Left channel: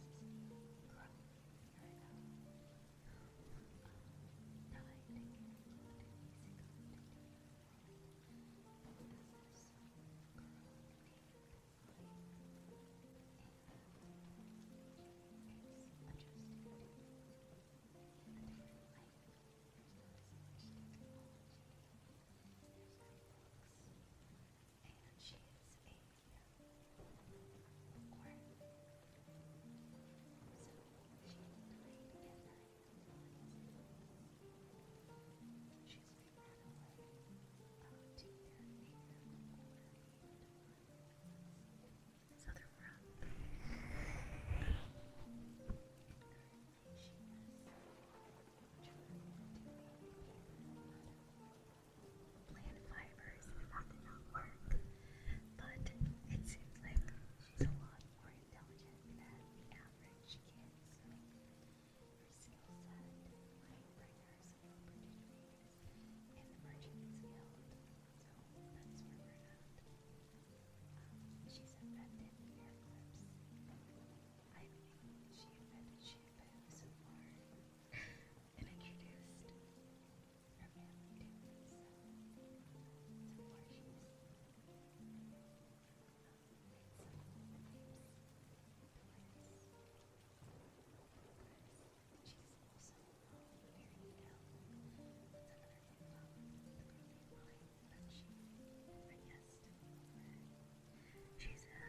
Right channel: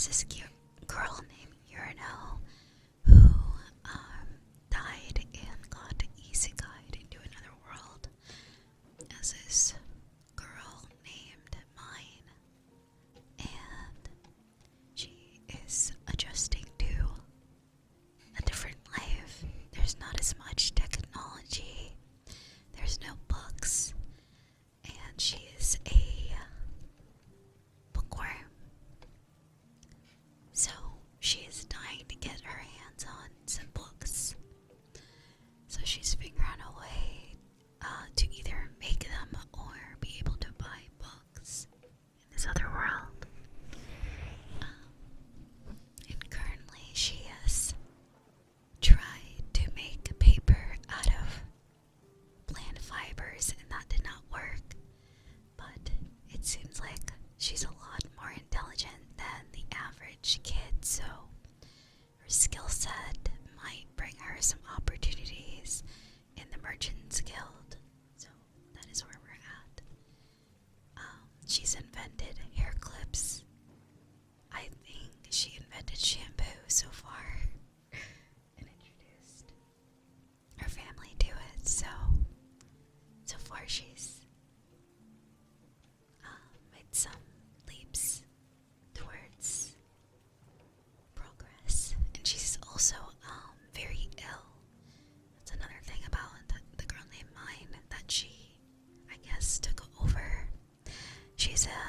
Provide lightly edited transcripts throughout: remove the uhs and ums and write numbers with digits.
there's this cute girl named Urano who died and got isekai'd into another world as this girl named Mine, and she is adjusting to a different life. There's not as much technology, there's no books, and she is a bookworm. So she is dying to get her hands on some books. So she's figuring out a way to either make them or be able to buy books in this other world. And currently she has tried to make paper out of plant fibers, and that did not work. But it seems like she's a lot more intelligent than the average kid, so her skill set might bring her some opportunities in the Merchants Guild. So that is where we're at. She's invented hair clips. I think she invented shampoo so far and introduced her family to it. So far she's made some leaps towards progress, and she's also very ill. That's another thing about the girl named Mine, that she, I guess, took over. She's a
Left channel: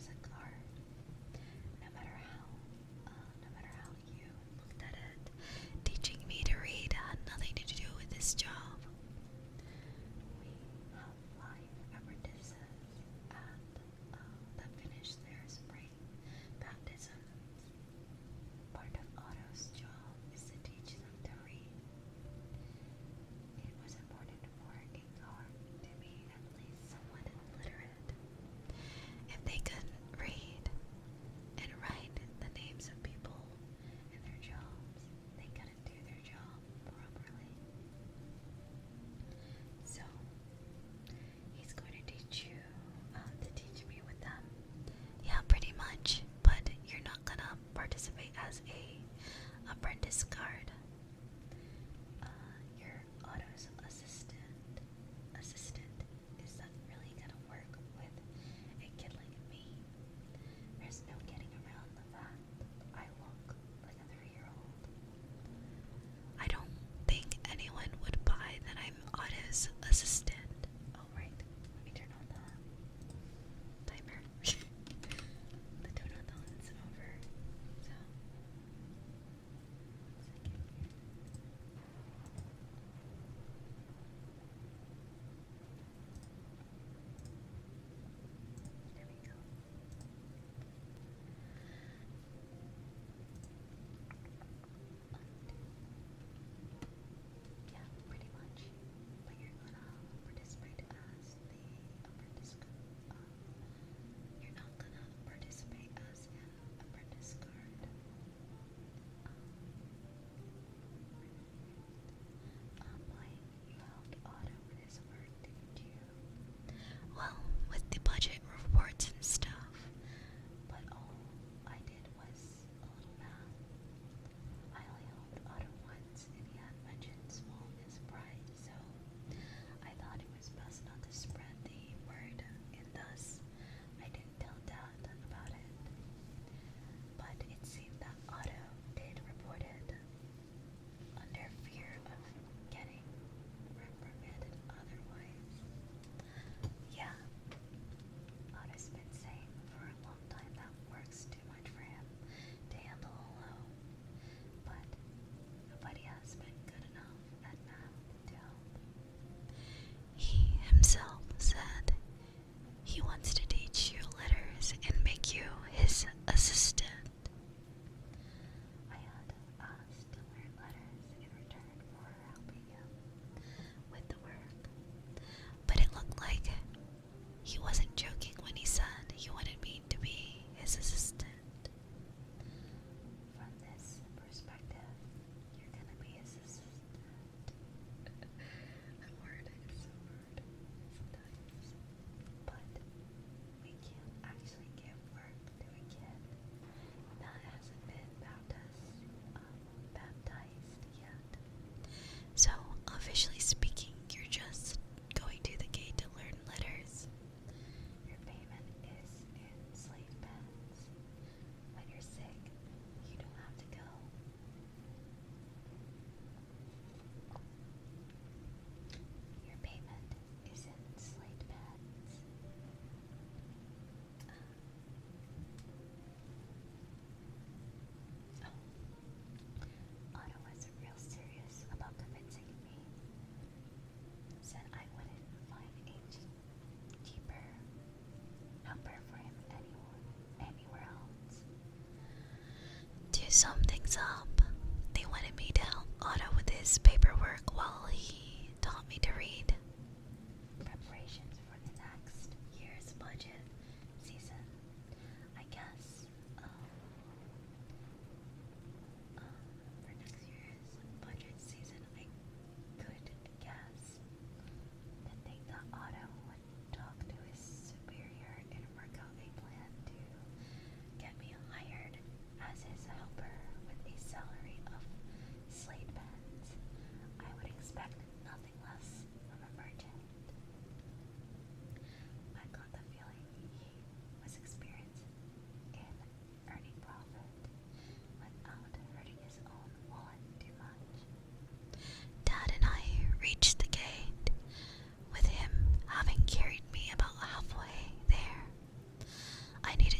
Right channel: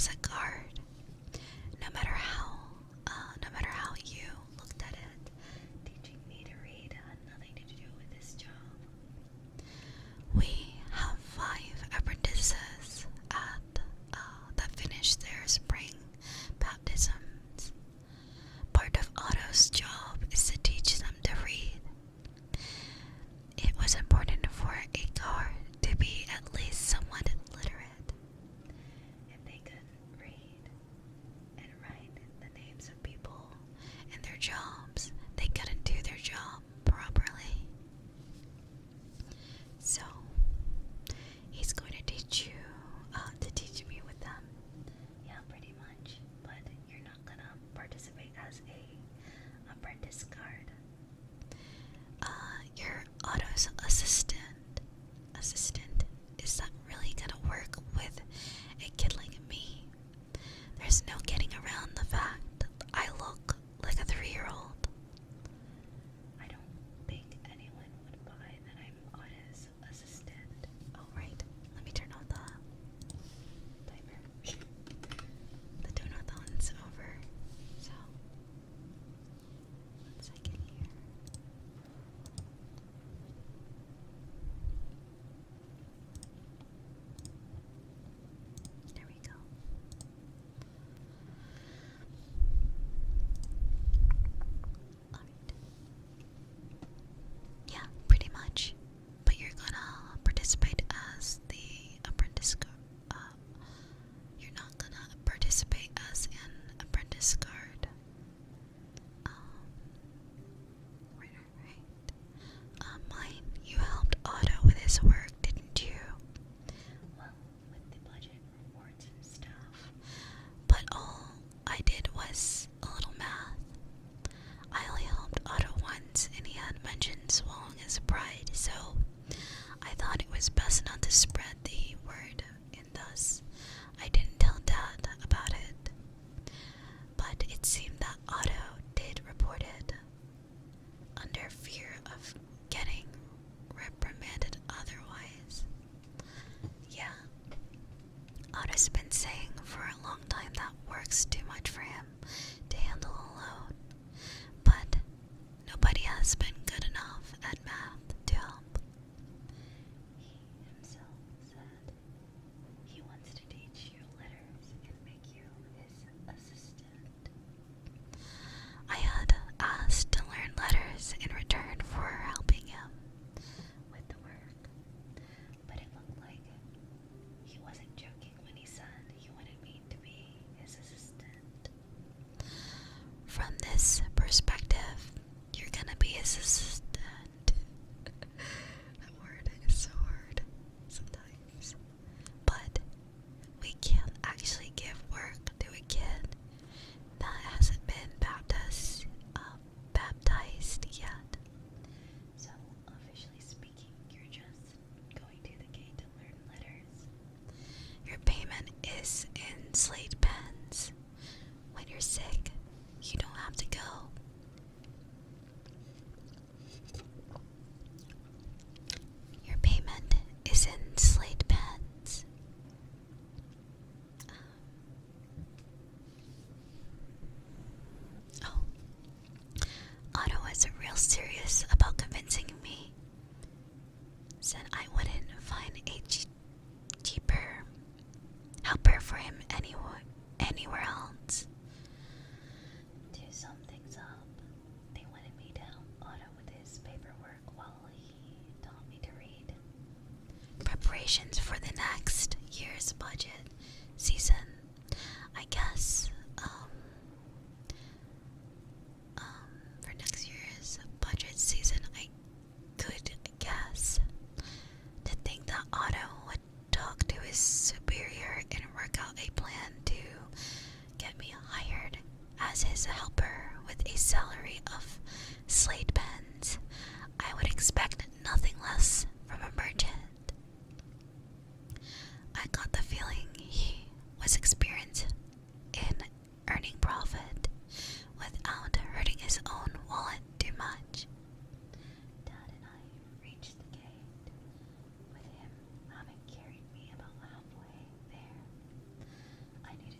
was a guard. No matter how you looked at it, teaching me to read had nothing to do with this job. We have 5 apprentices that finish their spring baptisms. Part of Otto's job is to teach them to read. It was important for a guard to be at least somewhat literate. If they couldn't read and write the names of people and their jobs, they couldn't do their job properly. So, he's going to teach you, to teach me with them. Yeah, pretty much. But you're not gonna participate as a apprentice guard. You're Otto's assistant. Is that really gonna work with a kid like me? There's no getting around the fact that I look like a 3-year-old. I don't think anyone would buy that I'm Otto's assistant. Oh, right. Let me turn on the timer. The donuthon's over. So, 1 second here. There we go. Yeah, pretty much. But you're gonna participate as the apprentice guard. You're not gonna participate as an apprentice guard. Right. Mine, you helped Otto with his work, didn't you? Well, with the budget reports and stuff. But all I did was a little math. I only helped Otto once, and he had mentioned swallowing his pride, so I thought it was best not to spread the word, and thus I didn't tell Dad about it. But it seemed that Otto did report it, under fear of getting reprimanded otherwise. Yeah, Otto's been saying for a long time that work's too much for him to handle alone, but nobody has been good enough at math to help. He himself said he wants to teach you letters and make you his assistant. I had asked to learn letters in return for helping him with the work, but it looked like he wasn't joking when he said he wanted me to be his assistant. From this perspective, you're gonna be his assistant. That word is so hard sometimes. But we can't actually give work to a kid that hasn't been baptized yet. So, officially speaking, you're just going to the gate to learn letters. Your payment is in slate pens. When you're sick, you don't have to go. Your payment is in slate pens. Oh, Otto was real serious about convincing me. Said I wouldn't find a cheaper helper for him anywhere else. To sum things up, they wanted me to help Otto with his paperwork while he taught me to read. Preparations for the next year's budget season, I guess. For next year's budget season, I could guess. To think that Otto would talk to his superior and work out a plan to get me hired as his helper with a salary of slate pens. I would expect nothing less from a merchant. I got the feeling he was experienced in earning profit without hurting his own wallet too much. Dad and I reached the gate, with him having carried me about halfway there. I needed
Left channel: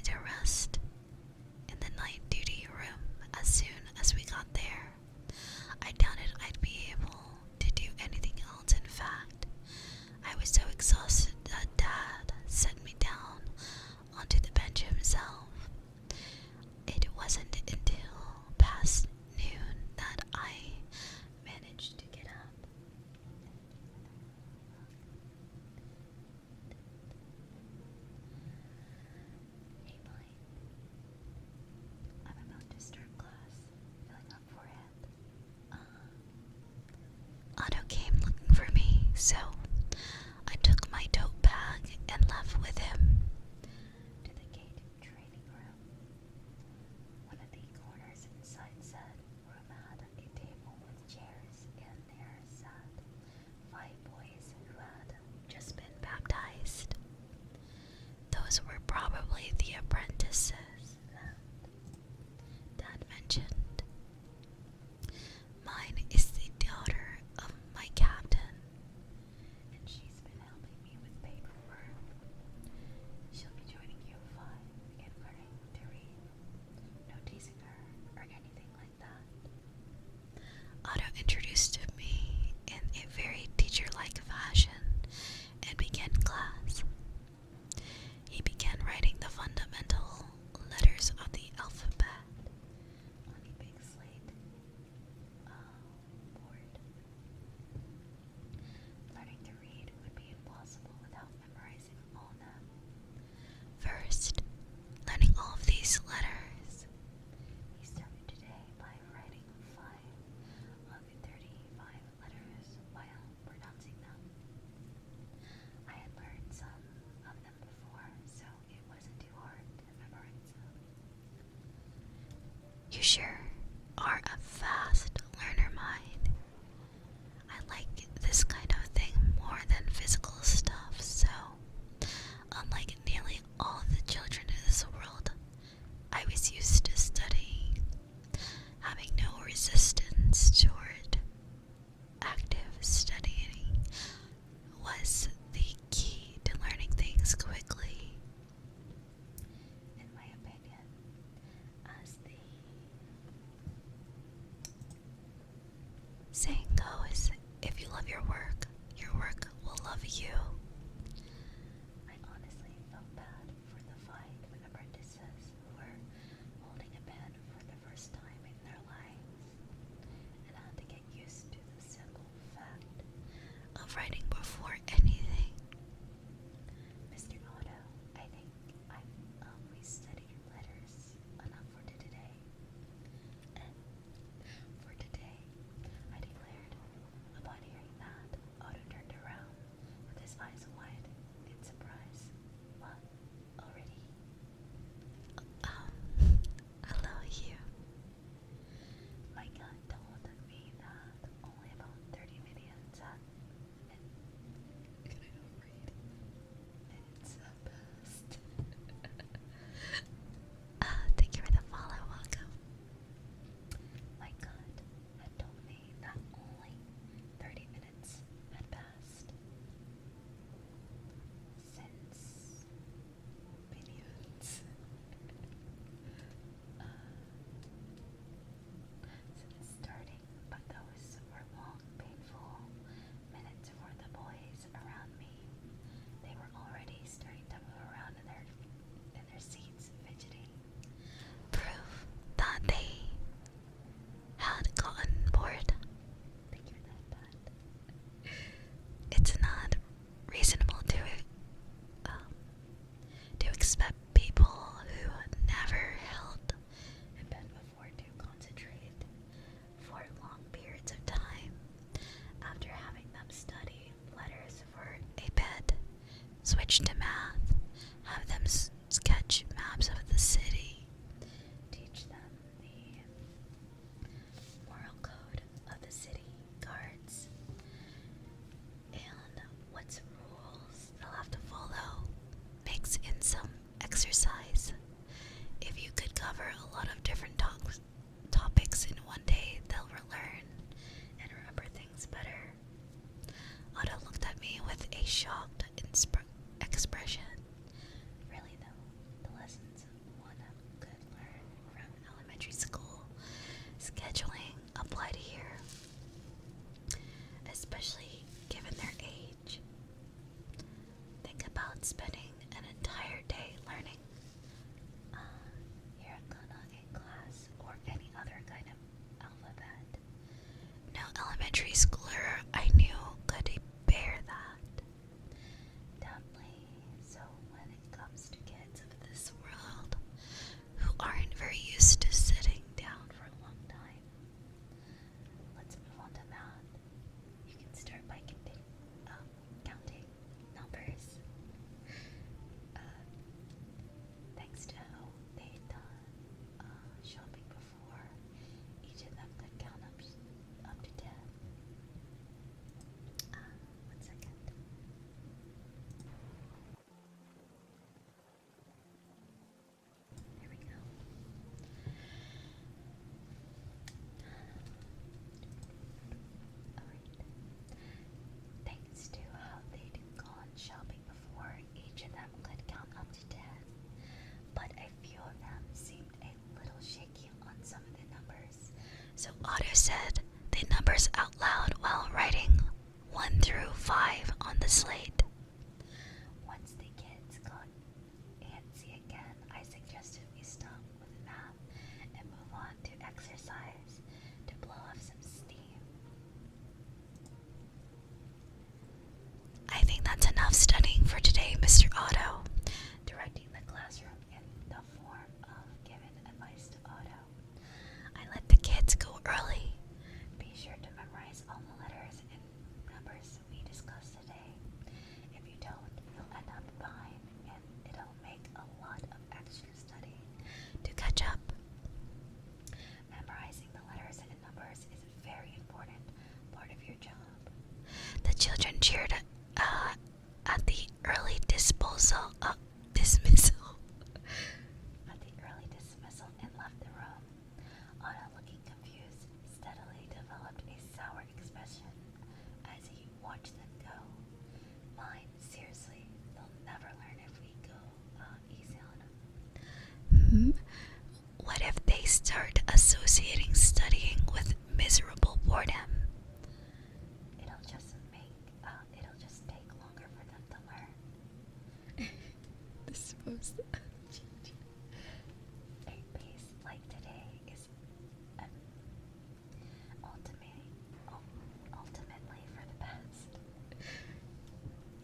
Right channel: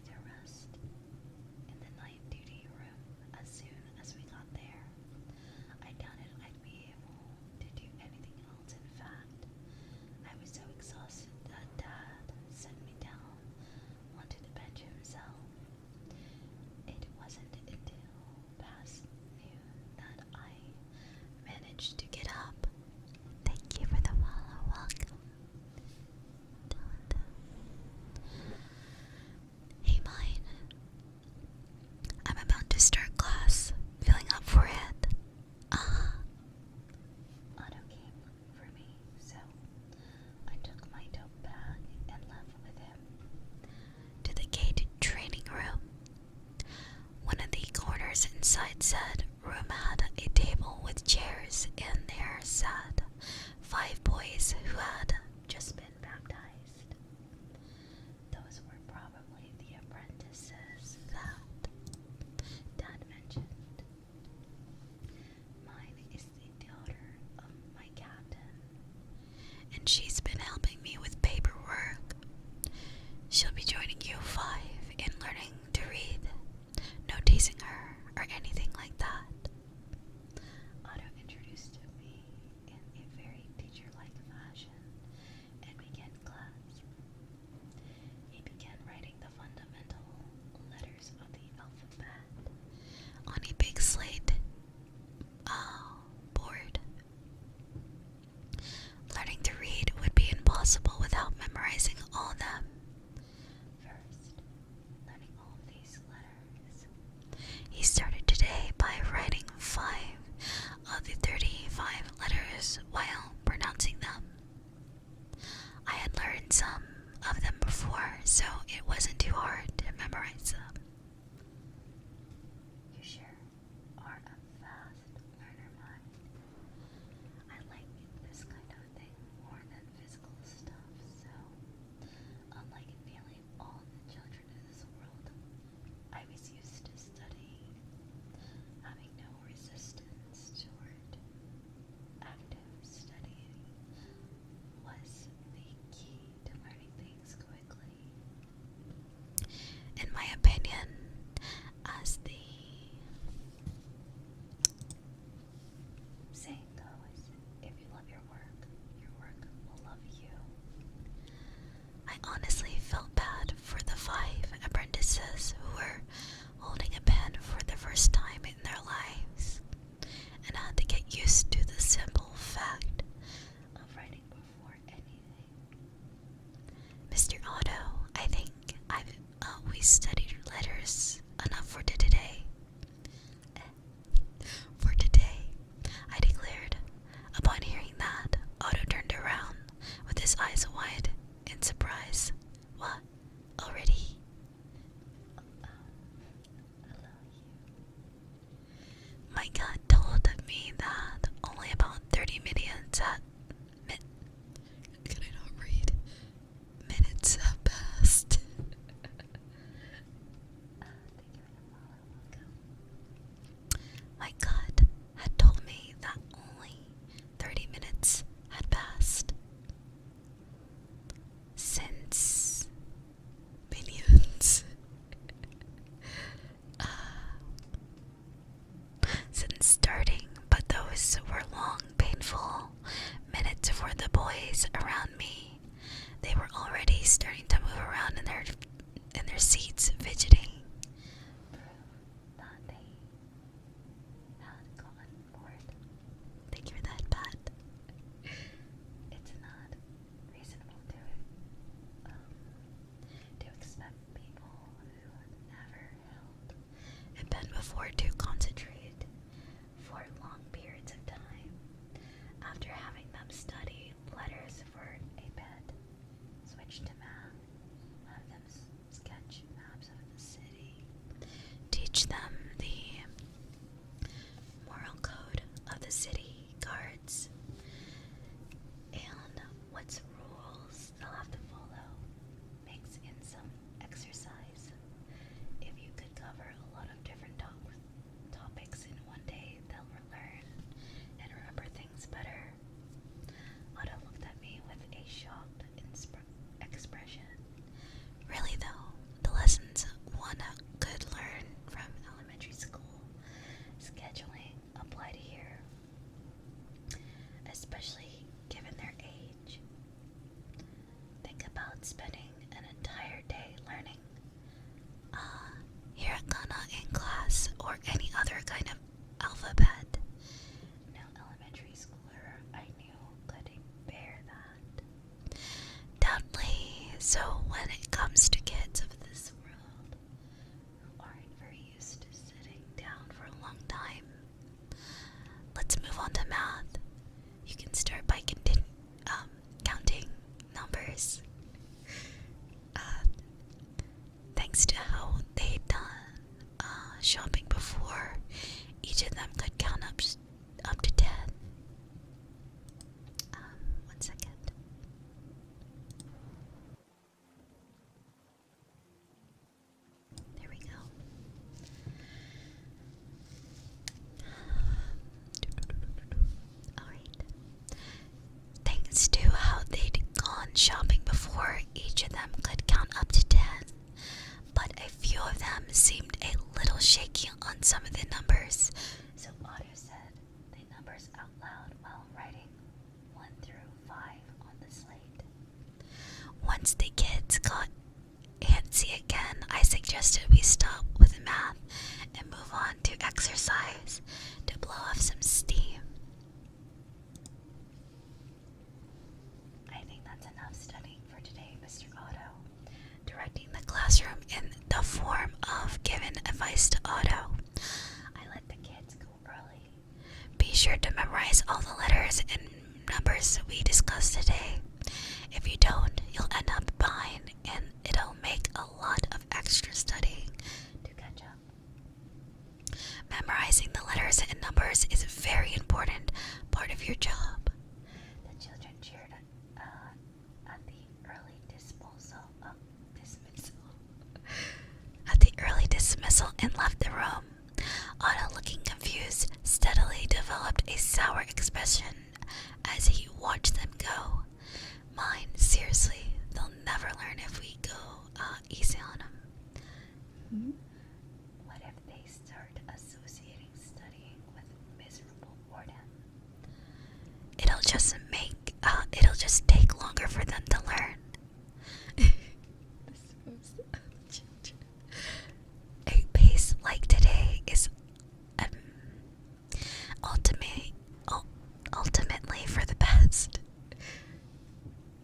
outside said room had a table with chairs, and there sat 5 boys who had just been baptized. Those were probably the apprentices that Dad mentioned. Mine is the daughter of my captain, and she's been helping me with paperwork. She'll be joining you 5 in learning to read. No teasing her or anything like that. Otto introduced me in a very teacher-like fashion and began class. He began writing the fundamental letters of the alphabet on a big slate board. Learning to read would be impossible without memorizing all of them. First, learning all of these letters, he started today by writing 5 of the 35 letters while pronouncing them. I had learned some of them before, so it wasn't too hard to memorize them. You sure are a fast learner, mind. I like this kind of thing more than physical stuff, so unlike nearly all the children in this world, I was used to studying, having no resistance toward active studying was the key to learning things quickly. In my opinion, as the saying goes, if you love your work will love you. I honestly felt bad for the 5 apprentices who were holding a pen for the first time in their lives and had to get used to the simple fact of writing before anything. Mr. Otto, I think we studied letters enough for today. For today, I declared. Upon hearing that, Otto turned around with his eyes wide in surprise. What? Already? Hello, you. My gut told me that only about 30 minutes can I not read? Minutes have passed. Thank you for the follow. Welcome. My gut had told me that only 30 minutes had passed since minions. Since starting, but those were long, painful minutes for the boys around me. They were already starting to move around in their seats, fidgeting. Proof that they had gotten bored. Thank you for that, Pat. It's not reasonable to expect people who never held a pen before to concentrate for long periods of time after having them study letters for a bit, switch to math, have them sketch maps of the city, teach them the moral code of the city guards, and what's rules they'll have to follow, mix in some exercise. If you could cover a lot of different topics in one day, they'll learn and remember things better. Otto looked at me with a shocked expression. Really though, the lessons one could learn from elementary school scheduling applied here, especially given their age. Think about spending an entire day learning hiragana in class or any other kind of alphabet. No elementary schooler I knew could bear that. Doubtly so when it comes to kids of this world who aren't very used to sitting down for a long time. Let's move on to math. You can start by counting numbers. Thanks to how they'd done shopping before, seemed a little shaky on some of the numbers, so Otto said the numbers out loud while writing 1 through 5 on the slate. Once the kids got antsy again, I suggested we stop with math and move on to exercise to blow off some steam. I think that's enough studying for today, Mr. Otto, directing the classroom in the form of giving advice to Otto. I let the kids go early. Be sure to memorize all the letters and numbers we discussed today. If you don't, you'll end up behind, and it'll make a lot of extra studying to catch up. Memorizing the letters and numbers is a very important part of your job. The children cheered at the early dismissal and left the room. Otto, looking confused, steadily developed a sour expression as he watched them go. Mine, seriously, they'll never learn if we go easy on them. What if they start associating studying with miserable boredom? It'll just take longer for them to learn. A pace like today is ultimately for the best.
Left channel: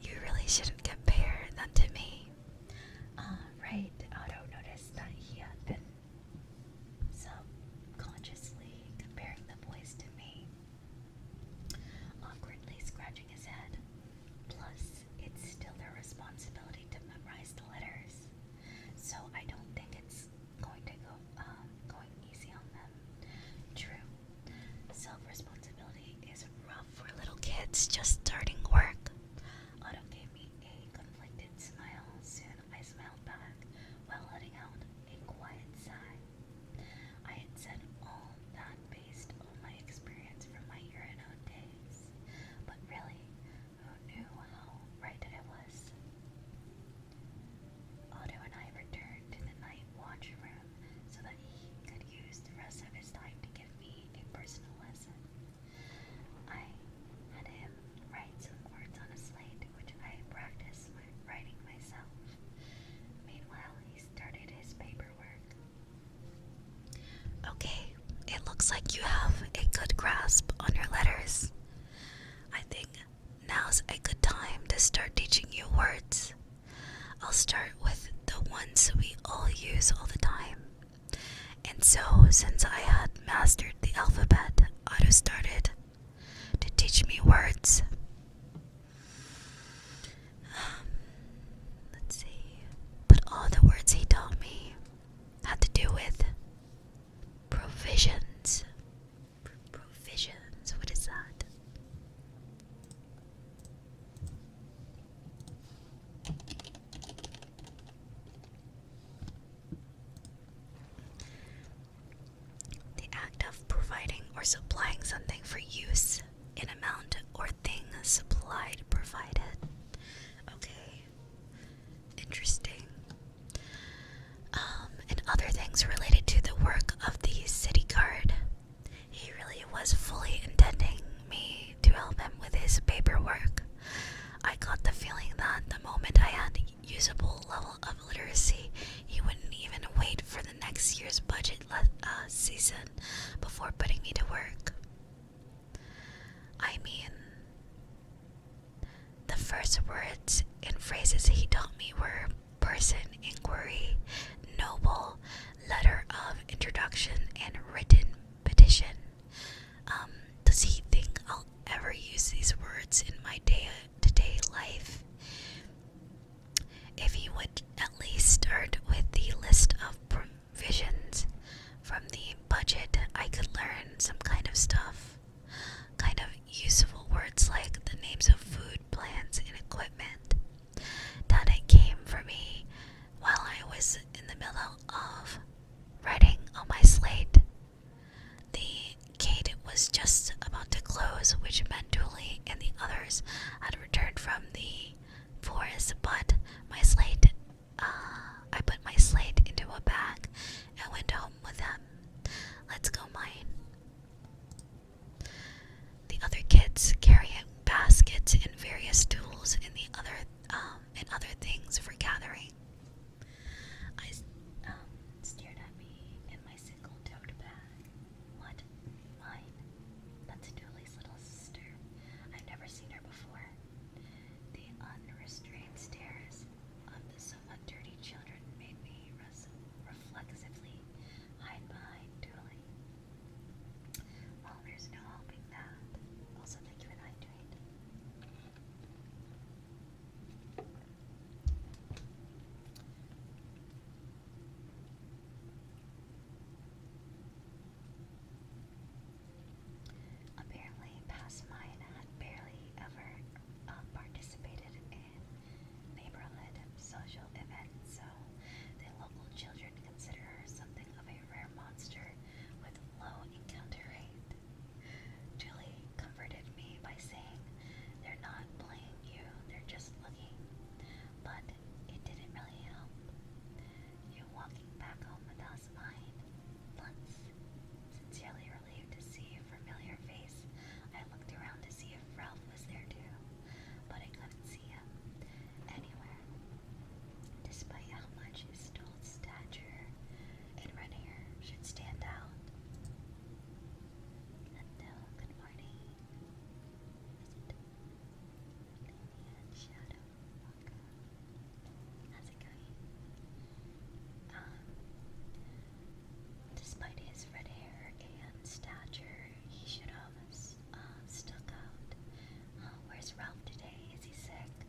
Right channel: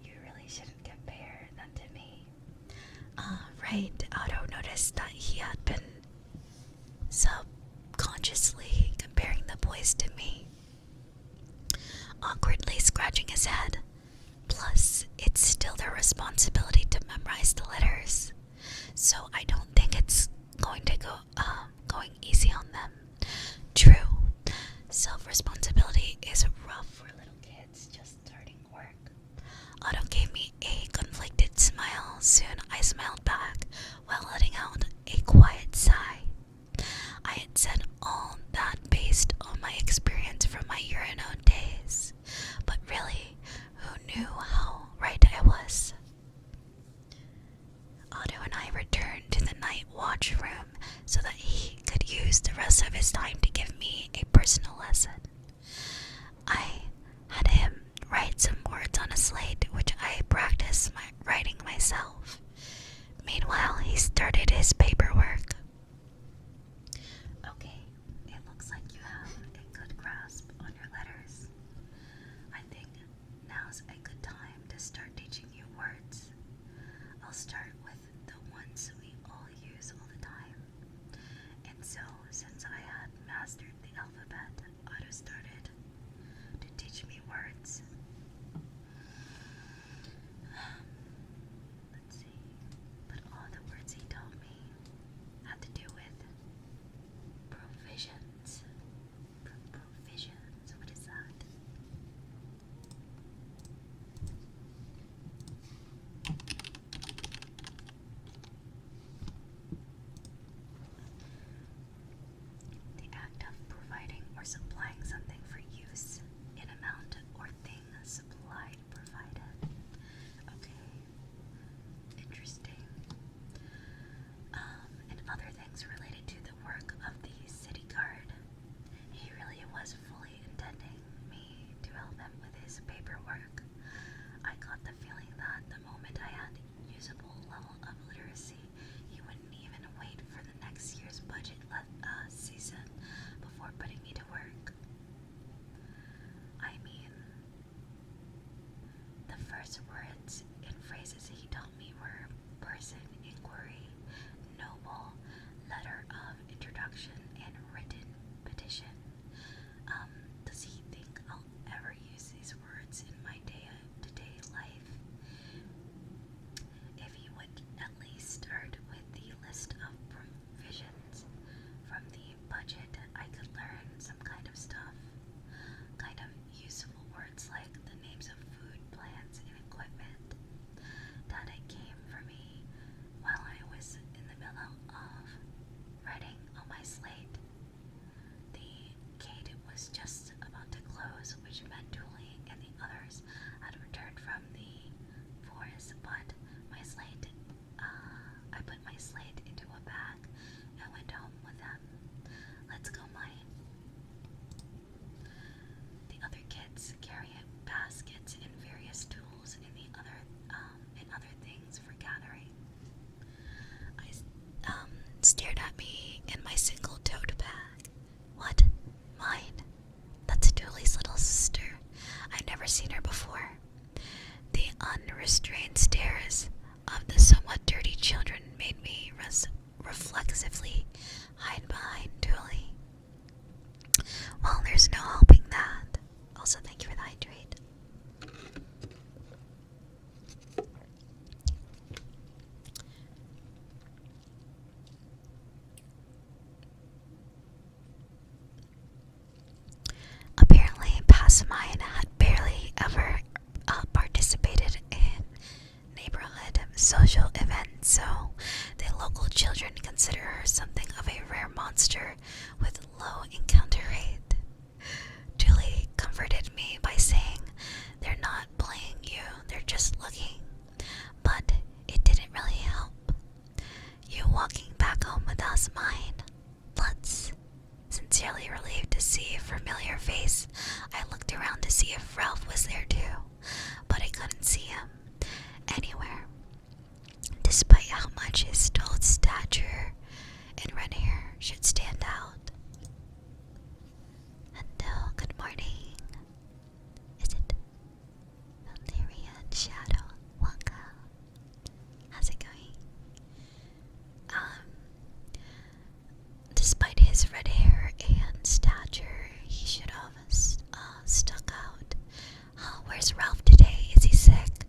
You really shouldn't compare them to me. Right, Otto noticed that he had been subconsciously comparing the boys to me, awkwardly scratching his head. Plus, it's still their responsibility to memorize the letters, so I don't think it's going easy on them. True, self-responsibility is rough for little kids just starting work. Otto gave me a conflicted smile. Soon I smiled back while letting out a quiet sigh. I had said all that based on my experience from my Urano days, but really, who knew how right I was? Otto and I returned to the night watch room so that he could use the rest of his time to give me a personal lesson. I had him write some words on a slate, which I practiced writing myself. Meanwhile, he started his paperwork. Okay, it looks like you have a good grasp on your letters. I think now's a good time to start teaching you words. I'll start with the ones we all use all the time. And so, since I had mastered the alphabet, Otto started to teach me words. Let's see. But all the words he taught me had to do with provisions. Provisions, what is that? The act of providing or supplying something for use in amount or thing Let's go mine. The other kids carry baskets and various tools and other things for gathering. I stared at me in my single tote bag. What? Mine? That's Tulie's little sister. I'd never seen her before. The unrestrained stares of the somewhat dirty children made me reflexively hide behind Tulie. Well, there's no helping that. Also, thank you for the hydrate. Apparently, Passamine had barely ever participated in neighborhood social events, so the local children consider her something of a rare monster with low encounter rate. Tulie comforted me by saying, "They're not playing you, they're just looking." But it didn't really help. "You walking back home with us, mine?" Lutz. Sincerely relieved to see a familiar face, I looked around to see if Ralph was there too, but I couldn't see him anywhere, despite how much his tall stature and red hair should stand out. Hello, good morning. Is it Lyrian Shadow? Welcome. How's it going? Despite his red hair and stature, he should have stuck out. Where's Ralph today? Is he sick?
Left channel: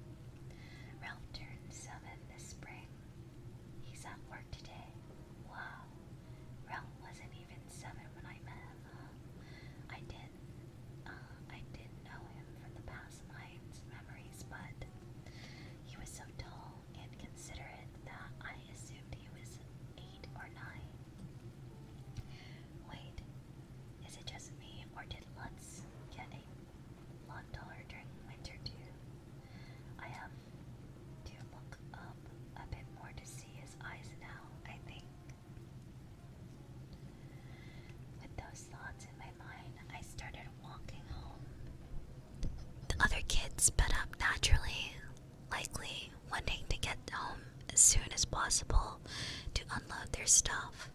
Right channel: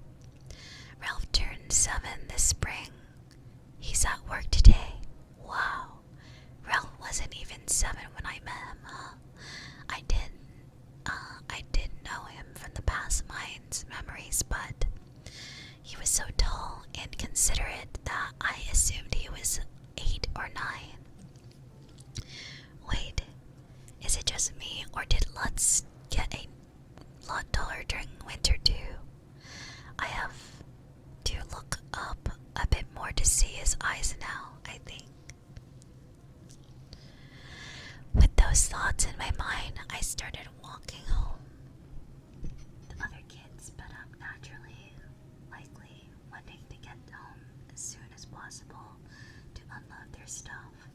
Ralph turned 7 this spring. He's at work today. Wow. Ralph wasn't even 7 when I met him, huh? I did know him from the past mind's memories, but he was so tall and considerate that I assumed he was 8 or 9. Wait, is it just me, or did Lutz get a lot taller during winter too? I have to look up a bit more to see his eyes now, I think. With those thoughts in my mind, I started walking home. The other kids sped up naturally, likely wanting to get home as soon as possible to unload their stuff.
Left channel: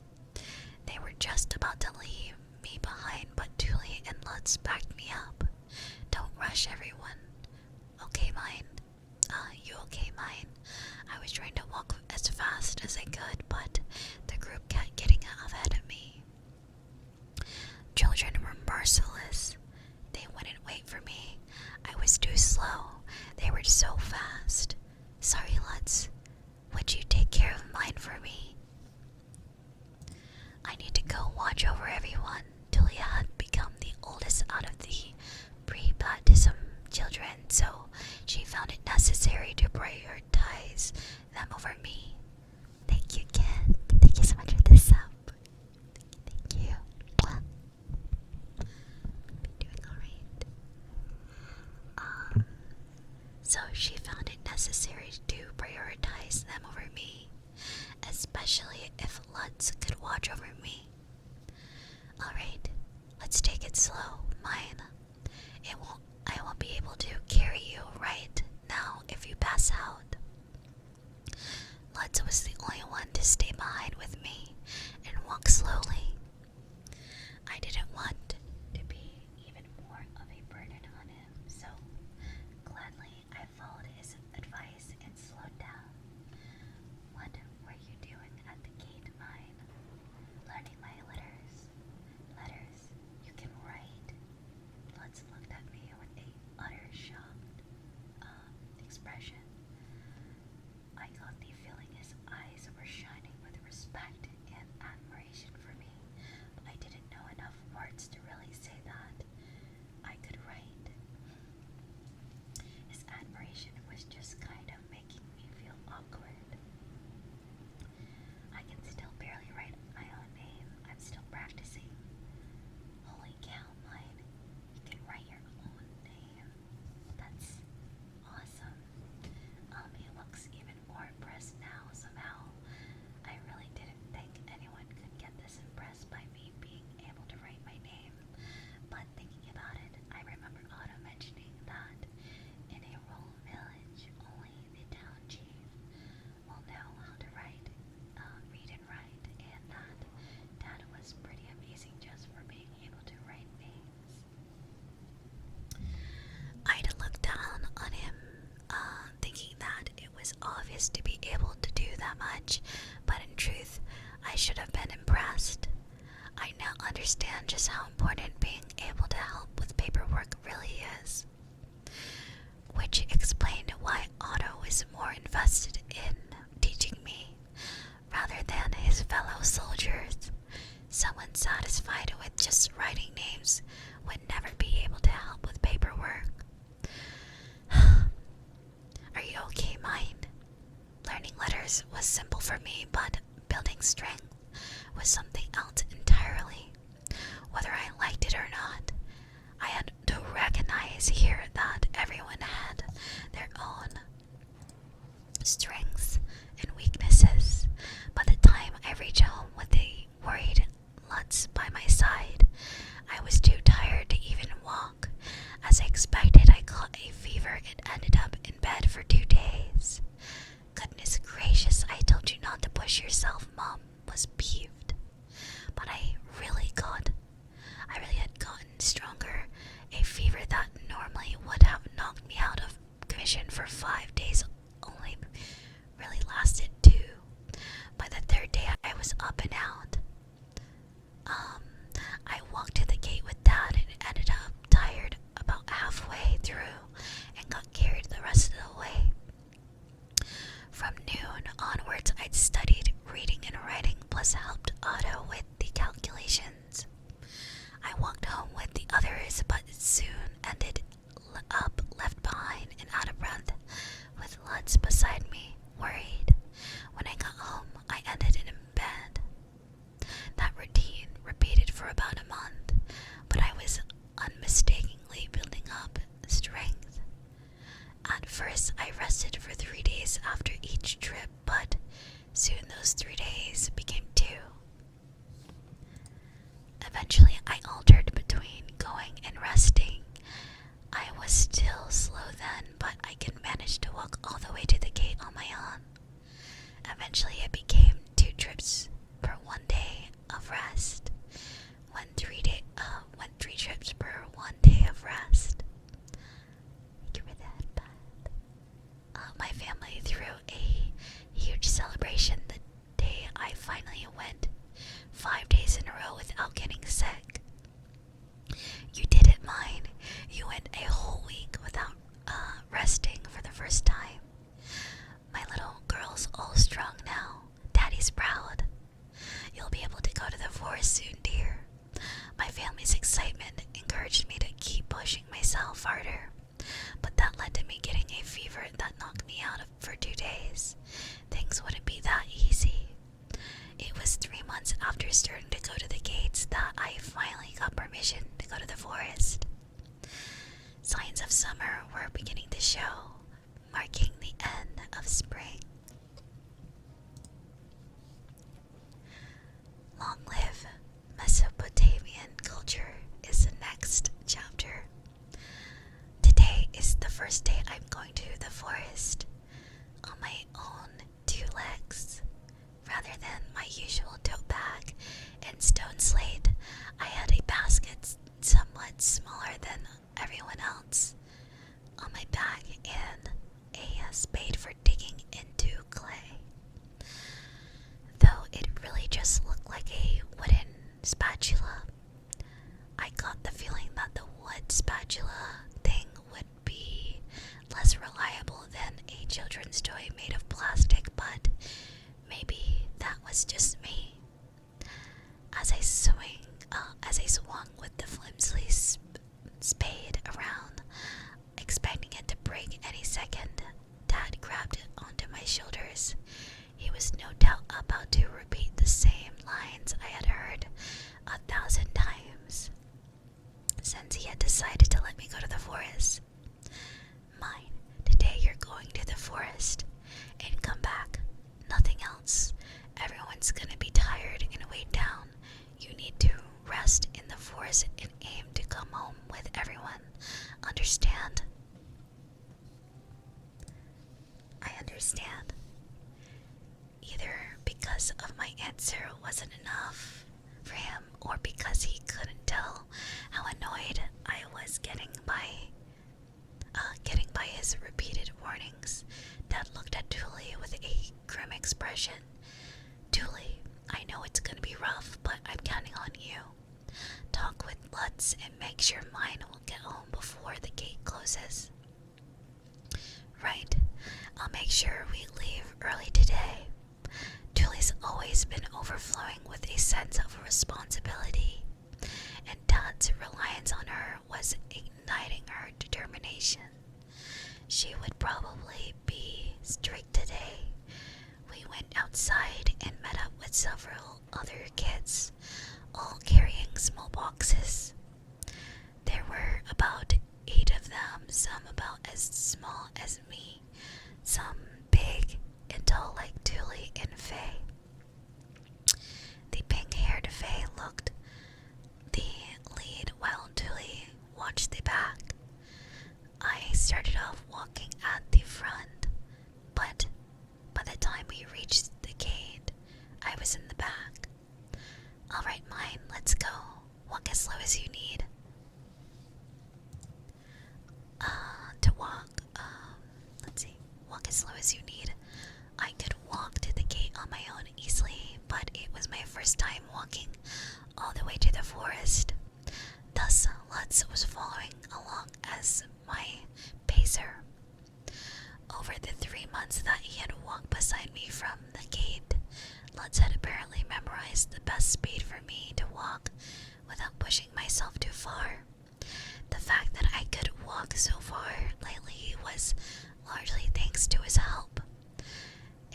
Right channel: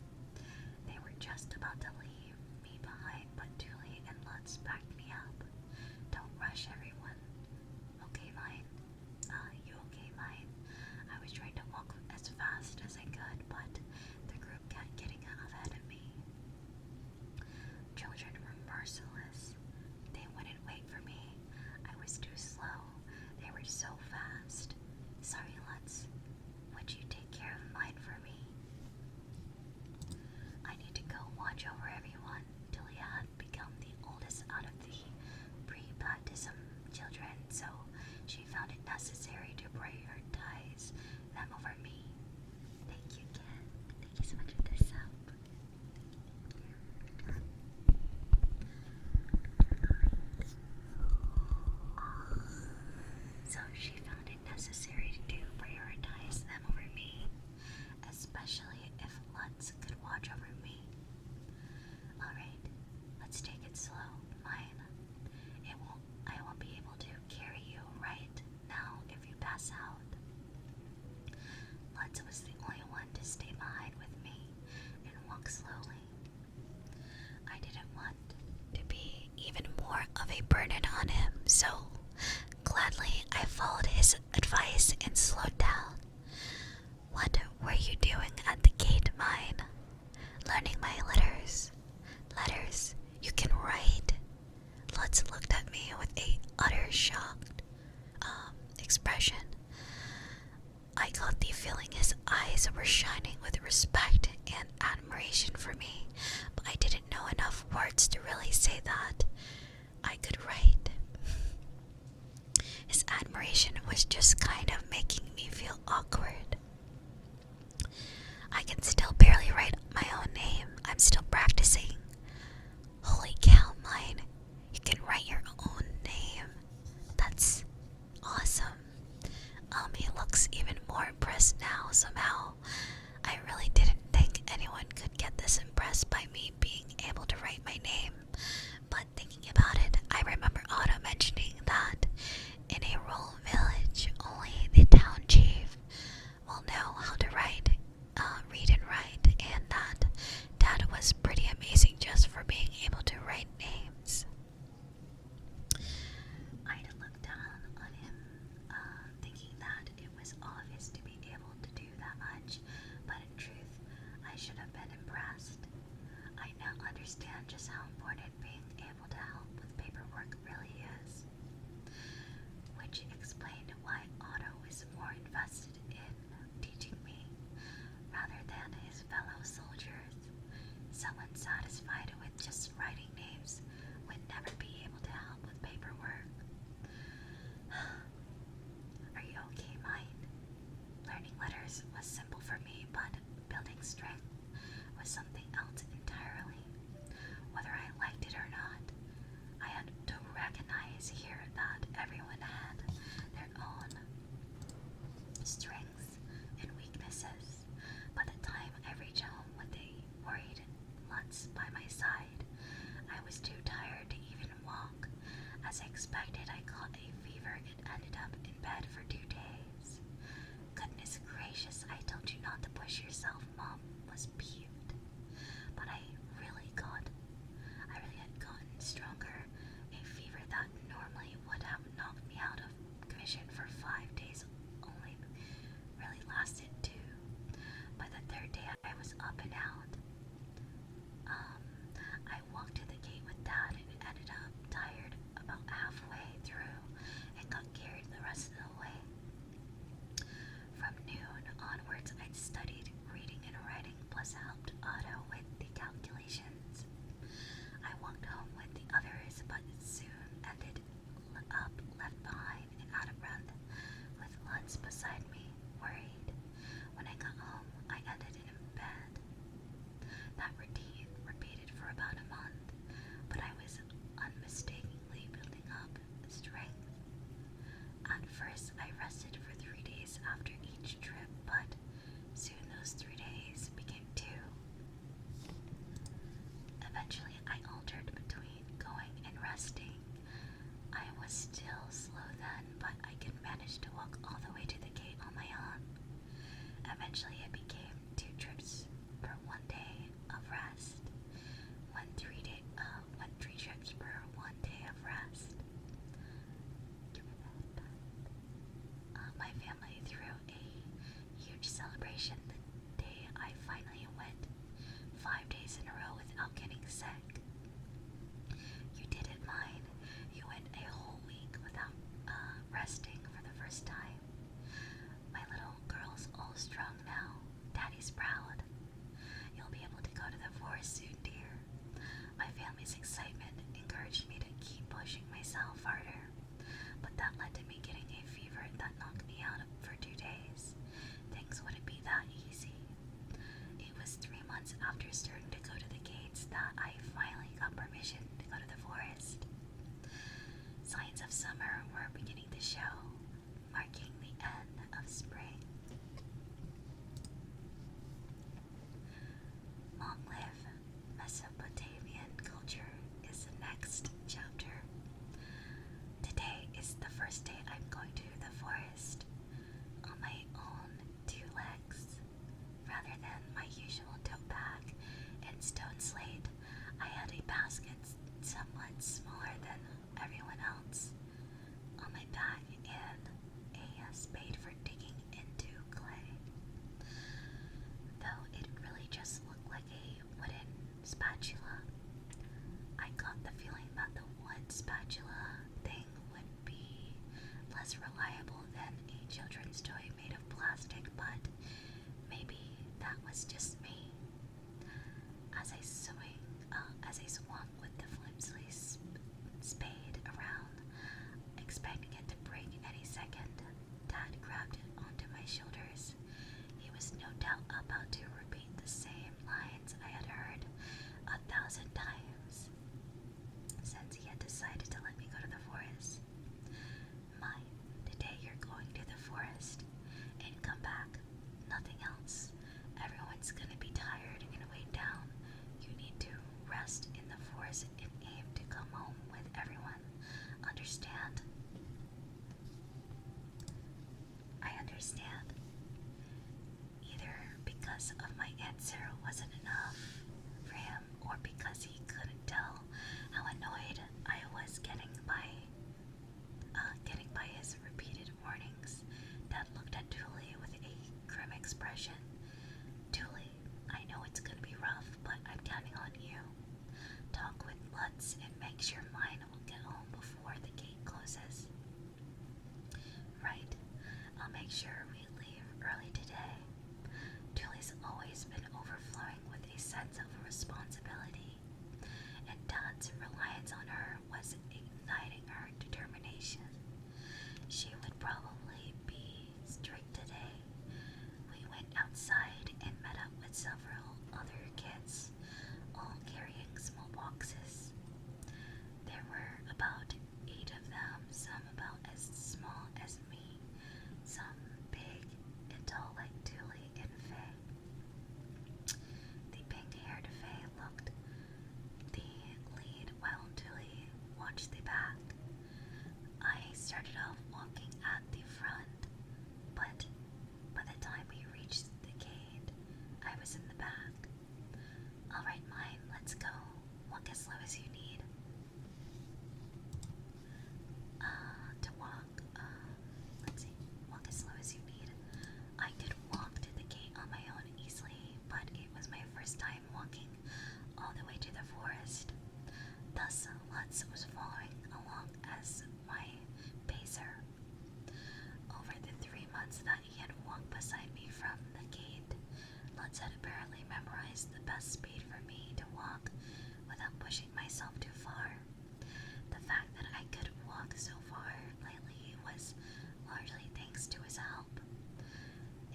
They were just about to leave me behind, but Tulie and Lutz backed me up. "Don't rush, everyone." "Okay, mine." You okay, mine?" I was trying to walk as fast as I could, but the group kept getting ahead of me. Children were merciless. They wouldn't wait for me. I was too slow. They were so fast. "Sorry, Lutz. Would you take care of mine for me?" I need to go watch over everyone. Tulie had become the oldest out of the pre-baptism children, so she found it necessary to prioritize them over me. Thank you, kid. Thank you so much for this sub. Thank you. So she found it necessary to prioritize them over me, especially if Lutz could watch over me. Alright, let's take it slow, mine. I won't be able to carry you right now if you pass out. Lutz was the only one to stay behind with me and walk slowly. I didn't want to be even more of a burden on him, so gladly I followed his advice and slowed down. "What were you doing at the gate, mine?" "Learning my letters." "Letters? You can write?" Lutz looked at me with a utter shocked expression. I got the feeling his eyes were shining with respect and admiration for me, but I didn't know enough words to really say that I could write. His admiration was just kind of making me feel awkward. I can still barely write my own name. I'm still practicing. Holy cow, mine. You can write your own name. That's awesome. He looks even more impressed now somehow. I really didn't think anyone could get this impressed by me being able I should have been impressed. I now understand just how important being able to help with paperwork really is. Which explained why Otto is more invested in teaching me rather than his fellow soldiers. Someone satisfied with just writing names would never be able to help with paperwork. Are you okay, mine? Learning letters was simple for me, but building strength was something else entirely. Whether I liked it or not, I had to recognize here that everyone had their own strengths and weaknesses. By the time I reached home with a worried Lutz by my side, I was too tired to even walk. As I expected, I caught a fever and ended up in bed for 2 days. Goodness gracious, I told you not to push yourself, Mom was peeved. But I really had gotten stronger. A fever that normally would have knocked me out of commission for 5 days only really lasted 2. By the 3rd day, I was up and out. I walked to the gate with Dad and ended up tired about halfway through and got carried the rest of the way. From noon onwards, I'd studied reading and writing, plus helped Otto with the calculations. I walked home with the others, but soon ended up left behind and out of breath, with Lutz beside me, worried. When I got home, I ended in bed. That routine repeated for about a month, but I was unmistakably building up strength. At first, I rested for 3 days after each trip, but soon those 3 days became 2. Eventually, I altered between going and resting. I was still slow then, but I could manage to walk all the way to the gate on my own. Eventually, it became 2 trips per 1 day of rest. When 3 trips per 1 day of rest. Give me that back. My family threw a huge celebration the day I finally went 5 days in a row without getting sick. You did it, mine. You went a whole week without resting for the first time. My little girl's all strong now. Daddy's proud. You'll be able to go to the forest soon, dear. My family's excitement encouraged me to keep pushing myself harder, but that led to me getting a fever that knocked me out for 2 days. Things wouldn't be that easy. It was 3 months after starting to go to the gates that I finally got permission to go to the forest. Signs of summer were beginning to show, marking the end of spring. Long live Mesopotamian culture is the next chapter. Today is the first day I'm going to the forest on my own 2 legs. Rather than my usual tote bag and stone slate, I had a basket somewhat smaller than everyone else on my back and a spade for digging into clay. Though it really just looked like a wooden spatula, I got the feeling that the wood spatula thing would be less reliable than a children's toy made of plastic, but maybe that was just me. As I swung with the flimsy spade around, expecting it to break any second, Dad grabbed it onto my shoulders. He was no doubt about to repeat the same lines I had heard 1,000 times, since he had decided to let me go to the forest. Mine, today you're going to the forest, and come back. Nothing else. Everyone's gonna be tired and weighed down. You need to rest in the forest and aim to come home with everyone. Understand? I understand. Either because of my answer wasn't enough for him, or because he couldn't tell how annoyed I was getting by his repeated warnings. Dad looked at Tulie with a grim expression. Tulie, I know a sense of responsibility, and Dad's reliance on her was igniting her determination. She would probably be strict today. We went outside and met up with several other kids, all carrying small boxes. There were about 8 of them, some about as small as me, some big and tall like Tulie and Faye. The pink-haired Faye looked the lead while Tulie watched the back. I started off walking at the front, but by the time we reached the gate, I was in the back. Alright, mine, let's go. Walk as slow as you need. Walk as slow as you need. I could walk to the gate on my own easily, but it was my first time walking all the way to the forest. Thus, Lutz was following along as my pacer. Over the 3 months that he had walked beside me from the gate, Lutz had apparently memorized the best speed for me to walk without pushing myself too far. The fact that I could walk so far lately was largely thanks to his help.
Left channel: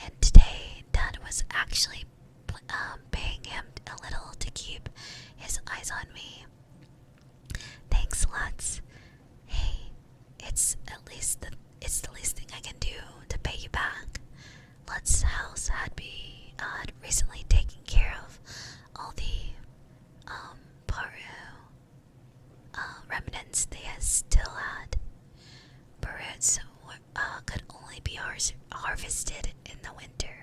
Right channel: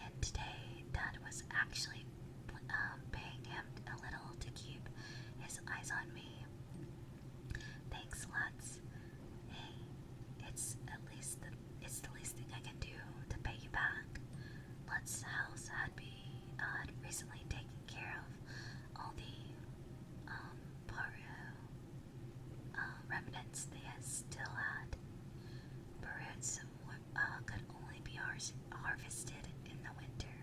And today, Dad was actually paying him a little to keep his eyes on me. Thanks, Lutz. Hey, it's the least thing I can do to pay you back. Lutz's house had recently taken care of all the remnants they still had. Birds could only be harvested in the winter,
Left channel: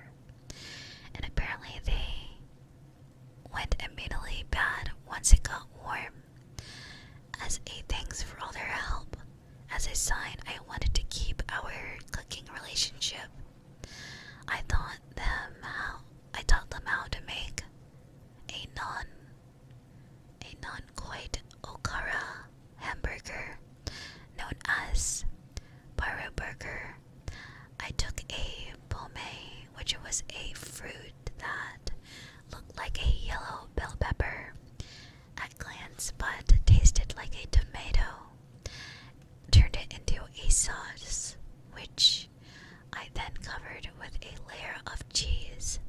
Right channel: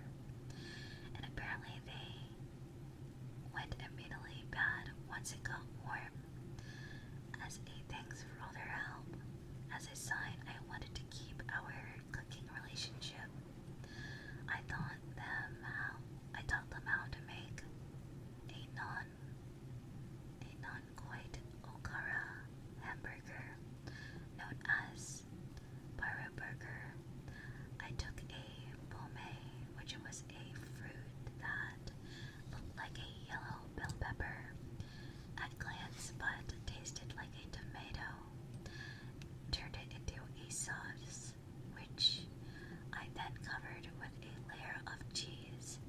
and apparently they went immediately bad once it got warm. As a thanks for all their help, as a sign I wanted to keep our cooking relationship, I taught them how to make a non-quite okara hamburger known as Pyro Burger. I took a pome, which was a fruit that looked like a yellow bell pepper at glance but tasted like a tomato, turned it into a sauce, which I then covered with a layer of cheese.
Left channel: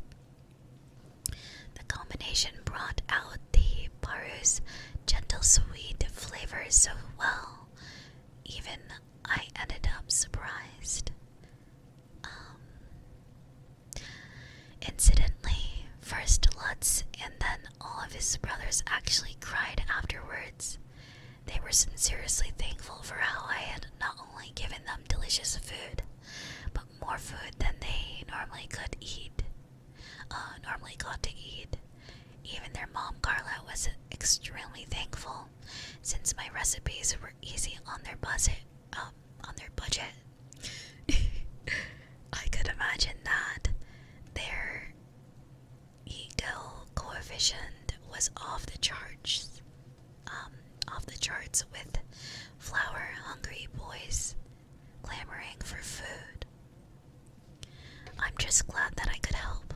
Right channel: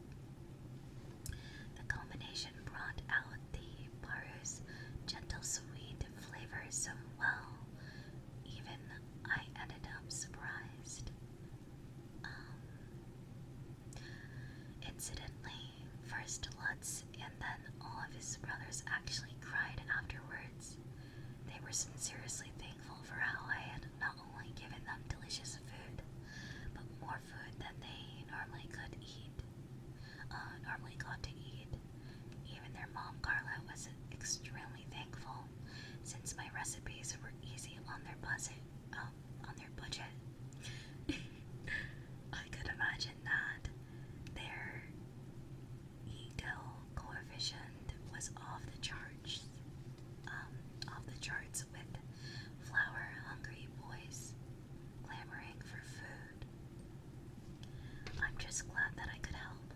The combination brought out the Paru's gentle sweet flavor so well, even I ended up surprised. Incidentally, first Lutz and then all of his brothers actually cried afterwards. They were sincerely thankful for how I had not only given them delicious food, but more food than they normally got to eat. Even their mom Carla was extremely thankful, since my recipes were easy on their budget. I could imagine that their ego coefficient was off the charts. With flour-hungry boys clamoring for food. I'm just glad that I could help.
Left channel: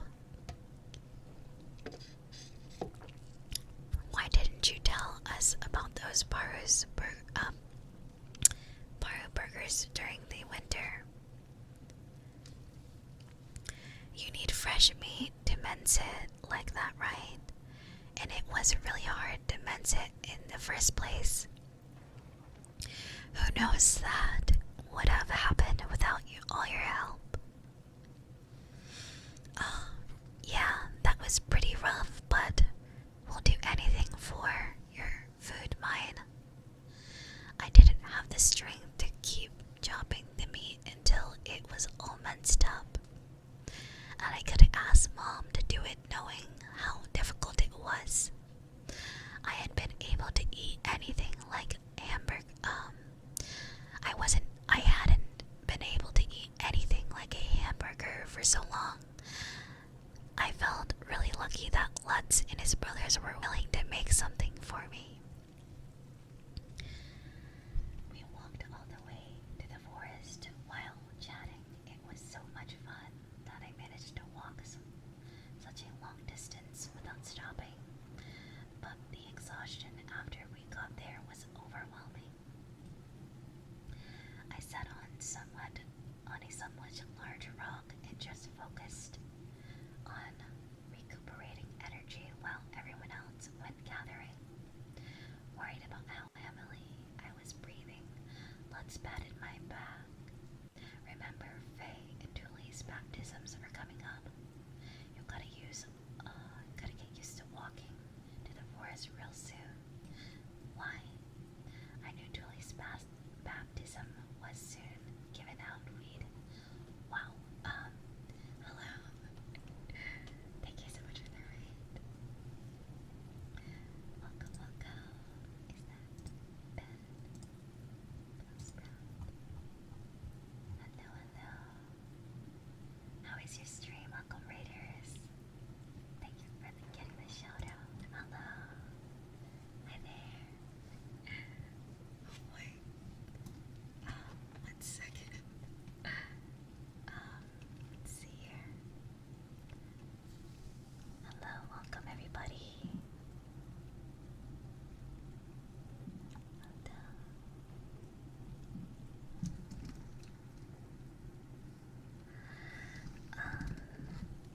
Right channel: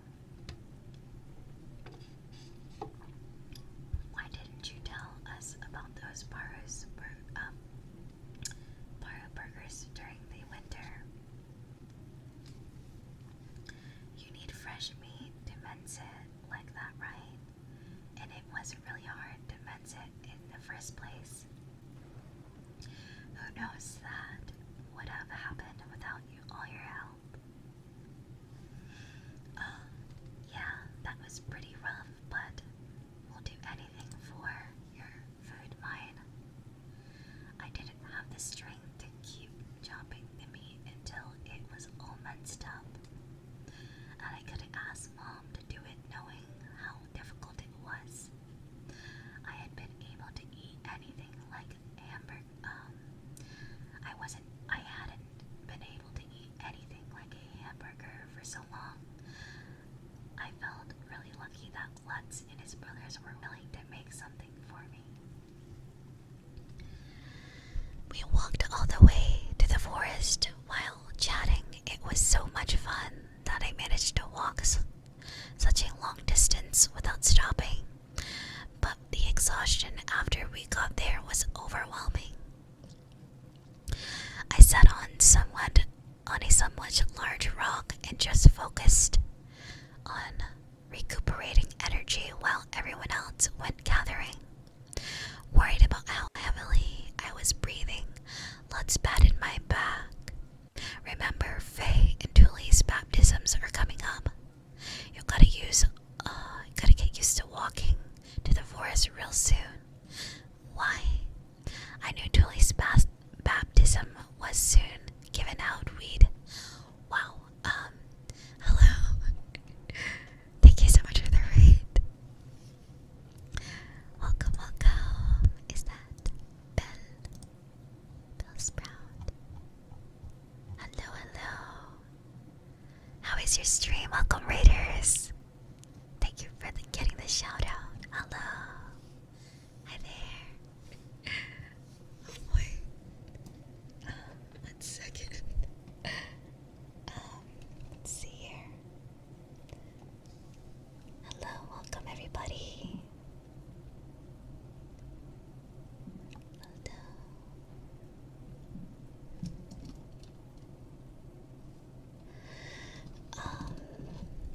Why didn't you tell us about those Paro burgers during the winter? You need fresh meat to mince it like that, right? And it was really hard to mince it in the first place. Who knows that would have happened without all your help? Yeah, that was pretty rough, but we'll do anything for your food, mine. I didn't have the strength to keep chopping the meat until it was all minced up, and I couldn't ask Mom to do it knowing how difficult it was. I had been able to eat anything like hamburger. I hadn't been able to eat anything like a hamburger for so long. I felt really lucky that Lutz and his brothers were willing to make something for me. We walked all the way to the forest while chatting. It was so much fun that I managed to walk such a long distance without not stopping, but the exhaustion after we got there was overwhelming. I sat on a somewhat large rock and just focused on recuperating energy while everyone else went gathering. Worried about how heavily I was breathing, Lutz patted my back. Remember, Faye and Tulie's baptisms are coming up. You gotta get used to walking to the forest real soon. Why? I knew Tulie's baptism was soon, given out weed. Wow, hello. Thank you so much for the raid. Welcome, welcome. Is that Bell Sprout? Hello, hello. How is your stream? Welcome, Raiders. Thank you for getting the shout out. Hello. Hi there. Wait. 1 second. Let's see here. Hello, welcome everybody. Hello.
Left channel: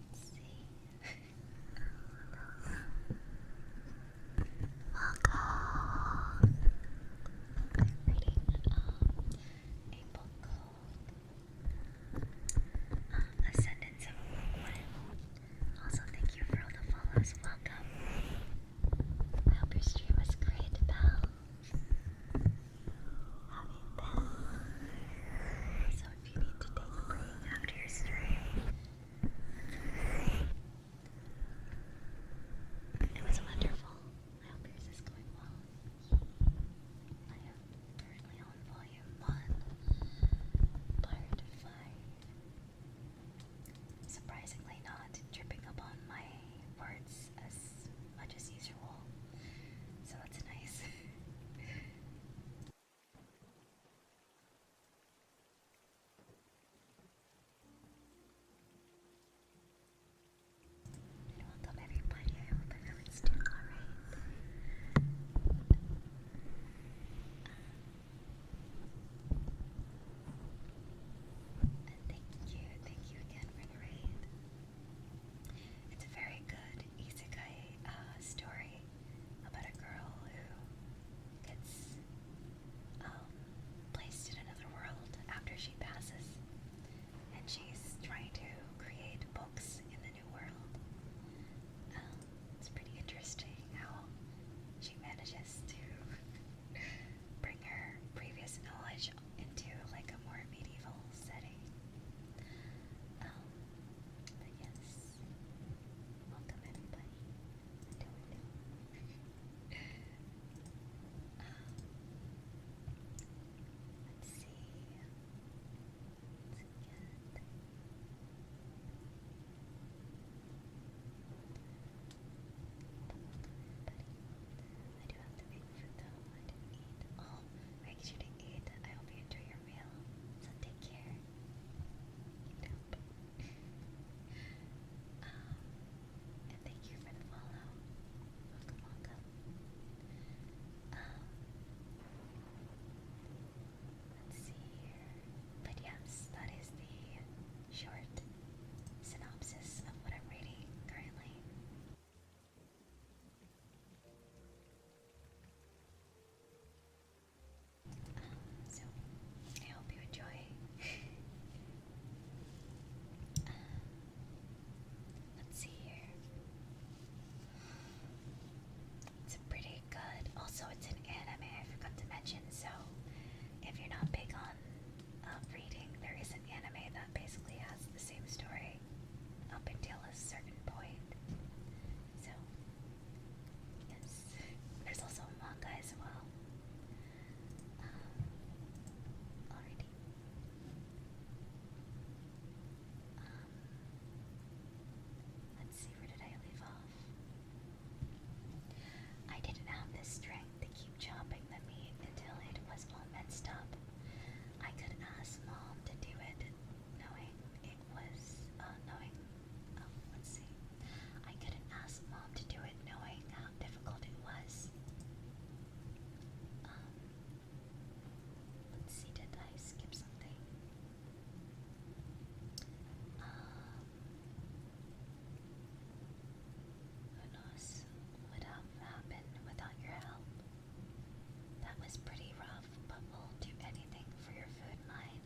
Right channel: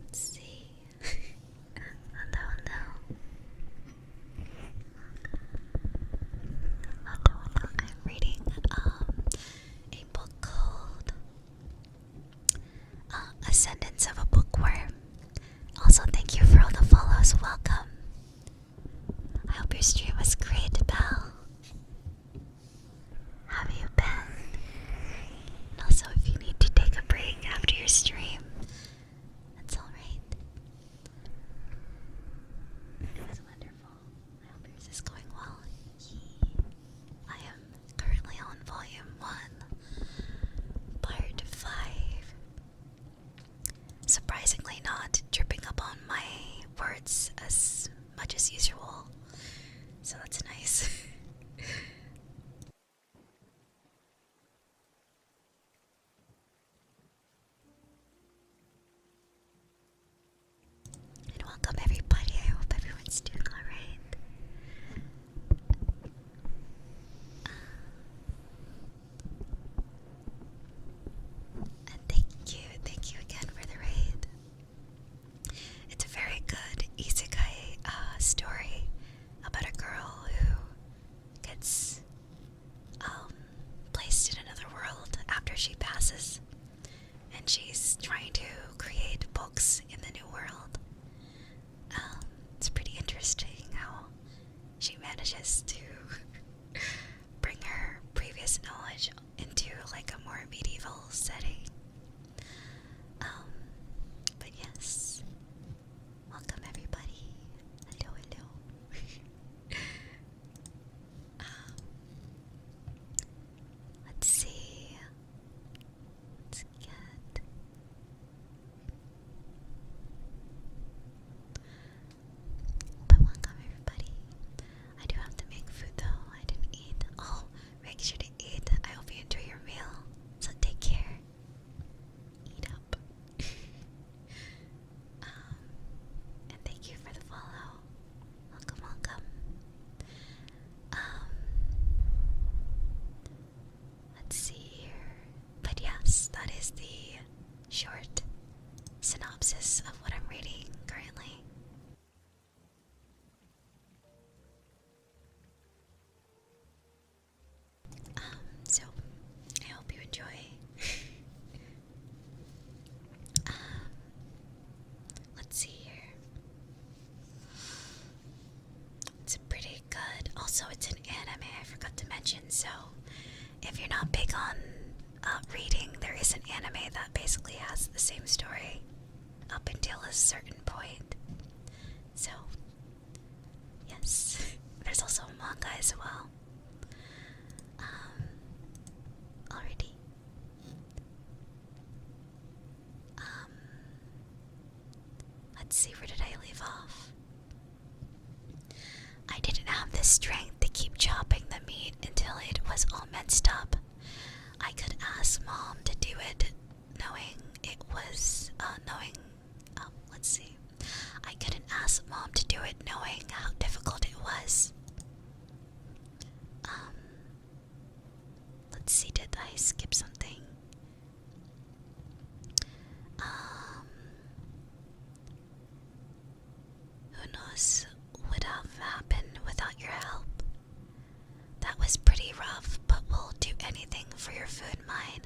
Let's see. Hello, hello. Welcome. Hello, hello. I'm reading a book called Ascendance of a Bookworm. Also, thank you for all the follows. Welcome. I hope your stream was great, Belle. How have you been? Also, if you need to take a break after your stream, that's all right. It's wonderful. I hope yours is going well. I am currently on volume 1, part 5. Surprisingly not tripping up on my words as much as usual, so that's nice. And welcome everybody. I hope everyone's doing alright. And thank you again for the raid. It's a very good isekai story about a girl who gets placed in another world after she passes, and she's trying to create books in the new world. It's pretty interesting how she manages to bring her previous knowledge into like a more medieval setting. But yes, welcome everybody. Hello, hello. Let's see. Let's get. But welcome everybody. I do have to make food though. I didn't eat. Oh, make sure to eat. I hope you enjoy your meal. So take care. Eat up. And thank you for the follow. Welcome, welcome. Let's see here. But yes, that is the short synopsis of what I'm reading currently. So I hope you enjoy. Let's see here. It's pretty good. Also, it's an anime, I forgot to mention. So if you're not big on reading, there is an anime that basically has the same story up until a certain point. So yes, there's also a manga as well. Already. Let's see, where did I leave off? I didn't have the strength to keep chopping the meat until it was all minced up. I could ask Mom to do it, knowing it was, let's see. I couldn't ask Mom to do it knowing how difficult it was. Let's see, did I skip something? Who knows what would have happened without your help? That was pretty rough, but we'll do anything for your food, mine.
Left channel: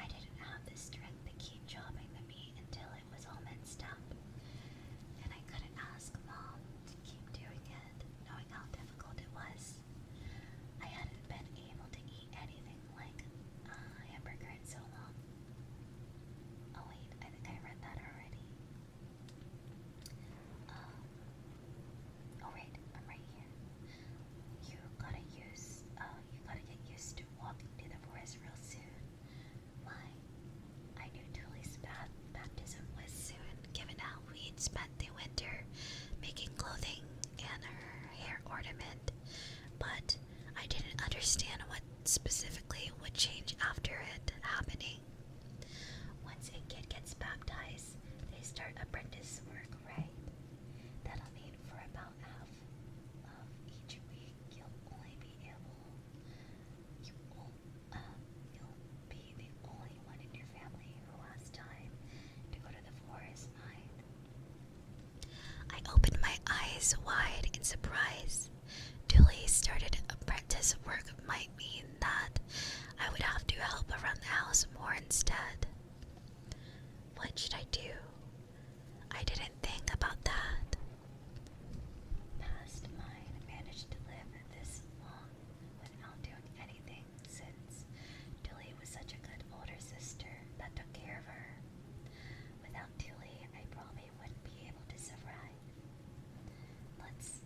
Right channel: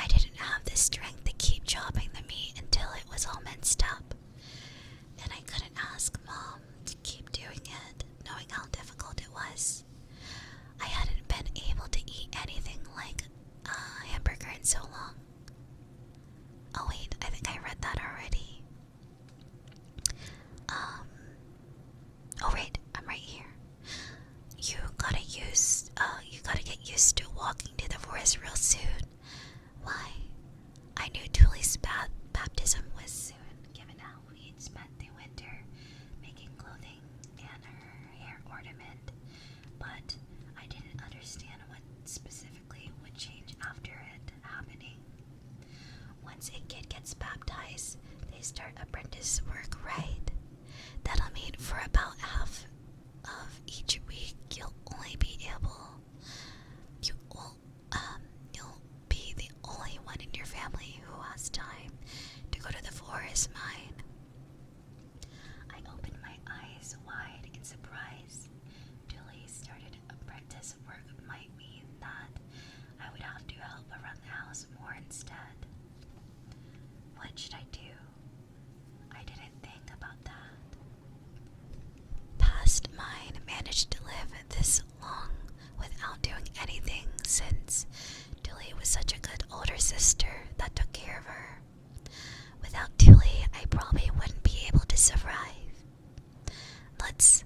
I didn't have the strength to keep chopping the meat until it was all minced up, and I couldn't ask Mom to keep doing it, knowing how difficult it was. I hadn't been able to eat anything like a hamburger in so long. Oh wait, I think I read that already. Oh right, I'm right here. You gotta get used to walking to the forest real soon. Why? I knew Tulie's baptism was soon, given how we'd spent the winter making clothing and her hair ornament, but I didn't understand what specifically would change after it happening. Once a kid gets baptized, they start apprentice work, right? That'll mean for about half of each week you'll be the only one in your family who has time to go to the forest mine. I opened my eyes wide in surprise. Tulie started apprentice work might mean that I would have to help around the house more instead. What should I do? I didn't think about that. Past mine managed to live this long without doing anything since Tulie was such a good older sister that took care of her. Without Tulie, I probably wouldn't be able to survive. Lutz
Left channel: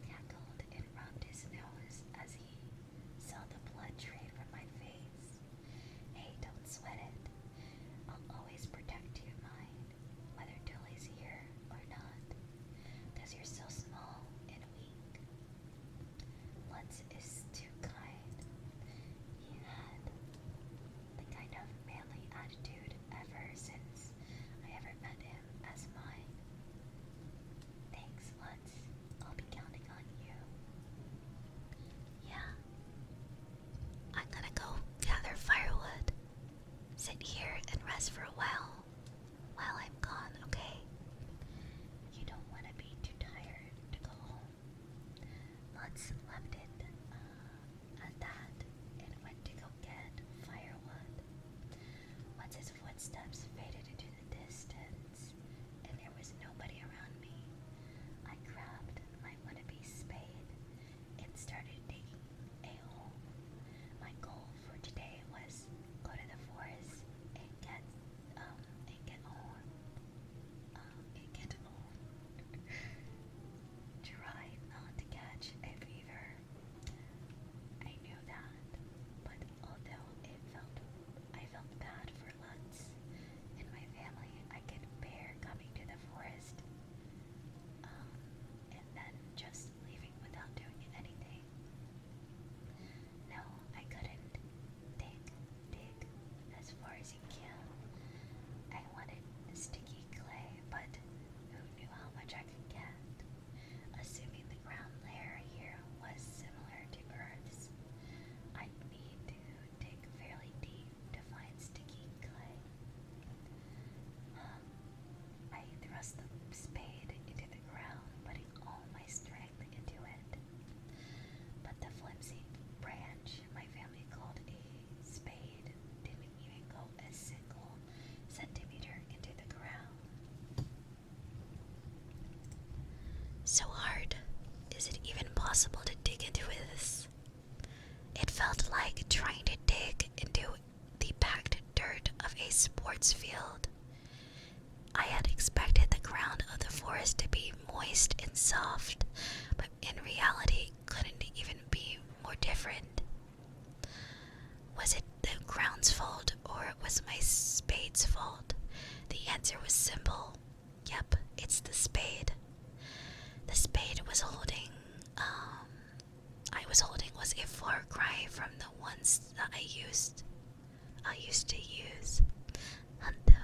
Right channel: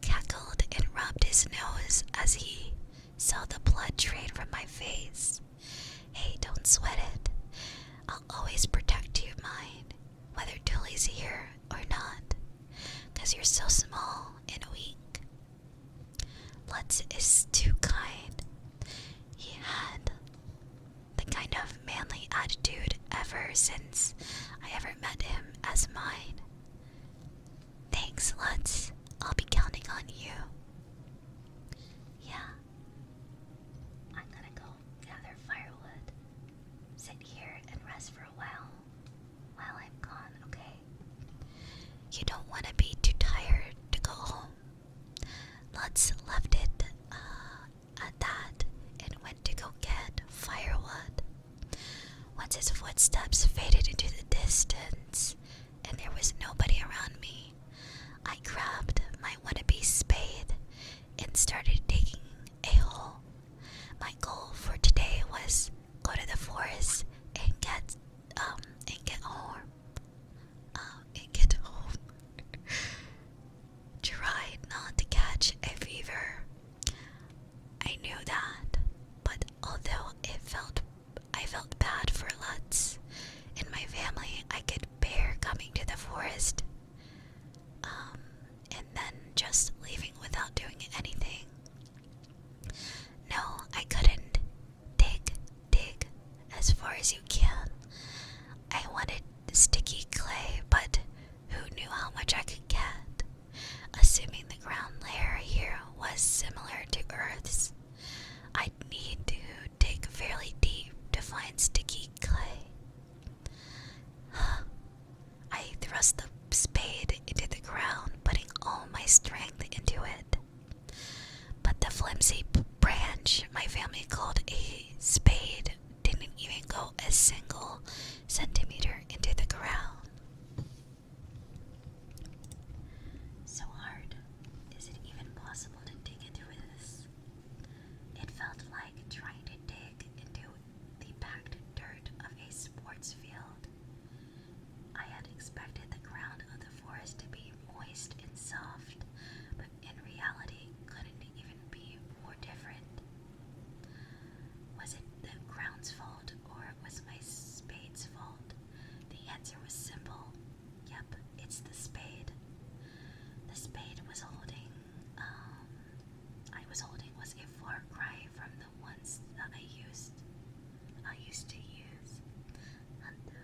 cackled and rubbed his nose as he saw the blood drain from my face. Hey, don't sweat it. I'll always protect you, mine, whether Tulie's here or not, 'cause you're so small and weak. Lutz is too kind. He had the kind of manly attitude ever since I ever met him as mine. Thanks, Lutz. I'll be counting on you. Yeah. I'm gonna go gather firewood. Sit here and rest for a while I'm gone, okay? You don't want to be too tired to go home. Lutz left it at that and went to go get firewood. Once his footsteps faded into the distance and there was nobody around me, I grabbed my wannabe spade and started digging a hole. My goal for today was go to the forest and get home. Tried not to catch a fever. I knew that, but although I felt bad for Lutz and my family, I could bear coming to the forest, and then just leaving without doing anything. No, I couldn't. Dig as far as you can. I wanted sticky clay, but who knew how much I could get? Assuming the ground layer here was similar to Earth's, I'd need to dig fairly deep to find sticky clay. I thrust the spade into the ground, putting all my strength into it. But the flimsy branch my family called a spade didn't even go a single centimeter into the ground. So hard. Is it even possible to dig into this? It felt like trying to dig into the packed dirt of a sports field. I had expected the ground of the forest to be moist and soft, but in reality couldn't even be more different. Was it the ground's fault or was my spade's fault? The answer was simple. Yep, it's the spade. The spade I was holding was a far cry from the ones that I used to use. Hello.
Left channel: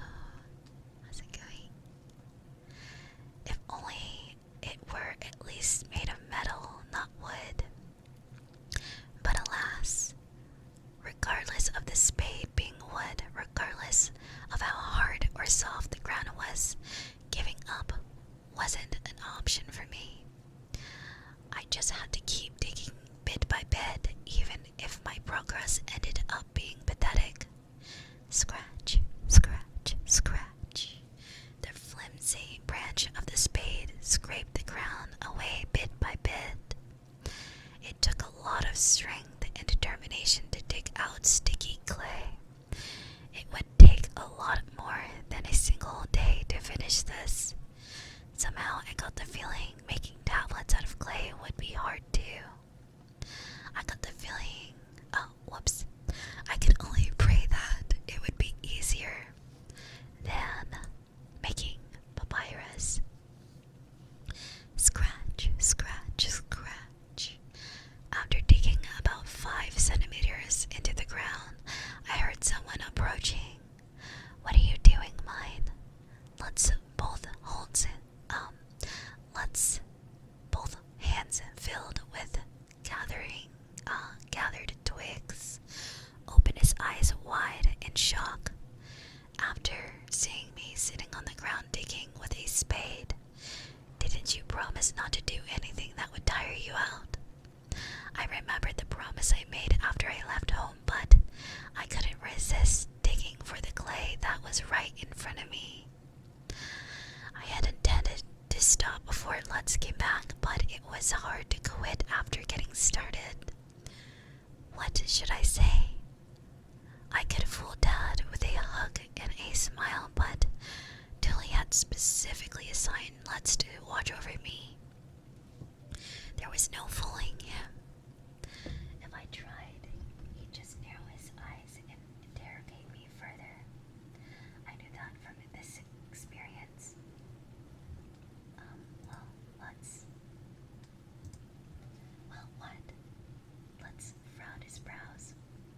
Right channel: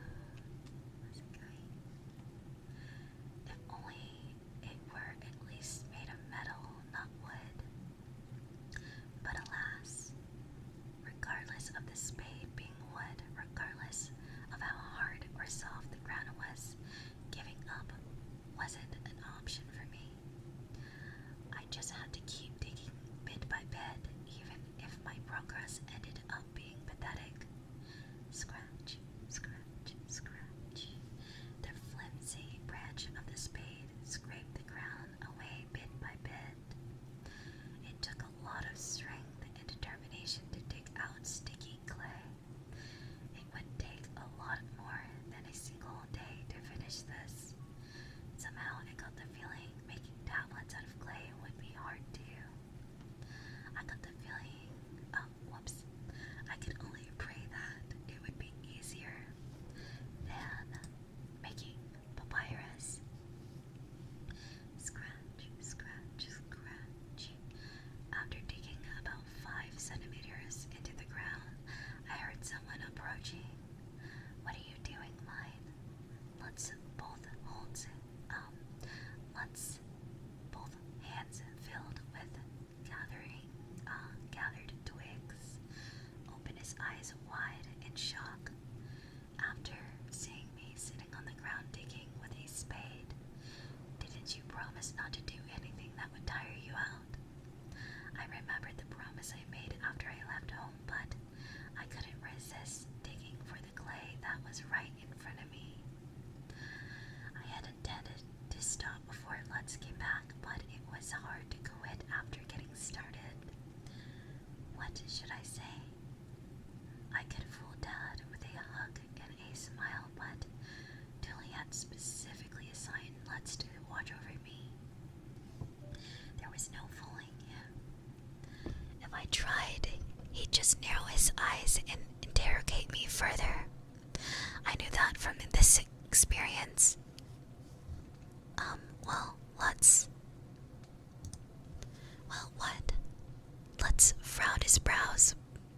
How's it going? If only wasn't an option for me. I just had to keep digging bit by bit, even if my progress ended up being pathetic. Scratch, scratch, scratch. The flimsy branch of the spade scraped the ground away bit by bit. It took a lot of strength and determination to dig out sticky clay. It would take a lot more than a single day to finish this. Somehow I got the feeling making tablets out of clay would be hard too. I got the feeling, I could only pray that it would be easier than making papyrus. Scratch, scratch, scratch. After digging about 5 centimeters into the ground, I heard someone approaching. What are you doing, mine? Let's both hands filled with gathered twigs. Open his eyes wide in shock after seeing me sitting on the ground digging with a spade. Didn't you promise not to do anything that would tire you out? I remembered the promise I made after I left home, but I couldn't resist digging for the clay that was right in front of me. I had intended to stop before Lutz came back, but it was hard to quit after getting started. What should I say? I could fool Dad with a hug and a smile, but Tulie had specifically assigned Lutz to watch over me. There was no fooling him. If I tried, he'd just narrow his eyes and interrogate me further. I knew that from this experience. What? Lutz frowned his brows,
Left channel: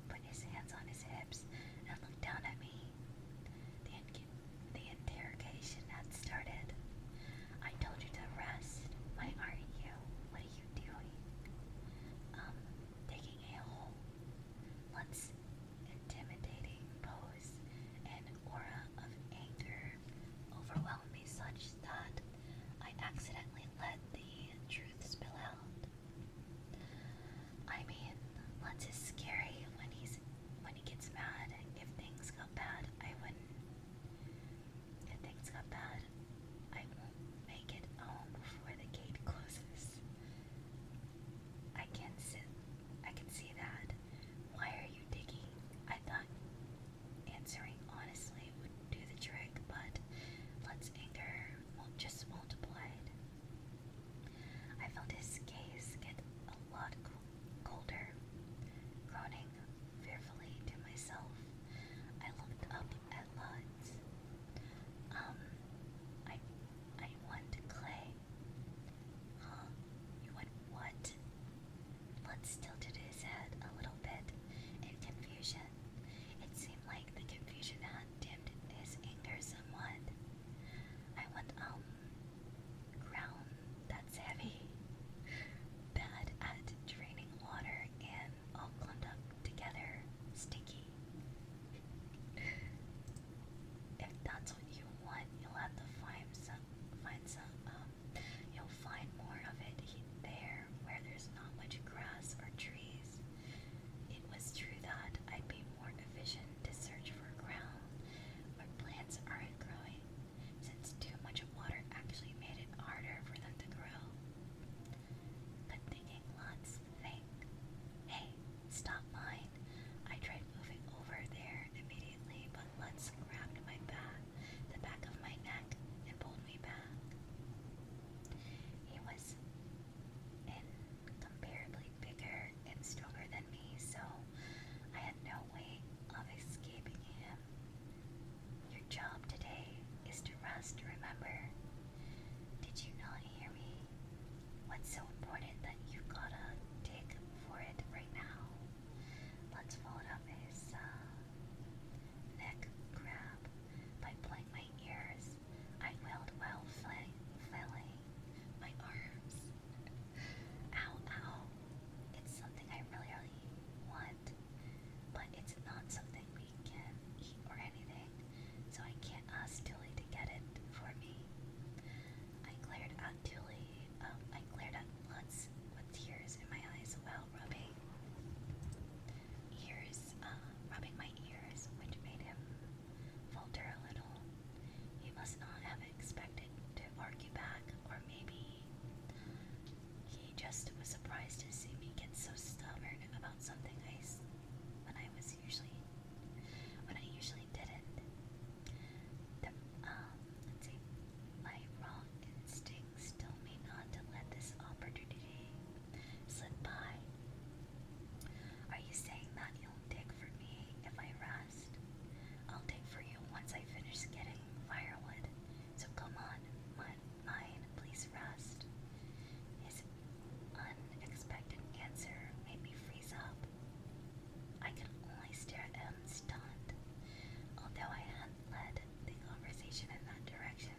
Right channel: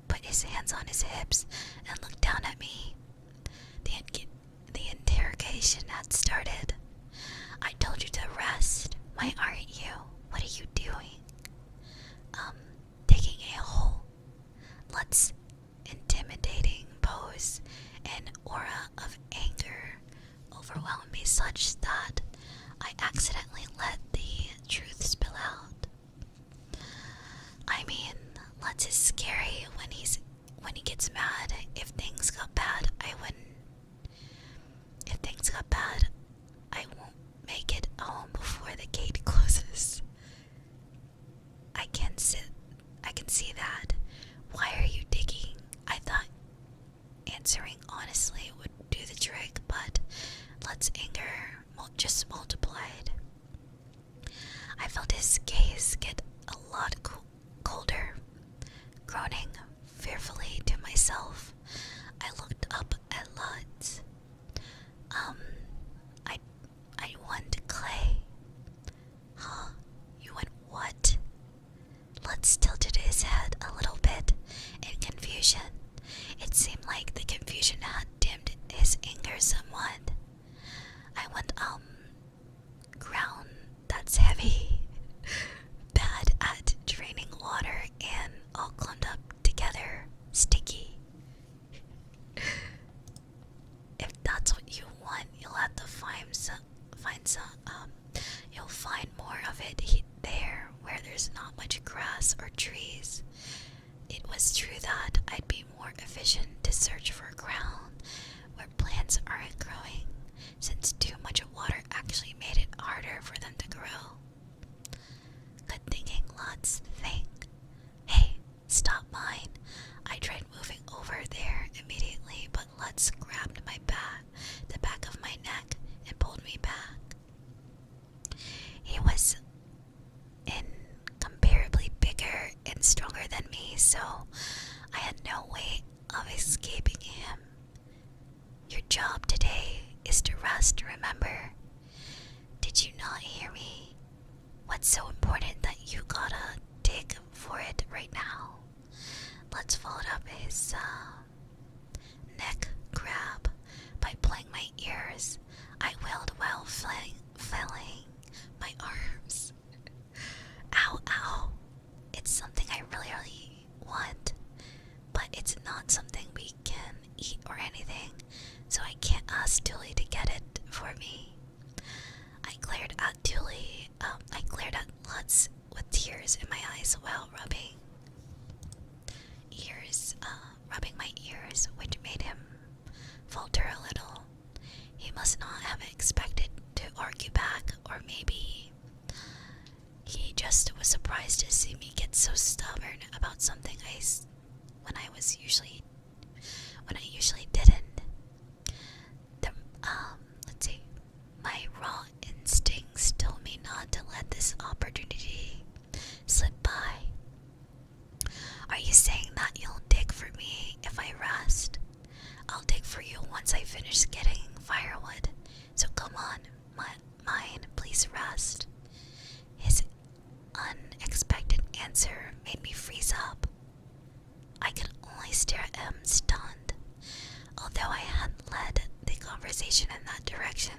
put his hands on his hips, and looked down at me. The interrogation had started. I told you to rest. Why aren't you? What are you doing? Digging a hole. Lutz's intimidating pose and aura of anger overwhelmed me such that I accidentally let the truth spill out. I mean, Lutz is scary when he gets mad. If things got bad, I won't make it home before the gate closes. I can see that. Why are you digging? I thought answering honestly would do the trick, but Lutz's anger just multiplied. I felt his gaze get a lot colder. Groaning fearfully to myself, I looked up at Lutz. I want clay. Huh? You want what? Lutz tilted his head a little bit in confusion. It seemed like the confusion had dimmed his anger somewhat. I want, ground that's heavy, bad at draining water, and all clumped up together, sticky. If that's what you want, you'll have to you'll find more of it there where there's not much grass or trees. It was true that I'd be more efficient to search for ground where plants aren't growing, since too much water actually made it harder for them to grow. Good thinking, Lutz. Think. Hey, stop mine. I tried moving over there immediately, but Lutz grabbed the back of my neck, and pulled me back. He was incomparably bigger and stronger than me, so I had no way of escaping him. Your job today is to rest, remember? Did you not hear me? What's so important that you gotta dig for it right now? Let's follow up his neck grab by pulling my ears. I wailed while flailing my arms. Ow, ow. It's something I really want, but it's not something we can eat or anything, so I can't ask Tulie to get it for me. eyes while rubbing my ears, which made him falter a little. He must not have expected to argue back, or maybe he just was surprised to see me get so stubborn about something when I usually didn't. The, let's see, my raw instincts told me not to let this opportunity slip by. Are you saying that you'll dig for me if I rest? I'll dig for you once I finish getting firewood. So come on, mine, please rest. His unexpected answer made me freeze up. I could only stare at him, stunned. Although I had led the conversation in that direction,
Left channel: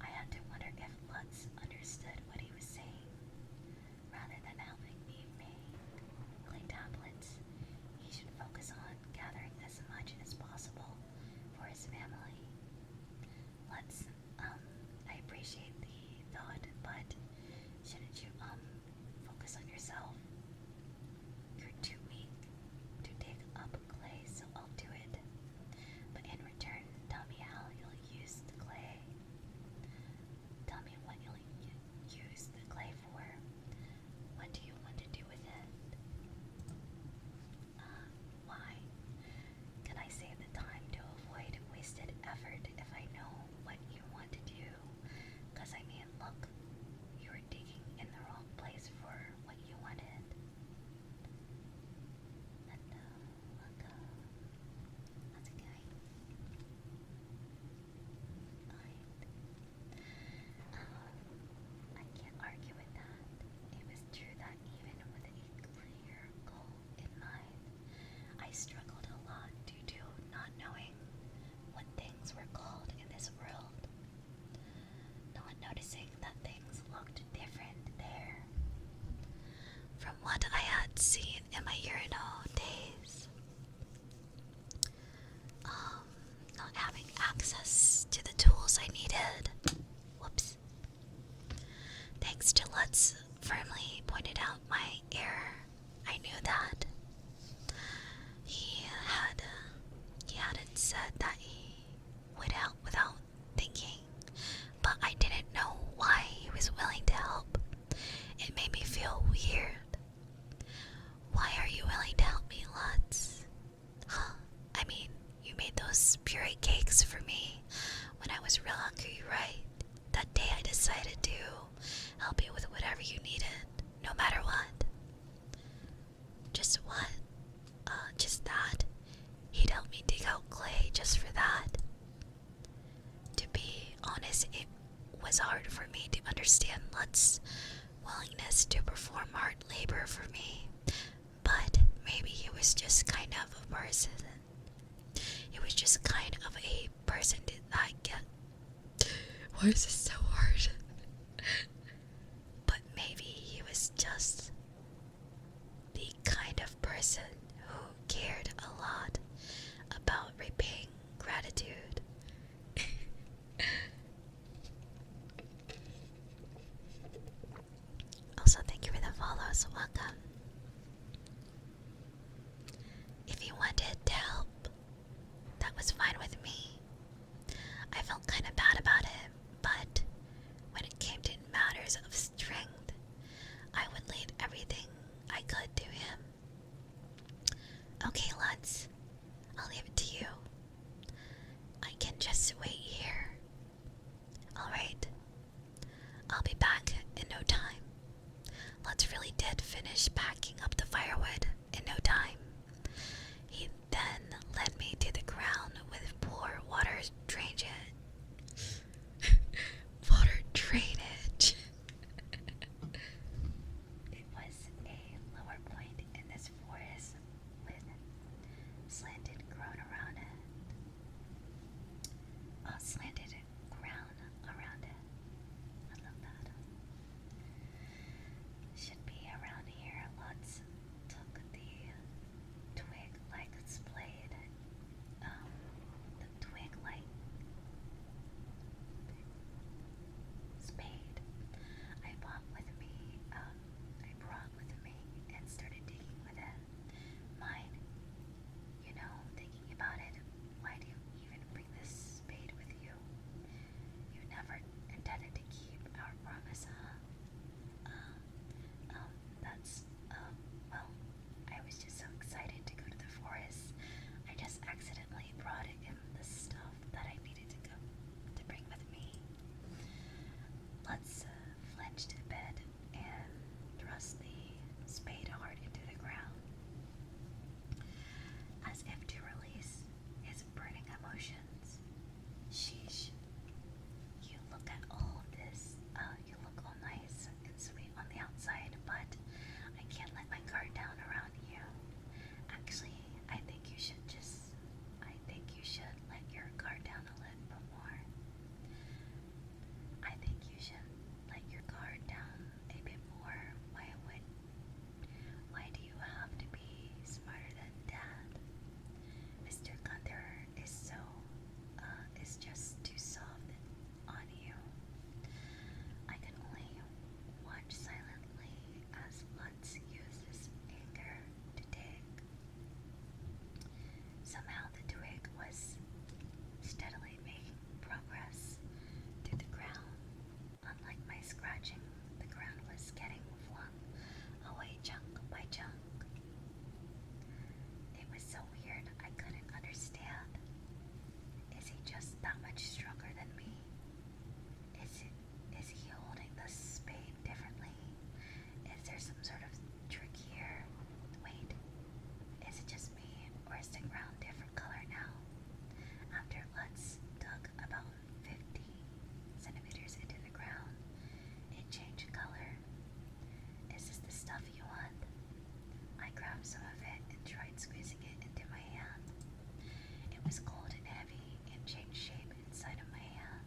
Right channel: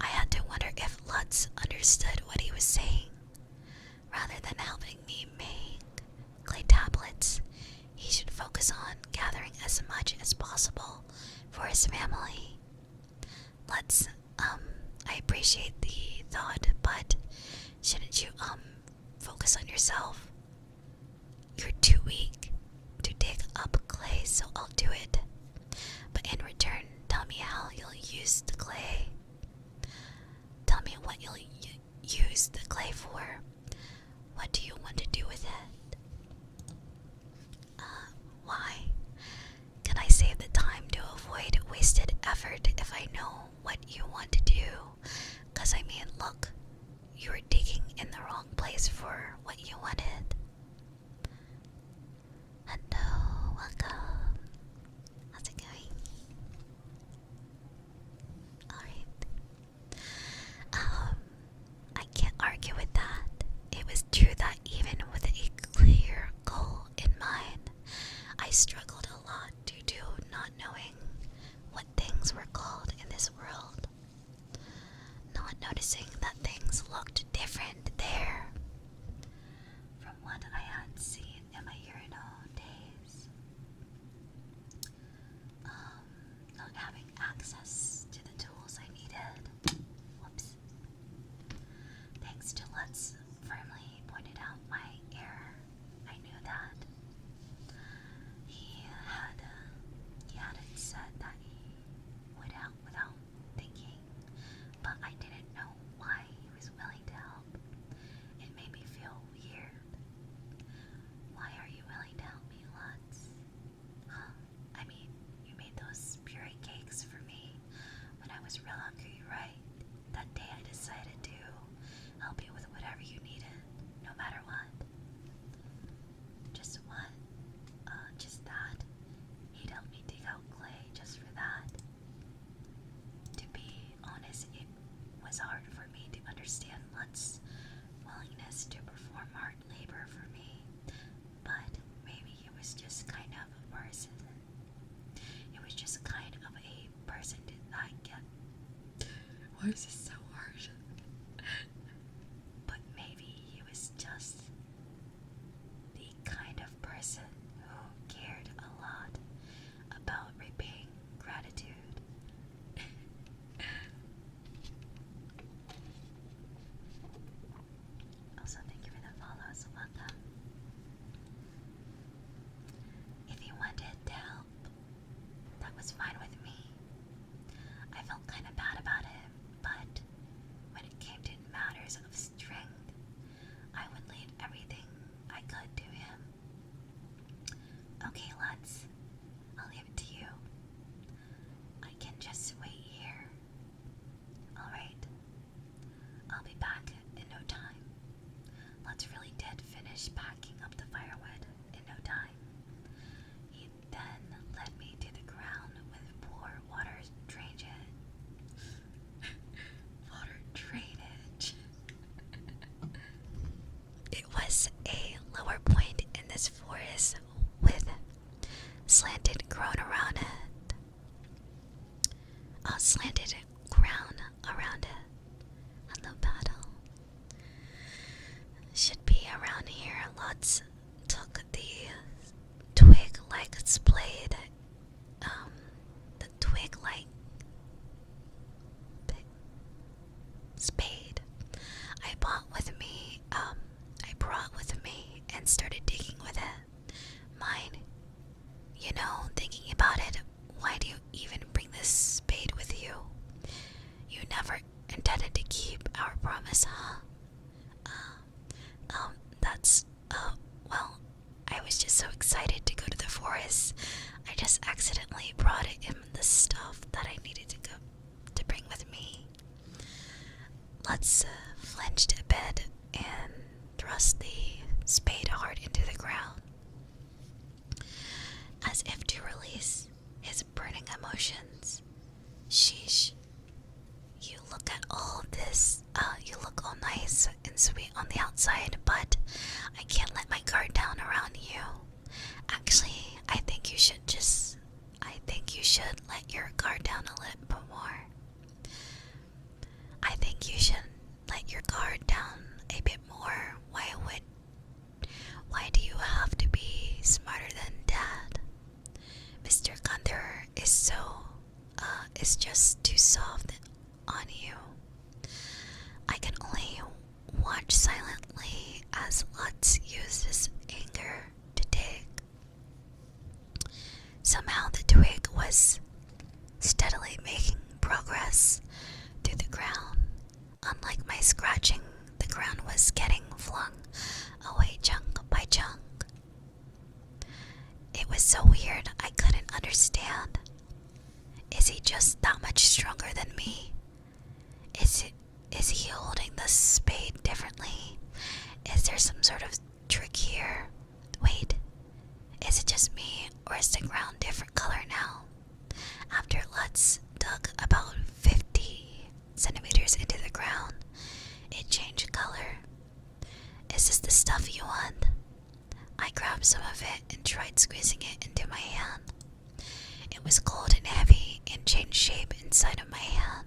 I had to wonder if Lutz understood what he was saying. Rather than helping me make clay tablets, he should focus on gathering as much as possible for his family. I appreciate the thought, but shouldn't you, focus on yourself? You're too weak to dig up clay, so I'll do it. But in return, tell me how you'll use the clay. Tell me what you'll use the clay for. What do you want to do with it? Why? Can I save the time to avoid wasted effort if I know what you want to do? 'Cause I mean, look, you were digging in the wrong place for what you wanted. Hello, welcome. How's it going? Alright. I can't argue with that. It was true that even with a clear goal in mind, I struggled a lot due to not knowing what things were called in this world. Not noticing that things looked different there from what I had seen in my urinal days. Not having access to the tools I needed. Whoops. Thanks to Lutz firmly pointed out my error, I knew that. He hadn't said that he would help without thinking, but I didn't know why he was willing to help. It made me feel weird. Why are you willing to help me, Lutz? I mean, you made those puree cakes for me when I was real hungry, right? That day I decided to help you with whatever you needed, no matter what. Just what? Just that? He'd help me dig out clay just for that? To be honest, it was hard for me to understand Lutz's willingness to perform hard labor for me, but maybe he was just kind of a person. He was just kind of a person that get. Why is this so hard? But maybe he was just the kind of person who cared a lot about repaying gratitude. Also, thank you for the follows. Welcome. If he wanted to help, that was fine with me. I felt kind of bad about it, but when it came to matters of strength, I would leave everything I could to him. Okay, Lutz, I'll leave it to you. I can just wait here. Alright, I'll be back in no time. Lutz really did finish packing up the firewood in no time. He then led me to the ground with poor water drainage. Water drainage. It was a lower point in this forest with slanted ground around it. Slanted ground around it. Hello, battle. Should be around here, flinched a bit and thrust the spade hard into the ground, as if to release his burning emotions. Sheesh, you look at all this, you look all nice and sweet on the outside, but I can't let my guard down around you. Actually, I think you should let your guard down a little bit more. I think you should let your guard down a bit more. Why do you have to be smarter than Dad? Mr. Gunther is just too soft on you. I can only watch silently as Lutz uses anger to dig. Somehow the twig was steadily making progress through the ground. Unlike my scratching, the ground was getting flung away chunk by chunk. It was so weird, I couldn't understand. Is he just that much stronger than me? Is he holding the spade differently? Is there some sort of trick here? Wait, is it just me, or is the ground different color now? After Lutz dug about 50 centimeters into the ground, it changed color. Is this the stuff you want? I grabbed some of it and tried squeezing it into my hand. It was cold and heavy and changed shape inside of my hand.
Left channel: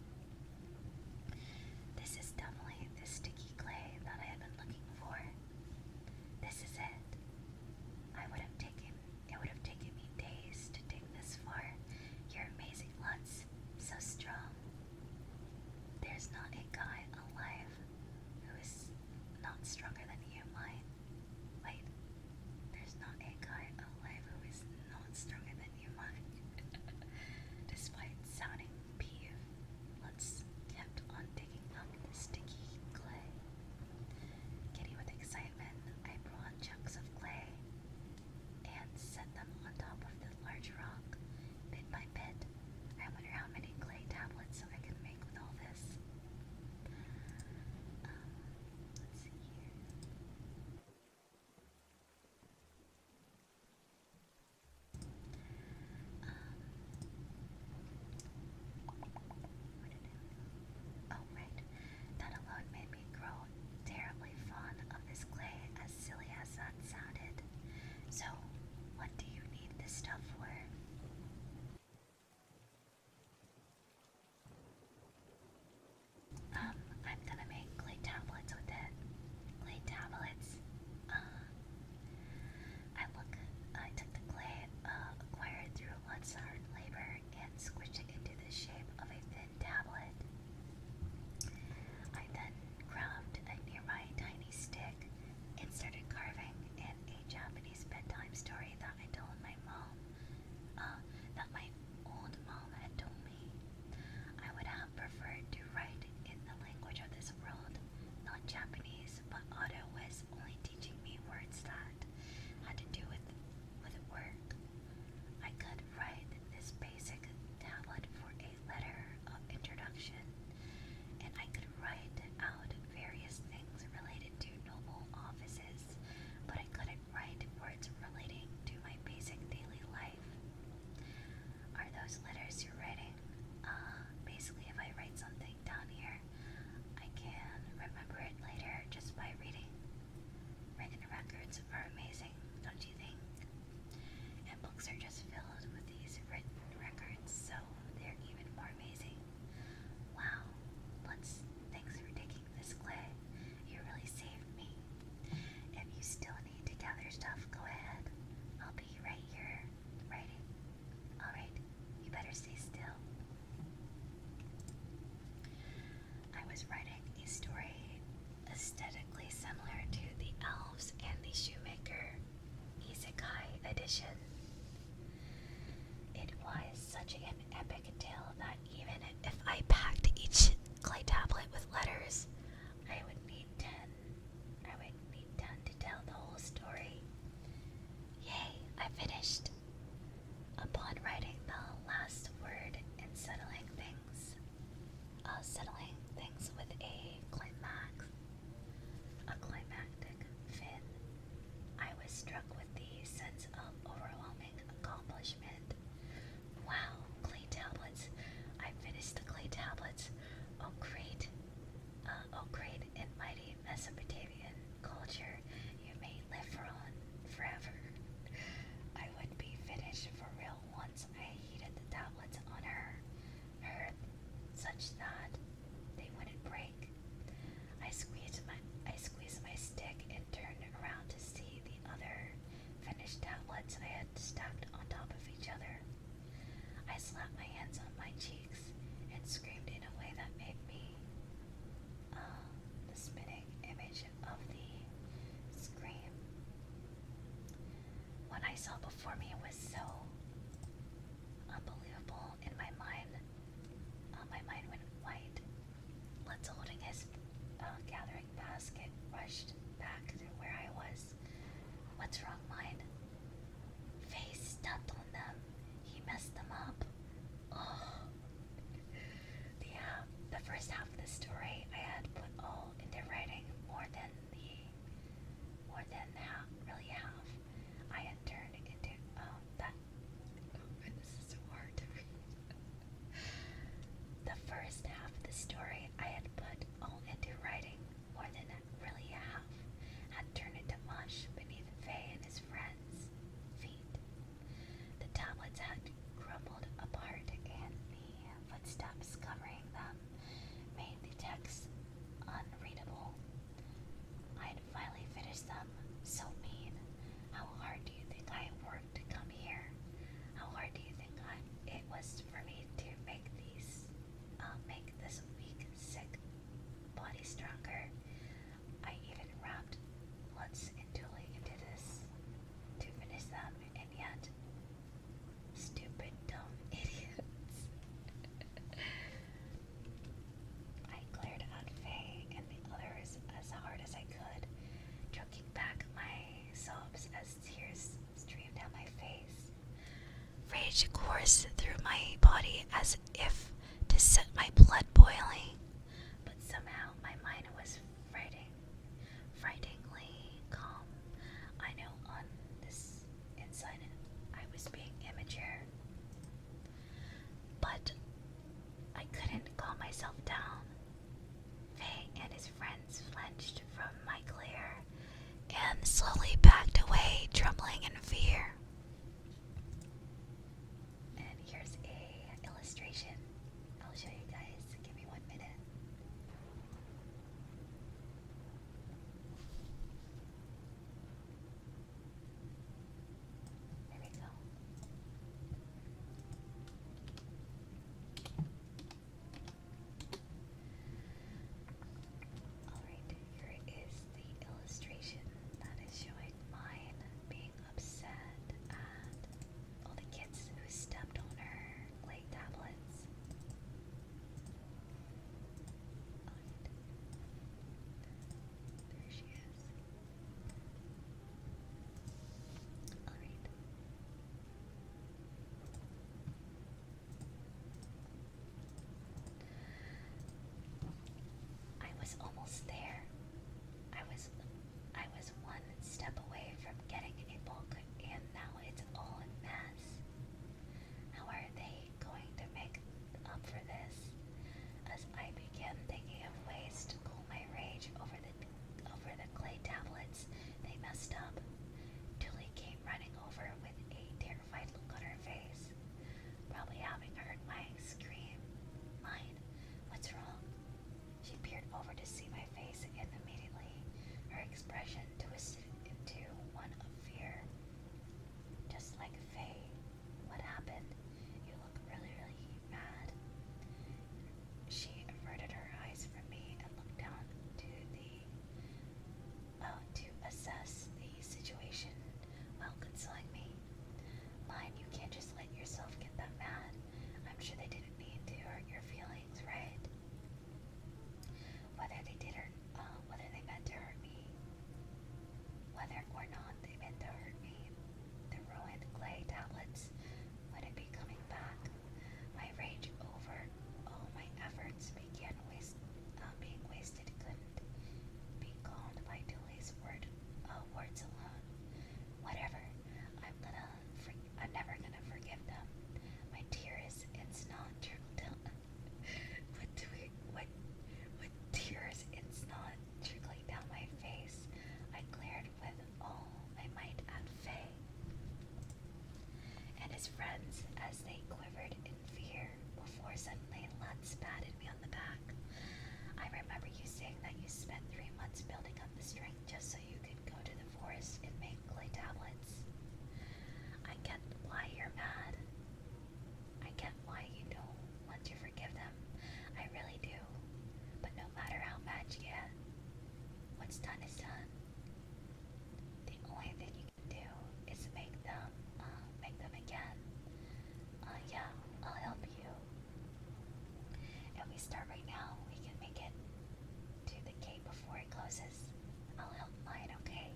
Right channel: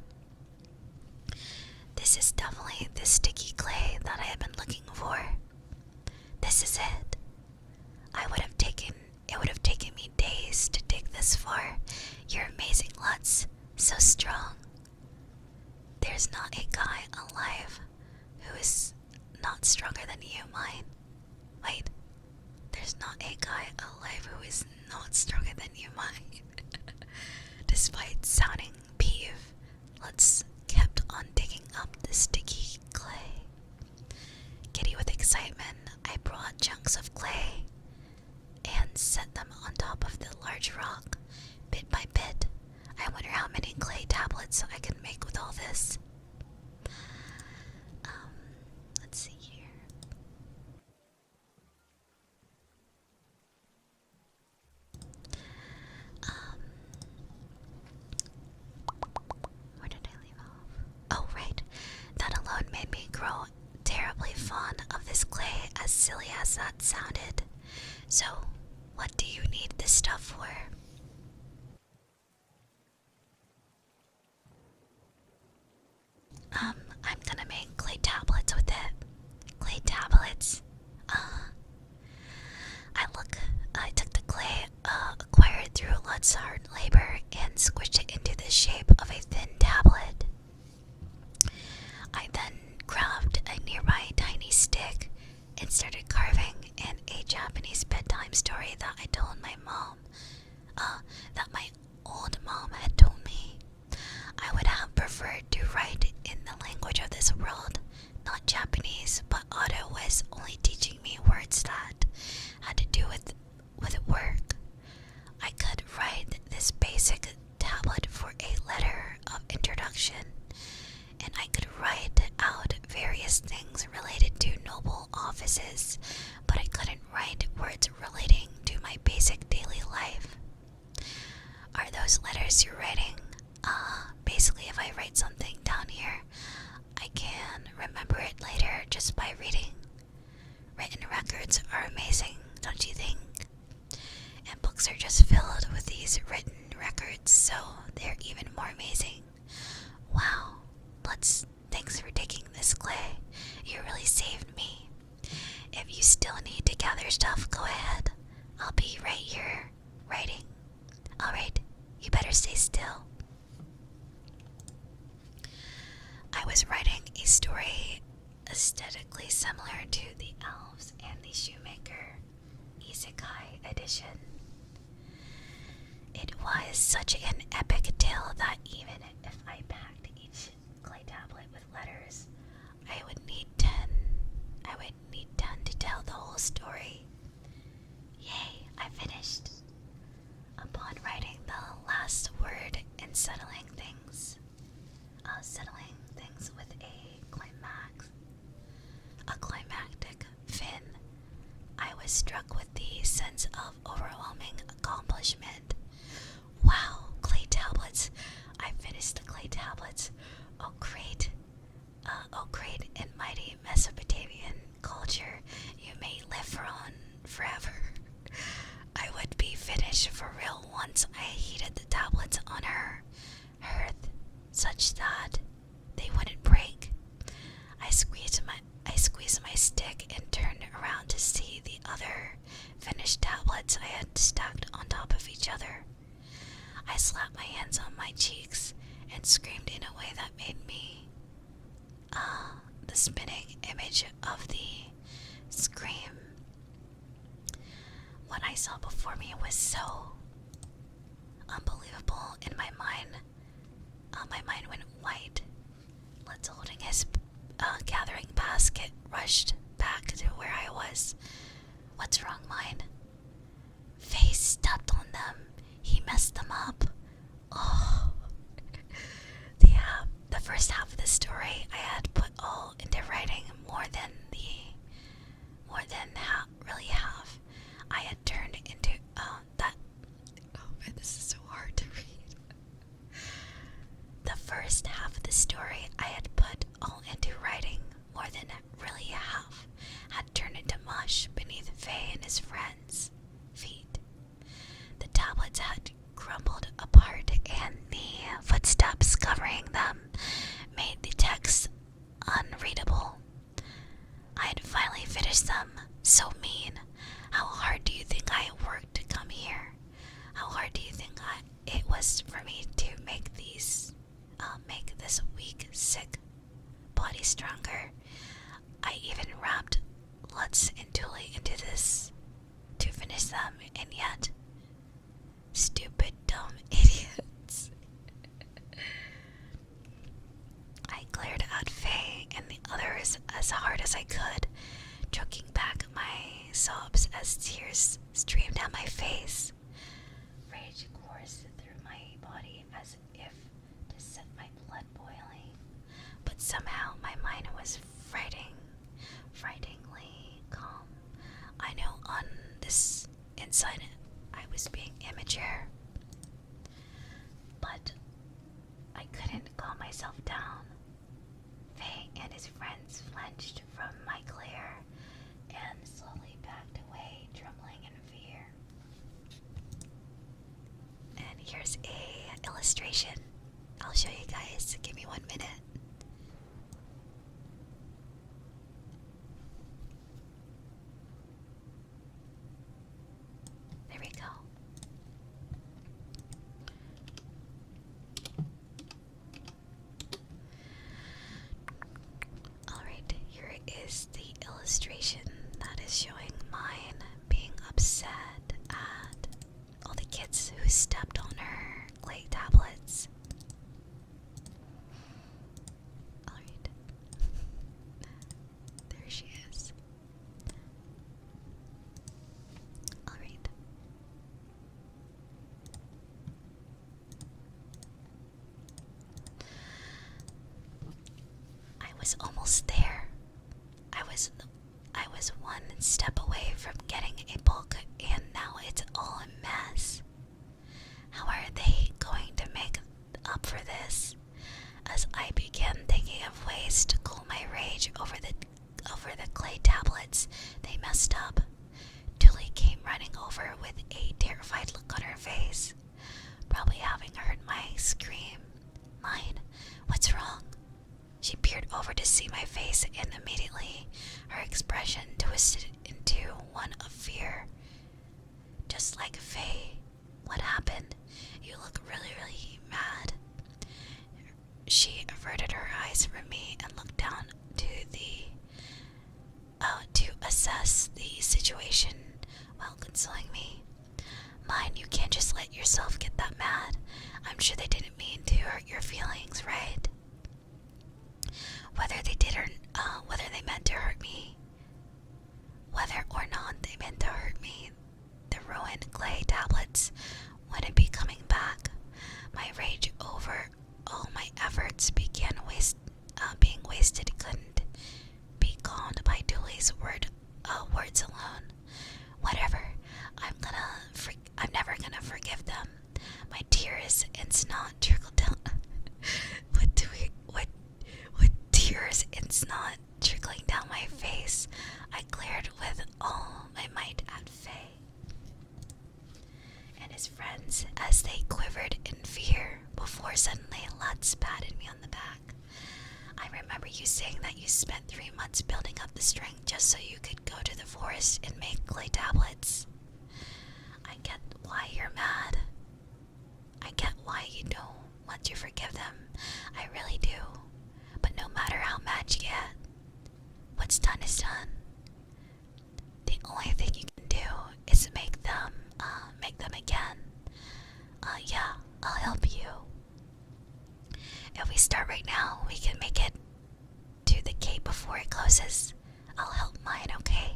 This is definitely the sticky clay that I have been looking for. This is it. It would have taken me days to dig this far. You're amazing, Lutz. So strong. There's not a guy alive who is not stronger than you, mine. Wait. There's not a guy alive who is not stronger than you, mine. Despite sounding peeved, Lutz kept on digging up the sticky clay. Giddy with excitement, I brought chunks of clay and set them on top of the large rock, bit by bit. I wonder how many clay tablets I can make with all this. Let's see here. Where did I leave off? Oh, right. That alone made me grow terribly fond of this clay, as silly as that sounded. So, what do you need this stuff for? I'm gonna make clay tablets with it. Clay tablets? I took the clay acquired through Lutz's hard labor and squished it into the shape of a thin tablet. I then grabbed a nearby tiny stick and started carving in a Japanese bedtime story that I told my mom, that my old mom had told me. I would have preferred to write in the language of this world, not Japanese, but Otto was only teaching me words that had to do with work. I could write this basic tablet for a letter of introduction, and I could write out various things related to noble offices, but I couldn't write words relating to my basic daily life. Are those letters you're writing? Basically, if I write something down here, I can remember it later just by reading. Written records are amazing, don't you think? And books are just filled with these written records, so they're even more amazing. Wow, thanks for taking this clay. You really saved me. If you still need to gather stuff, go ahead. I'll be right here, writing. Alright, you better stay still. I was writing a story aesthetically similar to the Elves and the Shoemaker Isekai edition. It was such an epic tale that even if I packed each clay tablet with letters, I would need 10 to tell the whole story. Yay, I finished. Upon writing the last word and settling things with a climax, struck with the sense of overwhelming accomplishment. Wow, clay tablets. I finished the clay tablets. Oh great. Oh great and mighty Mesopotamian culture. You may live on forever. I would be finished for real once I heated the tablets on her hearth such that they wouldn't break. I squeezed my stick and turned around to see the other finished tablets I had stacked on top of each other. I slapped my hands on my cheeks and screamed in a way that made me the spinning image of the scream. What I saw before me was so unbelievable in my mind. My mind went white. Let's holding his gathering basket rushed back to where I was. What's wrong, mine? Face stepped on them. He messed them up. Oh. The first half of the story I had put all into writing more than really half. I had turned into that. Oh man, this is so hard to read. The first half of the story I had put all into writing more than really half had turned into mush beneath Faye and his friends' feet. The tablets had crumbled apart, and the footsteps covering them made the text unreadable. I had finally finished them. So mean. How hard do you think I worked to come here? How hard do you think it was for me to make this weak, sick body stronger? I even wrapped Lutz and Tulie into this to finish them, and yet, stupid, dumb idiots. I glared at Faye and the others as hard as I could, choking back my sobs as tears streamed down my face. Rage coursed through my body as if to set my blood boiling, but somehow my mind was frighteningly calm. I know on this inside I was being immature, but I couldn't calm myself down. Faye and his friends flinched from my glare and slowly backed away, trembling in fear. And here's a illustration. I'll show you guys. Give me 1 minute. There we go. Alright, here is the illustration that is showing mine being upset at all the kids who stepped on her clay tablets. Alright. There she is. Alright. I was almost there. I was one step away from getting a book, and now it's all a mess. How are they going to make up for this? As I began thinking of ways to cool my rage over the clay tablets they messed up, Tulie came running over with a terrified look on her face, probably having heard my scream. Mine, what's wrong? She peered over to see my face, and immediately her expression twisted into one of fear. Just like Faye, what happened? You look really, really mad. She averted her eyes from me and looked down to assess the situation while consoling me. Mine, you can't just let yourself get that mad. I'm sure they didn't mean to hurt your feelings, right? Whether they meant to hurt me, whether or not they meant to hurt me, the ruined clay tablets wouldn't be coming back. My rage over all my efforts being wasted couldn't be calmed by Tulie's words alone. Whatever. I'm never gonna forgive them. My tears and snot trickled down. With tears and snot trickling down my face, I glared with all my might at Faye and his friends as they quivered in fear before suddenly Lutz patted me on the back. I remember you saying that you spent 3 months building up the strength just so you could go to the forest and make clay tablets. I get why you're mad. I get why you don't want to forgive them. I really do. But no matter how mad you get, what's done is done. The only thing you can do is make them again. Yeah, I'll help you. If we start right now, we can make it to the gate before it closes. I'll help mine, okay?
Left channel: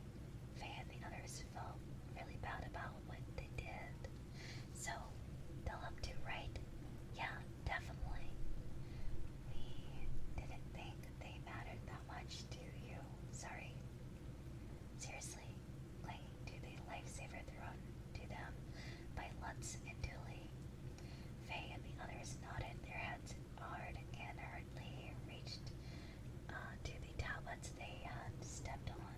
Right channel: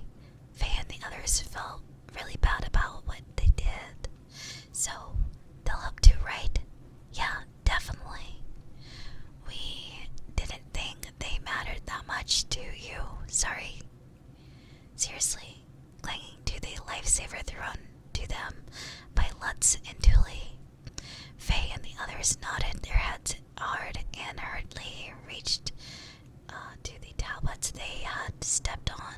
Faye and the others felt really bad about what they did. So, they'll help too, right? Yeah, definitely. We didn't think they mattered that much to you. Sorry. Seriously, clinging to the lifesaver thrown to them by Lutz and Tulie. Faye and the others nodded their heads hard and hurriedly reached to the tablets they had stepped on.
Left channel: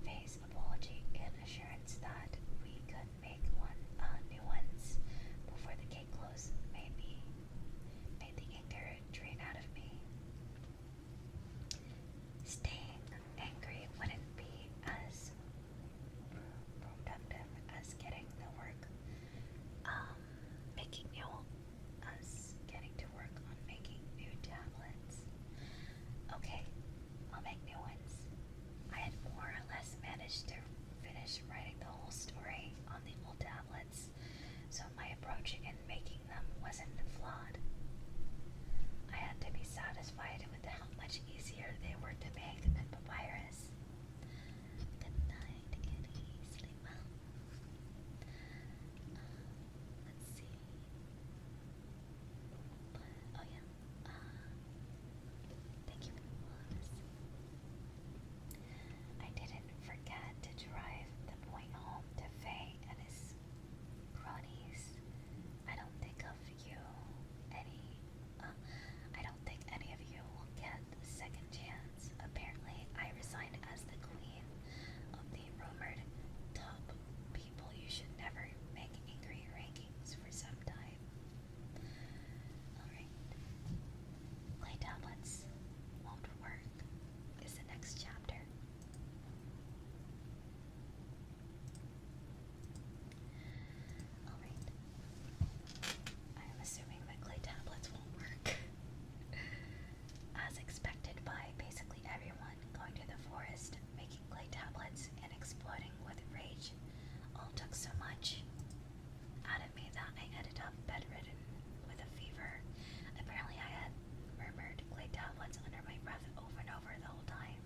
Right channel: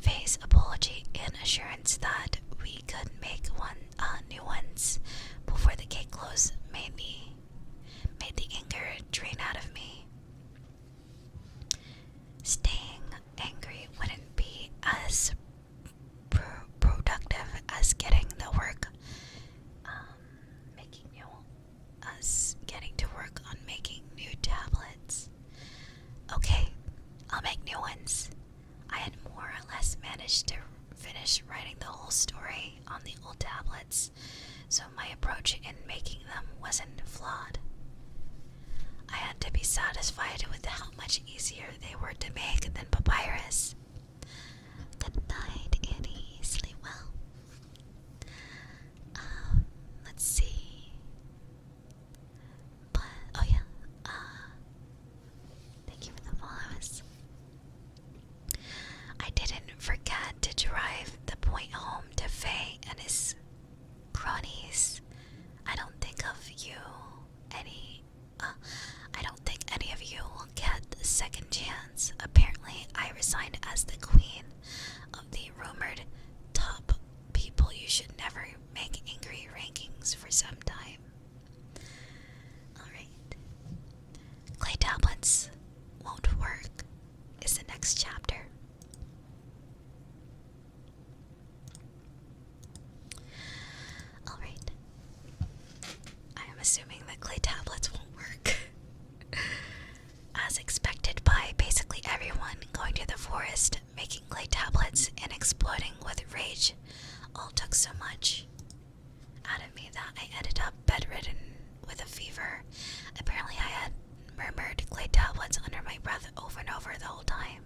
Faye's apology and assurance that we could make new ones before the gate closed made the anger drain out of me. Staying angry wouldn't be as productive as getting to work on making new tablets. Okay, I'll make new ones. I had more or less managed to finish writing the whole story on the old tablets, so my approach in making them wasn't flawed. I had to be satisfied with how much easier they were to make than papyrus. Good night, Annie. Sleep well. Let's see. Oh yeah. Thank you for the follows. I didn't forget to drive the point home to Faye and his cronies. I don't think any of you will get the second chance. Apparently, I resigned as the queen of the rumored top people you should never make angry rankings for some time. Alright. Clay tablets won't work is the next chapter. Alright. I am assuming that clay tablets won't work. As expected by basically everyone, going to the forest, making clay tablets, and exploding with rage all took so much out of me that I ended up bedridden with a fever. Apparently I had murmured clay tablets under my breath over and over the whole time.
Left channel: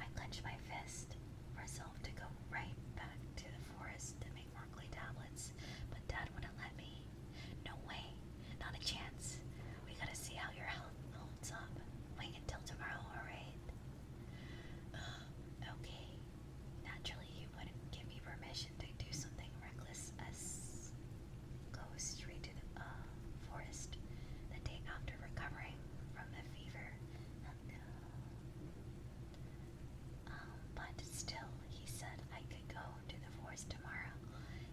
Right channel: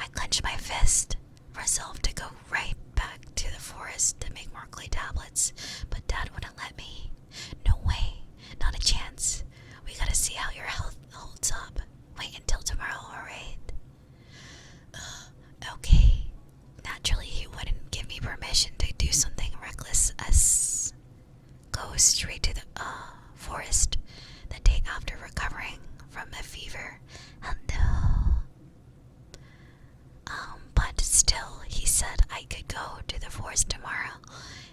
I clenched my fist, resolved to go right back to the forest to make more clay tablets, but Dad wouldn't let me. No way, not a chance. We gotta see how your health holds up. Wait until tomorrow, alright? Okay. Naturally, he wouldn't give me permission to do something reckless as go straight to the forest the day after recovering from a fever. But still, he said I could go to the forest tomorrow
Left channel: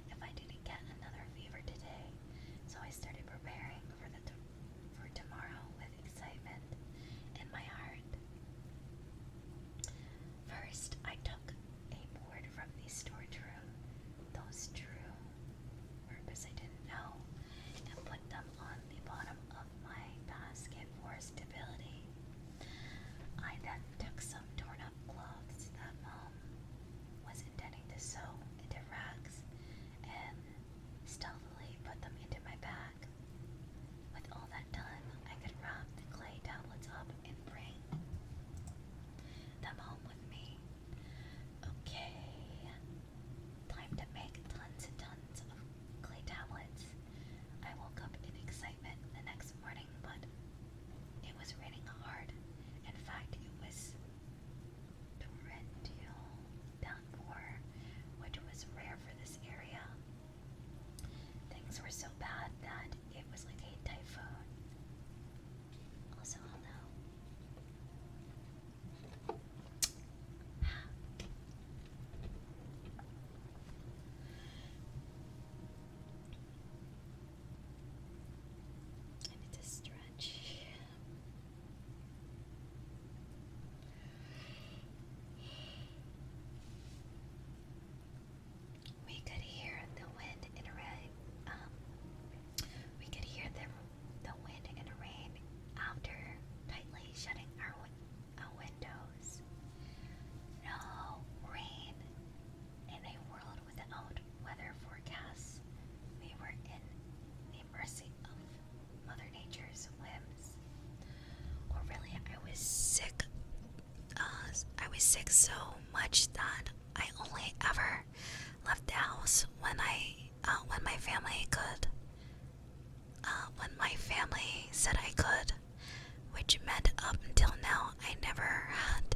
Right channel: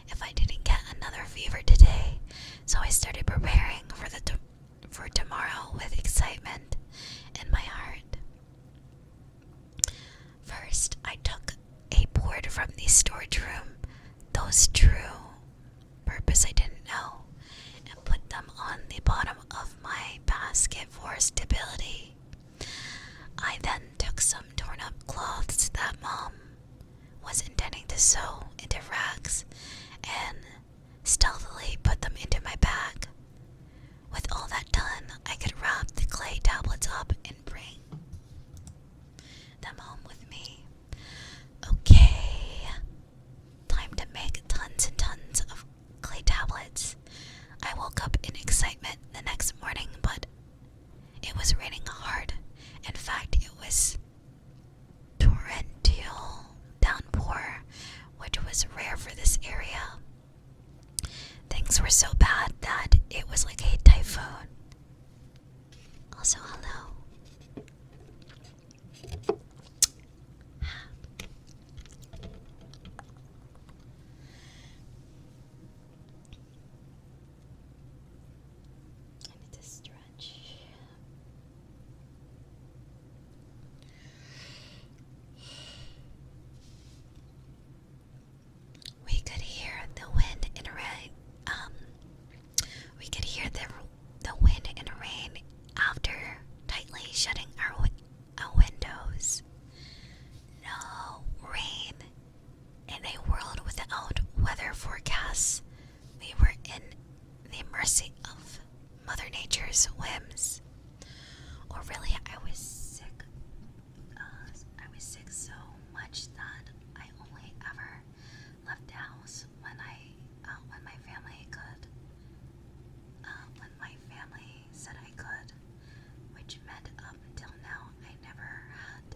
if I didn't get another fever today. So I started preparing for tomorrow with excitement in my heart. First, I took a board from the storage room, those true purpose I didn't know, and put them on the bottom of my basket for stability. I then took some torn up cloths that Mom was intending to sew into rags and stealthily put them into my bag. With all that done, I could wrap the clay tablets up and bring them home with me. Okay, time to make tons and tons of clay tablets. I woke up in excitement the next morning, but it was raining hard. In fact, it was torrential. this area. Things were so bad that it was like a typhoon. Also, hello. I need to stretch. We could hear the wind and rain. We could hear the wind and rain after tightly shutting our windows. No rain. In a world without weather forecasts, we were in the mercy of Mother Nature's whims. Or really, I was sick. I was sick so much that I only ever left the house when my family could. When my family said I could, which meant up until now I never had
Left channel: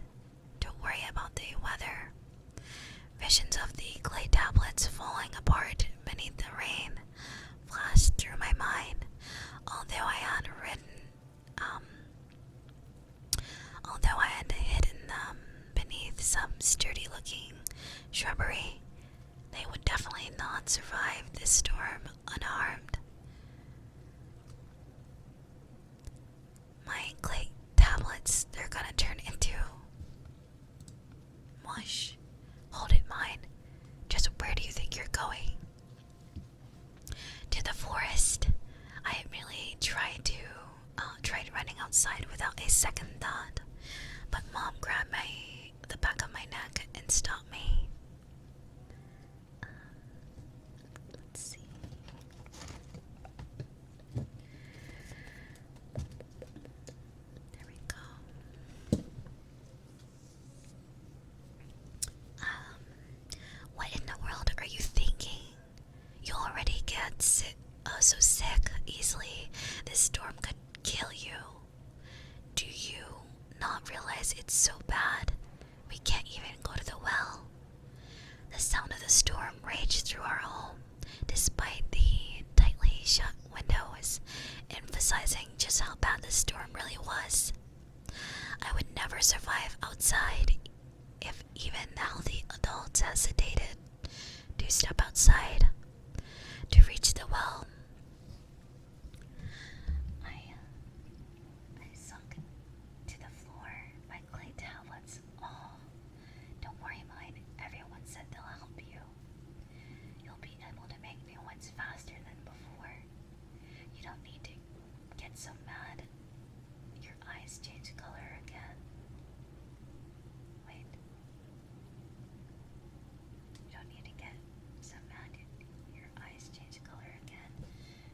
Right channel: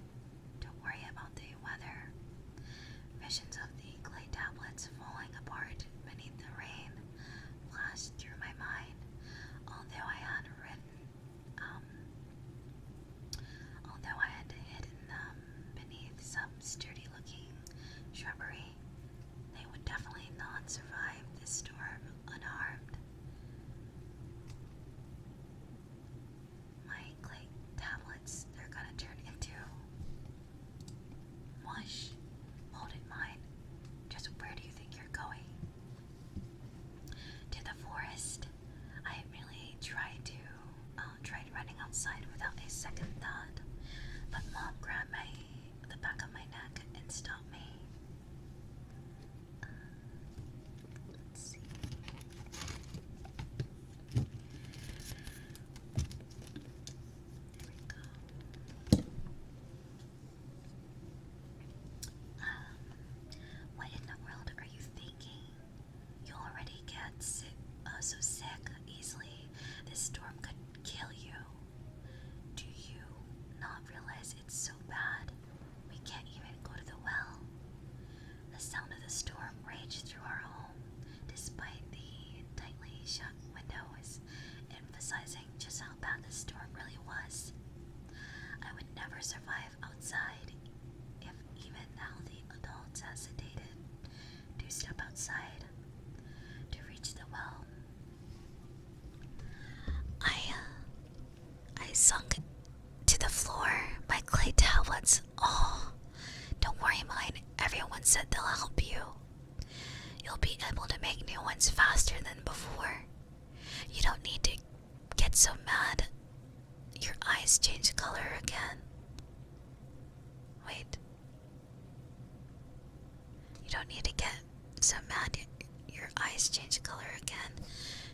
to worry about the weather. Visions of the clay tablets falling apart beneath the rain flashed through my mind, although I had hidden them beneath some sturdy-looking shrubbery. They would definitely not survive this storm unharmed. My clay tablets, they're gonna turn into mush. Hold it, mine. Just where do you think you're going? To the forest. I really tried running outside without a second thought, but Mom grabbed the back of my neck and stopped me. Let's see. There we go. What in the world are you thinking? You already get so sick easily. This storm could kill you. Do you not realize it's so bad? We can't even go to the well. The sound of the storm raged through our home, despite the tightly shut windows, emphasizing just how bad the storm really was. I would never survive outside if even now the adults hesitated to step outside to reach the well. I sunk to the floor, my clay tablets. Oh, don't worry, mine. Everyone said they'll help you. You'll be able to make new ones faster than before. You don't need to get so mad. Your eyes change color again. Wait. You don't need to get so mad. Your eyes change color again.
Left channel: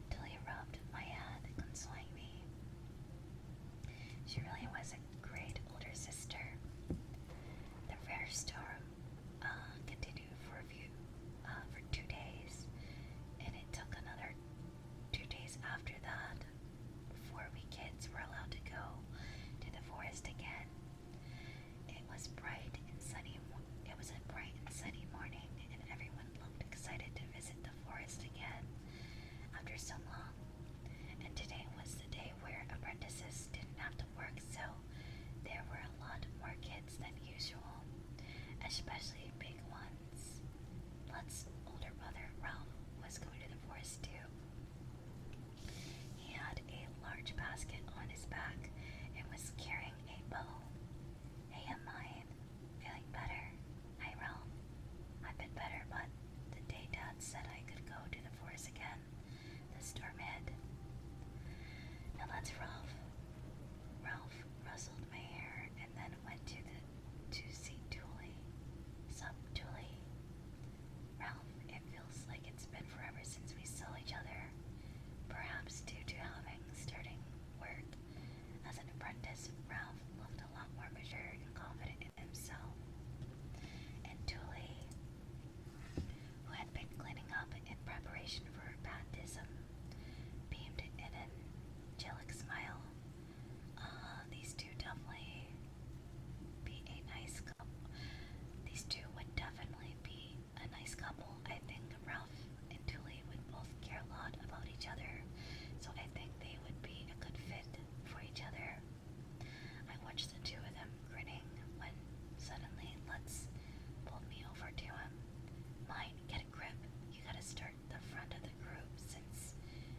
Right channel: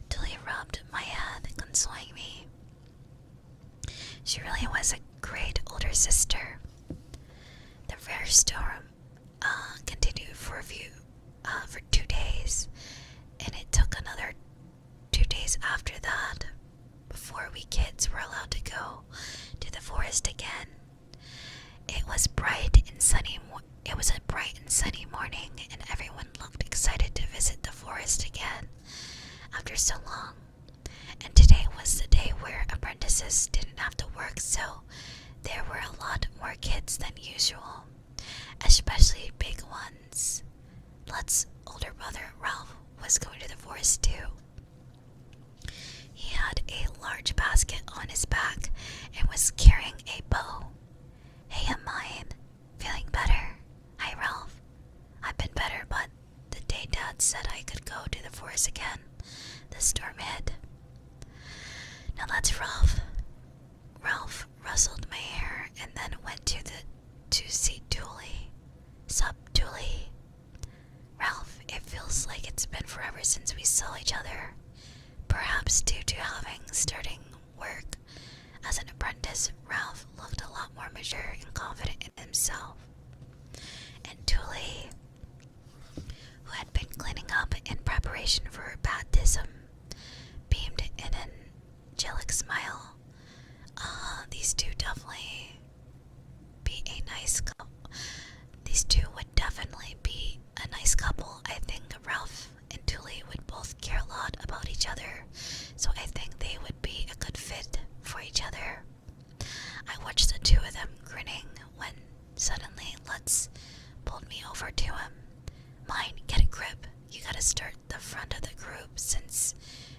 Tulie rubbed my head, consoling me. She really was a great older sister. The rare storm continued for 2 days, and it took another 2 days after that before we kids were allowed to go to the forest again. It was a bright and sunny morning, and everyone looked excited to visit the forest again after so long. And today was the day where apprentices didn't have to work, so there were a lot more kids than usual, especially big ones. Lut's older brother, Ralph, was going to the forest too. He had a large basket on his back and was carrying a bow. Hey, I'm mine. Feeling better? Hi, Ralph. I've been better, but the day Dad said I could go to the forest again, the storm hit. Now that's Ralph. Ralph rustled my hair and then went to see Tulie. Sup, Tulie? Ralph, it feels like it's been forever since we saw each other. Perhaps due to starting work as an apprentice, Ralph looked a lot more mature and confident in himself. And Tulie, who had been cleaning up in preparation for her baptism, beamed in an angelic smile. These two would definitely be a nice couple, I think each other, so I think they would be a good fit for each other. I watched the two of them grinning when suddenly Lutz pulled me over to him. Mine, get a grip. You gotta start the front of the group since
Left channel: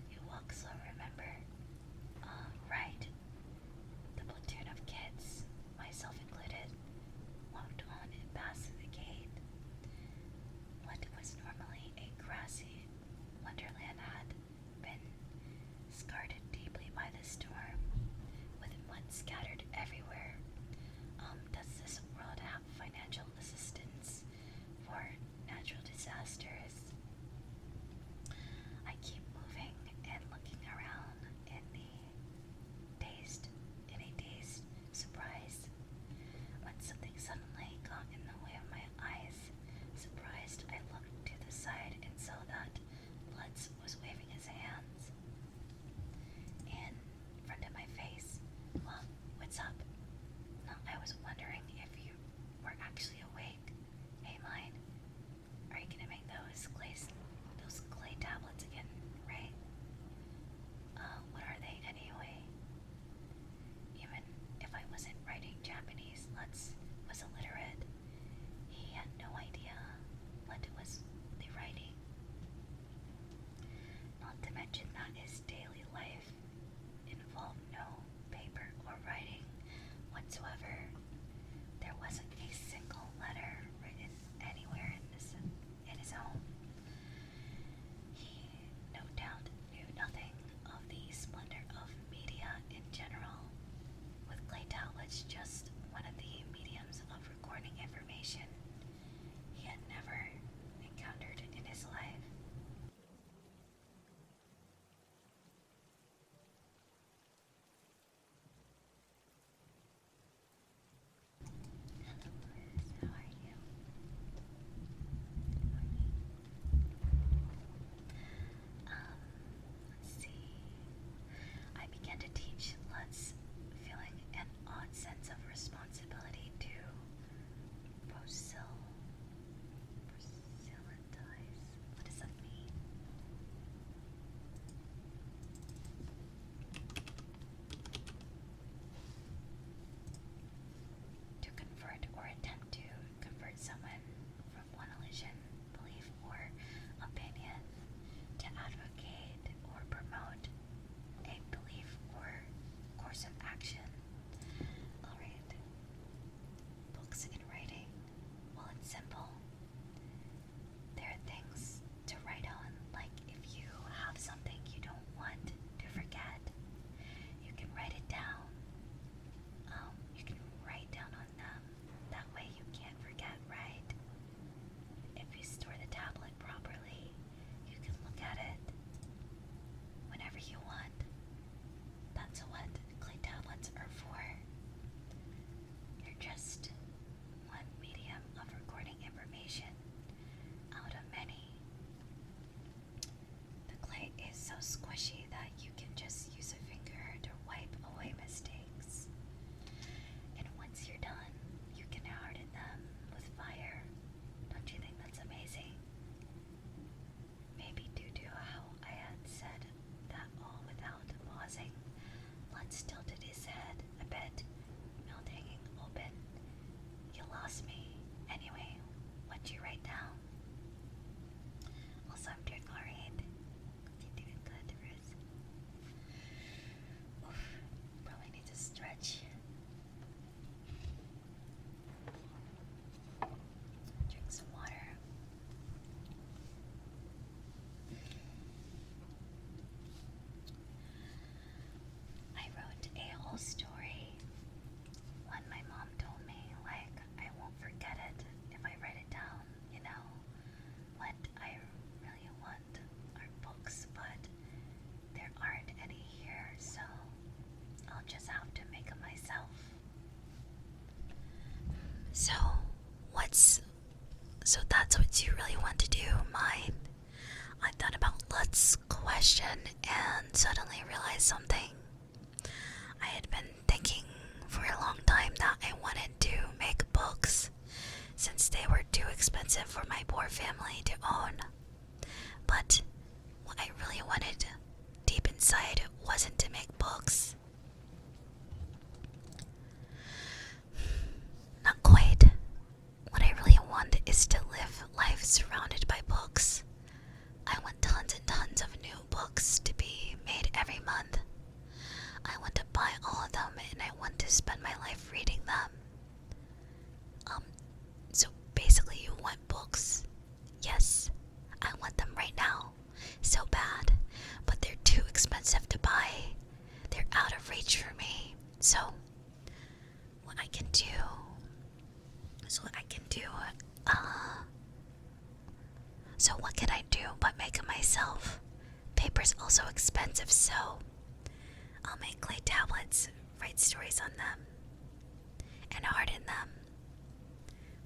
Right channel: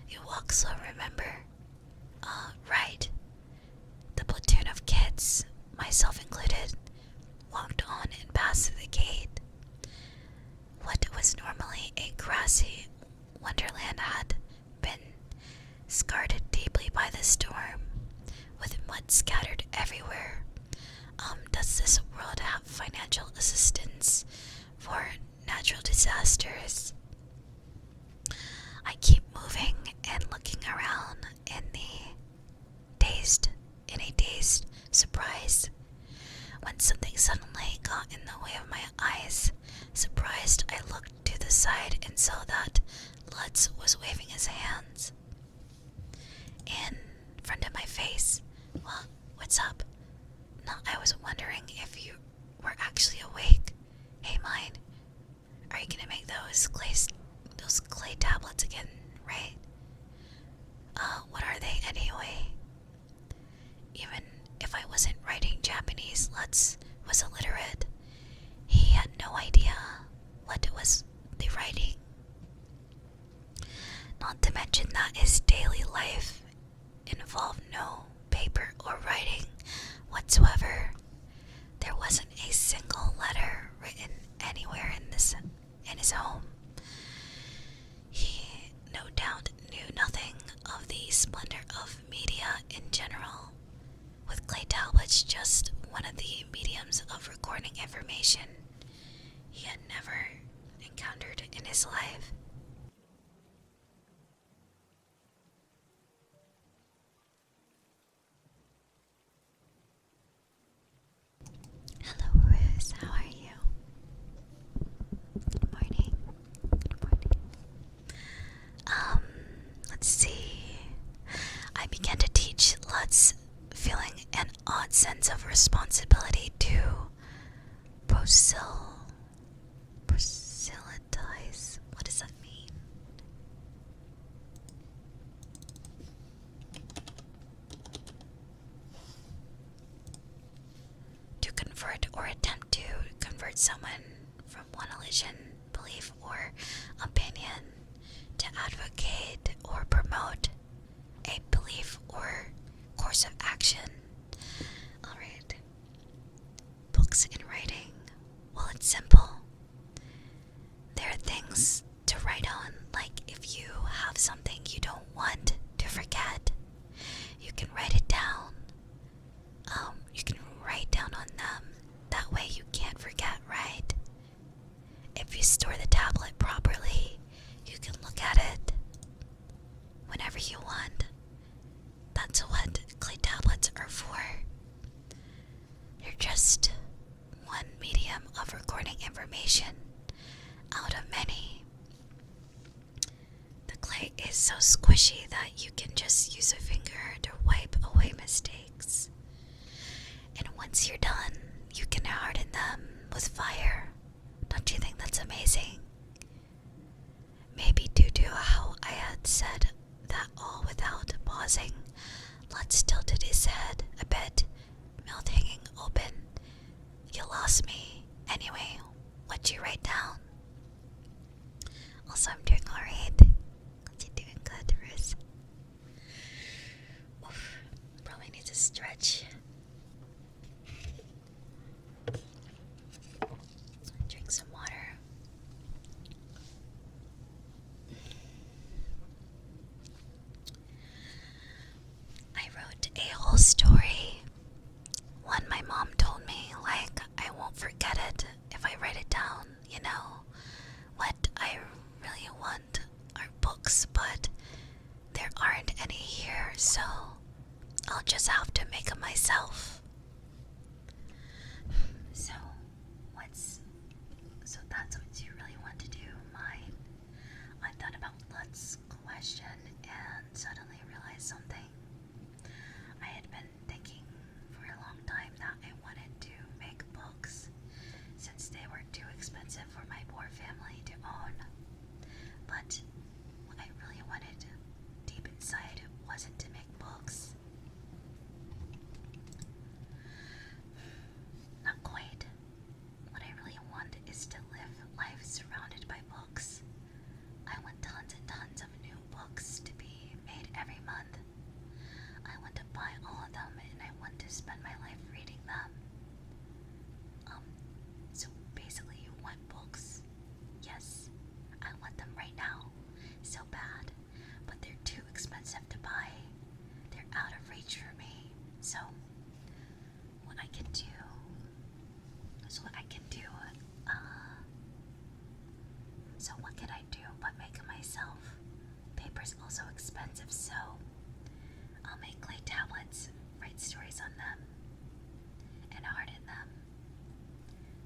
you walk slow, remember? Right. The platoon of kids, myself included, walked on and past the gate. What was normally a grassy wonderland had been scarred deeply by the storm, with mud scattered everywhere. Does this world have financial assistance for natural disasters? I keep moving and looking around in a dazed surprise, when something suddenly got in the way of my eyes. Surprised, I looked to the side and saw that Lutz was waving his hands in front of my face. Well, what's up? No, I was wondering if you were actually awake. Hey, mine, are you gonna make those clay tablets again, right? What are they anyway? Even if I wasn't writing Japanese, Lutz was illiterate. He had no idea what was the writing. Not to mention that his daily life involved no paper or writing whatsoever. There wasn't a single letter written anywhere in his home. He no doubt knew nothing of the splendor of media in general, with clay tablets just one of the mediums of recording information he had never encountered in his life. Hello, Riz. How are you? Good morning. Good morning. Let's see. I began to teach Lutz, feeling an odd sense of responsibility to proselytize. What does that mean? To convert or attempt to convert someone from one religion, belief, or opinion, to advocate or promote a belief or course of action. Alright. Books and writing. Well, it's simple. There are things to write on, like if you have something you don't want to forget, you can write it down. You can write down on them. That way you can't forget, right? If you store the tablet properly, you can look at it whenever you want. That's what clay tablets are for. They're just one medium of recording information out of many. The clay is so squishy that you can just use a finger to wipe away mistakes. And once you're done, you can harden them with fire. Don't you think that's amazing? Maybe due to how I had said that all without pausing, Lutz tilted his head a bit, mouth hanging open. You lost me. Anyway, what'd you write down? Also, I'm doing alright. You're doing good, Riz. Oof, probably need to stretch. Drink some water. I wrote a whole story. One my mom told me, like, I won't forget it if I write it down, you know. What I really want are books, but there aren't any here, so I'll just have to make them myself. So that's what you really want to do, mine. I thought about Lutz's question and suddenly realized something. I had been thinking for a long time that I wanted to make books, since they were too expensive for my poor family to own. But what I really wanted inside wasn't to make books. Not quite. What I really want is to live life surrounded by books. I want tons and tons of new books to be made every month. I want to buy all of them and I want to spend my life reading them. So basically you want books. Yes, I want them right now. So bad. But they're too expensive to buy. They're out of reach for me. So what I can do So what can I do but make it myself? Paper's also expensive, so I'll make clay tablets, write stories on them, and harden them.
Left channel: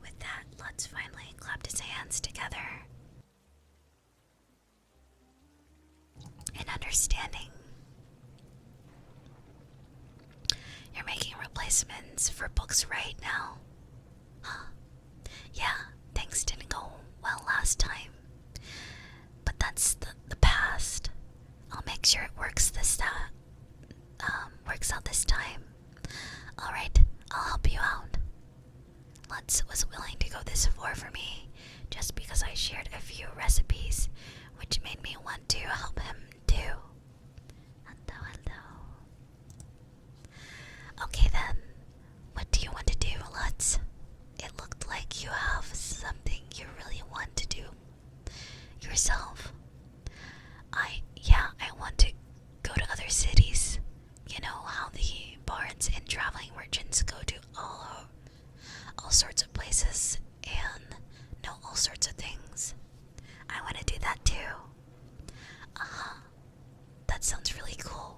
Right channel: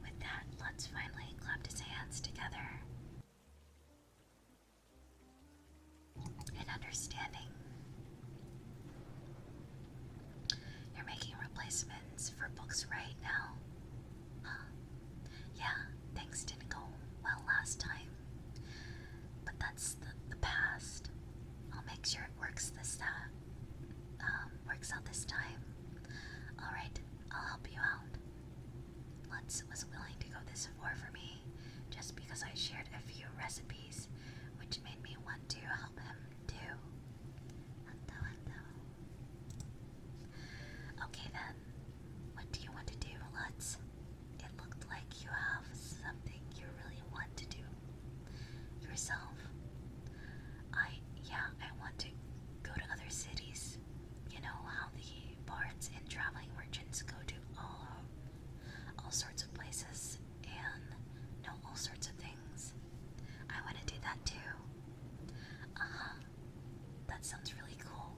With that, Lutz finally clapped his hands together. In understanding, you're making replacements for books right now. Huh. Yeah, things didn't go well last time. But that's the past. I'll make sure it works out this time. Alright, I'll help you out. Lutz was willing to go this far for me just because I shared a few recipes, which made me want to help him too. Hello. Okay then, what do you want to do, Lutz? It looked like you have something you really want to do yourself. I want to go to other cities. You know how the bards and traveling merchants go to all sorts of places and know all sorts of things. I want to do that too. That sounds really cool.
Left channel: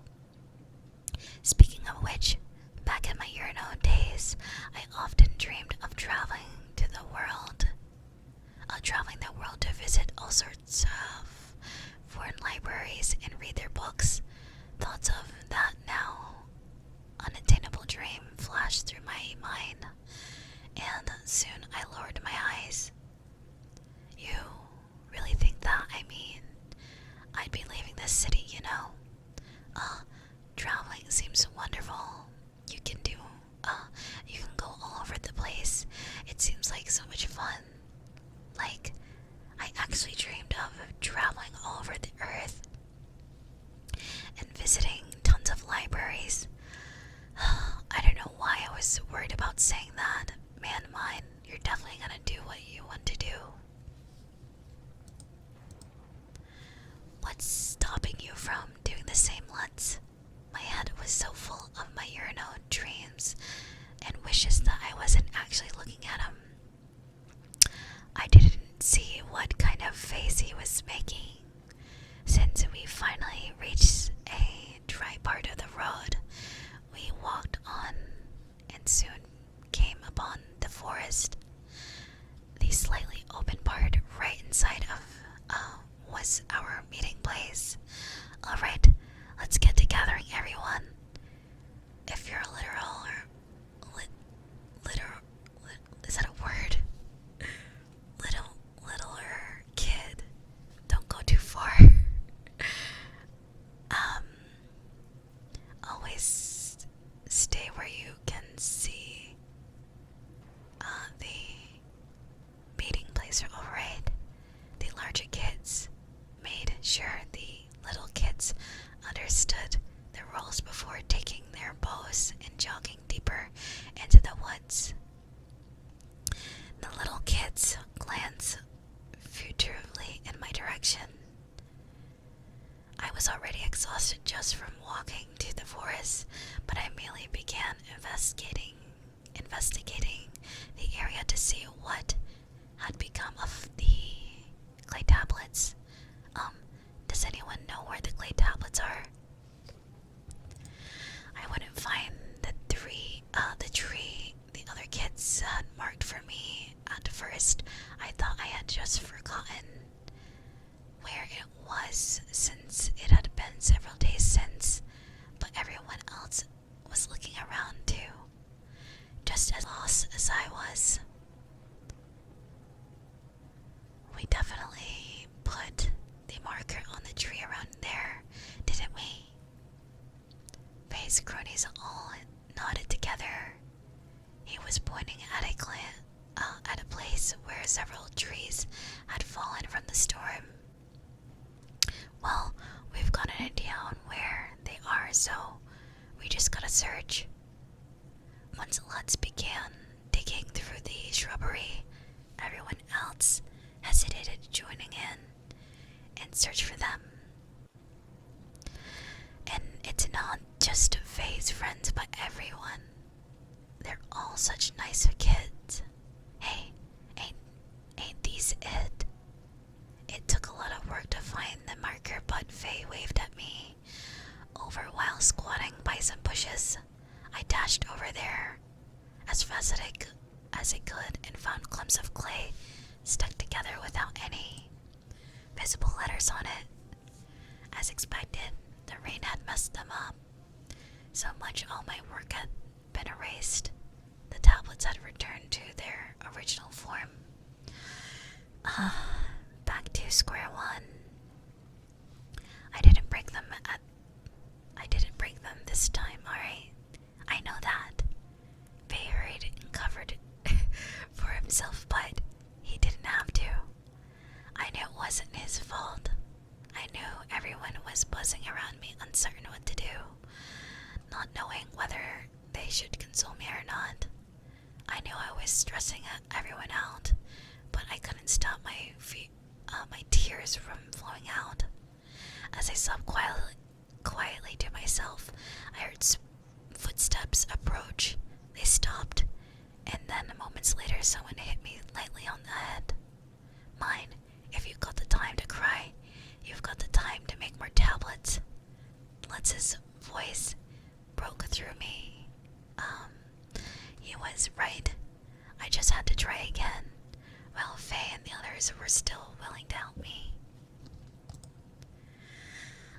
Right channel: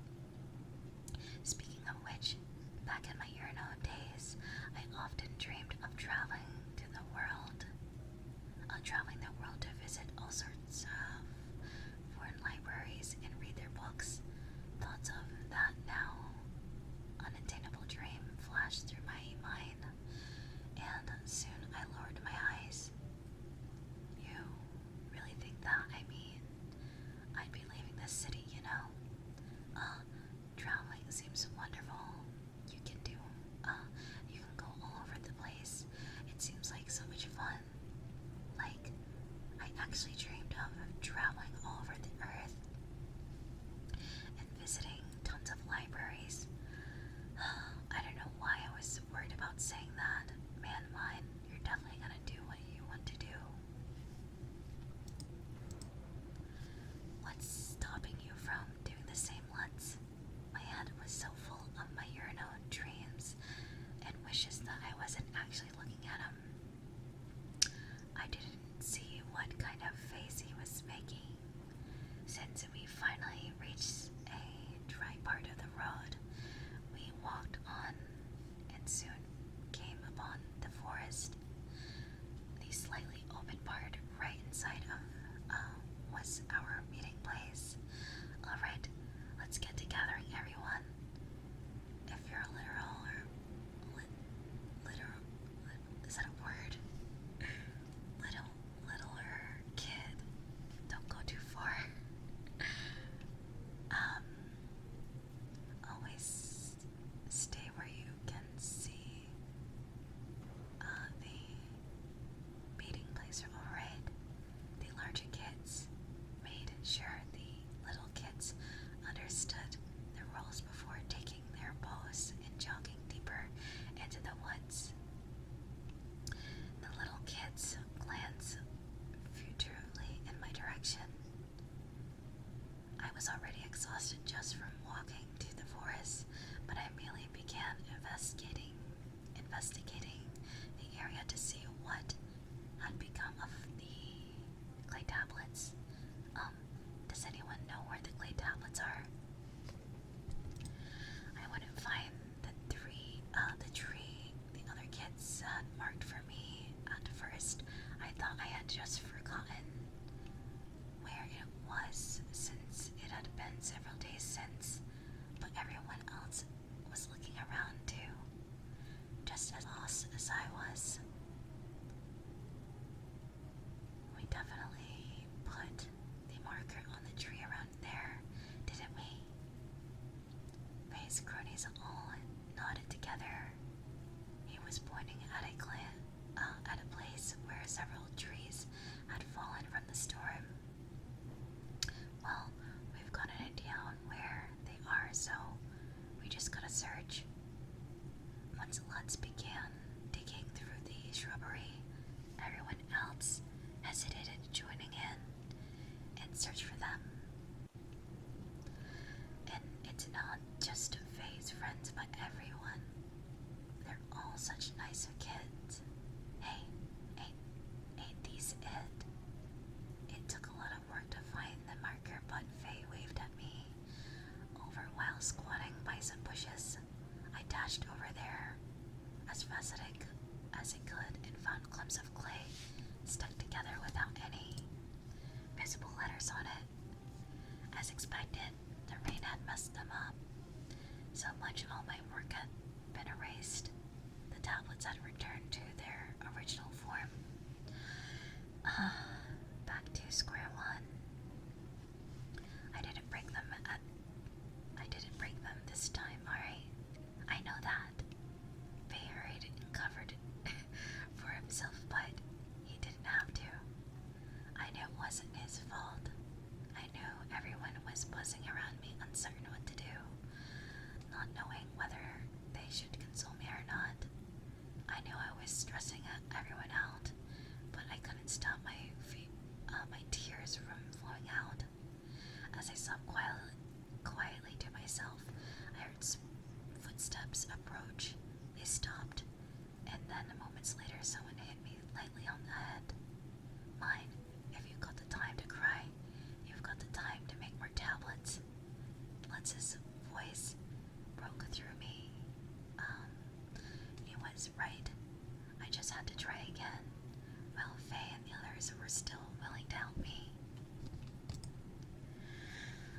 Speaking of which, back in my Urano days, I often dreamed of traveling the world to visit all sorts of foreign libraries and read their books. Thoughts of that now unattainable dream flashed through my mind, and soon I lowered my eyes. You really think that? I mean, I'd be leaving this city, you know? Traveling seems wonderful. You can go all over the place. It seems like so much fun. Like, I actually dreamed of traveling all over the earth and visiting tons of libraries. I don't know why I was worried about saying that. Man, mine, you're definitely gonna do what you want to do. What's stopping you from doing the same, Lutz? My head was so full of my Urano dreams and wishes that I wasn't actually looking at him. I didn't see what kind of face he was making. Since we finally reached a dry part of the road, we walked on and soon came upon the forest. The slightly open part right inside of was our meeting place. Alright, let's get to gathering, everyone. If you're a is that a word? Littler kid, don't go too far. Always stay where you can see Once Lutz began digging through the shrubbery, everyone else hesitated joining in search for them. And it's not just Faye's friends, but everyone. They're all such nice kids. Hey, ain't these it? It took a lot of work to find the marker, but Faye waved at me over while squatting by some bushes. I dashed over there as fast as I could and found clumps of clay stuck together without any visible letters on it. As expected, the rain had messed them up. So much all my work had been erased. The tablets had returned to their original form. Back to square one. I didn't break them this time, alright? I know that. Faye hurried and covered for himself, but he didn't have to. I knew it wasn't his fault. I knew everyone was buzzing around me, uncertain what to do, not knowing whether they should console me or not. I knew I was stressing everyone out, but I couldn't stop my tears from flowing out. As I sobbed quietly to myself, I heard footsteps approach. They stopped, and then moments later someone hit me lightly on the head. Mine, if you've got the time to cry, you've got the time to make more tablets. Lutz's voice broke through me. He was right. I just had to try again, while Faye and the others were still willing to help me.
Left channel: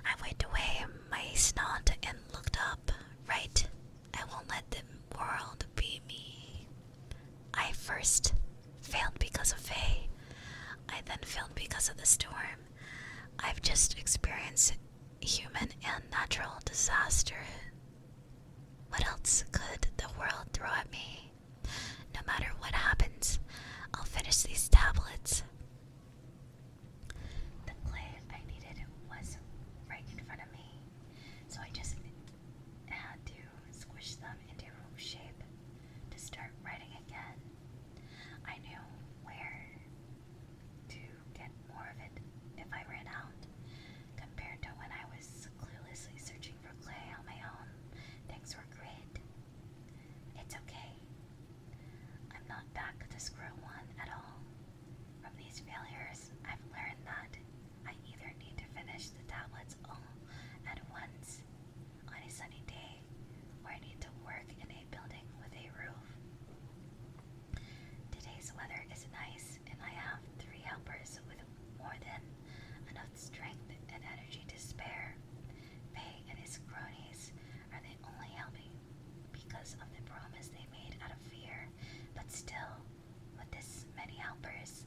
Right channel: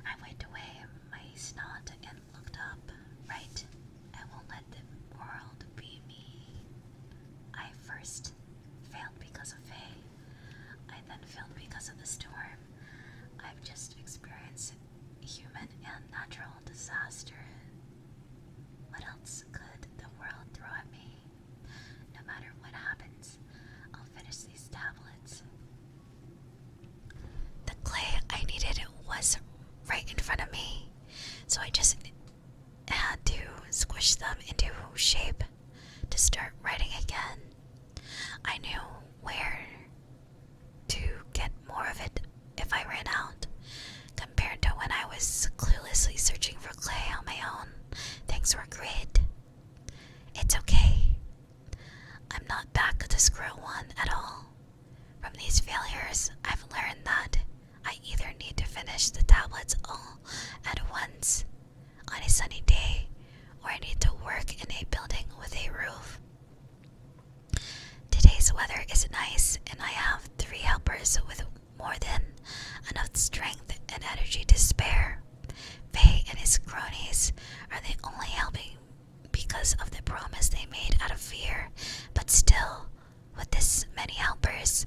I wiped away my snot and looked up. Right, I won't let the world be me. I first failed because of Faye. I then failed because of the storm. I've just experienced human and natural disaster. What else could the world throw at me? No matter what happens, I'll finish these tablets. The clay I needed was right in front of me, so I just had to squish them into shape to start writing again. I knew where to get more of it if I ran out. Compared to when I was cluelessly searching for clay on my own, things were great. It's okay. I'm not back to square one at all. From these failures, I've learned that I either need to finish the tablets all at once on a sunny day, or I need to work in a building with a roof. Today's weather is nice, and I have 3 helpers with more than enough strength and energy to spare. Faye and his cronies are the only helping because of the promise they made out of fear, but still, with this many helpers,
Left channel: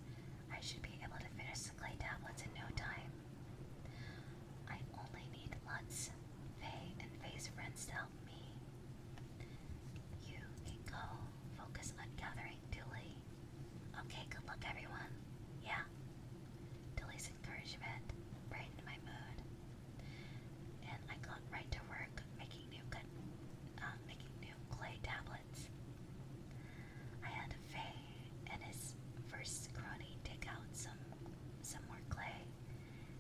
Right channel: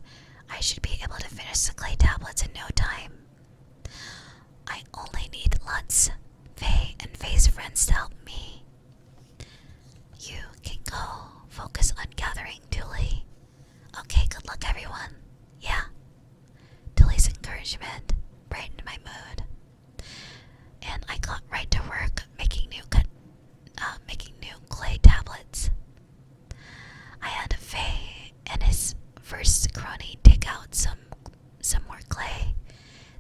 I should be able to finish the clay tablets in no time. I only need Lutz, Faye, and Faye's friends to help me. You can go focus on gathering Tulie. Okay, good luck everyone. Yeah. Tulie's encouragement brightened my mood, and I got right to work making new clay tablets. I had Faye and his first crony dig out some more clay.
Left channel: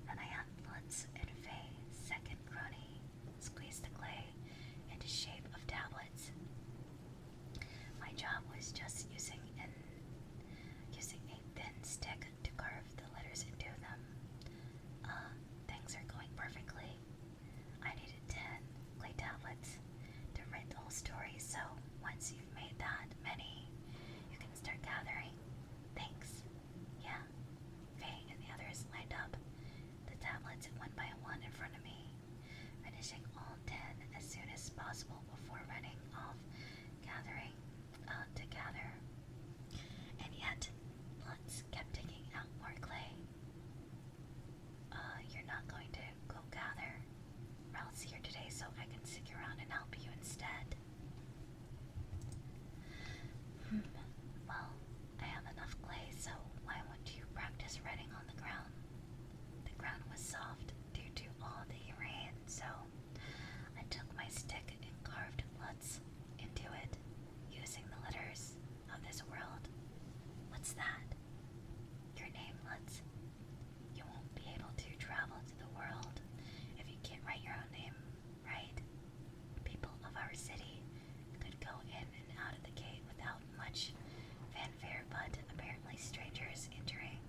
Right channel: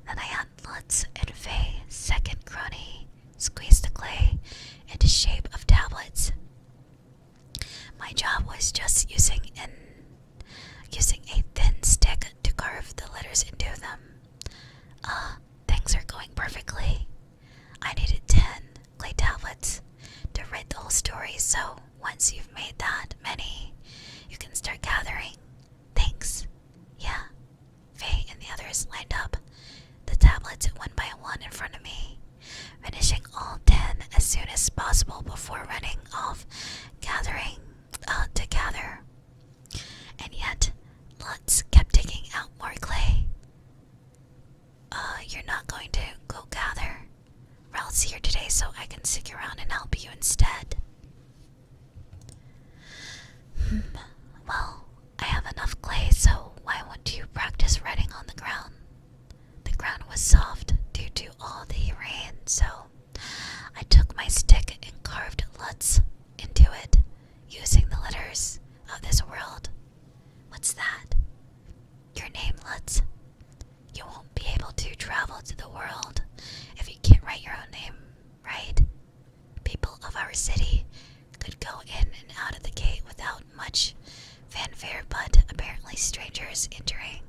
Then I had Lutz and Faye, second crony, squeeze the clay into shape of tablets. My job was just using a thin stick to carve the letters into them. Things are going perfectly. I needed 10 clay tablets to write the whole story, so once you've made that many, you can start gathering. Thanks. Yeah. Faye and the others lined up the tablets one by one in front of me, finishing all 10 as soon as possible before running off to gather. And yet, Lutz kept digging out more clay. You're not going to go gather? Ralph's here today, so I can stick around and help you instead. Well, I have enough clay, so why won't you practice writing on the ground? The ground was soft due to all the rain, so I took my stick and carved Lutz into it. strangers entering.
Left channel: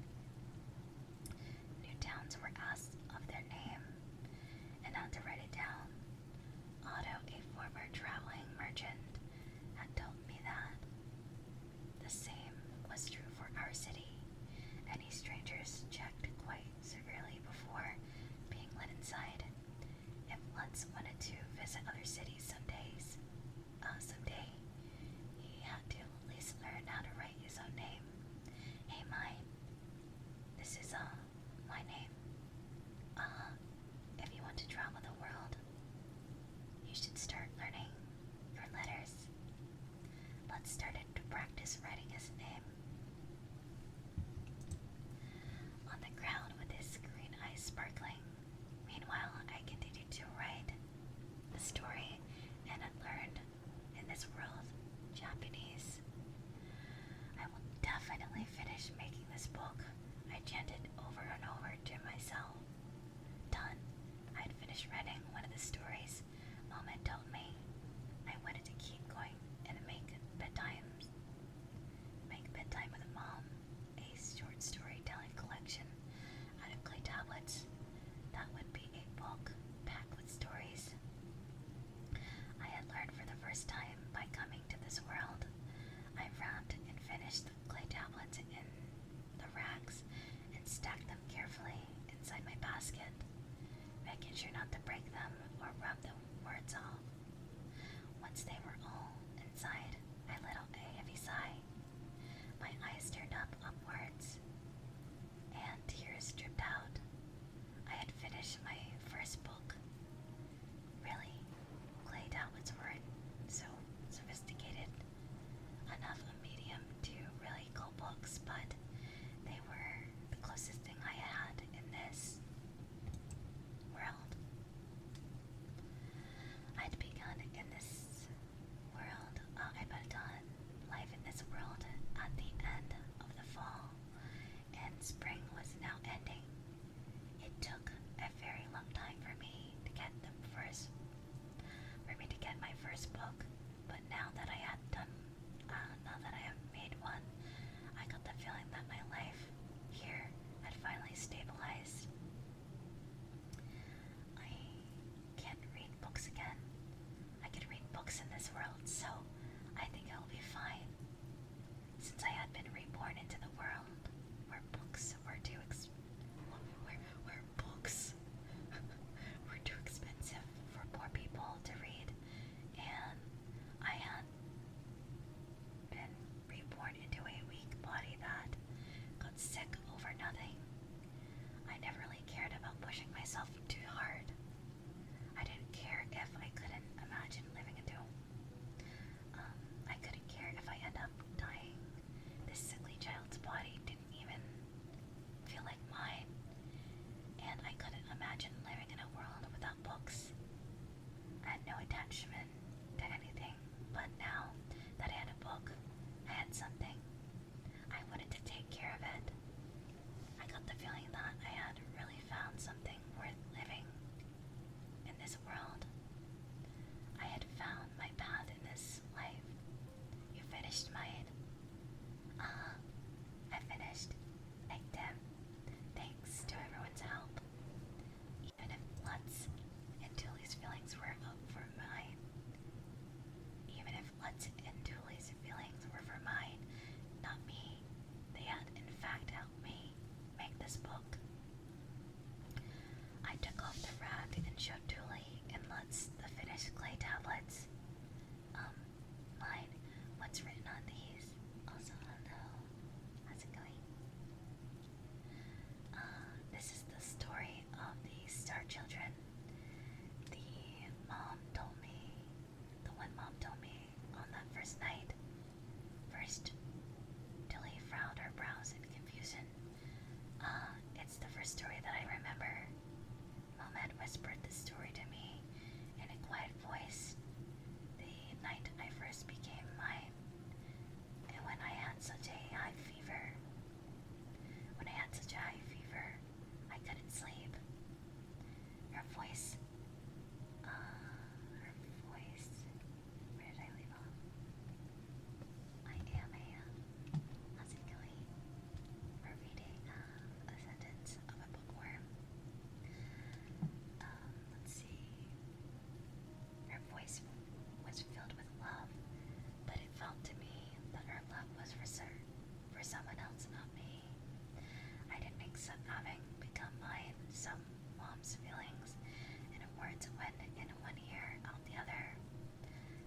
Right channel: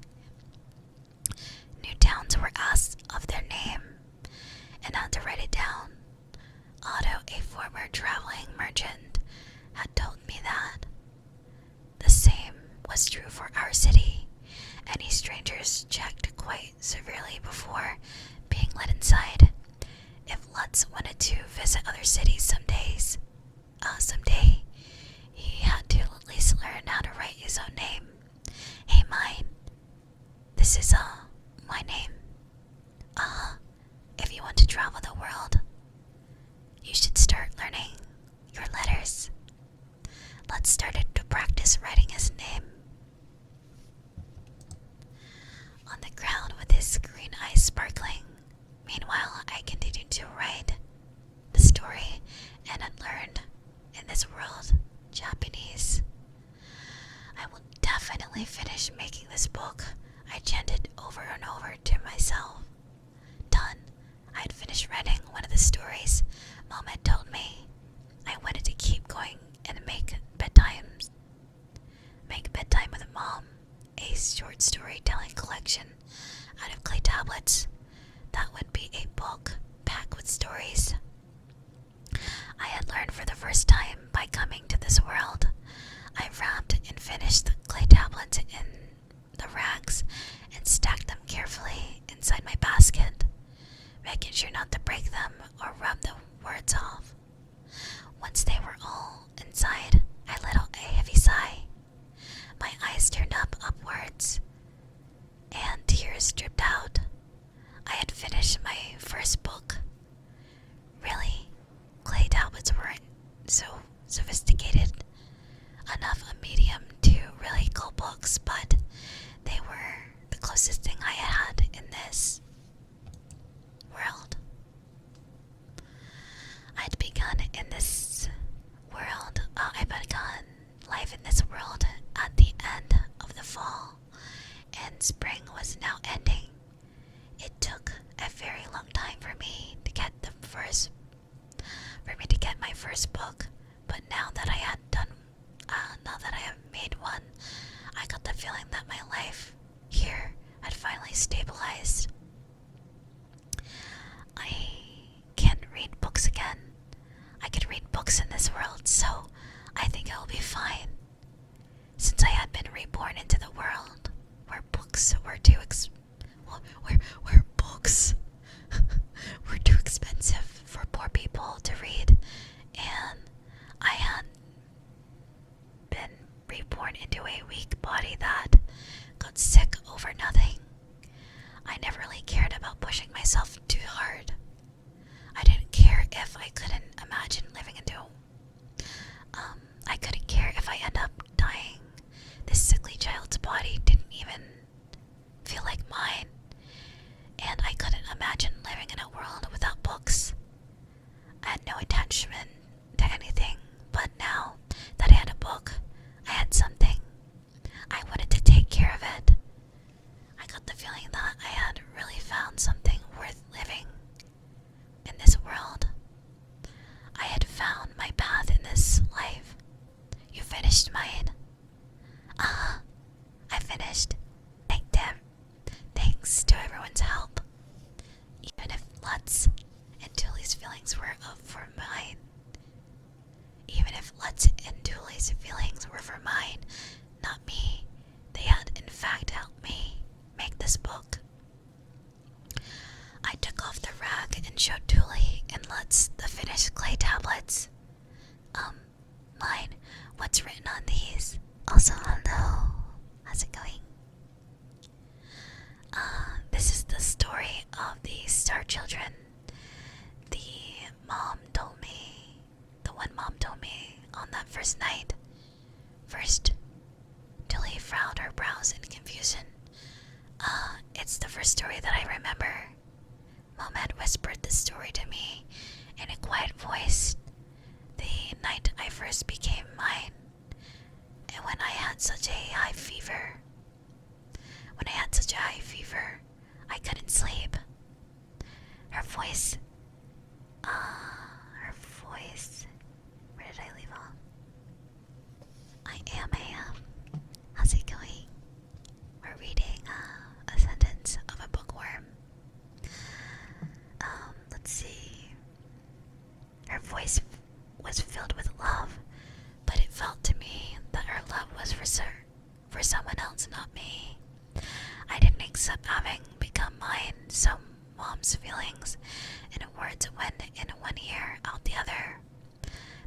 New towns were asked of their name and had to write it down. Otto, a former traveling merchant, had told me that. The same was true for our city. Any strangers checked quite severely before being let inside. If Lutz wanted to visit other cities someday, he had to at least learn how to write his own name. Hey, mine. This is, my name. If you want to travel the world, you should start learning your letters. Lutz started to practice writing his name. On the ground with his green eyes sparkling. Meanwhile, I continued to write the story and had learned in this world Japanese. I will definitely finish making this book, I chanted over and over to myself. Done. I had finished writing one of the stories Mom had told me. I wanted to keep going and make bedtime with Mom, a short storytelling collection out of clay tablets. That would be a book packed with stories. I had learned for the first time by coming to this world. I wrapped and finished the clay tablets in the rags and stacked them carefully inside my basket, making sure not to break them or rub the words off. Once they were all inside, I let out a heavy sigh. My eyes turned upwards, and tears dripped out. I had finished my first book. Really, clay tablets weren't so sophisticated enough a medium to really call books, but they were the closest thing I had in this world. I'd begun in this world. I begun life in this world at the end of the fall, and spring was now ending. It took a very long time for me to get my first book, but now that I have made one, I got the feeling that my life here had finally stabilized. I can read books again. I can read books in this world, so I think I will be fine. Since I had been reborn into the world where books were too were too expensive for poor people to read, and I had been reborn into a weak body that got sick over nothing. I never really cared about pushing myself too hard. I didn't care if I couldn't imagine living into I couldn't care if I end up dying. This sickly child's body didn't even feel like mine, and I couldn't imagine living in a world without books. I had no attachment to anything, but now that I had a book, I had something. I wanted to take care of it. I got the feeling that I had really found something worth living in this world. I had found my path in this life. You finished mine? I finished. Thanks to everyone's help. Even if Lutz and Tulie's feelings were for mine. Not me. They had in fact helped me make this book. I took off the rag and showed Tulie and Lutz the finished clay tablets. Mine, what's written on these? Also, hello. How's it going? This is the story of the Star Children. The one mom told me on that first night. First, Tulie frowned her brows in confusion. It's the first story that I remember. Mom had whispered this story to me in a quiet voice the night I first became mine, and when I had such a high fever. I couldn't sleep. Her voice, where did I leave off? I am. How's it going? for someone else, not me. I didn't accept having become mine. Some mom's feelings and words went in one ear, out the other.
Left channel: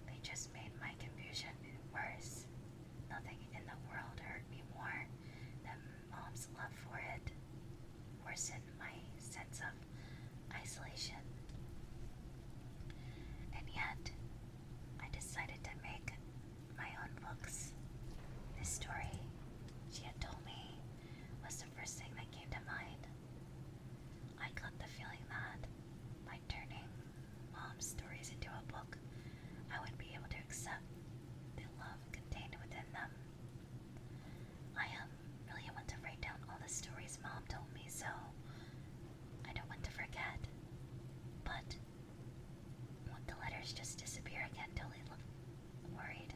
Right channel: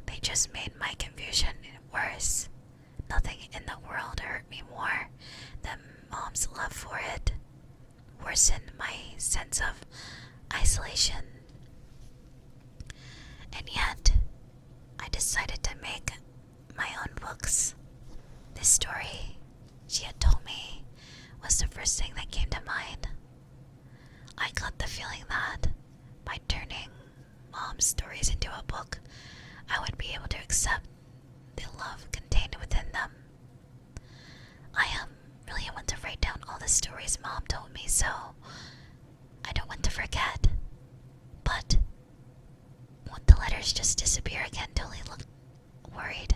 They just made my confusion worse. Nothing in the world hurt me more than mom's love for it. Worsened my sense of isolation. And yet, I decided to make my own books. This story she had told me was the first thing that came to mind. I got the feeling that by turning mom's stories into a book, I would be able to accept the love contained within them. I really want to write down all the stories mom told me, so I don't want to forget. But won't the letters just disappear again? Tulie looked worried.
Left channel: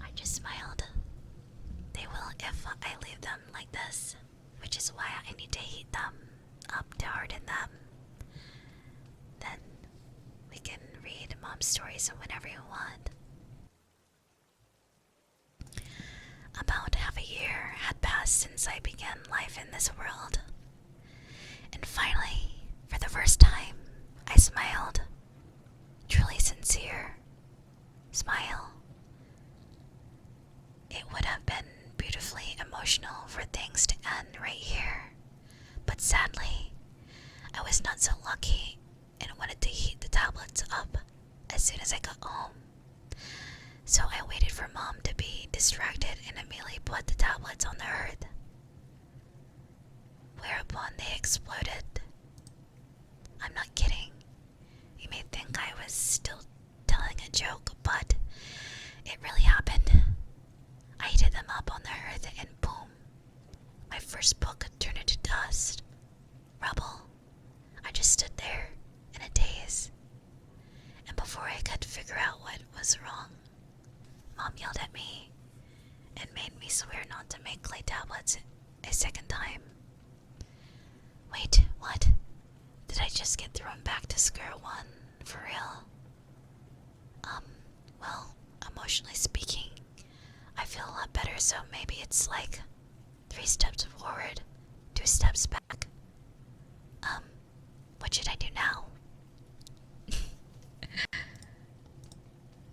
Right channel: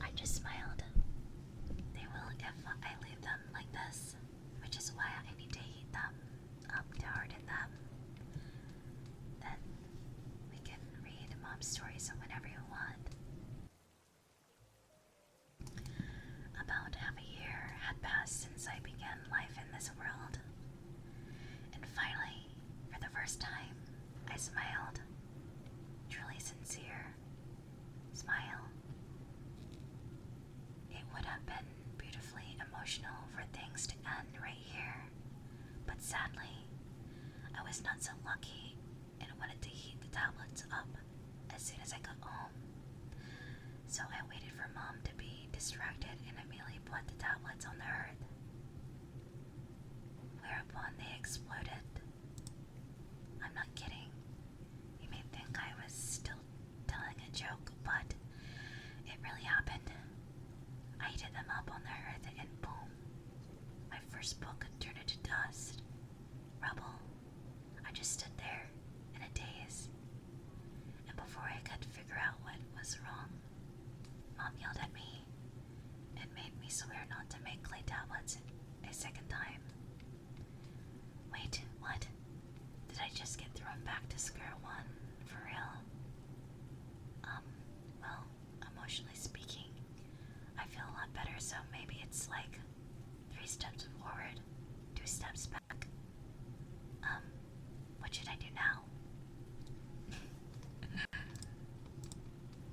I just smiled. They will if I leave them like this, which is why I need to heat them up to harden them. Then we can read mom's stories whenever you want. About half a year had passed since I began life in this world. And finally, for the first time, I smiled. Truly sincere smile. It would have been beautifully emotional for things to end right here. But sadly, I was not so lucky and wanted to heat the tablets up as soon as I got home. So I waited for mom to be distracted and immediately put the tablets on the hearth. Whereupon they exploded. I'm not kidding. You may think I was still telling a joke, but it really happened. I heated them up on the hearth and boom, my first book turned into dust, rubble. I just stood there in a daze. And before I could figure out what was wrong, mom yelled at me and made me swear not to make clay tablets a second time. Wait, what? Did I just get thrown back to square one? For real? Well, emotionally speaking, I feel a lot better, so maybe it's like 3 steps forward, 2 steps back. What should I do now?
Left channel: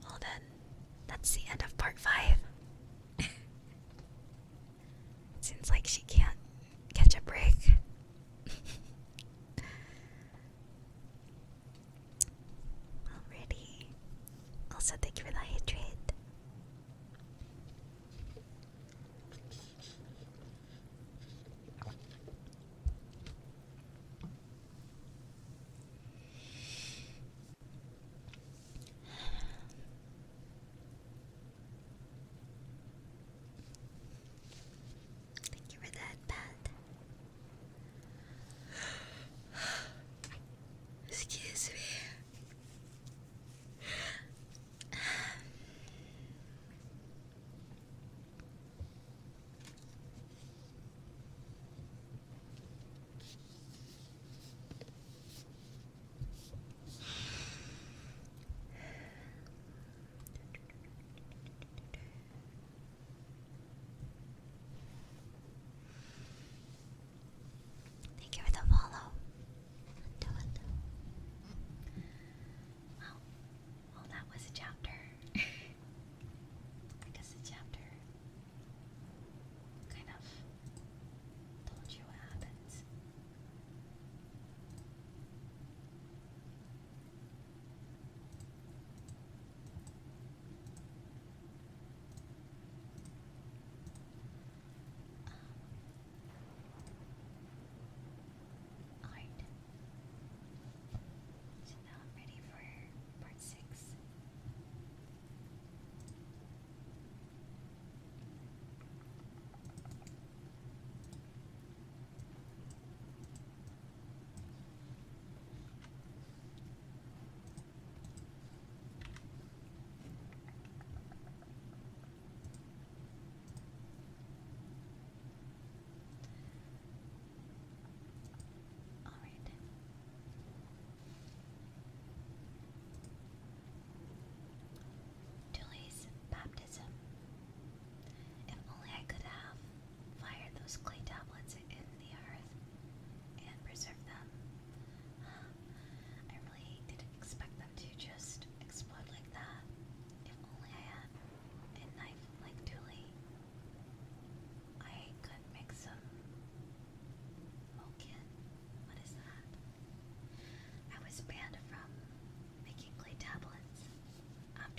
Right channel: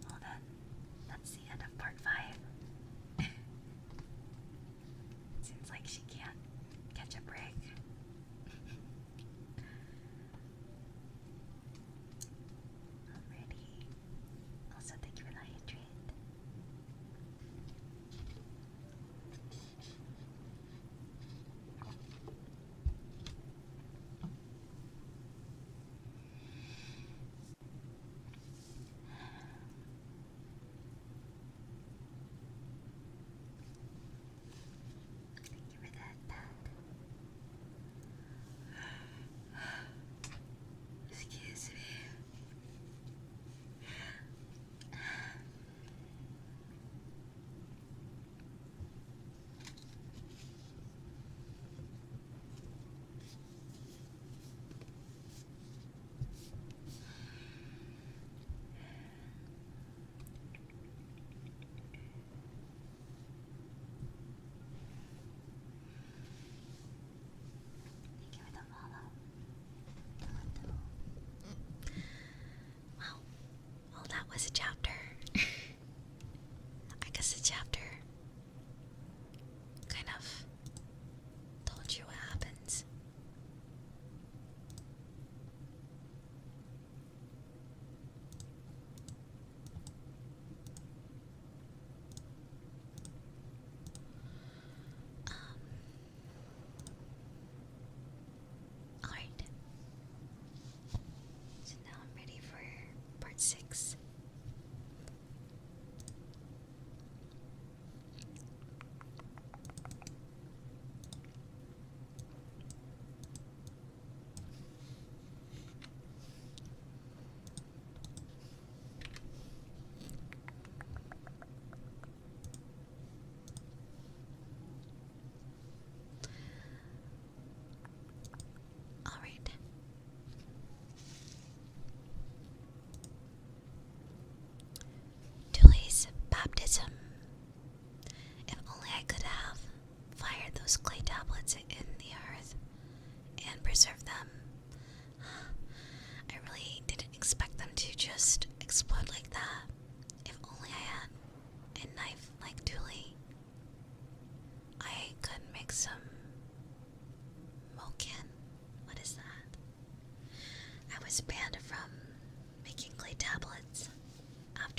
Well then, that's the end of part 5. Seems like she can't catch a break. Alrighty. Also, thank you for the hydrate.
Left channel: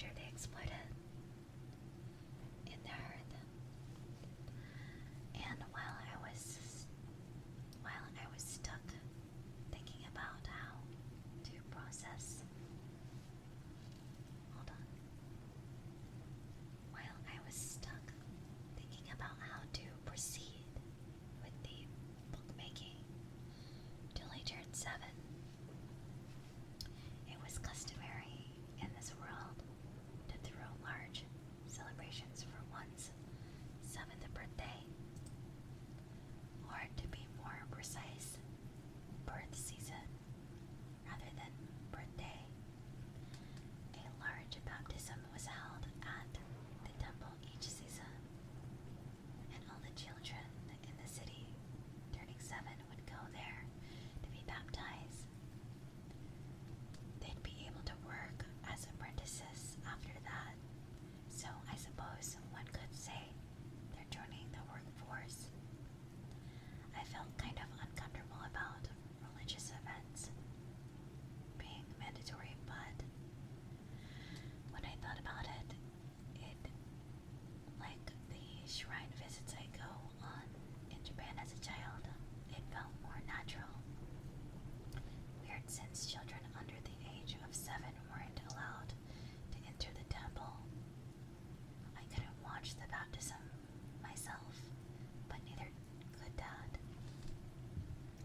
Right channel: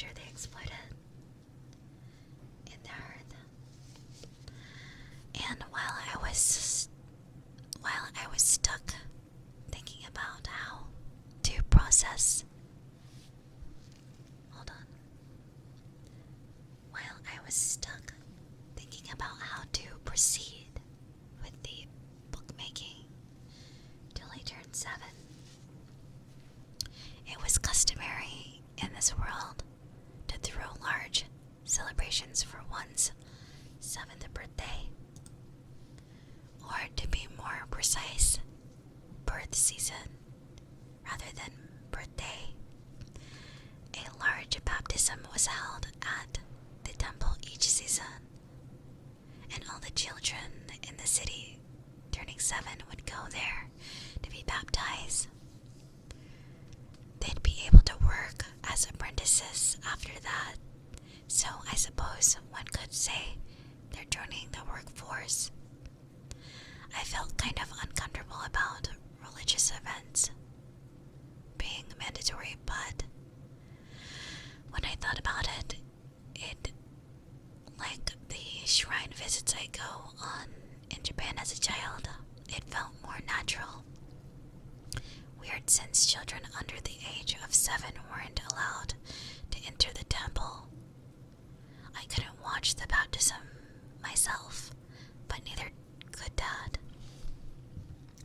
after they exploded in the earth. And while I was stuck thinking about how to process. Hold on. While I was stuck thinking about how to proceed with the bookmaking till I turned 7. It was customary in this world to throw large celebrations for one's 7th birthday, or to be more precise, birth season rather than birthday. A large baptism was held at the temple each season, and all the children in the city turning 7 would go there to be baptized. They'd be able to work as apprentices after that, so I suppose one could say they're joining the workforce. I felt kind of uncomfortable about religious events being mandatory, but when I thought about it, like the shrine visits I go on in Japan as a child, it felt more natural. Weird, since children under the age of 7 weren't allowed to enter the temple. I couldn't watch the baptism myself, but neither could Dad.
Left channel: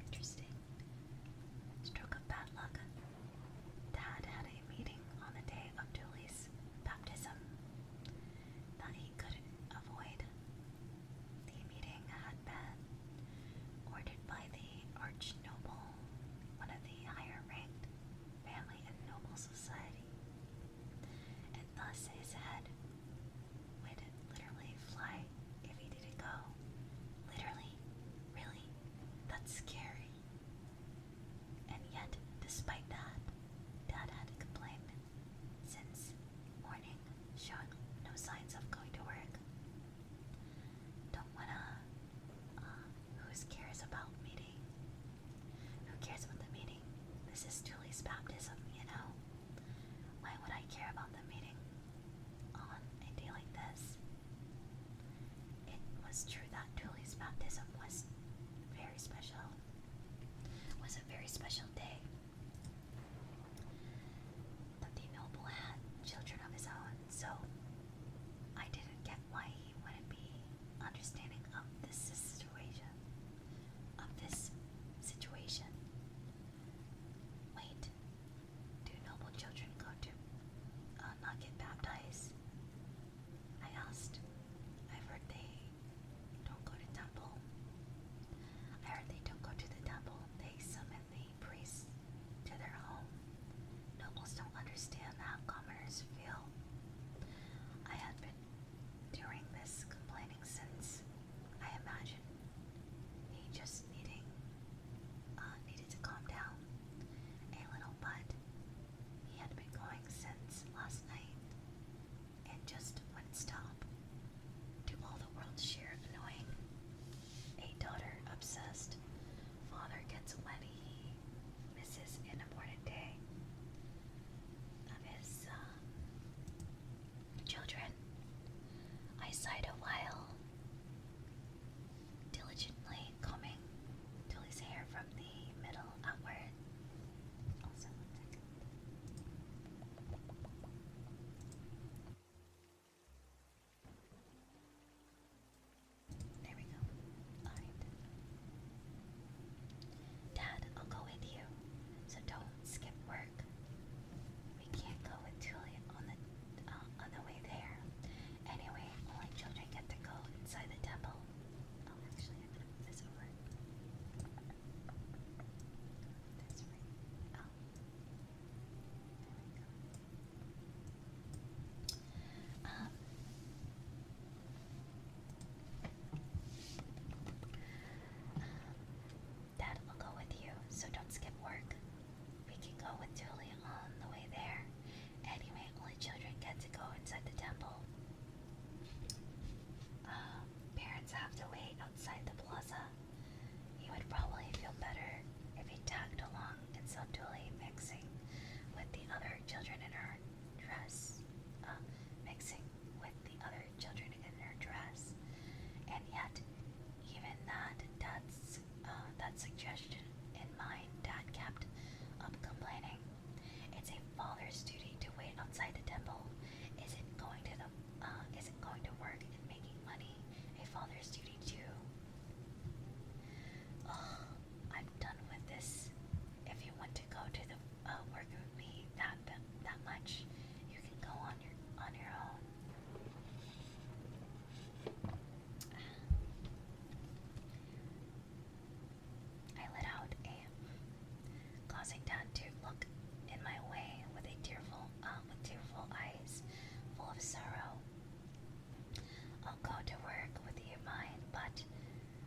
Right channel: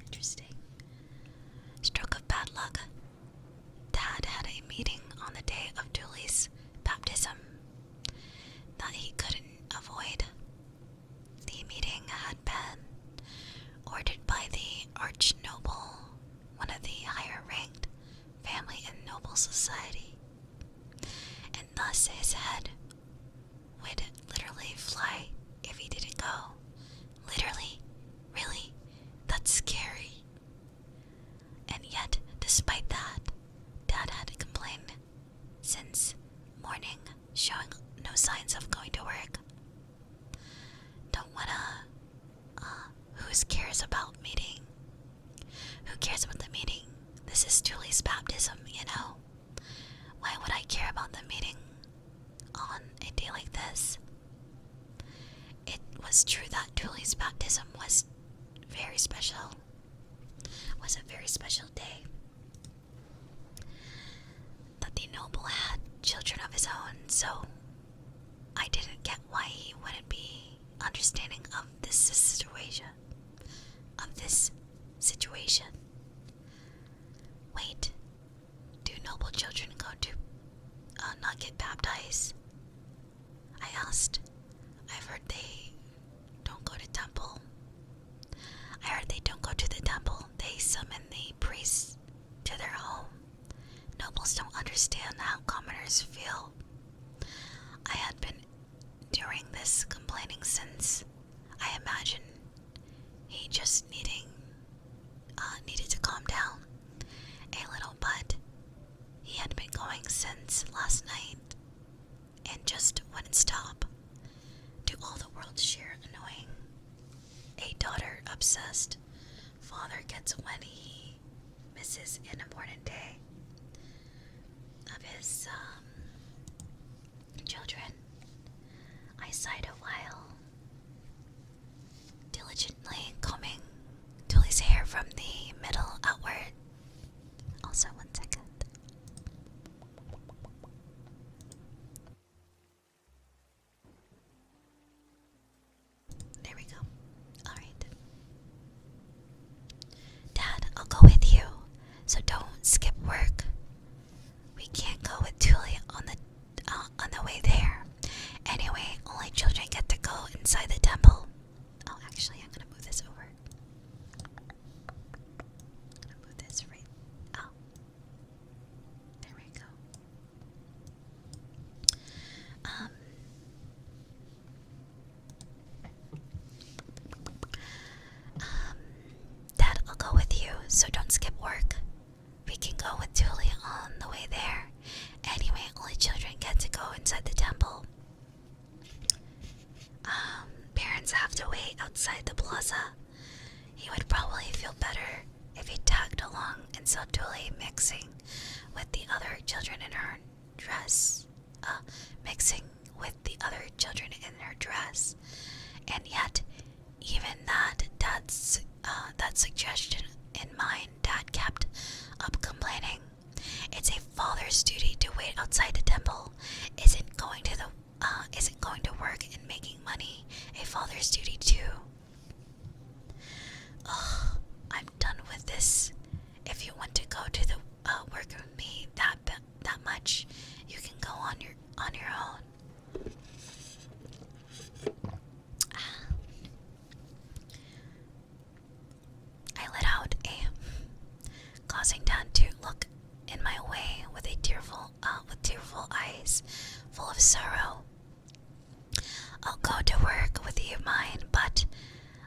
Interesting. Stroke of bad luck. Dad had a meeting on the day of Tulie's baptism that he couldn't avoid. The meeting had been ordered by the arch noble, one of the higher ranked family in noble society, and thus his head would literally fly if he didn't go. Literally? Really? That's scary. And yet, despite that, Dad had complained since morning, showing no signs of going to work. Don't wanna, who cares about meeting? Who cares about the meeting? This is Tulie's baptism, you know? Why would I care about the meeting on a day like this? It was true that Tulie's baptism was very special. Was a very special day. That the noble had children of his own, so I didn't get why he wouldn't be understanding of this situation. Wait, do noble children go to not get baptized? I asked. I've heard they don't go to temple. I heard they don't go to the temple. They summon the priests to their home. Nobles don't understand how commoners feel. I had been doing this complaining since I imagine he just needed to calm down a little, but he had been going since last night and just wouldn't stop. To all the world's share annoying. A daughter obsessed father gets when he misses an important day of his children. I sighed a while, diligently combing Tulie's hair from the middle outward. Also, 1 second. There we go. Alright. Dad, I'll go with you, so don't skip work. We can't go with Tulie on the way there. Anyway, only children get to go inside the temple. Oh, actually, I'm gonna move this over. I'm gonna move this right. Oh, there we go. Dad, I'll go with you, so don't skip work. We can go with Tulie on the way there. Anyway, only children get to go inside the temple. Parents have to wait outside the plaza. He would probably feel better if he tagged along and saw Tulie mixing with the other children in her dress. full of sorrow. I'll go to work with you, mine, but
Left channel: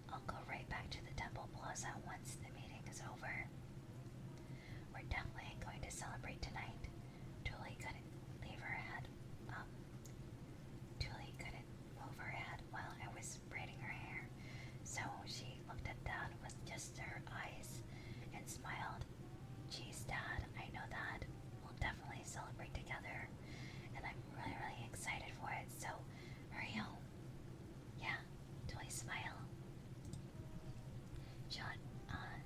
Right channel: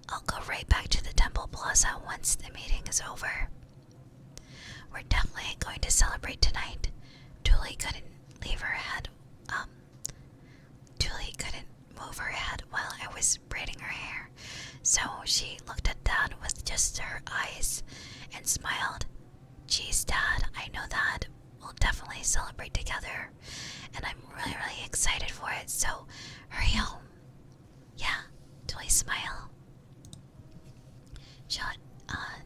I'll go right back to the temple plaza once the meeting is over. We're definitely going to celebrate tonight. Tulie couldn't leave her head. Tulie couldn't move her head while I was braiding her hair, so she looked at Dad with just her eyes and smiled. Geez, Dad, I know that. We'll definitely celebrate together, and I'm really, really excited for it, so hurry home. Yeah, Tulie smile. Shot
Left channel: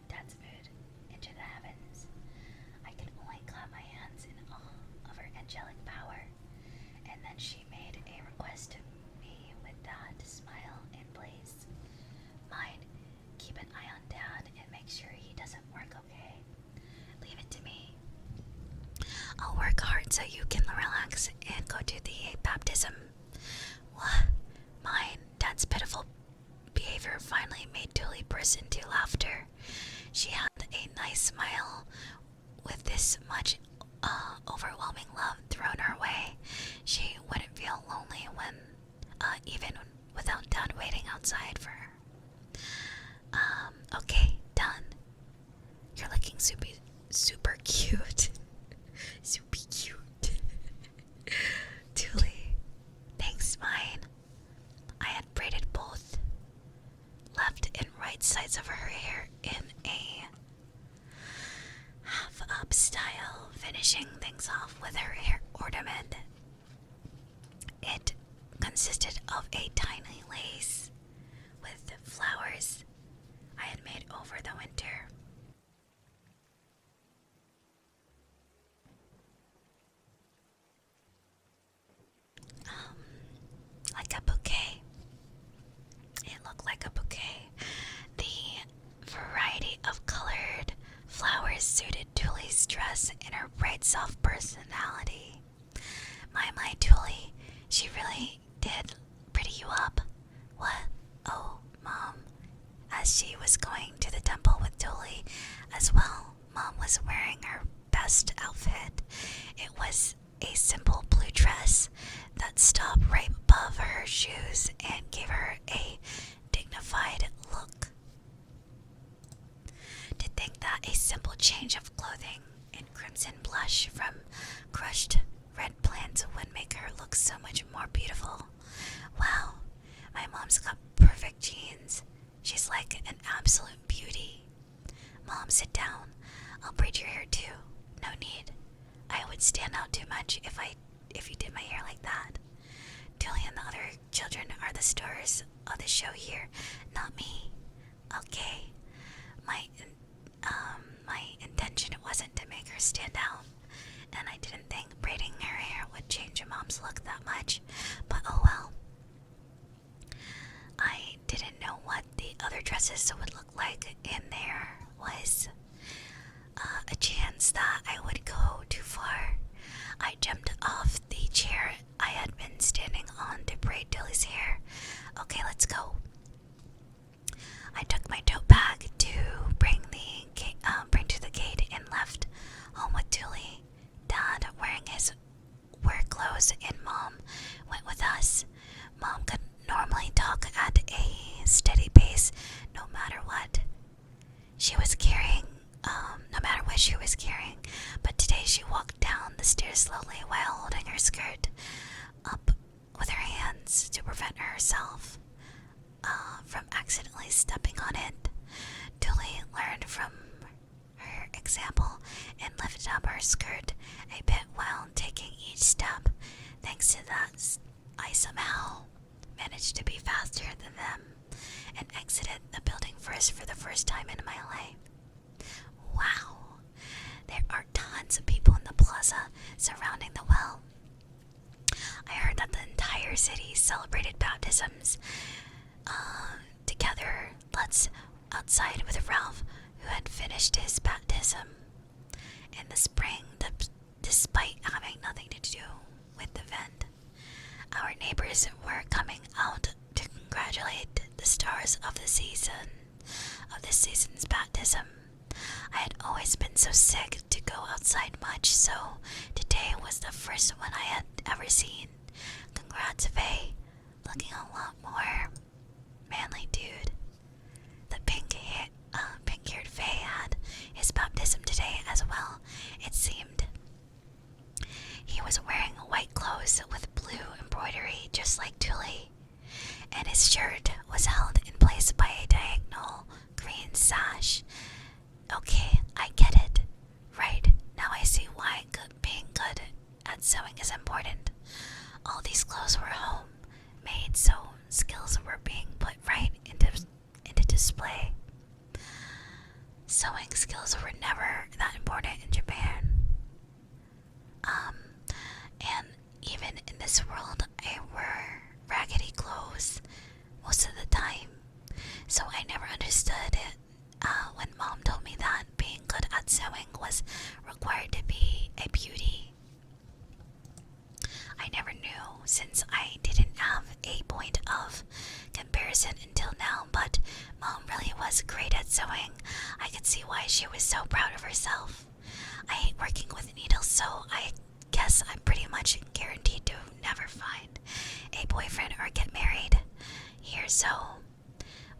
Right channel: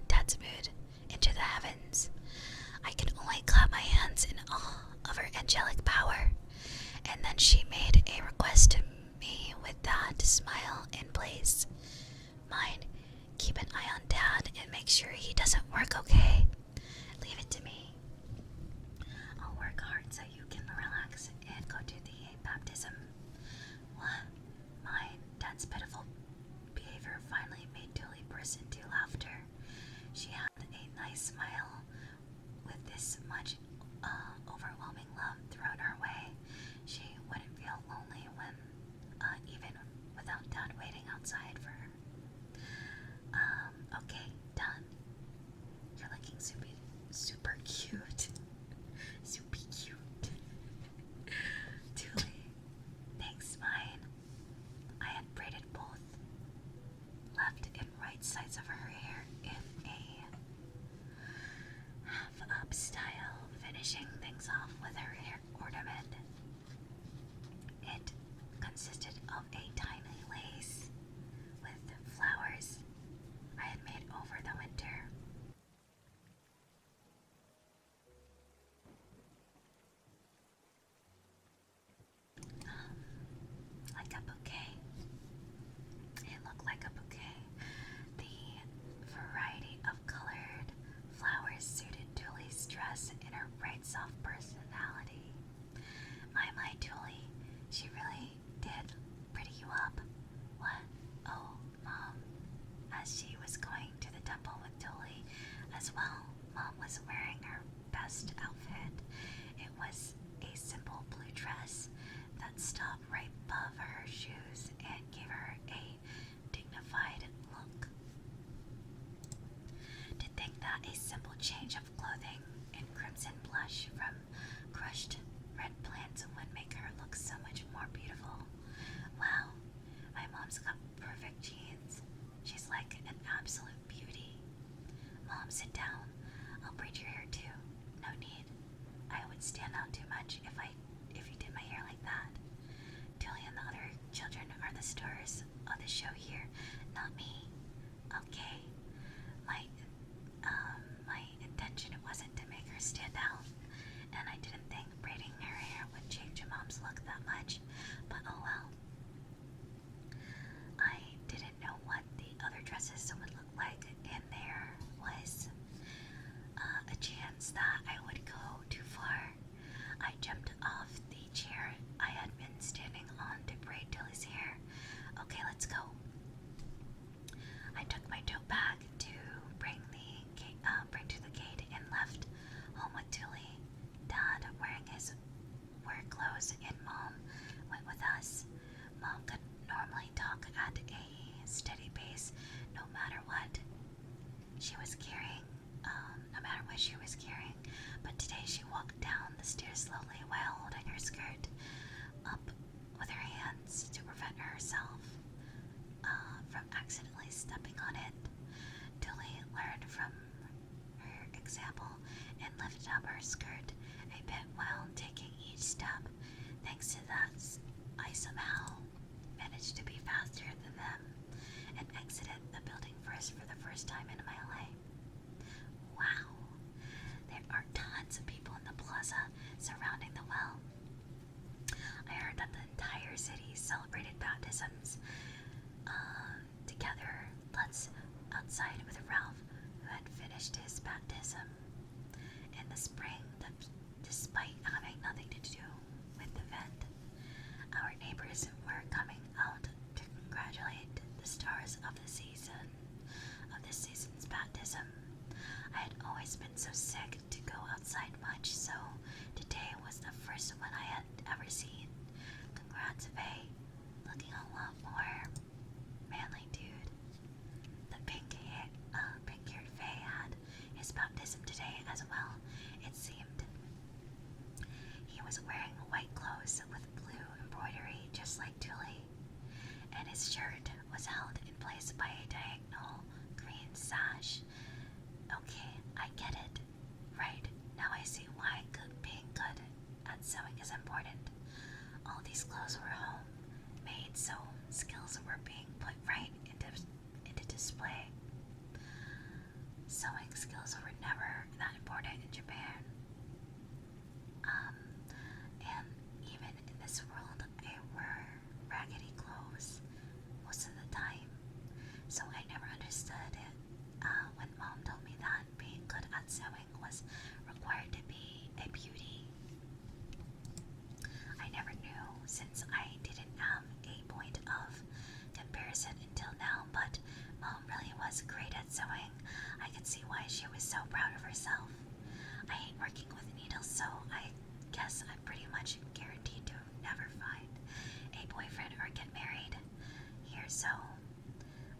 Dad's mood into the heavens. I could only clap my hands in awe of her angelic power, and then she made a request to me with that smile in place. Mine, keep an eye on Dad and make sure he doesn't work, okay? Leave it to me. I'll work hard so you can relax and go to the baptism. What? Mine, Dad's pitiful behavior finally made Tulie burst into laughter. She had a nice smile. With this much overwhelming love thrown her way, she wouldn't feel lonely when, even without Dad waiting outside for her. Okay, done. You're looking super cute. Super cute. Tulie, thanks, mine. I had braided both left and right sides of her hair in a half-up style, finishing things off with her hair ornament. It consisted of a tiny lace with flowers I had made over the winter. Like a bouquet. It looked like a bouquet. The variety of colored flowers suited Tulie's dress and her bright, soft personality. My Tulie, she really did pretty you up. What? Oh, Mom. As she was going to the temple with Tulie as well, Mom was wearing her best outfit. It was a simple blue dress that stopped right above her shoes and gave her a dignified look. To think that a simple change of clothing and crimson blush from crushed red plants would make her look so much more beautiful. Wow, my mom's got perfect genes. She's like an absolute beauty. Mom, sit down. I'll braid your hair too. No need. I would stand out too much if you did my hair like that. Tulie and the other children are the stars of the show here, not me. Okay. My intention wasn't to make her stand out, and I didn't think braiding her hair would change your mom's look that much, but oh well. I didn't know what the other dresses would look like, and there was a chance that I would go too far. I jumped off the chair I had been standing on to braid Tulie's hair. Okay, let's go. I took my tote bag to bring to the gate and left home with Tulie. Dad, wearing his work clothes, and Mom went with us. Mom could normally talk at a steady pace, no matter what she was carrying, but today she walked down the stairs slowly while holding her skirt up with her hands to prevent herself from accidentally stepping on it. Tulie learned from her example and lifted up her skirt a bit while taking each step. Thanks to that, I somehow managed to be faster than them and exited the building first for the first time in my life. Wow, there are tons of people in the plaza surrounding the well. I heard that the entire city celebrated baptisms together. Let's outside with Ralph, who had finished his baptism in the spring, despite having nothing to do with the event. Our neighbors were coming out to congratulate the stars of the season's baptism. I had always been so sick to go outside much, so today was the first one I had ever seen. Congrats, Faye. Looking a lot more manly, dude. The pink-haired Faye had his baptism today as well. It seemed he was wearing white clothes with blue embroidery, just like Tulie, and his shirt was held in place by a diagonal green sash. Okay, I get it. Right, now I see why being good at sewing is important. All these clothes were home-made, so skills were being put right into display. Sewing skills were never that important in Japan. And even in this world, I wear raggedy clothes most of the time. So I never understood it when Mom told me that being good at sewing was required to be a beauty. I never knew, since I didn't have a point of comparison until now, but Mom really was great at sewing. I could see why she was so proud of herself. I hate working with needles, so I guess I'm pretty much guaranteed to never find a boyfriend or get married here, so...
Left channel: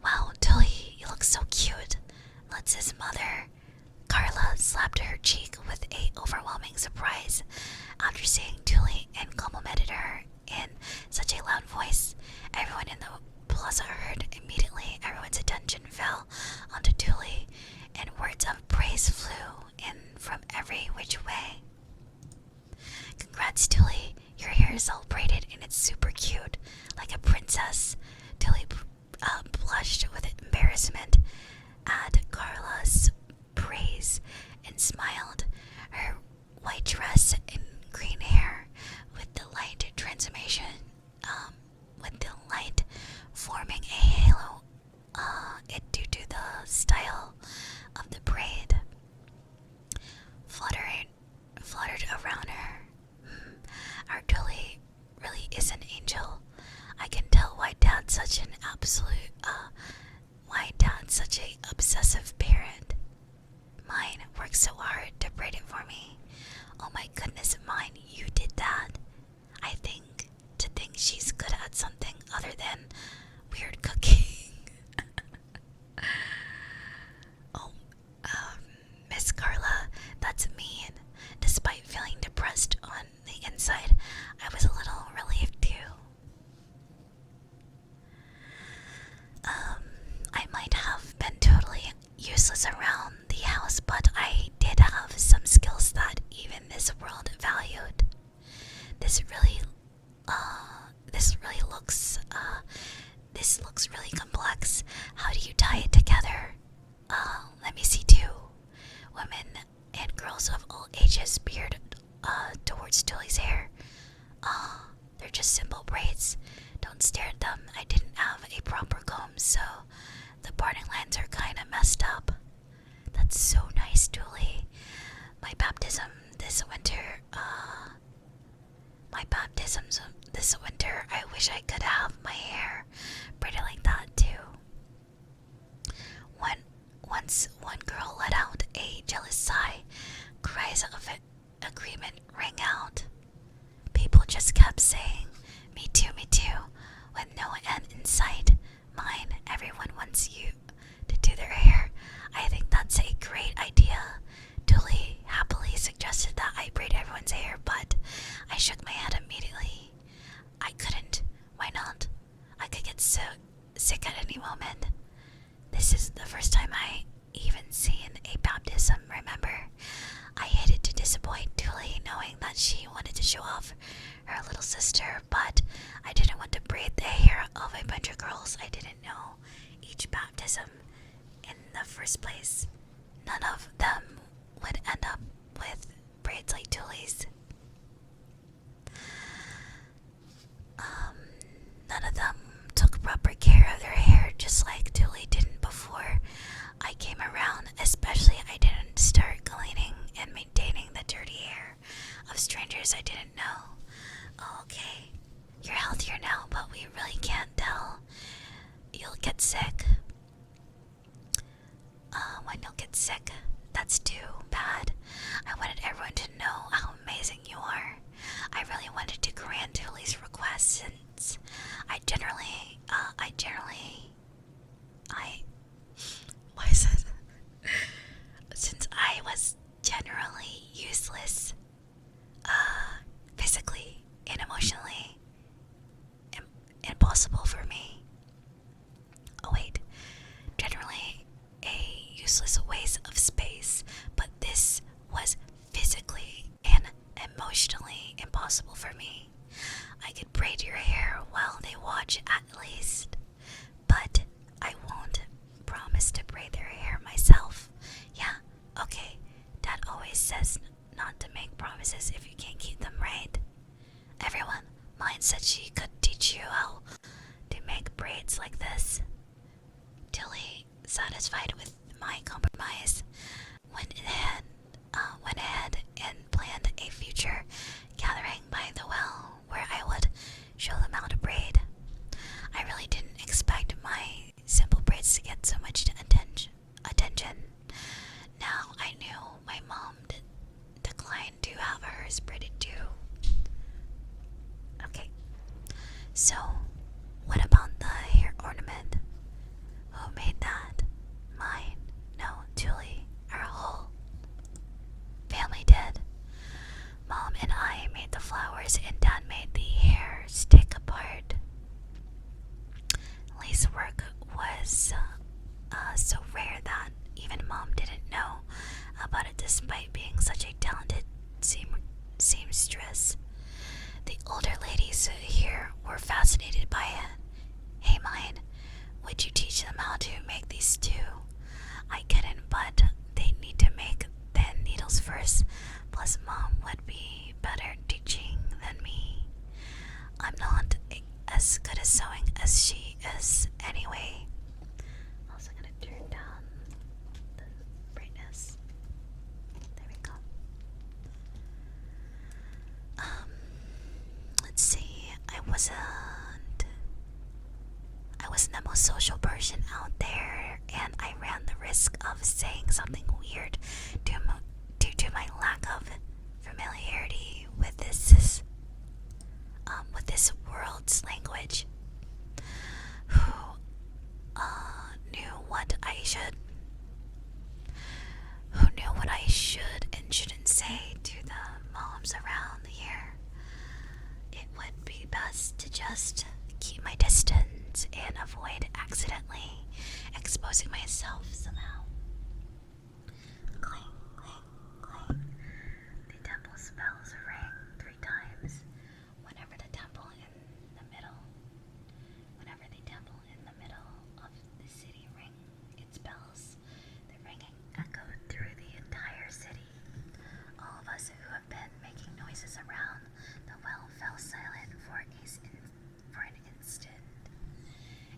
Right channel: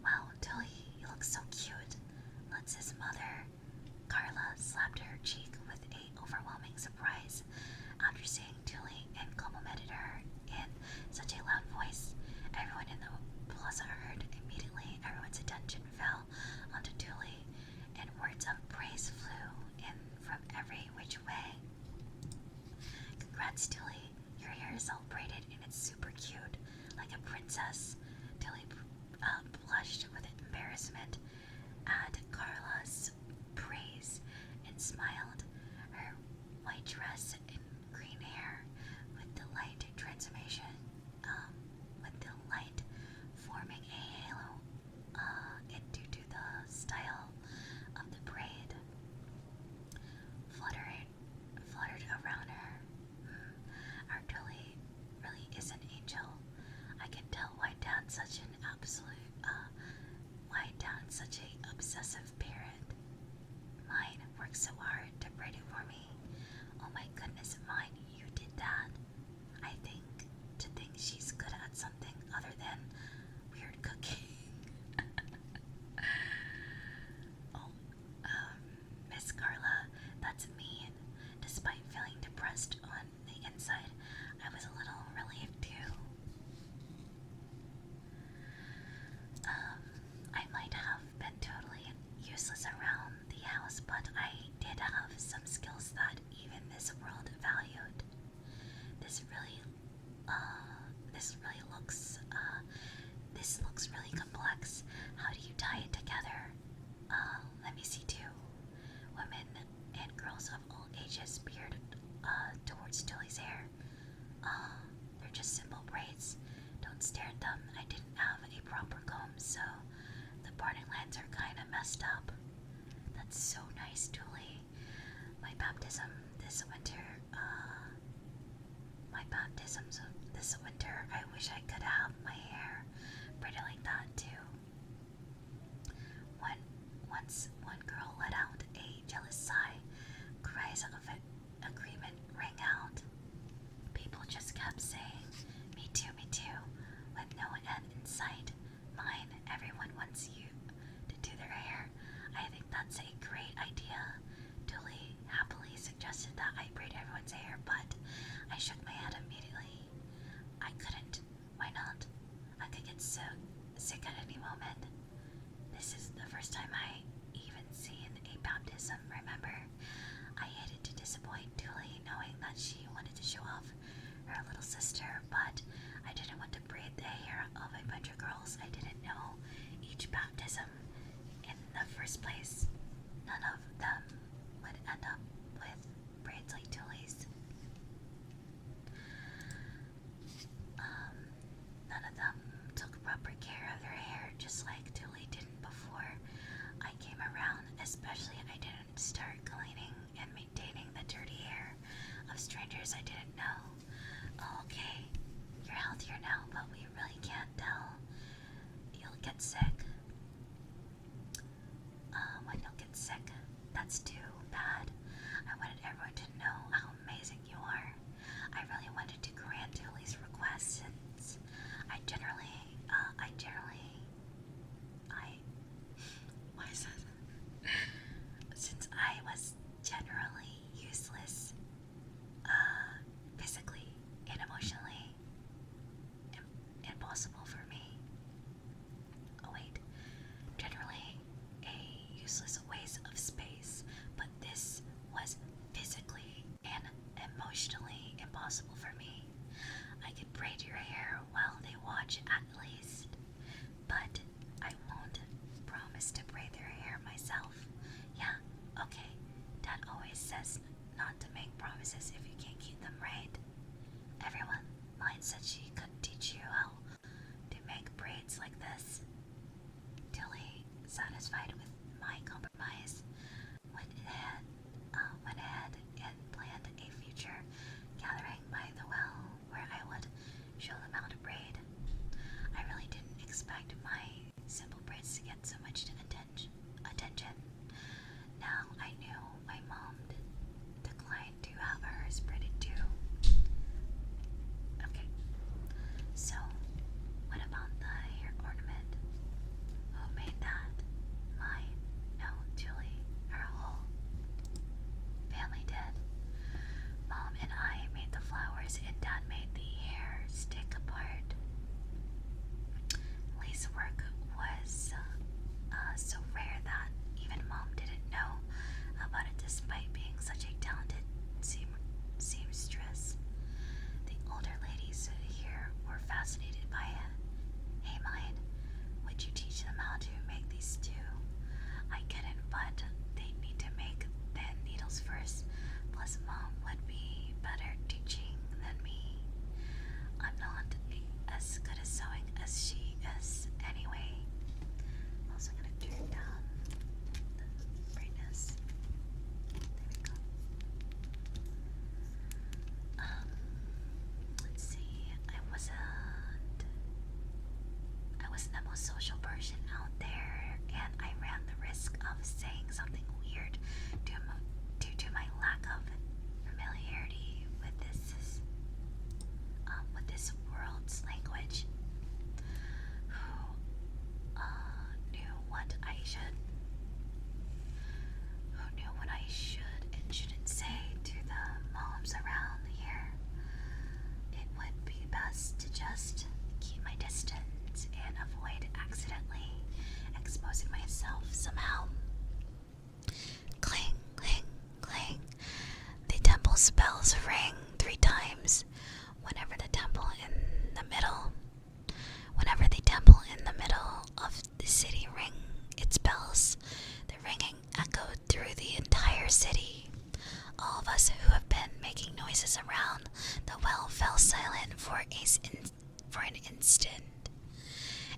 Wow, Tulie, you look so cute. Lutz's mother, Carla, slapped her cheek with a overwhelming surprise after seeing Tulie and complimented her in such a loud voice. Everyone in the plaza heard. Immediately, everyone's attention fell onto Tulie, and words of praise flew in from every which way. Congrats, Tulie. Your hair is all braided and it's super cute, like a princess. Tulie blushed with embarrassment at Carla's praise and smiled. Her white dress and green hair with the light transformation, with the light forming a halo, it due to the style of the braid fluttered around her. Our Tulie really is an angel. I can tell why Dad's such a obsessive parent. Mine worked so hard to braid it for me. Oh my goodness, mine, you did that. I think to think she's good at something other than weird cooking. Oh, Miss Carla, that's mean. Despite feeling depressed on the inside, I was a little relieved too. I might have been totally useless around the house, but I did have some skills that even this world valued. This looks really complex. How do you tie it together? Let me see too. Women and girls of all ages peered towards Tulie's hair. They're just simple braids. Don't stare at them. I didn't have a proper comb, so the parting lines are kinda messed up. That's so nice, Tulie. My baptisms this winter, I wish I could have my hair braided like that too. Once one girl let out a jealous sigh, cries of agreement rang out. People just kept saying, me too, with no end in sight. Mine, everyone wants you to do their hair. I think that's a great idea. Tulie happily suggested that I braid everyone's hair, but I shook my head immediately. I couldn't. Why not? I could get so sick at any moment. This is the first time I even seen a baptism, remember? I hated to disappoint Tulie, knowing that she wanted to show off her little sister, but I didn't want to braid the hair of a bunch of girls I didn't know each baptism in the first place. None of them would end up with braids like Tulie's. None of them took proper care of their hair, just like Tulie didn't before I came around. Especially I didn't start cleaning and maintaining the dirty hair of strangers I didn't know. Oh, okay, you're healthier now, but we really can't tell. You'll get sick. When you'll get sick. could teach you how to make braids like this. Tulie, satisfied with my compromise, went ahead and planned a future gathering by the well where I would show them how to braid. I really didn't expect my simple braids to get so much attention. Now I knew my mom declined to have hers braided too. Okay, so what about the hair ornament? Who made that? Mine? No, Tulie. Our whole family did. Mom and I made the flowers and Dad made the hair stick apart. Lace work was so rare that even Mom didn't know about it despite being such a talented seamstress. The older ladies here were fascinated by it. Hey mine, would you teach them how to make these too? I couldn't, but they need to make thin needles first. Plus Mom would be better teaching than me. I'm not as good at sewing as she is anyway. I'm also gonna turn down the brightness. There we go. Let's see. I wasn't the most social person out there, and I ran the risk of saying something weird due to my lack of familiarity with this world's language. Who knew what I should and shouldn't say to the moms around here? It would be best to just keep my distance and avoid accidentally exposing myself somehow. Cling, cling, cling. The temple's bells ring 3 times. Whenever the temple in the middle of the city rang its bells, the ringing echoed through the entire city. All of us who have been making noises around the well fell silent for an instant,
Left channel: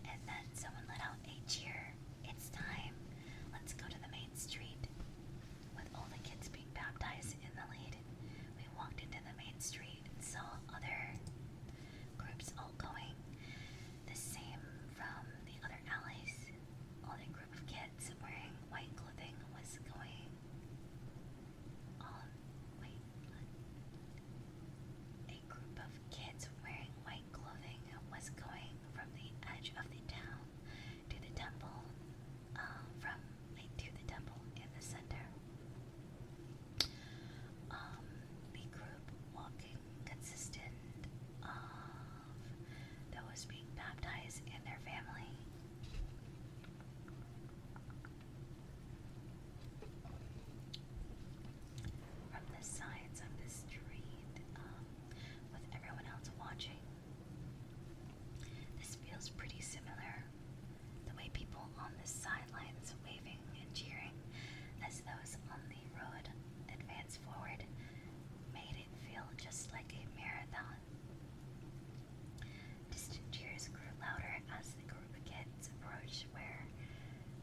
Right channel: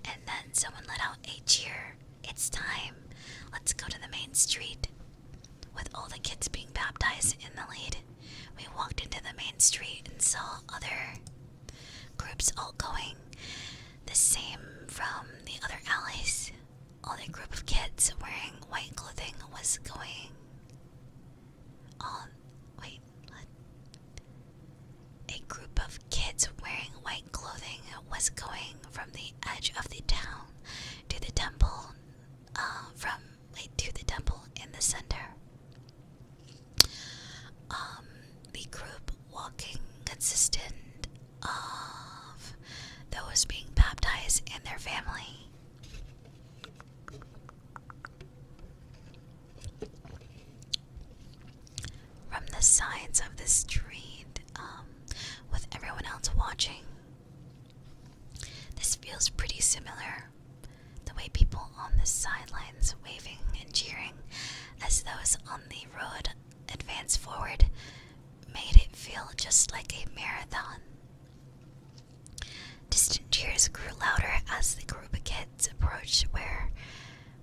and then someone let out a cheer. It's time. Let's go to the main street. With all the kids being baptized in the lead, we walked into the main street and saw other groups all going the same from the other alleys. All the group of kids wearing white clothing was going on. Wait, what? A group of kids wearing white clothing was going from the edge of the town to the temple. To the temple in the center. The group walking consisted of those being baptized and their family. From the sides of the street, with everyone else watching, this feels pretty similar. The way people on the sidelines waving and cheering as those on the road advance forward made it feel just like a marathon. Distant cheers grew louder as the group of kids approached where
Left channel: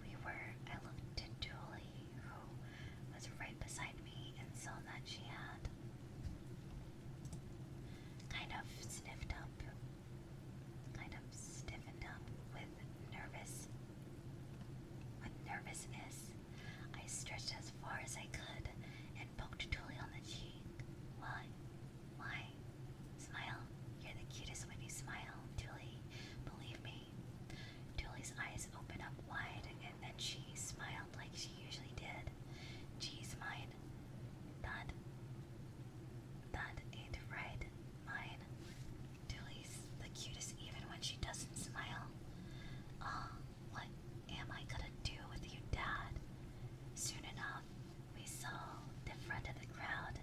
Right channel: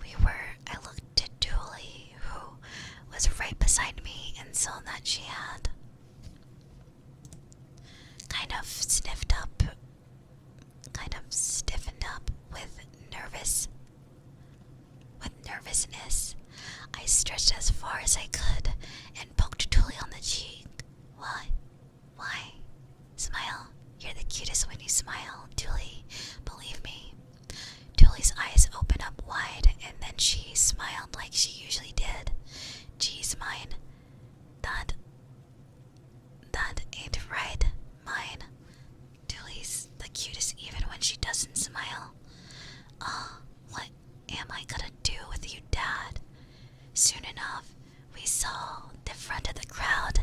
we were. I looked at Tulie, who was right beside me, and saw that she had kind of stiffened up with nervousness. I stretched as far as I could and poked Tulie on the cheek. Why? Smile. You're the cutest when you smile, Tulie. Believe me. Tulie's eyes opened up wide, and then she smiled like she usually did. Geez, mine. That ain't right, mine. Tulie's the cutest even when she doesn't smile. What am I gonna do with you, Dad? Soon enough, we saw the front of the crowd.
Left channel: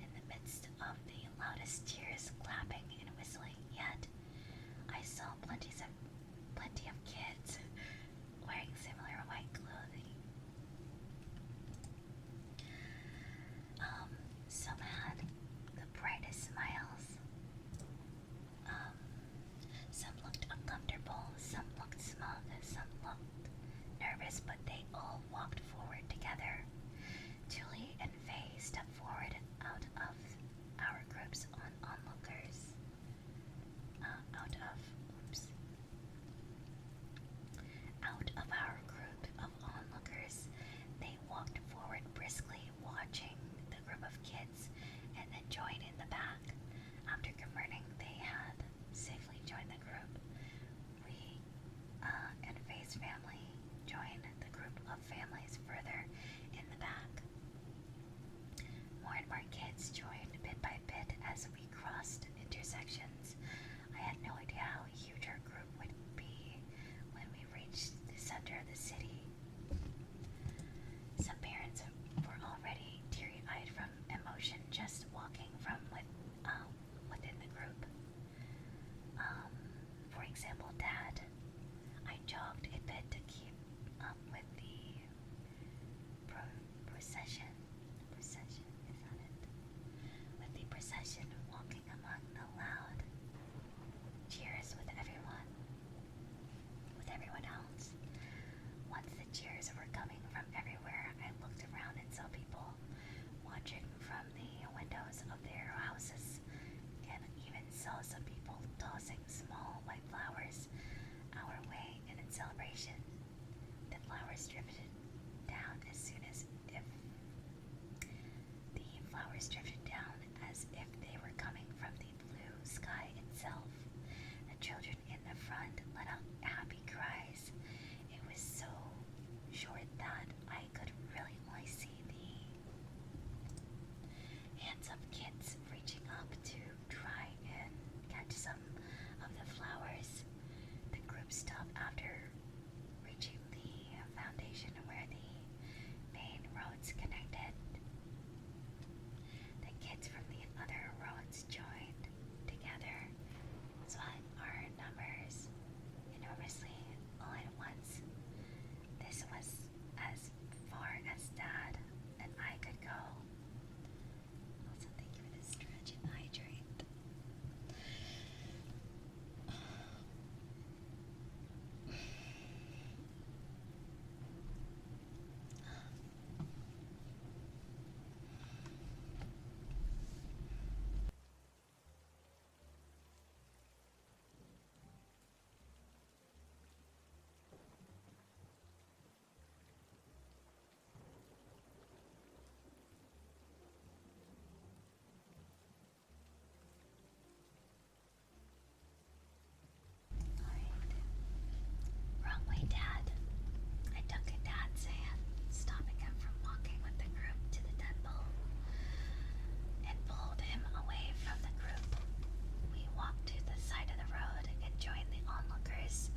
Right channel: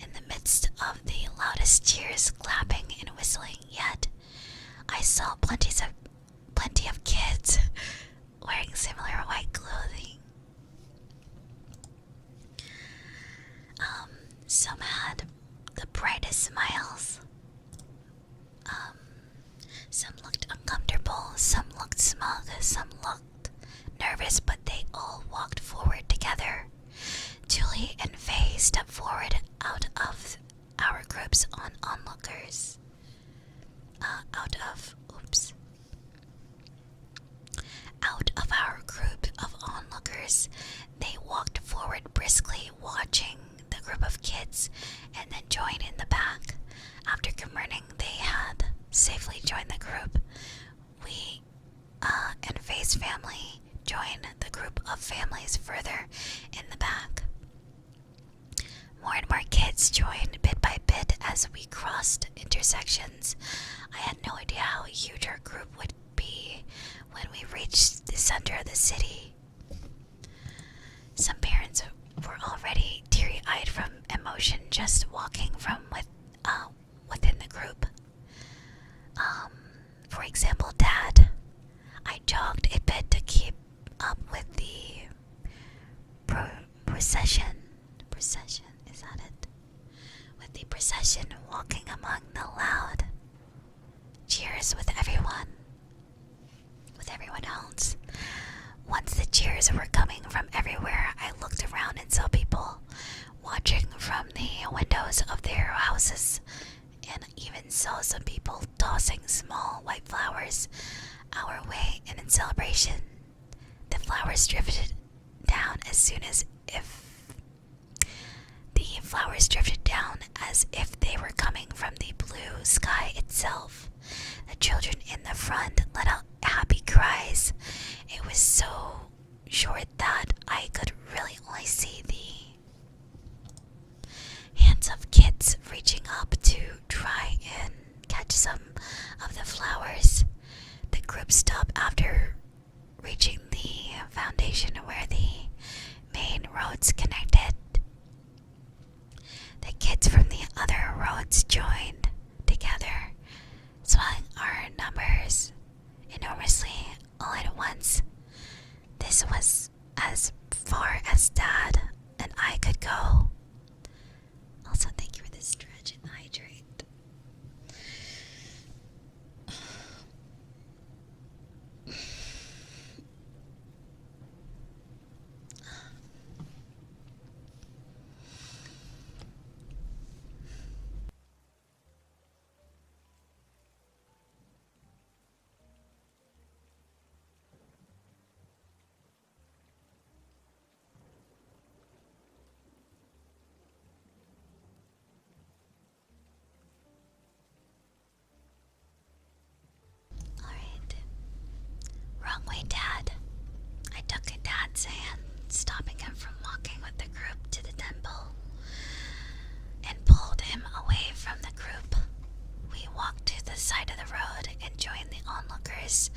In the midst of the loudest cheers, clapping, and whistling yet, I saw plenty of kids wearing similar white clothing. Some had the brightest smiles. Some looked nervous, but they all walked forward together. Tulie and Faye stepped forward out of our groups on onlookers. Out of our group of onlookers, they walked forward briskly, watching the group of kids, and then joined in the back. After confirming they had safely joined the group, we and Faye's family joined the group of families further in the back. More and more kids joined bit by bit as we crossed intersections. I had no idea how huge our group would be when we reached the center of the city. Some parents were already teary-eyed from emotion just walking from within the group. For example, Dad. I jogged a bit to keep up with the procession. Procession, is that it? With the procession walking among the loud cheers with everyone else. Once the cheers were coming from everywhere, I looked around and saw people watching from the windows of their houses, and even saw some people tossing small white flowers our way, and in celebration, the flowers drifted down as if they were coming from the blue sky itself. The children in the front let out happy cries. It was so short that I could really only see the hands of kids reaching up to try and catch some of the flowers. The group stopped after reaching the foundation where the main roads connected. The kids from the other roads joined together, swelling our numbers enormously all at once. This was as far as Dad and I could go. Also, thank you for this stretch and hydrate. Alright. Wrong way, Dad. I took Dad's hand, stopping him from walking with the group to the temple, and pulled him away from the group. We walked to the side of the road and joined the onlookers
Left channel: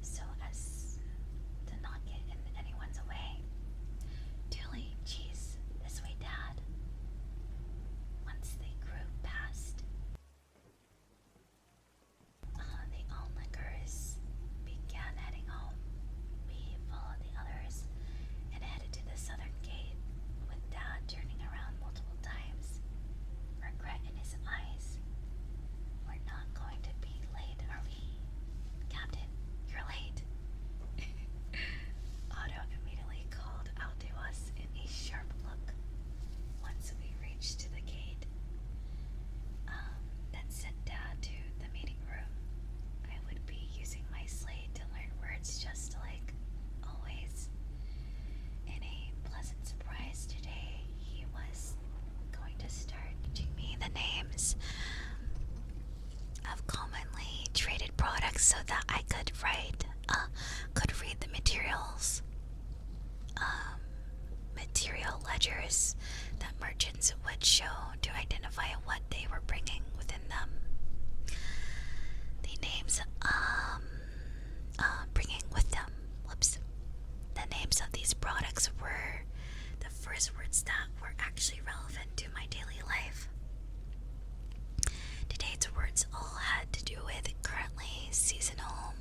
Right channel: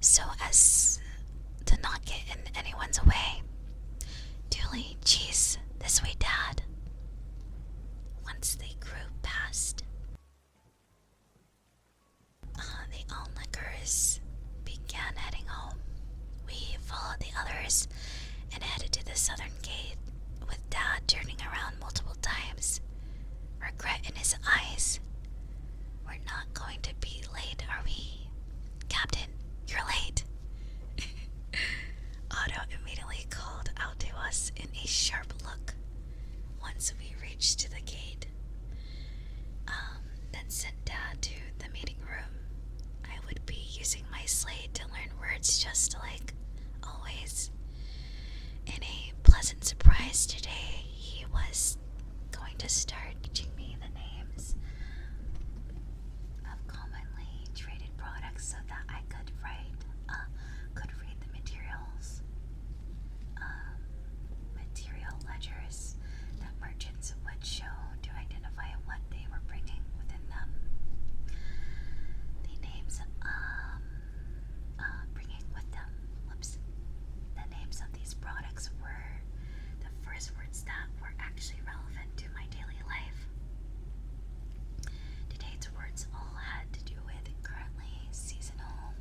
so as to not get in anyone's way. Tulie, geez, this way, Dad. Once the group passed, the onlookers began heading home. We followed the others and headed to the southern gate, with Dad turning around multiple times, regret in his eyes. We're not going to be late, are we? Captain, you're late. Otto immediately called out to us in a sharp look once we reached to the gate. Then sent Dad to the meeting room. I would be using my slate to learn words just like always. In a pleasant surprise today, he was going to start teaching me the names of commonly traded products so that I could read the material ledgers that merchants would show to identify what they were bringing within them. The names bringing with them. The names of these products were the first words that were actually relevant to my daily life. Today's words all had to do with currently seasonal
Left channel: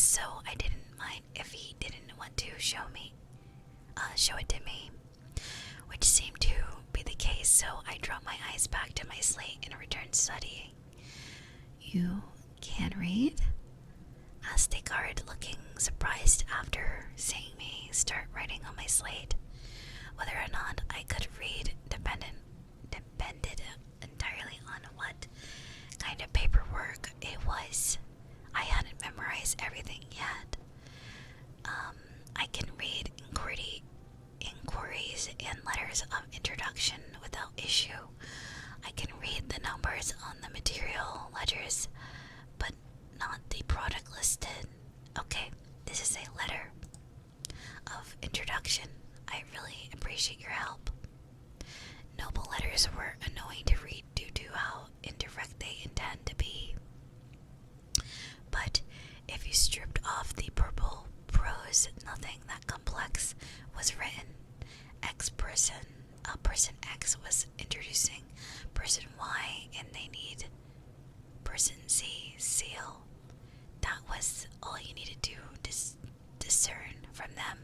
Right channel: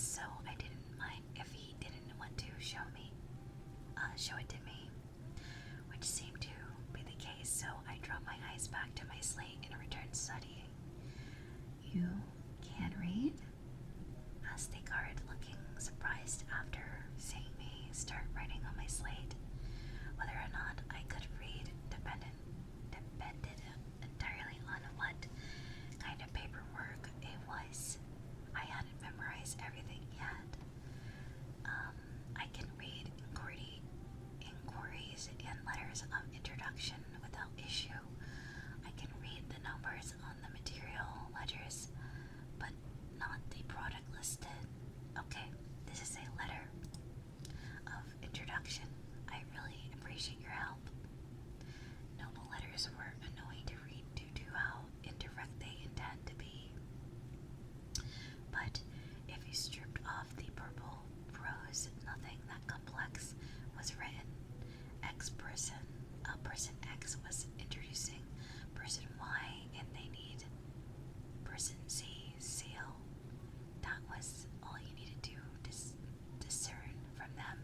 so I didn't mind if he didn't want to show it to me, which seemed to be the case, so I dropped my eyes back to my slate and returned studying. "You can read?" asked the guard, looking surprised after seeing me start writing on my slate. Whether or not I could read depended entirely on what kind of paperwork it was. I hadn't memorized everything yet. I can read inquiries and letters of introduction without issue. I can read the numbers on the material ledgers, but not the product listed. Okay, this is a letter of introduction. I really appreciate your help. Noble letters were annoying to read due to how indirect they intend to be. But if you stripped off the purple prose, nothing that complex was written. Person X was introducing person Y, and they need person Z seal. That was all you needed to discern from them.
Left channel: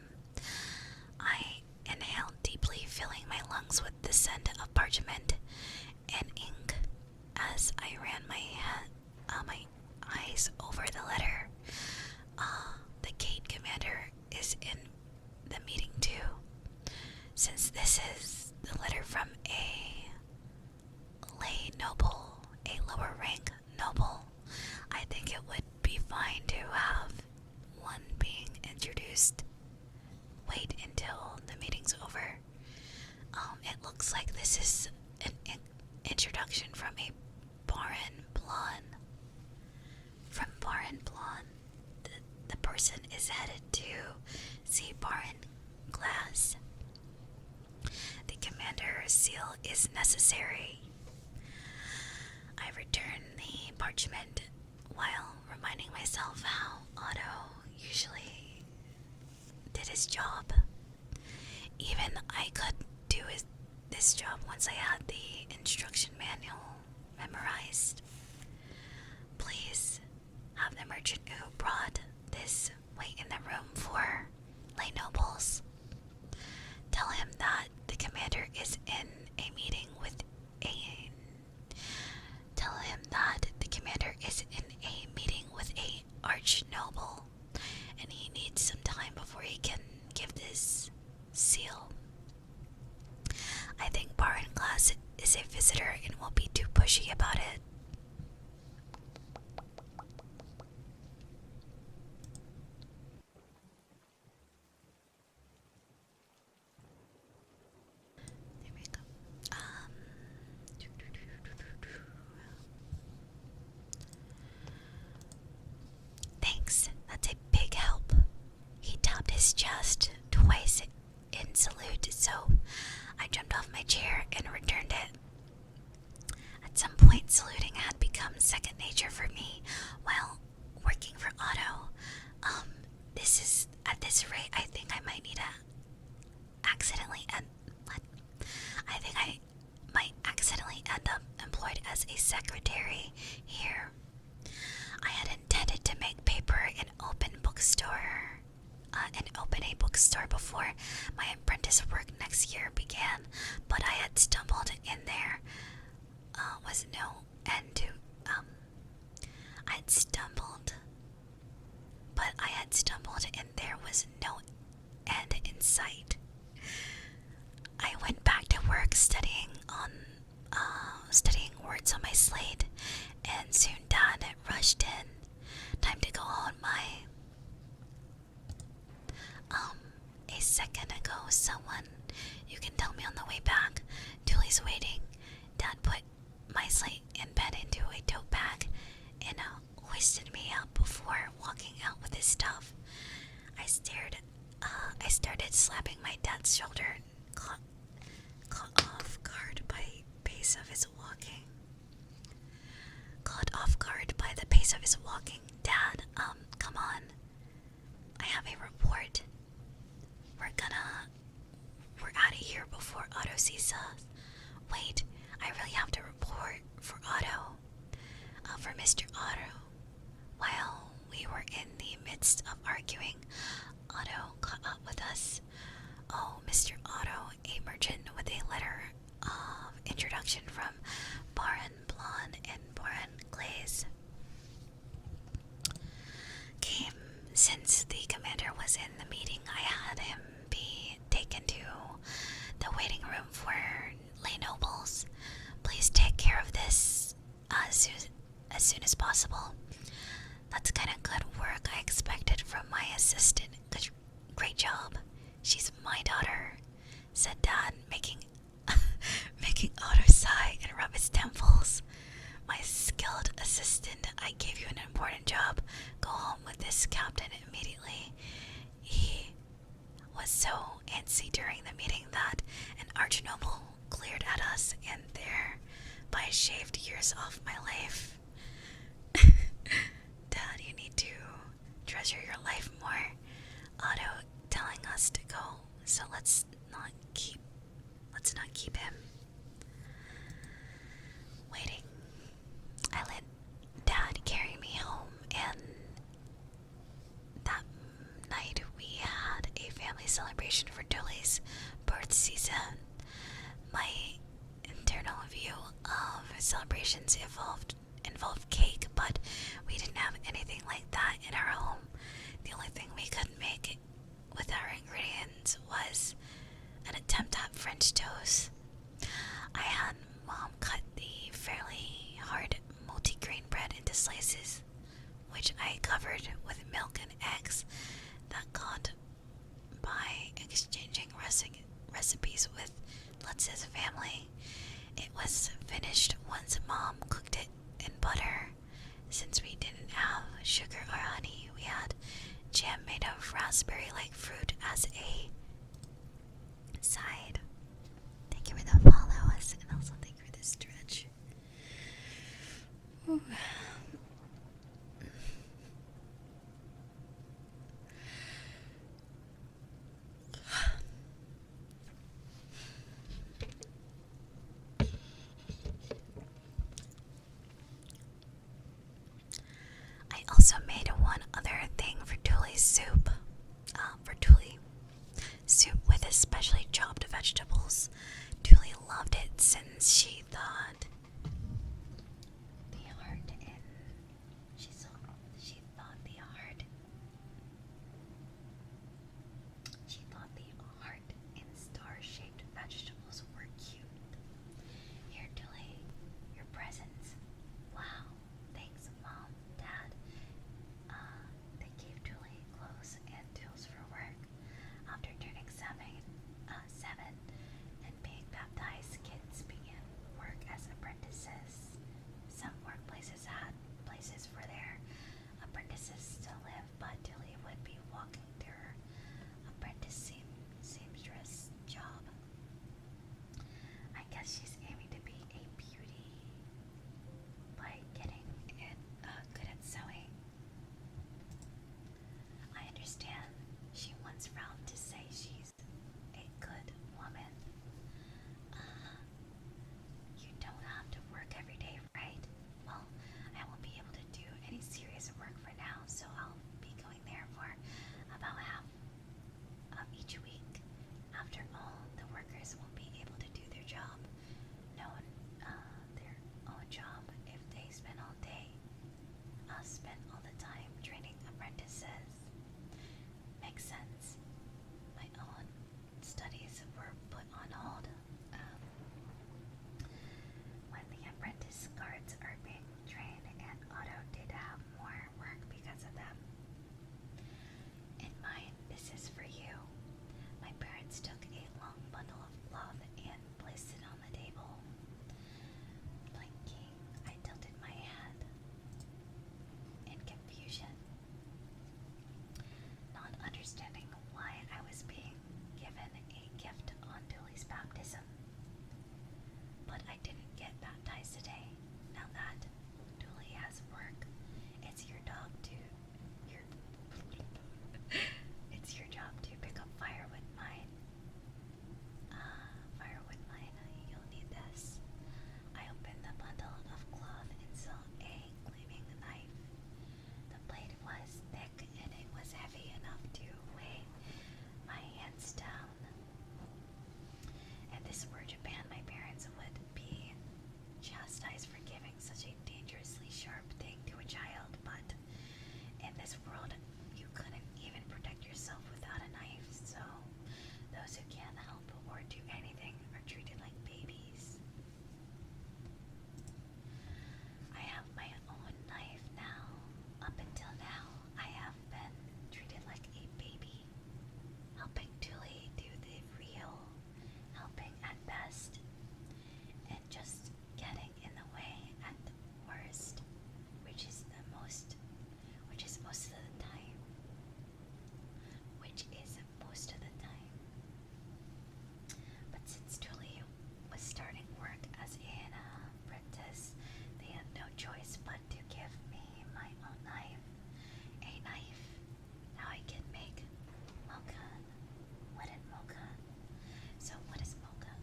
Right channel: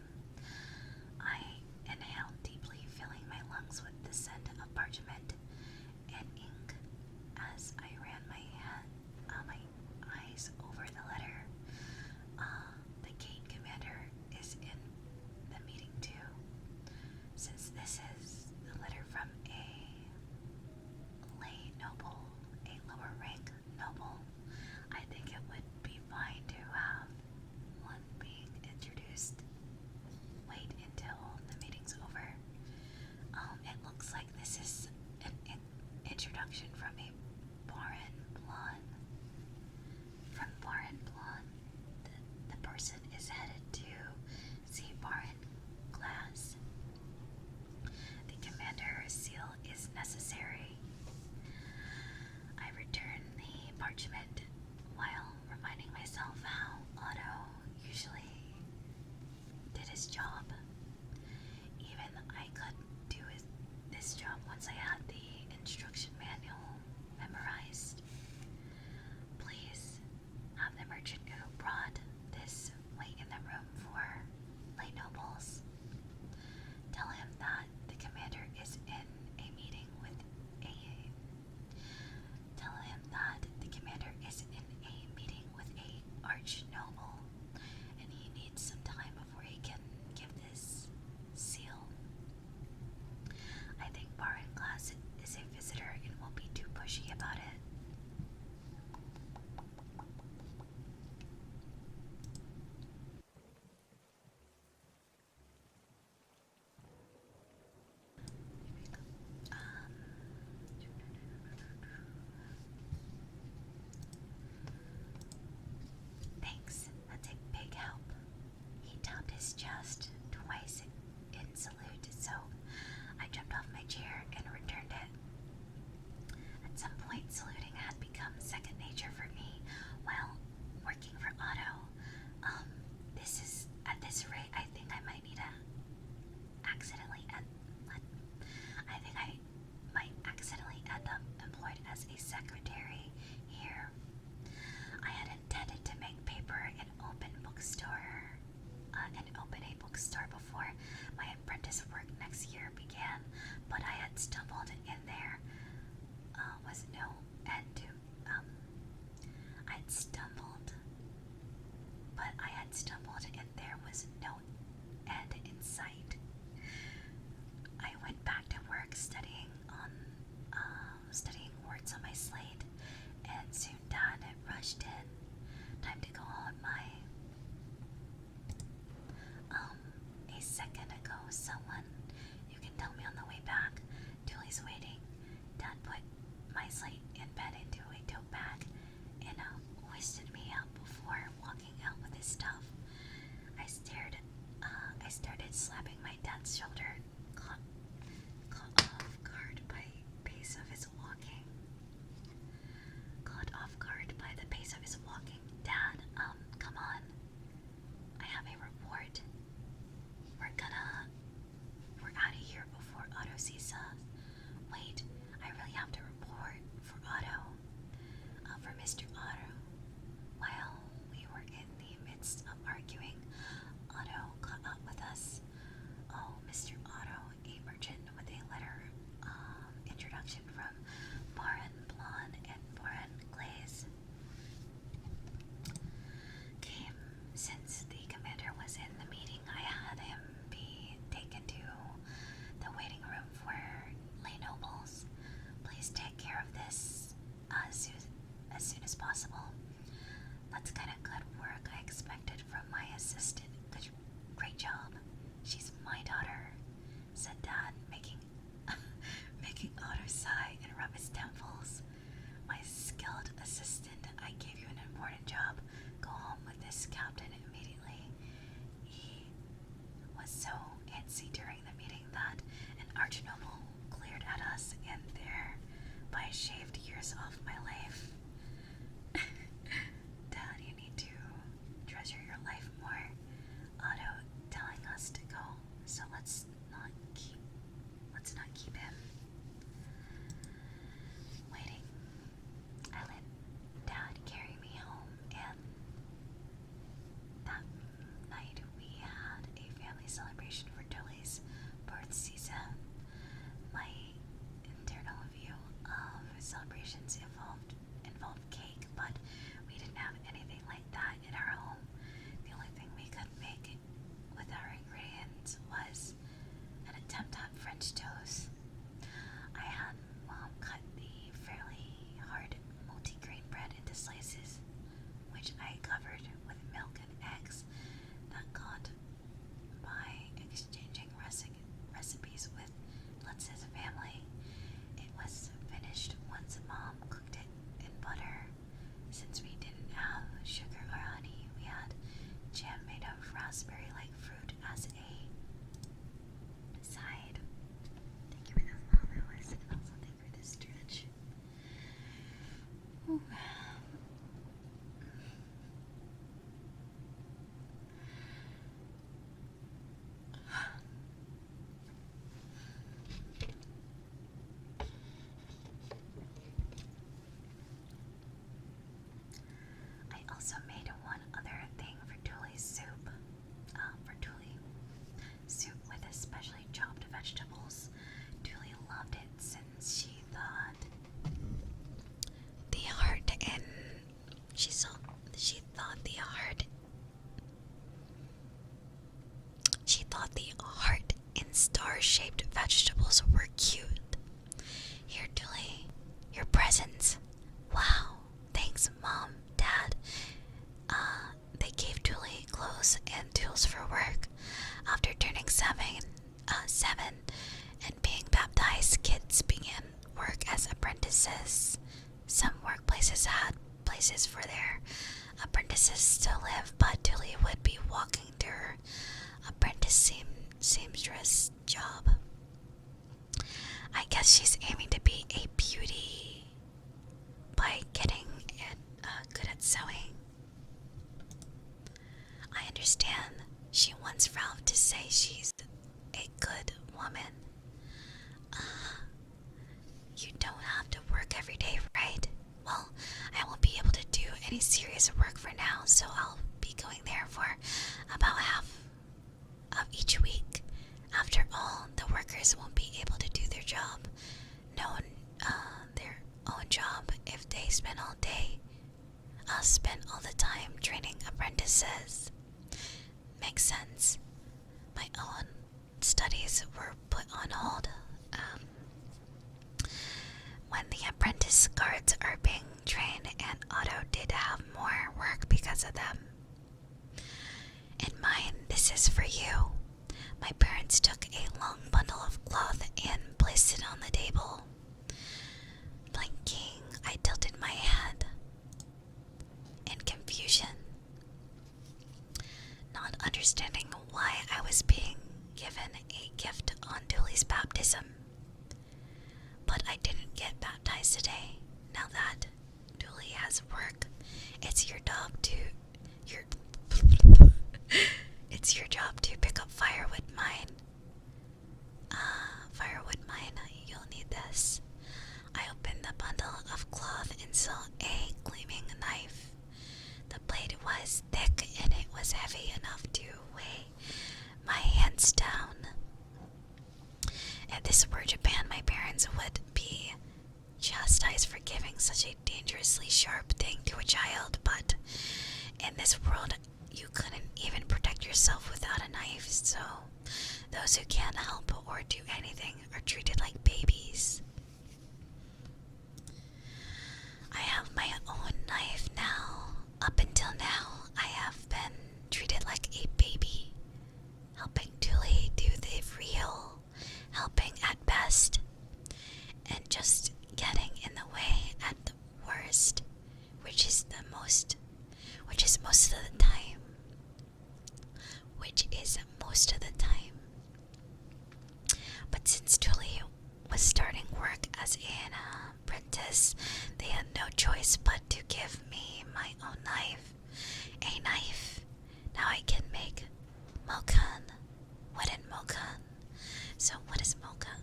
I inhaled deeply, filling my lungs with the scent of parchment and ink as I ran my eyes over the letter. The gate commander is in the meeting too. Since this is the letter from a lay noble, a lower rank noble, I think it would be fine to have one being introduced. Wait until the meeting's over. It looks like this is an introduction from a Baron Blonde. From Baron Blonde, the person is headed to see Baron Glass. The commander's seal is necessary. I return the parchment while reminding myself how Otto usually did his job. Even I could do this job once I had the instruction manual memorized. Please have the merchant who brought this wait in the room for lay nobles. Tell him that the commander is in a meeting with a arch noble, and he needs some time before he can give this seal. I think Baron Glass is a visitor and won't be too pushy about it. There we go. Thanks, that's a big help. He tapped his chest twice in salute, so I jumped off my chair and returned it. At some point, saluting had become second nature for me while working for Otto. At this rate, I think I might accidentally end up employed as a secretary here. I had intended to make paper and open a bookstore before my apprentice work next year began, but I had stumbled in there was no end to I had stumbled and there was no end in sight. I went back to work studying words on my slate, and soon Dad rushed in. Time to go on a second ago, someone. You can tell me on the way back. Tulie's waiting. Dad put my slate and pen into a tote bag and hoisted me up before walking out with his stuff. I started slapping my dad's shoulder, caught off guard by the pace of his walking. Dad, come on. I have a report. We're out of here before Otto sees us. Wait, I really have to report for Otto. For Mr. Otto. While we were in the midst Since the commander was in the meeting, I had him be taken to the waiting room for lay nobles. Please take care of this as soon as possible. That's kind of good work I expected from my assistant. Great job. She's my daughter, said Dad, making Otto sigh and rub his temples. My skilled assistant, I gave you an important job. Go home with this captain immediately. He was so antsy during the meeting that an archnoble glared at us, and thereby shaved years off my life. Dad, you need to treasure your life more. Otto telling us to go, so let's not keep him waiting. I let Dad carry me home, and that night we had a family celebration for Tulie's birth season. My internal view of celebrations involved cake, but we didn't have anything like that in our home. The only thing we could make with our ingredients was an attempt at French toast. I had Mom cut the fairly hard multigrain bread into slices, which I covered with milk and eggs that got by exchanging recipes with Lutz's family. It was finished once Mom cooked it in butter. Since we didn't have sugar or honey, we had jam made of raspberry-like fruit as a side. Thank you for the follows, and also thank you for the stretch. Ooh. I also made one other thing for Tulie's soup. For Tulie, soup with especially chopped vegetables. Tulie loved it since she thought the heart in star-shaped vegetables were cute. Here, Tulie, your presents. Wow, thanks, Mom, Dad. They gave Tulie clothes and tools for work. After turning seven and being baptized, kids began work as apprentices. Some workplaces had places for their apprentices to live, but Tulie would be walking to her apprentice seamstress job. I guess she's aiming to be a beauty by getting good at sewing. I understand she wants Ralph to say she's a good woman. You don't have to work every day, right? Well, I won't be able to do any serious work for now, so I'll be going there for about half of each week. After all, the workers won't be able to do their job. Their own job if they spend all the time training apprentices. Makes sense. My own studies were put on hold when the apprentice guards are being trained, and Otto did have more work because of them. In mine, this is for you. My parents took a long bundle of cloth and placed it on the table. Blinking, I tilted my head in confusion, not understanding why I was being given a gift on Tulie's baptism. But I didn't get baptized today. Now that Tulie has work, it's your job to pick up firewood mine. You'll need this. I opened the bundle of cloth and saw a gleaming knife. The blade was thick and it was heavy enough to weigh my hands down. If this were Japan, my parents would be chastised for giving such a dangerously sharp thing to a child, but in this world, you couldn't yourself without a knife, so those who can't help or do anything are treated like babies. I have my own knife now. Up until now, I have been treated like a baby, helping Tulie do the real, helping at best, and just getting in the way at the worst, which is most of the time. But since Tulie was starting work as an apprentice, they had no choice but to give me my own knife. A knife. Now I can make mokan. Wooden mokan. So what is mokan?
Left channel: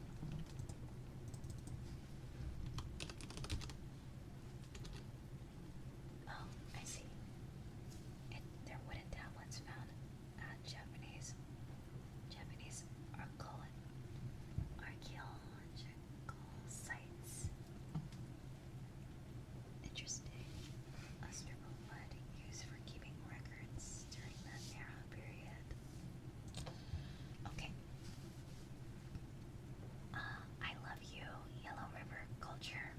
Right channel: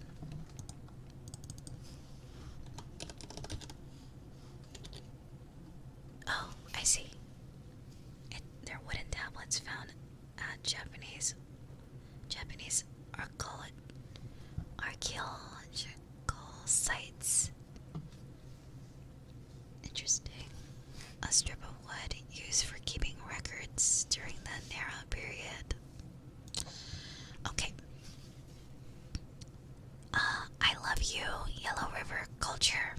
Oh, I see. They're wooden tablets found at Japanese archaeological sites. Interesting. A strip of wood used for keeping records during the Nara period. Okay. I love you, Yellow River culture.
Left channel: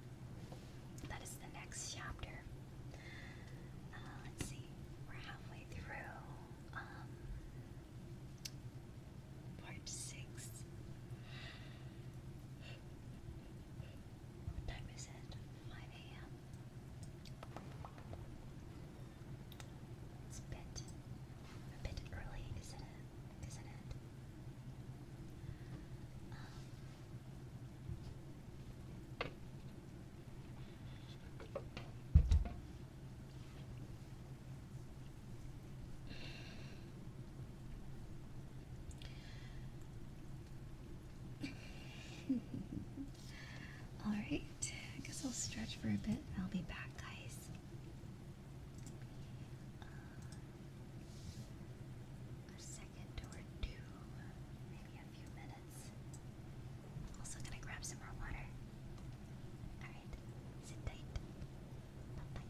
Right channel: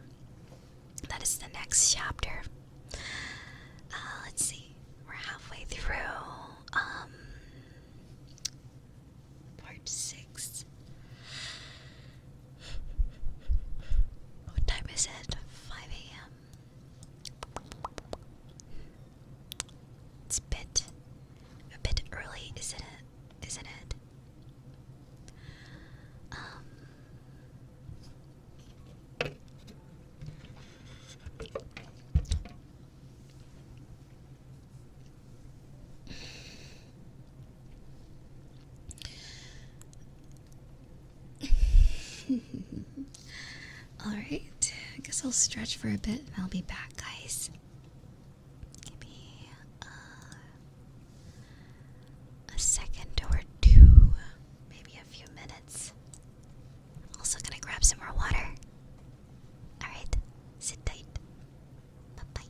That is the next chapter. Let's see. We're halfway through. Part 6. What time is it? 5 a.m. It's a bit early, isn't it? Isn't it? Alright, I guess I'll stretch for a bit and I'll be back, guys. Give me a second or two, maybe a few minutes. Also gonna grab some more water. Alright, sit tight. Bye-bye.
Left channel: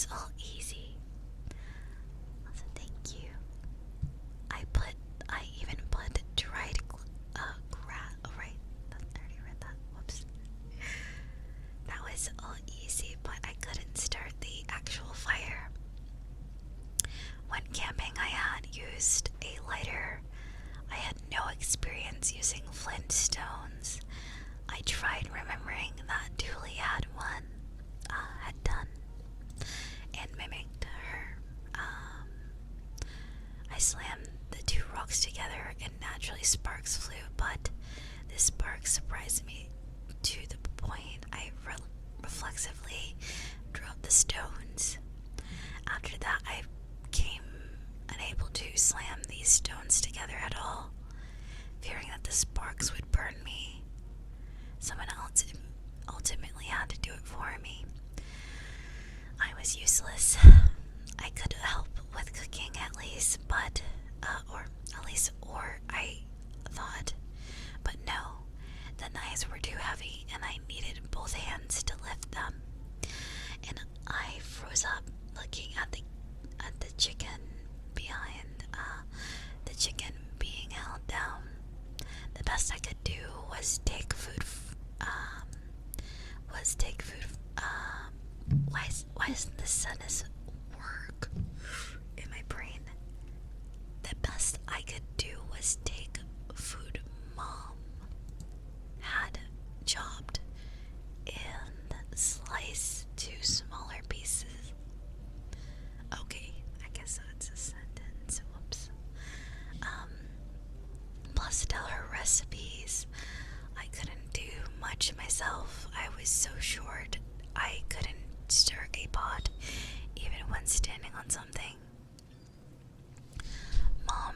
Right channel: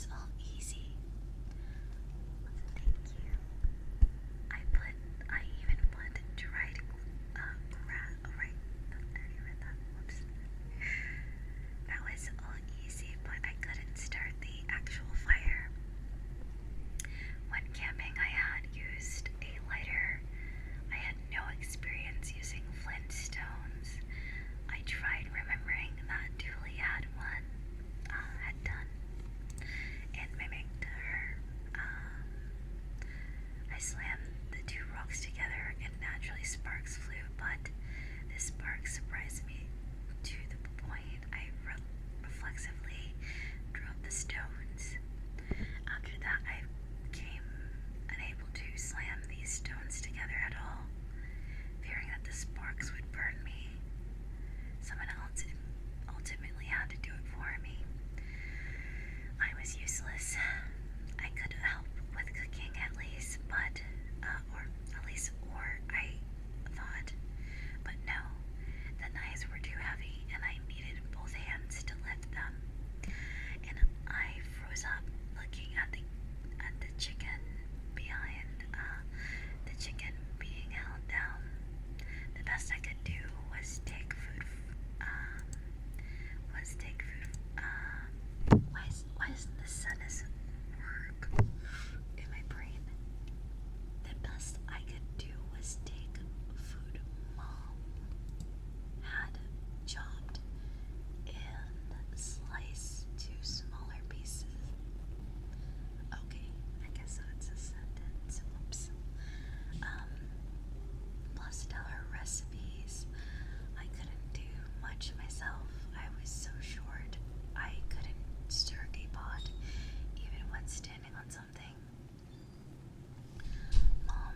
was all easy. So thank you. I even put dried grass. Oh, right. I already read that. Whoops. That was all easy, but I couldn't start the actual fire. When camping, I had used a lighter. I had no experience using flint stones. I tried remembering that Tulie had one, had done, and mimicked her. I slammed the two rocks together and naturally sparks flew, but the sparks surprised me to the point I reflexively dropped the stones. After that, I became unable to slam these stones together at all, fearing that the sparks would burn me. Someone else ultimately had to do it for me. I was useless. I could help with cooking at least, but, or I thought. But no, the knives were too heavy and I needed both hands to lift them. And I froze up looking at the chicken behind, the chicken being held down. The best I could do was take food. Why isn't the sentence work in my brain? The best I could do was take food Mom had chopped and sliced to smaller pieces. Okay, I guess that's a sentence. Whoops. Plus tell her recipes. I couldn't do much myself. I was so short I couldn't stir a pot even when standing on something. Mom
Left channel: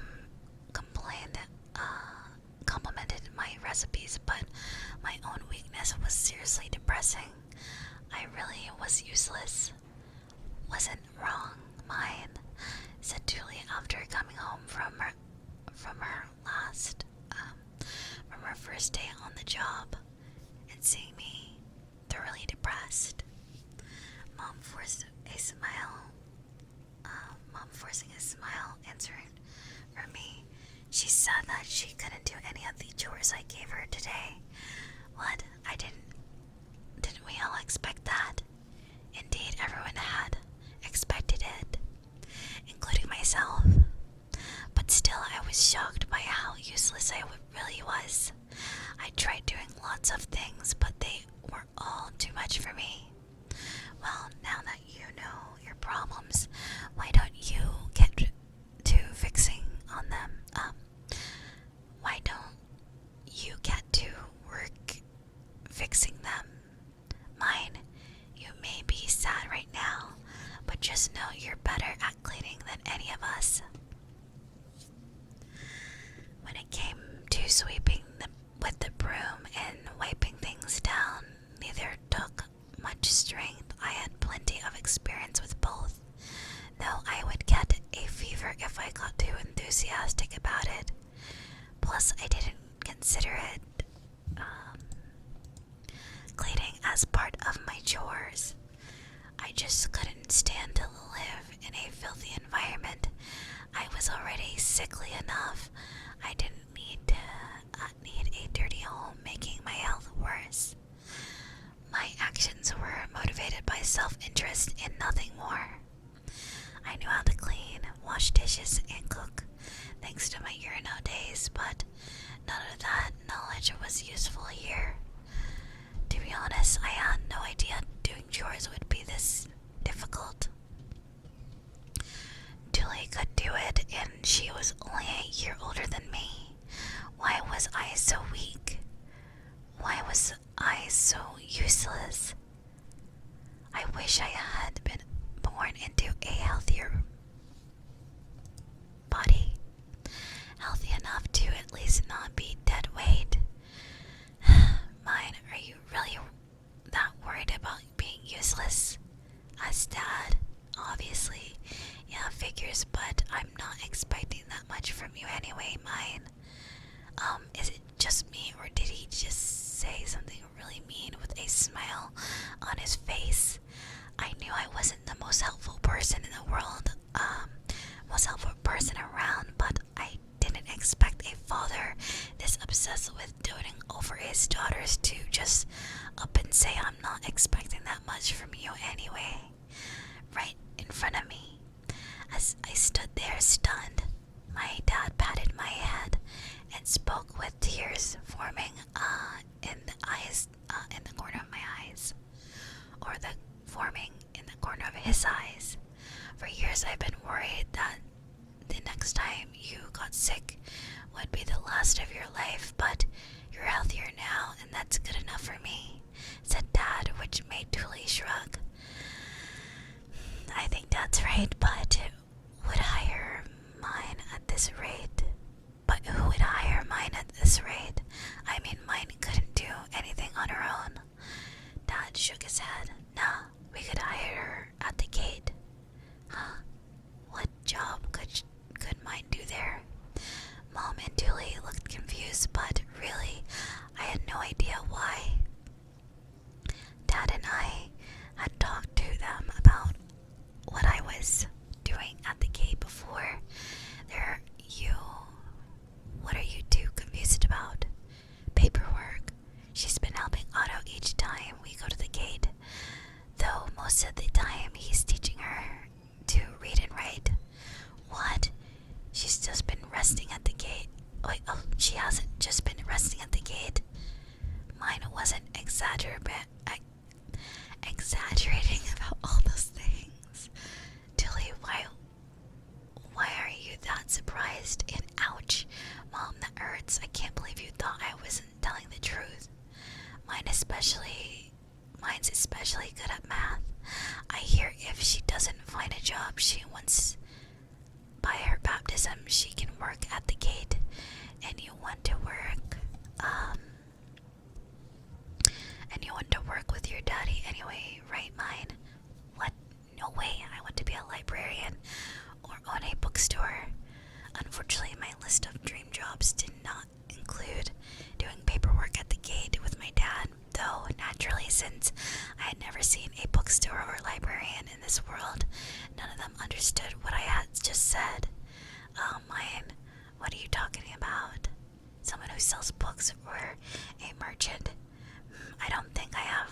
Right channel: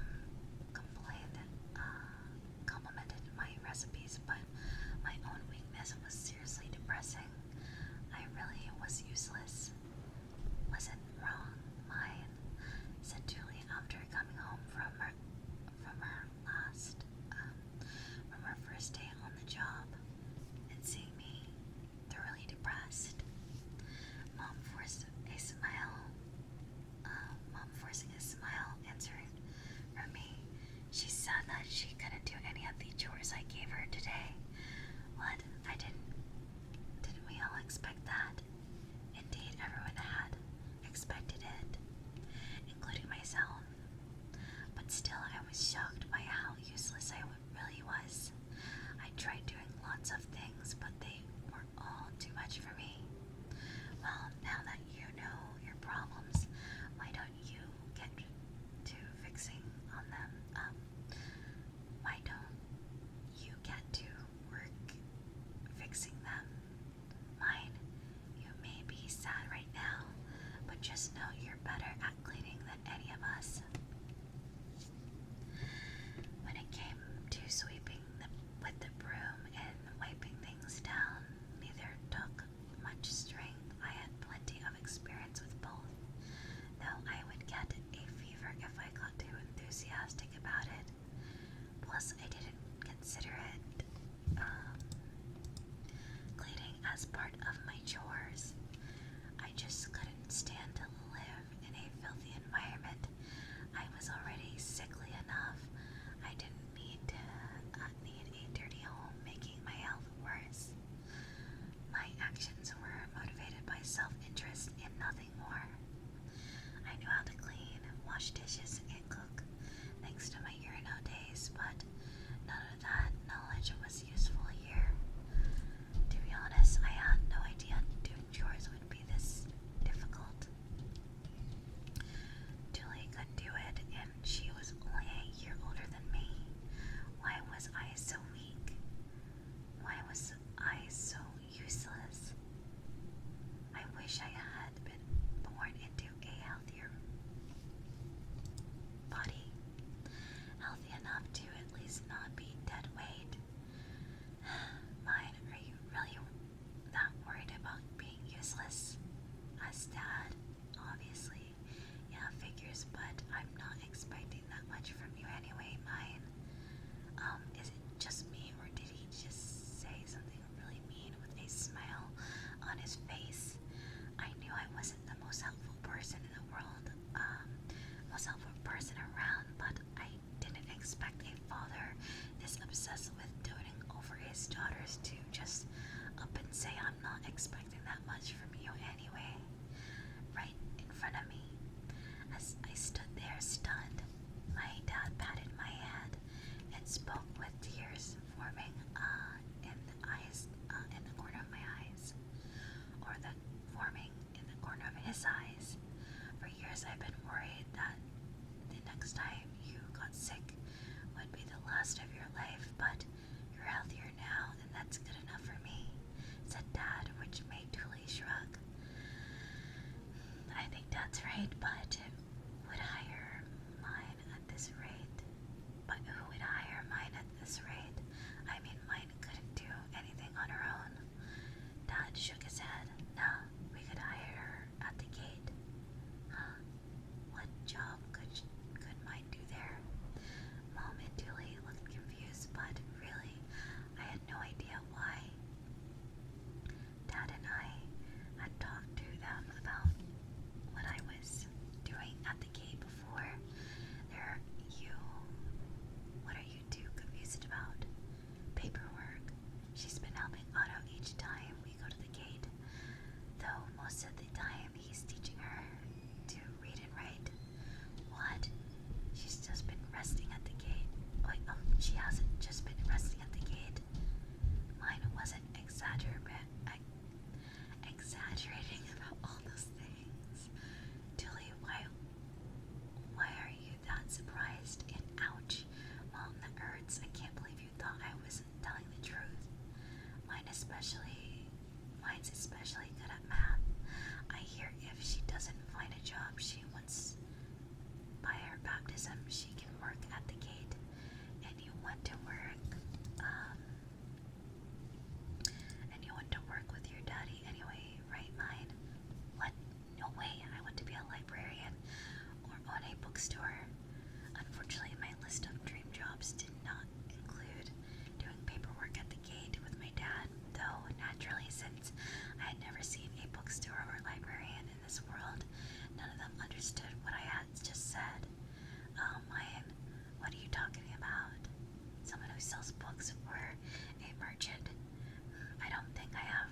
complimented my recipes, but my own weakness was seriously depressing. I really was useless. Wasn't wrong, mine, said Tulie after coming home from her last, from her first day on the job and seeing me thoroughly depressed. Mom forcing a smile answered for me. She said that she couldn't do any of the chores I gave her today. What? Didn't we all expect that? Indeed, everyone had expected it, including myself. But still, I was shocked by how useless I really was. I tried doing lots of things, but they were all too much for me. Well, now that you know your problems, why don't you get to fixing on them? Why don't you get to work fixing them? Mine, you may be sad right now, but just know you're better at cleaning than any of us. When it came to sweeping with the broom and wiping things down, neither took much strength. I had plenty of experience with both, though I would get a fever if I got too enthusiastic about it. Plus, I didn't consider it cleaning as part of my chores. I just couldn't stand to live in a filthy environment. I was already sickly enough. I didn't need a dirty home making my health worse. My actions were motivated by self-interest and nothing more. I knew how to clean, wash dishes, and cook, thanks to my Urino days, but none of that knowledge was useful here. To be honest, I had no idea doing chores would be this difficult. Tulie could do it, and she was only a year older than me. Why was I so weak? Why was I so useless? I wish I had been born into a healthier body, healthy enough to at least not be dead weight. Mine, are you really that worried about being useless? As Dad, obviously. Yeah, figures, but I'm not expecting that much from you anyway, mine. Is it just me, or did he just say something really mean with a smile on his face? I knew I wasn't the most helpful much from you anyway. Right in front of me. As I stood there stunned, my dad patted my head and spoke with tears forming in the eyes, in the corner of my eyes, or forming in the corner of his eyes. For years I've been worried that the next time you got sick would be the last of your life, but you're healthier now, and that's good enough for me, said Dad, which made Tulie shrug. I think Dad's right, but would hire mine at this rate. But who would hire mine at this rate? I mean, mine couldn't do anything on her own. Dad shook his head. Nah, we could hire her at the gate. Huh? What job could mine do there? Mom and Tulie looked confused, but really, I had no idea why. Dad and I had talked to them about what I was doing at the gate before. What are you two confused about? Paperwork. She's been helping Otto each time we go to the gate, though most of the time he's teaching her to read and write. What? She's just been resting at the gate. Wait, oh, she hasn't just been resting at the gate. Mine wasn't exaggerating about all those things. Tulie, why are you that surprised? And ouch, Mom, that hurts. I can't believe you thought I wasn't telling the truth. Mine's especially good at math. I hear if she doesn't find a job she wants by her baptism, she can work at the gate. And you want to work with your daddy anyway, right, mine? What? No way. I want to be a librarian or own a bookstore. Unfortunately, my list of dream jobs did not include doing paperwork at the gate with my dad, though naturally, since I had never seen a bookstore or librarian in this world, none of them understood what I had just said. Mine, what are you talking about? Someone who sells books or a merchant? I don't think I have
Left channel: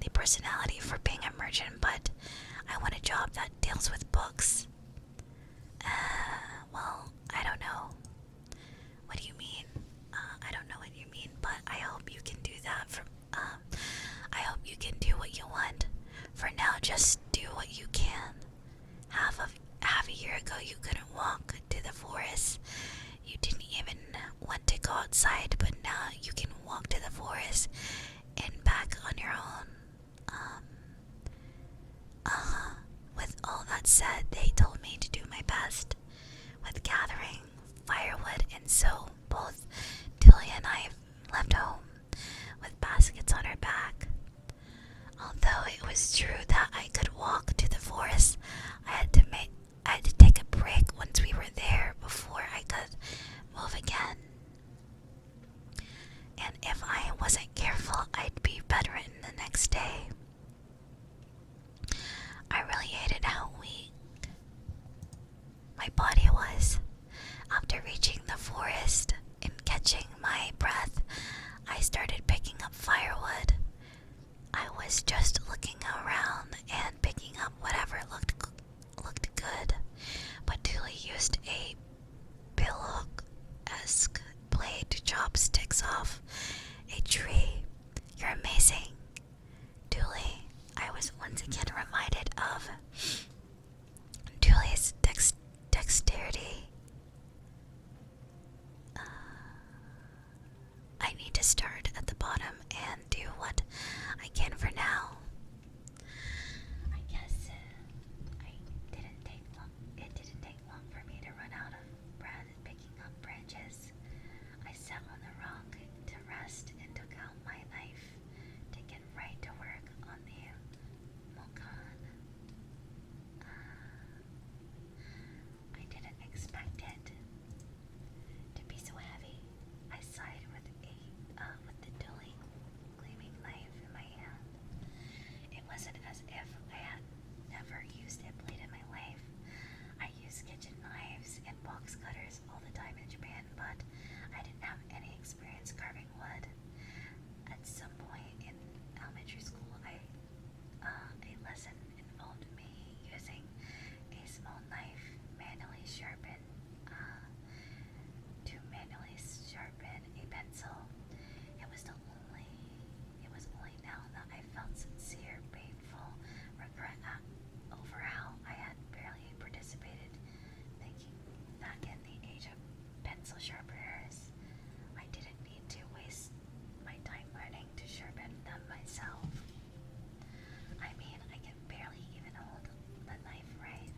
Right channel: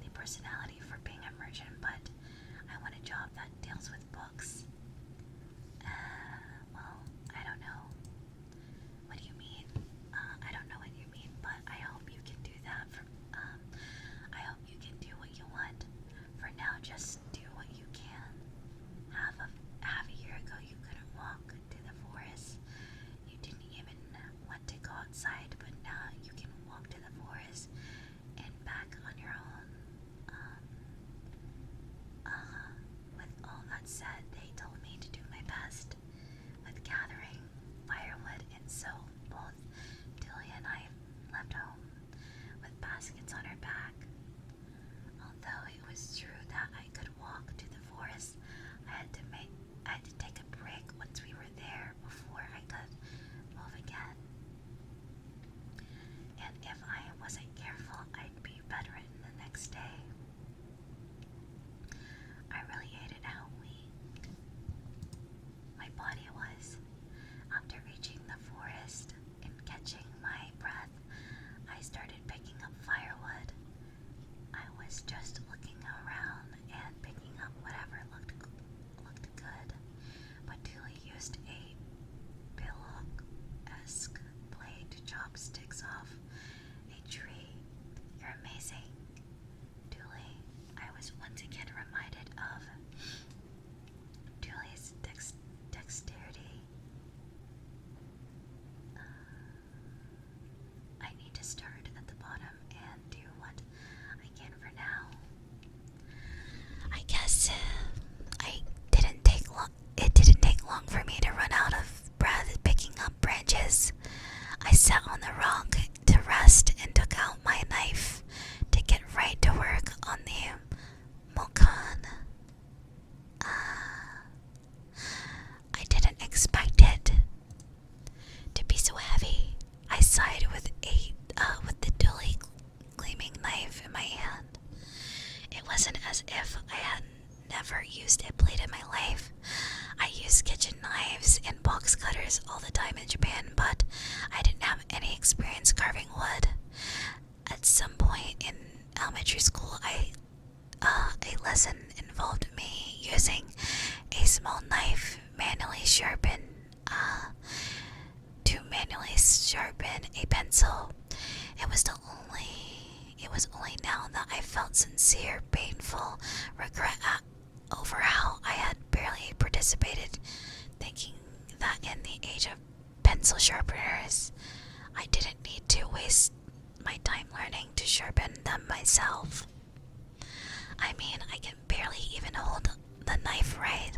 the personality for being a merchant, but I want a job that deals with books. Well, I don't know. What do you mean? I don't know what you mean, but I hope you can do that. I hope you can do what you want. For now, just do what you can. Half a year ago, you couldn't walk to the forest. You didn't even want to go outside, but now you can walk to the forest and back on your own. With all that said, they told me to do my best with gathering firewood, and so both Tulie and I left home with baskets on our back. Although it was true that I could walk to the forest, I had to take a break once we were there before I could move again. And if I wasn't careful, I'd be bedridden the next day. I really hated how weak my body was. After reaching the forest and catching my breath, I started picking up firewood. I was just looking around and picking up whatever looked good, but Tulie used a billhook-esque blade to chop sticks off a tree. You're amazing, Tulie. I was once again reminded of Tulie's dexterity. I need to start at the bottom and do what I can for now. I guess it didn't take long for me to run out of breath picking up branches. I sat on the rock to rest and took out my knife to get right to work on the mokan. I didn't expect it to be so heavy. I sighed with the dully gleaming knife in my hand. It wasn't as if I had never used a blade in my life. I used kitchen knives and box cutters all the time in Japan, but I didn't have any experience carving wood. At some point in elementary school, I lesson involved me using a small knife to manually sharpen a pencil. It was only now that I felt sincere, painful regret over how I had barely participated, thinking that in the age of pencil sharpeners, I didn't need to waste my time learning to sharpen them myself. I mean, I can barely even hold the knife right,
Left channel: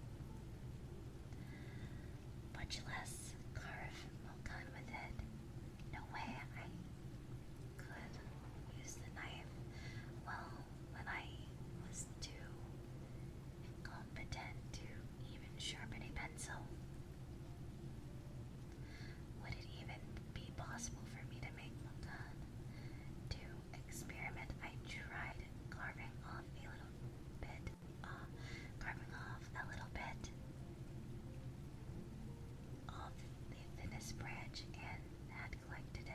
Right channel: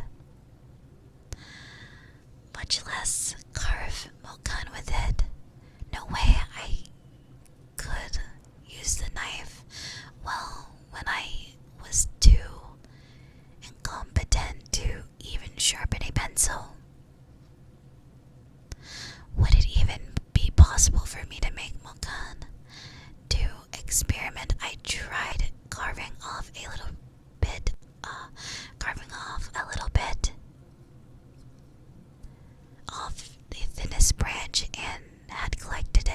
much less carve mokan with it. No way I could use the knife well when I was too incompetent to even sharpen a pencil. Would it even be possible for me to make mokan? To experiment, I tried carving off a little bit off the thinnest branch and had collected it.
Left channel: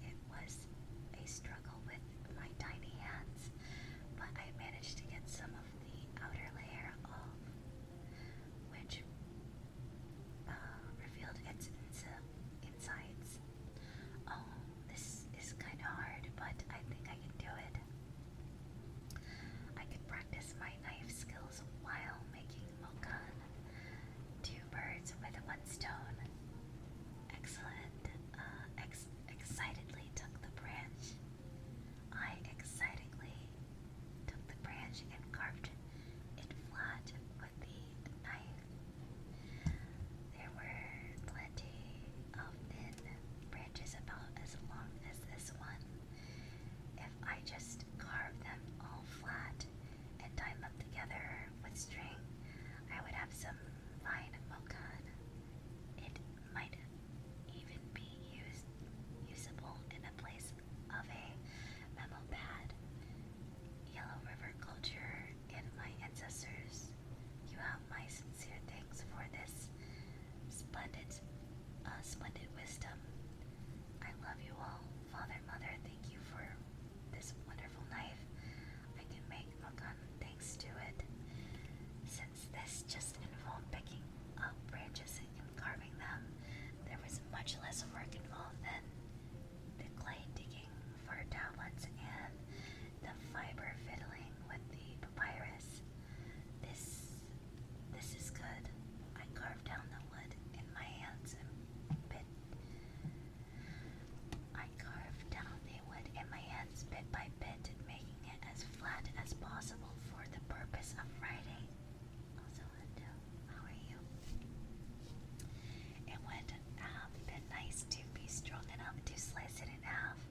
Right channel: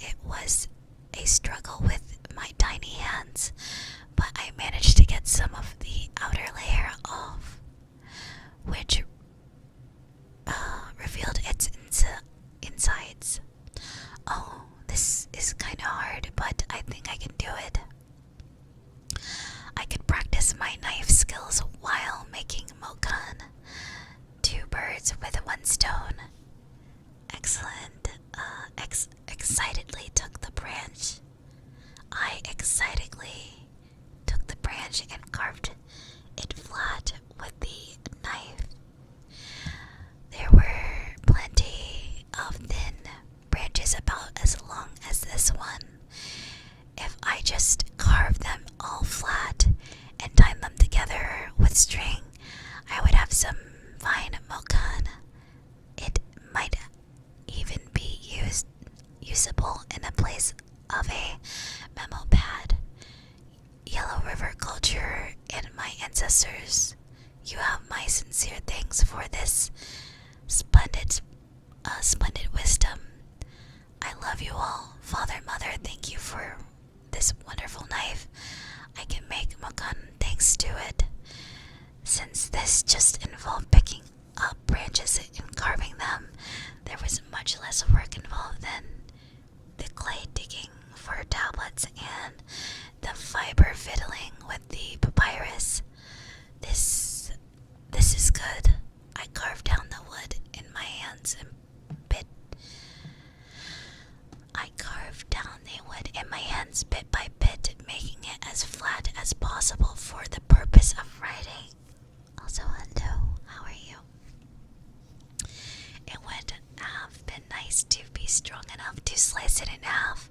It was a struggle with my tiny hands, but I managed to get some of the outer layer off, which revealed its insides. Oh, this is kinda hard, but I think I can do it. I could practice my knife skills while making mokan. Two birds with one stone. Excellent. Excitedly took the branch. I excitedly took the branch and carved it flat with the knife. There were plenty of thin branches about as long as this one. If I just carved them all flat and tied them together with string, I would have some fine mokan. It might even be usable in a place of a memo pad. Yellow River culture and my ancestors, you have my sincere thanks for this splendid wisdom. I love you all. Father, Mother, thank you for this wonderful knife. I can make mokan thanks to it. Since this just involved picking up branches and carving them, there was much less work involved than the clay digging for tablets and the fiber fiddling with the papyrus. This is good. I carved down the wood in my hands and bit by bit, making it as flat as possible for the purpose of writing. Also, hello, how are you? It would have been nice to be strong enough to slice it in half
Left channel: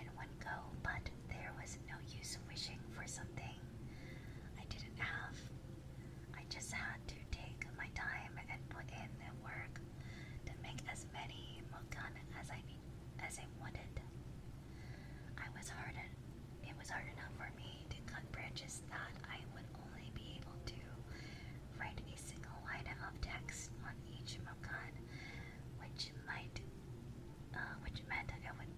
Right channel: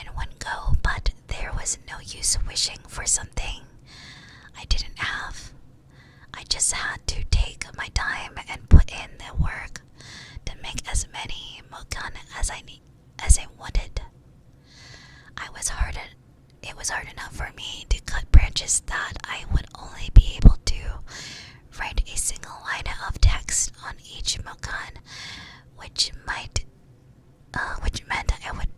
in one go, but there was no use wishing for something I didn't have. I just had to take my time and put in the work to make as many mokan as I wanted. It was hard enough for me to cut branches that I would only be able to write a single line of text on each mokan, which meant I would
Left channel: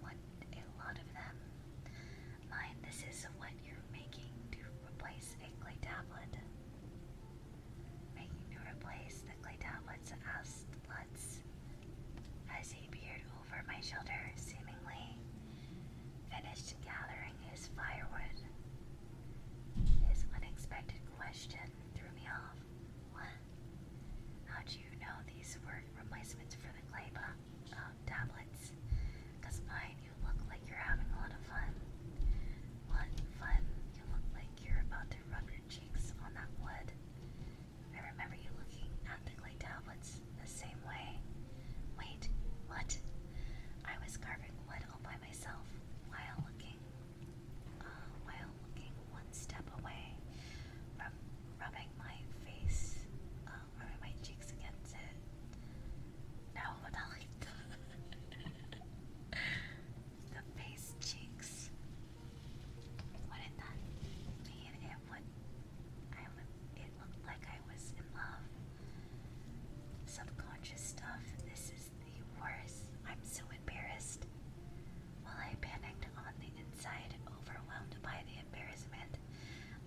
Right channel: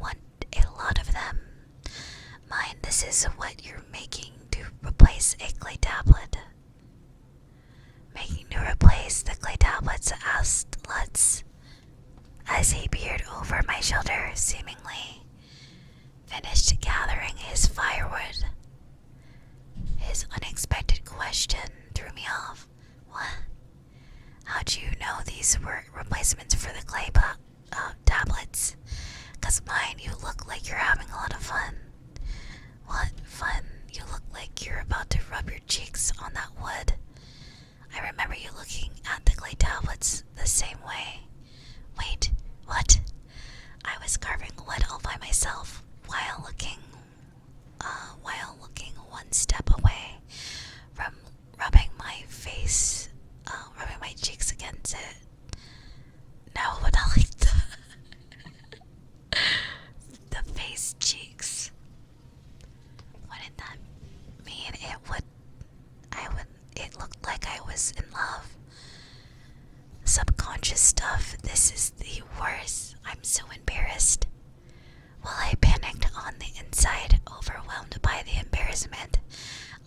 want a lot of them. Mind, this is what you're making to replace a clay tablet. Making to replace the clay tablets, asked Lutz, as he peered over my shoulder, seemingly finished gathering his firewood. His unexpected question threw me off. What? How'd you know these were replacements for the clay tablets? 'Cause mine, you look like you're having a lot of fun. What fun? You look like you're about to rub your cheeks on that wood. I remember you looking at the clay tablets the same way. Wait, what? I was carving wood all by myself while looking one step away from rubbing my cheeks against it. No, but not like the face cheek. chastisement,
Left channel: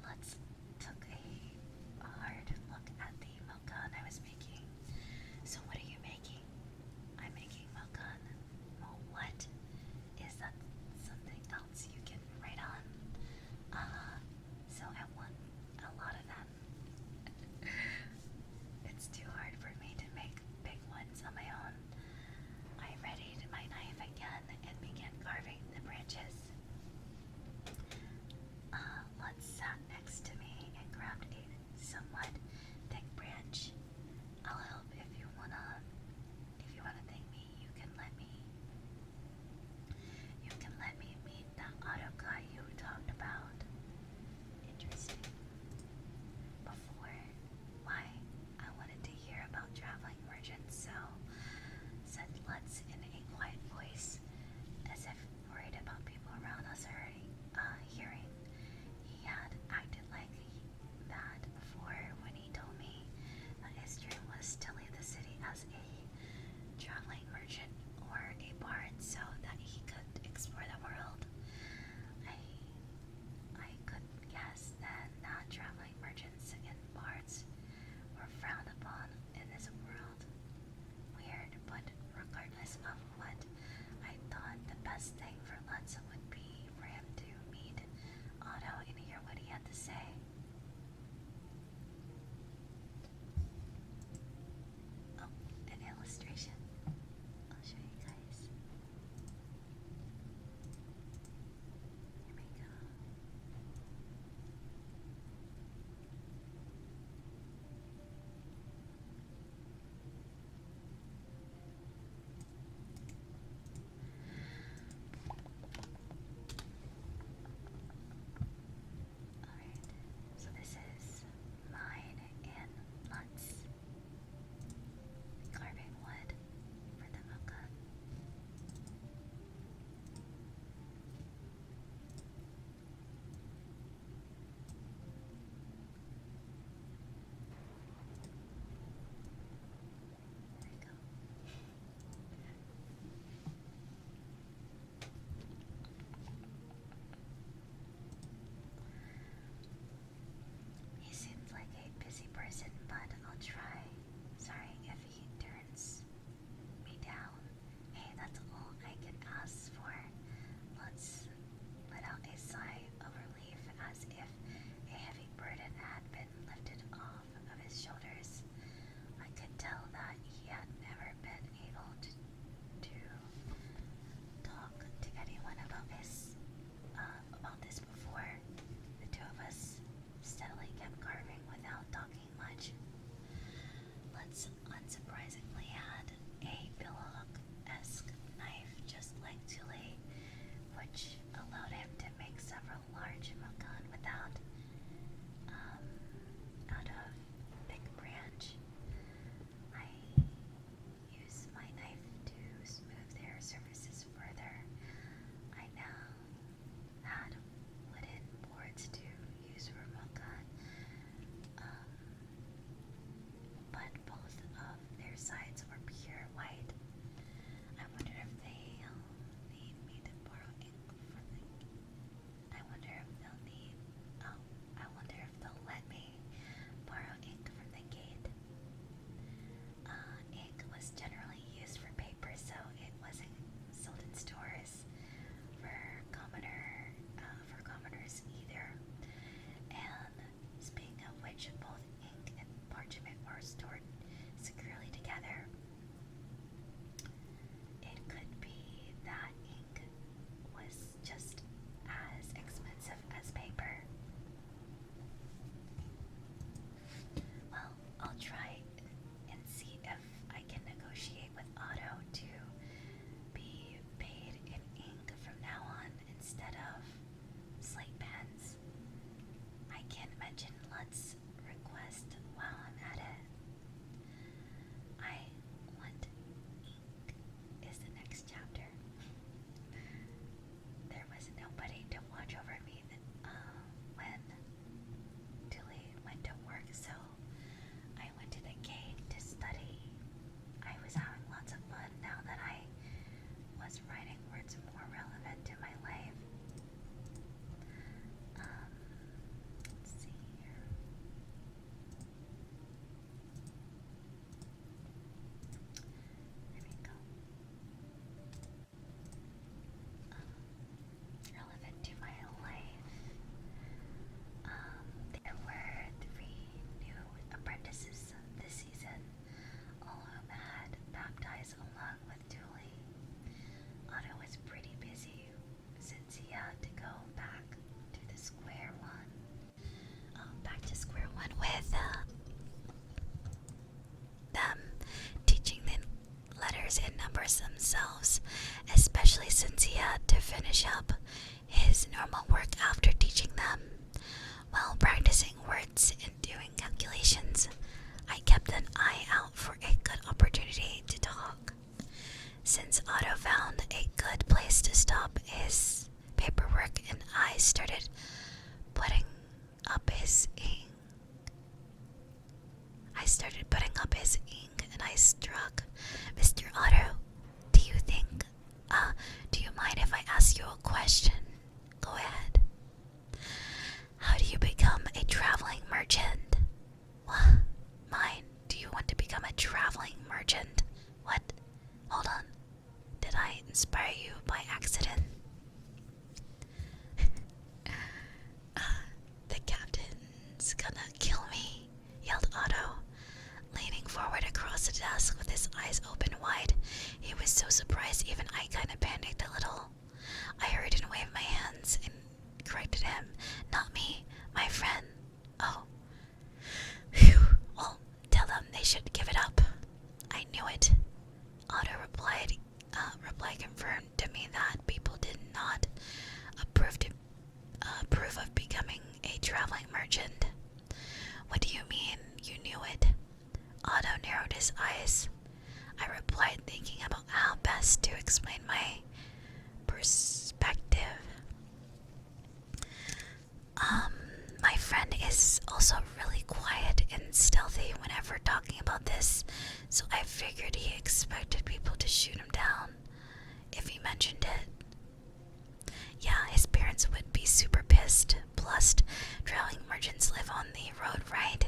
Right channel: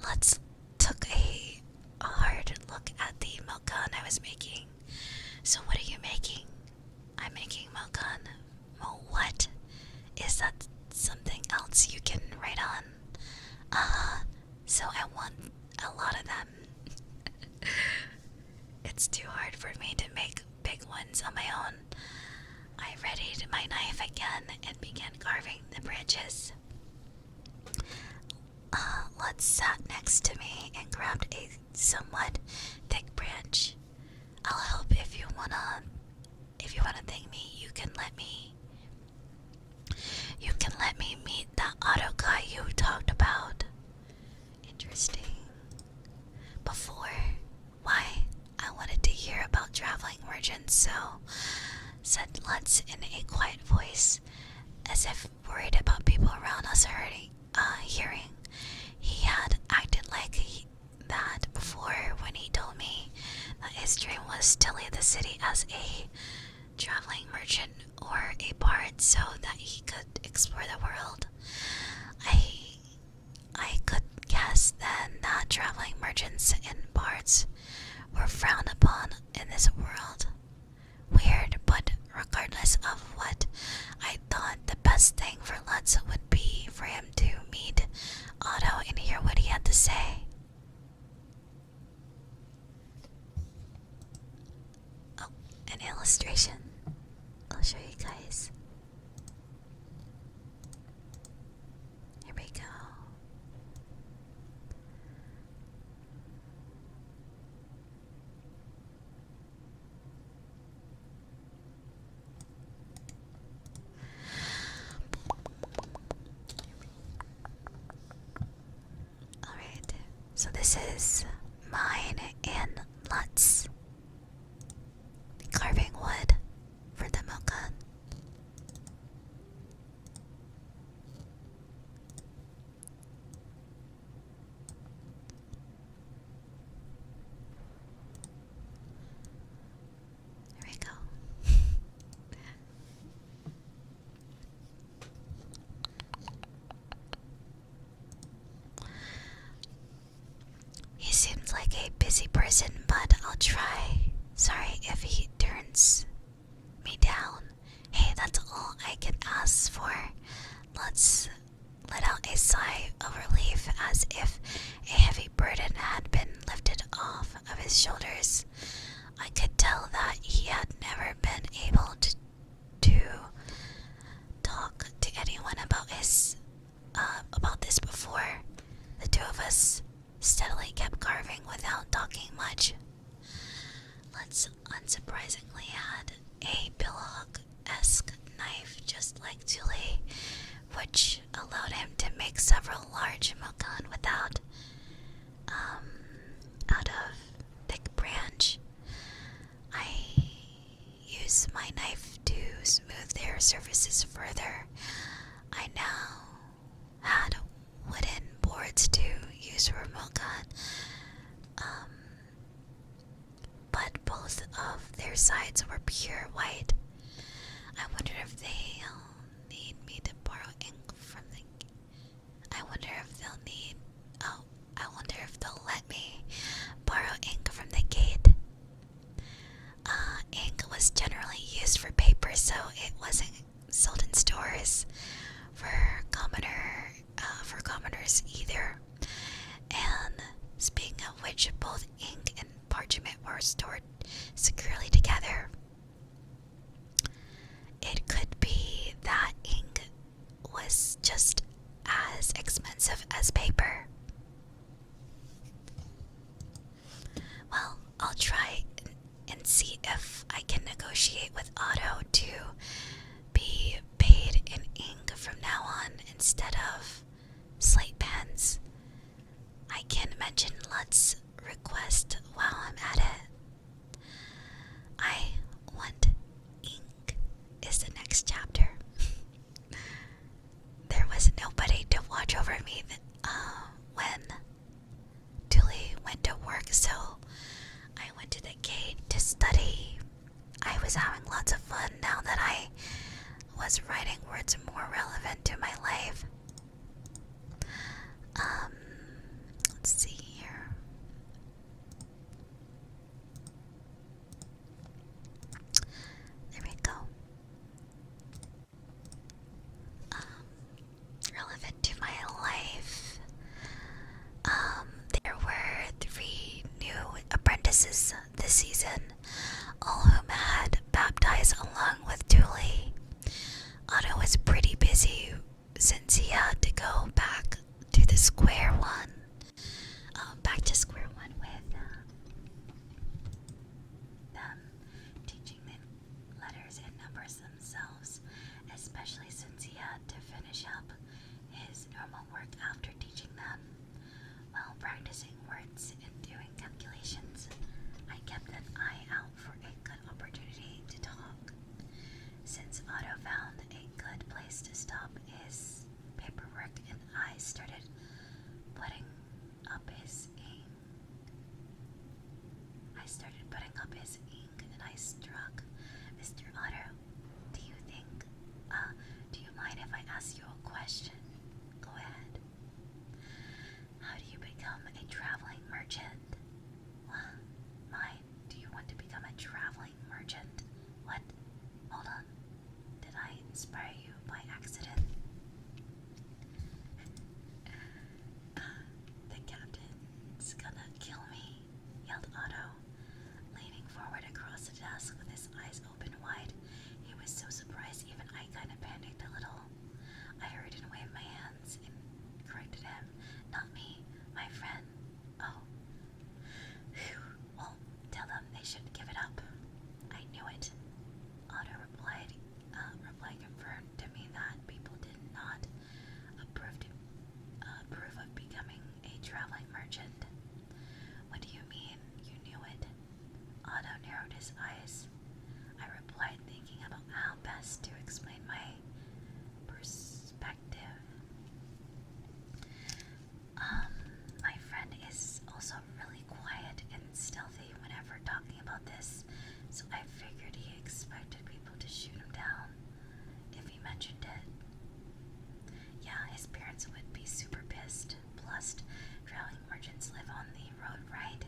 Lutz took a hard look at the milk gun I was making. So what are you making? I'm making milk gun. Well, what? Is that something else you can write on? So I want a lot of them. It's too hard for me to make big ones on my own. I readied my knife again and began carving the branches. Lutz sat next to me and grabbed a somewhat thick branch. I'll help if you wanna thank me. You can let me meet that auto guy you talked about. Interesting. Before, why? I wanted to hear about traveling merchants, so said Lutz in a quiet voice, as if worried about people around us hearing. He had acted like that before when he told me that his dream was to leave the city as a traveling merchant or a bard so that he could explore the world. I could guess then that traveling merchants and bards were frowned upon in this world. Weird, but regardless of what I thought, the best thing for Lutz would be for him to meet Otto and hear what he had to say. Oh, an illustration. I'll show you guys. Here we go. Alright, so this is mine and Lutz carving wood for the milk gun. Here we go. He seems like a busy person, but I'll try. Sorry if he turns me down. Hey, that's all I can ask for. Let's let out a sigh of relief as if a heavy burden had been lifted off of his shoulders. I could tell that he had never been able to talk to anyone about this before. The two of us steadily kept carving without talking much. Let's unsurprisingly had a billhook-esque knife just like Tulie, which allowed him to make several large mokan without out of thick branch. I use my knife to smooth their surfaces further. I now had wooden boards to use for mokan, but both of their sides were pure white. I wonder if they'll need me to borrow ink from the. I wonder if they'll need. Oh, I wonder if they'll let me borrow ink from the gate. Ink was generally used for paper, so it wasn't sold in stores for commoners either. And speaking of which, both ink and parchment were stored securely together. It could be that ink was just as expensive as paper. Well, I'll try and see if I can negotiate with Otto to be paid in ink from now on instead of slate pens. I can mention Lutz's request while I'm at it. I want ink is the next chapter. There was nobody to watch over me when Tulie went to work, so I went to the gate to study. I was having lots of fun now that I was writing words more relevant to my life. had to go back to the square one. Back to square one with them teaching the letters and numbers themselves, especially since he had to finish up his normal work after teaching them. While practicing words and doing calculations, I kept an eye out for a good opportunity to talk. Since Otto found a good place to stop his paperwork and I started putting up his ink. And I struck. Mr. Otto, do you mind if I ask you a question? Go ahead. How do you become a traveling merchant? What? Mine? Do you want to become a traveling merchant? What? Hold on. Did I inspire you by accident? The captain's gonna kill me, yelled Otto, leaning forward across the desk with his eyes open wide. He was so surprised even I kinda panicked a little. I hurried and waved my hands and corrected him. Not me, my friend. Oh. Phew. Well, tell them they should give it up. I knew it. Otto replied confirmed to me that people did not approve of becoming a traveling merchant. What do you mean you knew it? Otto narrowed his eyes. I replied, thinking about how best to explain my perspective. My friend is also really quiet and stealthy whenever talking about this, so I figured he expected people to shoot him down if he mentioned it. Yeah, his parents would be super pissed. Plus, traveling merchants live on the road, right?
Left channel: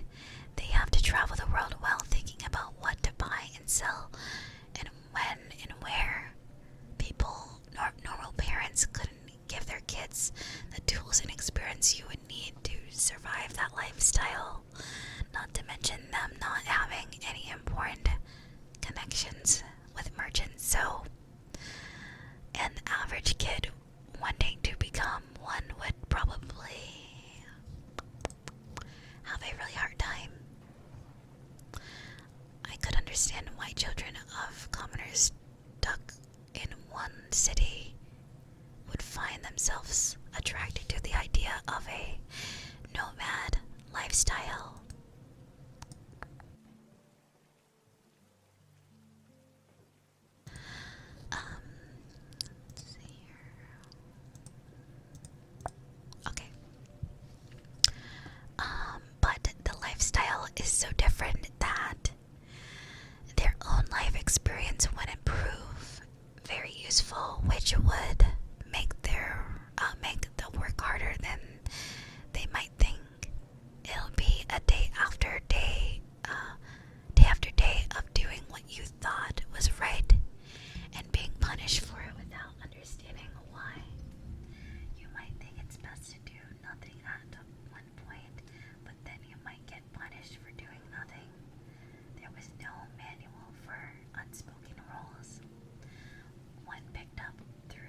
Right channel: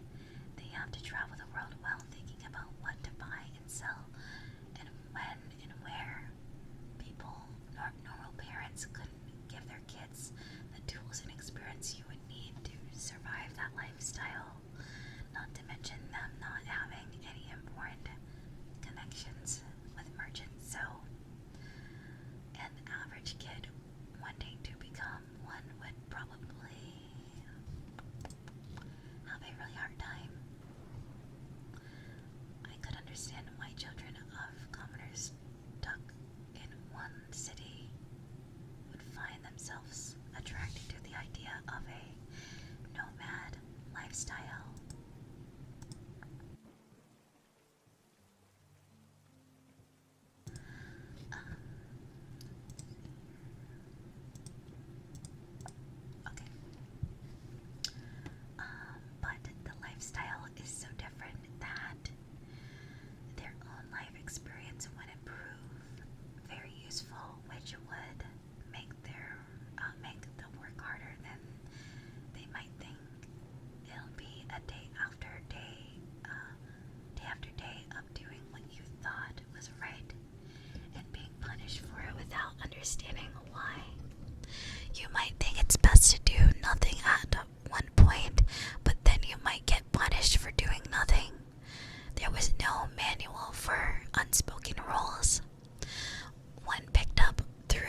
They have to travel the world while thinking about what to buy and sell, and when and where. Normal parents couldn't give their kids the tools and experience you would need to survive that lifestyle, not to mention them not having any important connections with merchants. So, an average kid wanting to become one would probably have a really hard time. I could understand why children of commoners stuck in one city would find themselves attracted to the idea of a nomad lifestyle. Let's see here. Okay. But the lifestyle is so different that their own life experience wouldn't prove very useful, which would make the work harder than they might think. It'll be a day after day of doing what you thought was right and being punished for it without understanding why. You might think it's best to do nothing at one point, but then you might get punished for doing nothing. There was no manual for unspoken rules. When picked up through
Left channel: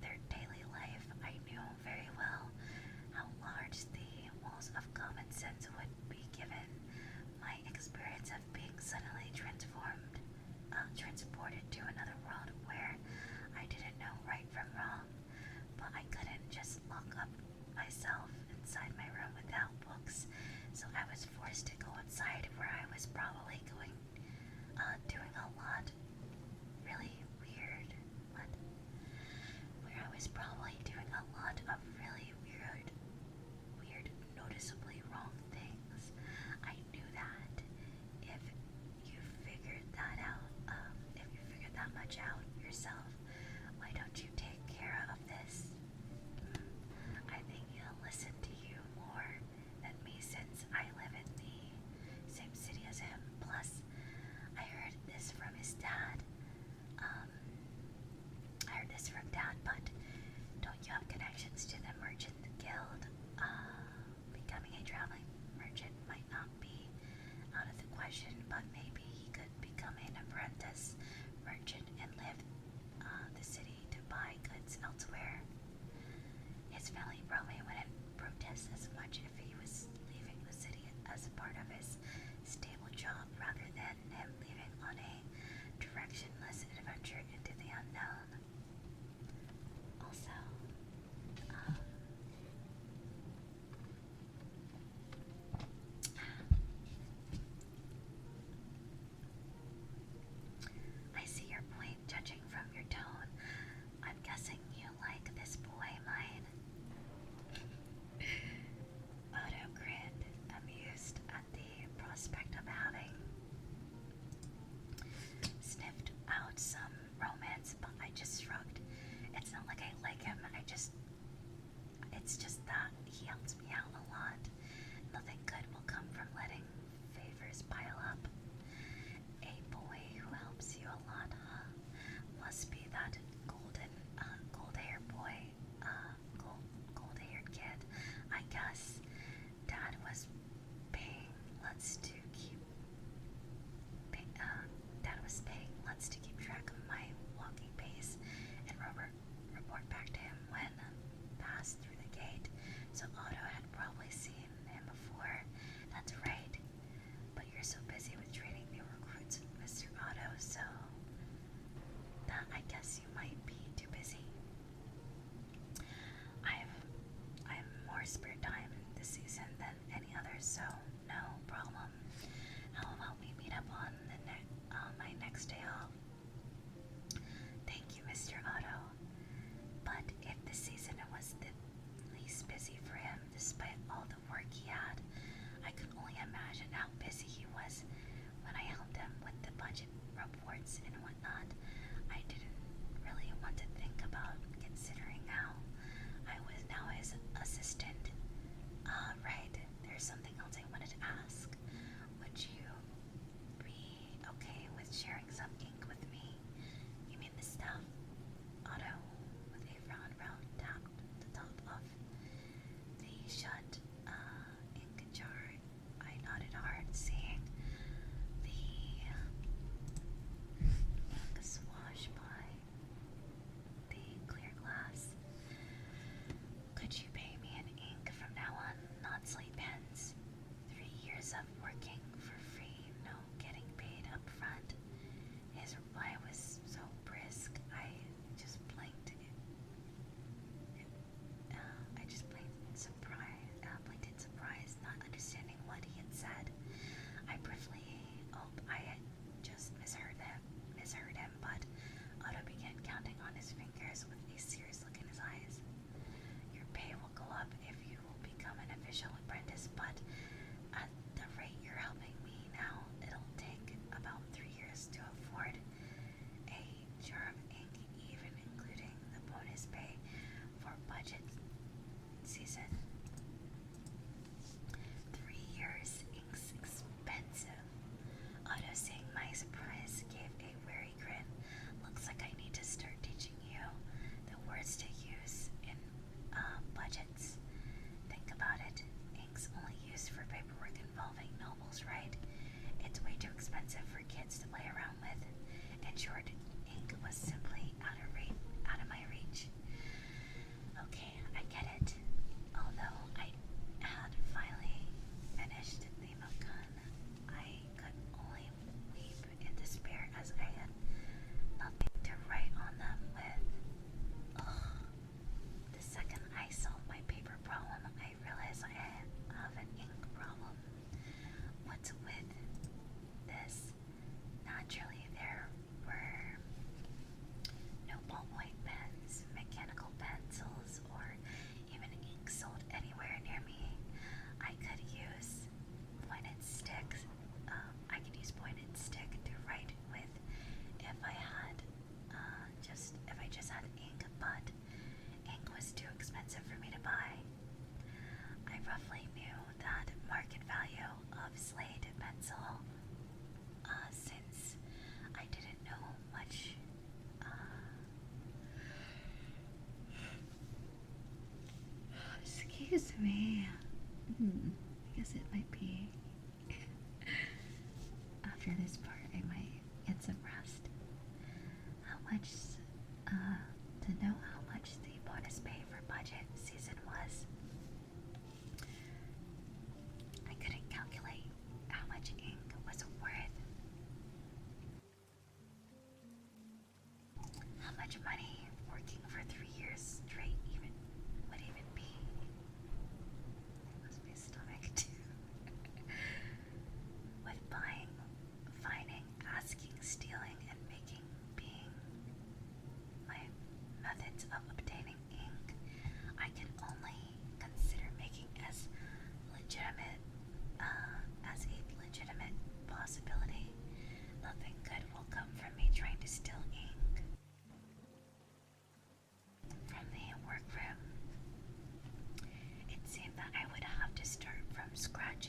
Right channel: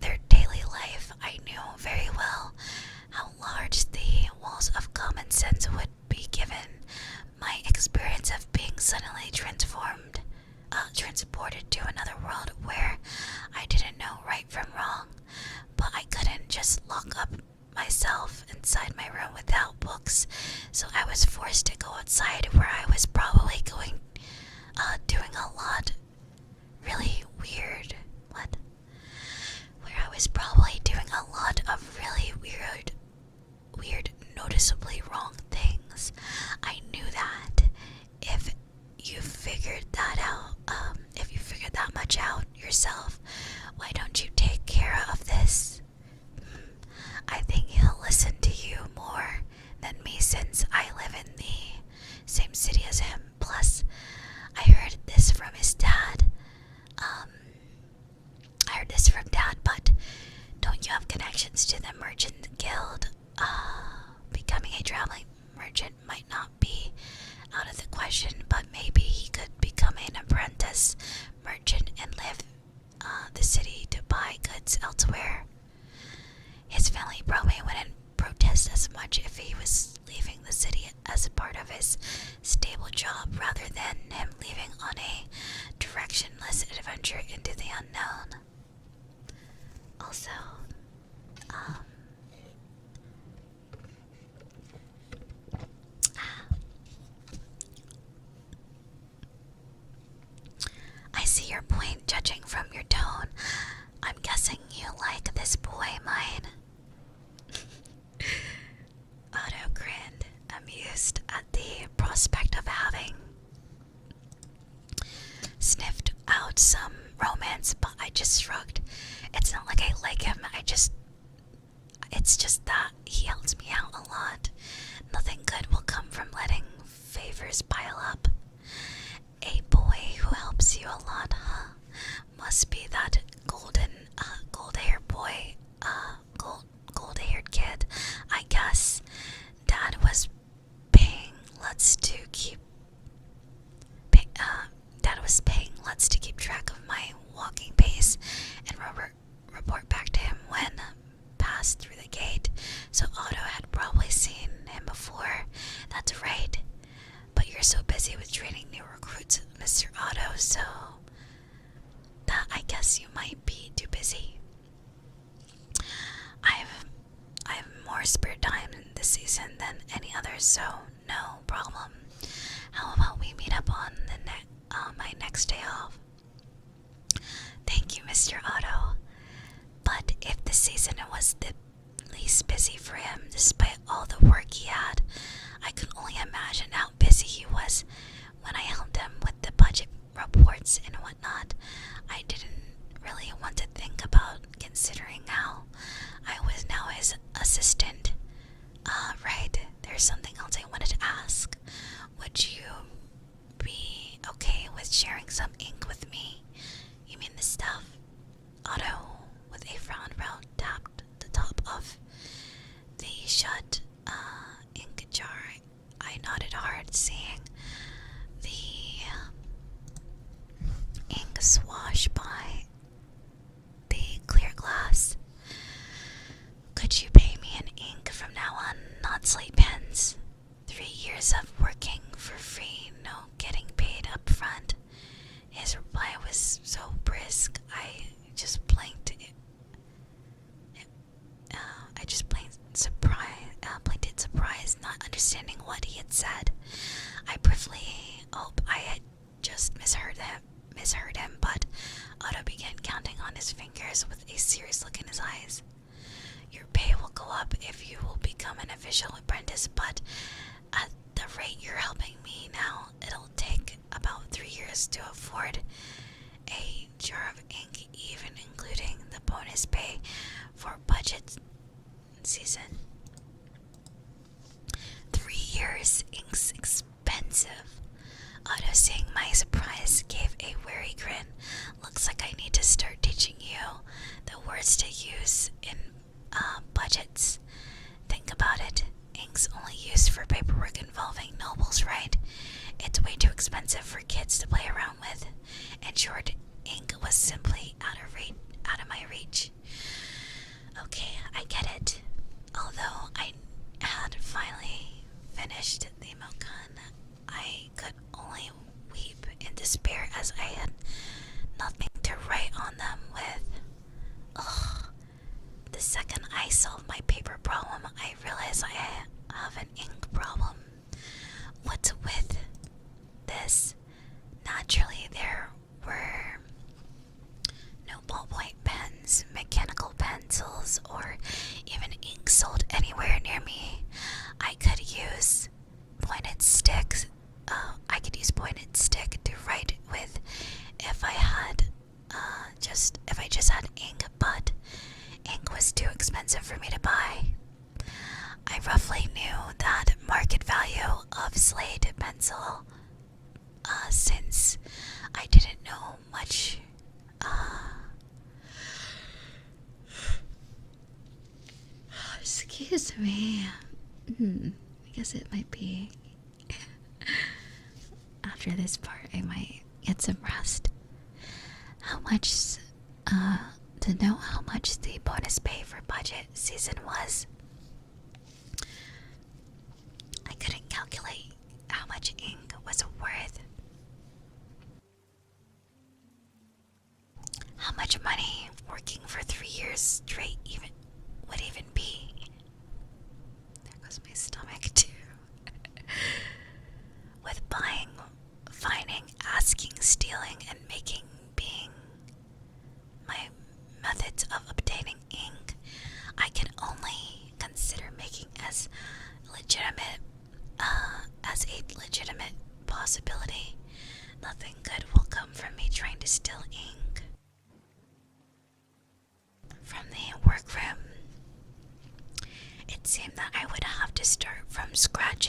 their daily life, I knew very well how large the walls of common sense would be given my experience of being suddenly transported to another world where I didn't know right from wrong, but I couldn't just lock up myself inside my room without books, so I was forced to go outside where I was probably doing a lot really weird, where I was probably doing a lot of really weird, noticeably wrong things. I knew that if you figured that much out yourself, why don't you take care of this? I think he'll listen to you more than me since I live in the same city as him. Plus, I heard this from his dad. But don't you have connections to the merchant guild? Becoming a traveling merchant might not be out of the question, but maybe he could become an apprentice merchant and live the city to buy goods elsewhere. serious, stable job rather than him leaving on a directionless adventure into the unknown. Also, I see your point judging from your tone. I'm guessing you like this boy mine. Otto grinned, amused at the prospect of having sniffed out some romance, but I just shrugged. It's not like I like him, it's just that he helps me out a lot. Nothing good will come from letting favors pile up. A boy who helps you a lot, huh? Must be that gold-haired boy, gold-haired kid, I guess. Dad was paying Lutz to keep track of my walking pace and report back to him when passed through the gate. So Otto had probably seen him before. That's right. But you're so busy with training new recruits, Mr. Otto, so that I guess you might be too busy. I've more spare time this season than any other, so no problem. How about we meet up on my next day off? Thank you, Mr. Otto. But if the season was the least busy for him, despite all the work he had, I could only imagine how busy he was when I helped him with the budget reports and whatnot. I didn't really want to think about considering how I was now his assistant. Right, there's something else I wanted to ask. Would you be okay with sharing some ink with me? You mean the stuff? Otto, with a frown, tapped the top of the shut ink jar. I nodded hard, seeing the ink swash by the clear glass. Could you pay me in ink from now on, not slate pens? 3 years of working for free, no getting paid up front. His reply was so brisk, I just blinked. Blinked in surprise, not understanding what he had said. I briefly hoped I had just misheard him, but Otto began counting on his fingers with a serious look in his eyes. Your pay will go up if you will become an official apprentice, but at the rate you're helping me now, it'll take about 3 years to afford a jar of ink, even including the bonus pay for budget season. 3 years, ink's expensive. Otto, seeing my surprise, gave a wary grin. Looks like I need to start teaching you the words to use in budgets. Think about it. Ink's only used for paperwork involving nobles, right? It's way too expensive for kids to play around with. In short, ink was simply out of my reach. Okay, I get it. Although I had finally finished the milk gun, I could only weep in despair as I had nothing to write on them with. Ugh. The second I solved my paper problem, I realized I have an ink problem. What's with this? Naturally, there were no ballpoint pens, mechanical pencils, or even ink sold anywhere near me. I could use pointed sticks. Pointed stick to write with if I just had ink, but ink was too expensive for me to buy. I roughly knew that market value of slate pencil, since I didn't know much. Excuse me. I guess it might be after this part I might get some rest. To know how much the bonus pay for budget season was, I couldn't calculate how much money working for 3 years straight would even be. There goes my stomach too. With buying, finding, asking, stealing, and making being my methods of obtaining ink, I can only consider making as a legitimate possibility. Nothing good will come from me trying to steal ink. From the workroom, it seemed that I would have to start from scratch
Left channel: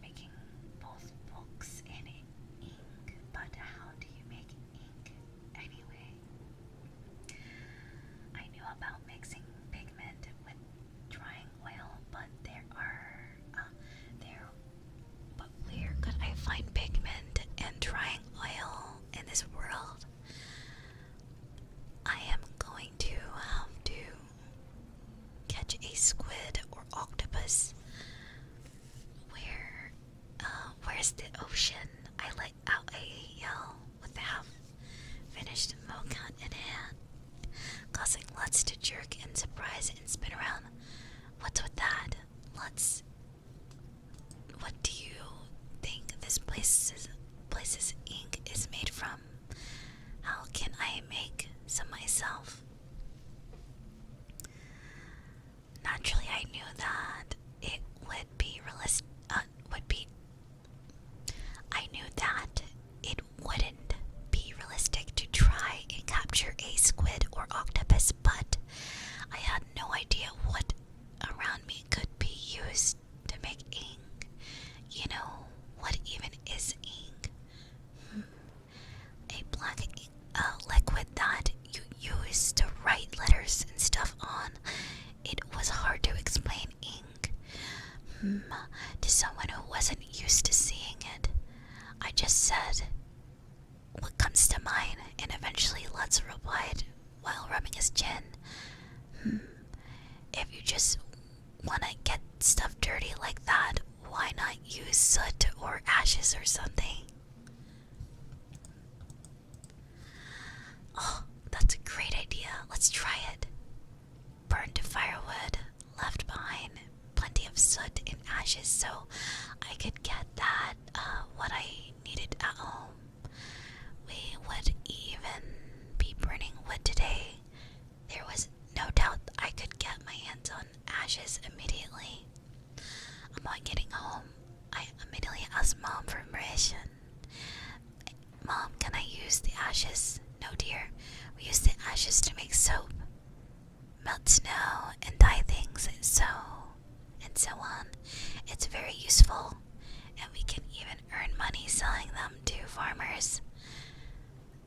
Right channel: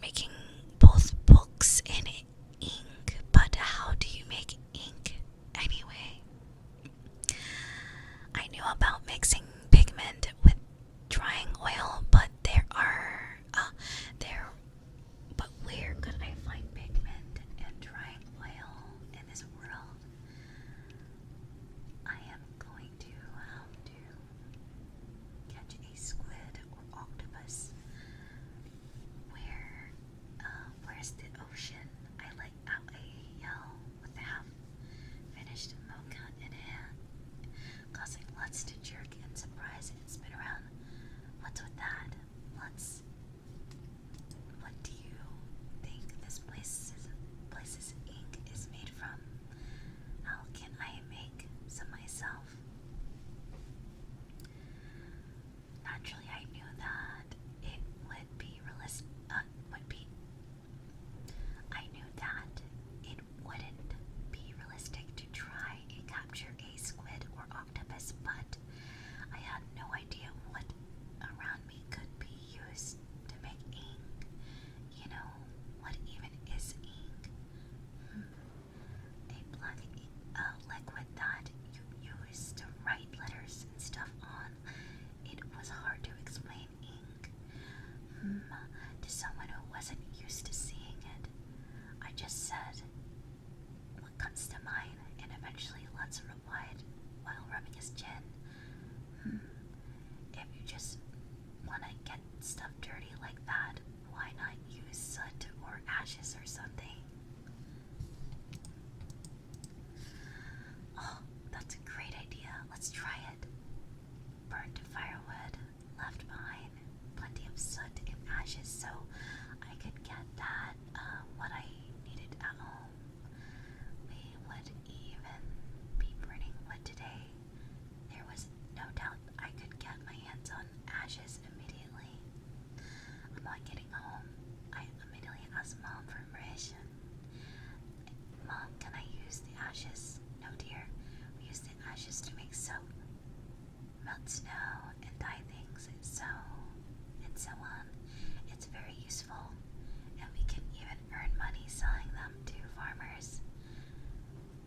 making both books and ink. But how do you make ink anyway? I knew about mixing pigment with drying oil, but where could I find pigment and drying oil in this world? I am going to have to catch a squid or octopus. Where's the ocean? I let out a yell with the half-finished mocha in hand, causing Lutz to jerk in surprise and spin around. What's with that? Lutz, what do you think this place's ink is made from? How can I make some myself? Naturally, I knew that it would be it wouldn't be realistic to try and capture a squid or octopus, but I had no idea what around me could be used to make ink. You know, what even is ink? A black liquid that you use to write letters and stuff on. It was hard to explain ink to someone who wasn't used to seeing it. I just said what comes to mind, and eventually Lutz replied while rubbing his chin. If you just want to get stuff dirty like that, why not use soot or ashes or something? Oh, that's a great idea. Let's try it. Burned firewood, left behind plenty of soot and ashes so I could get what I needed at home. We would even be burning wood today. There was no doubt I could get my hands on ashes immediately. Upon getting home, I immediately asked Mom for permission. Mom, can I use the ashes? No, dear. We use the ashes to make soap, melt snow, and dye things, and so on. It's very useful, and we can even earn money selling them to farmers.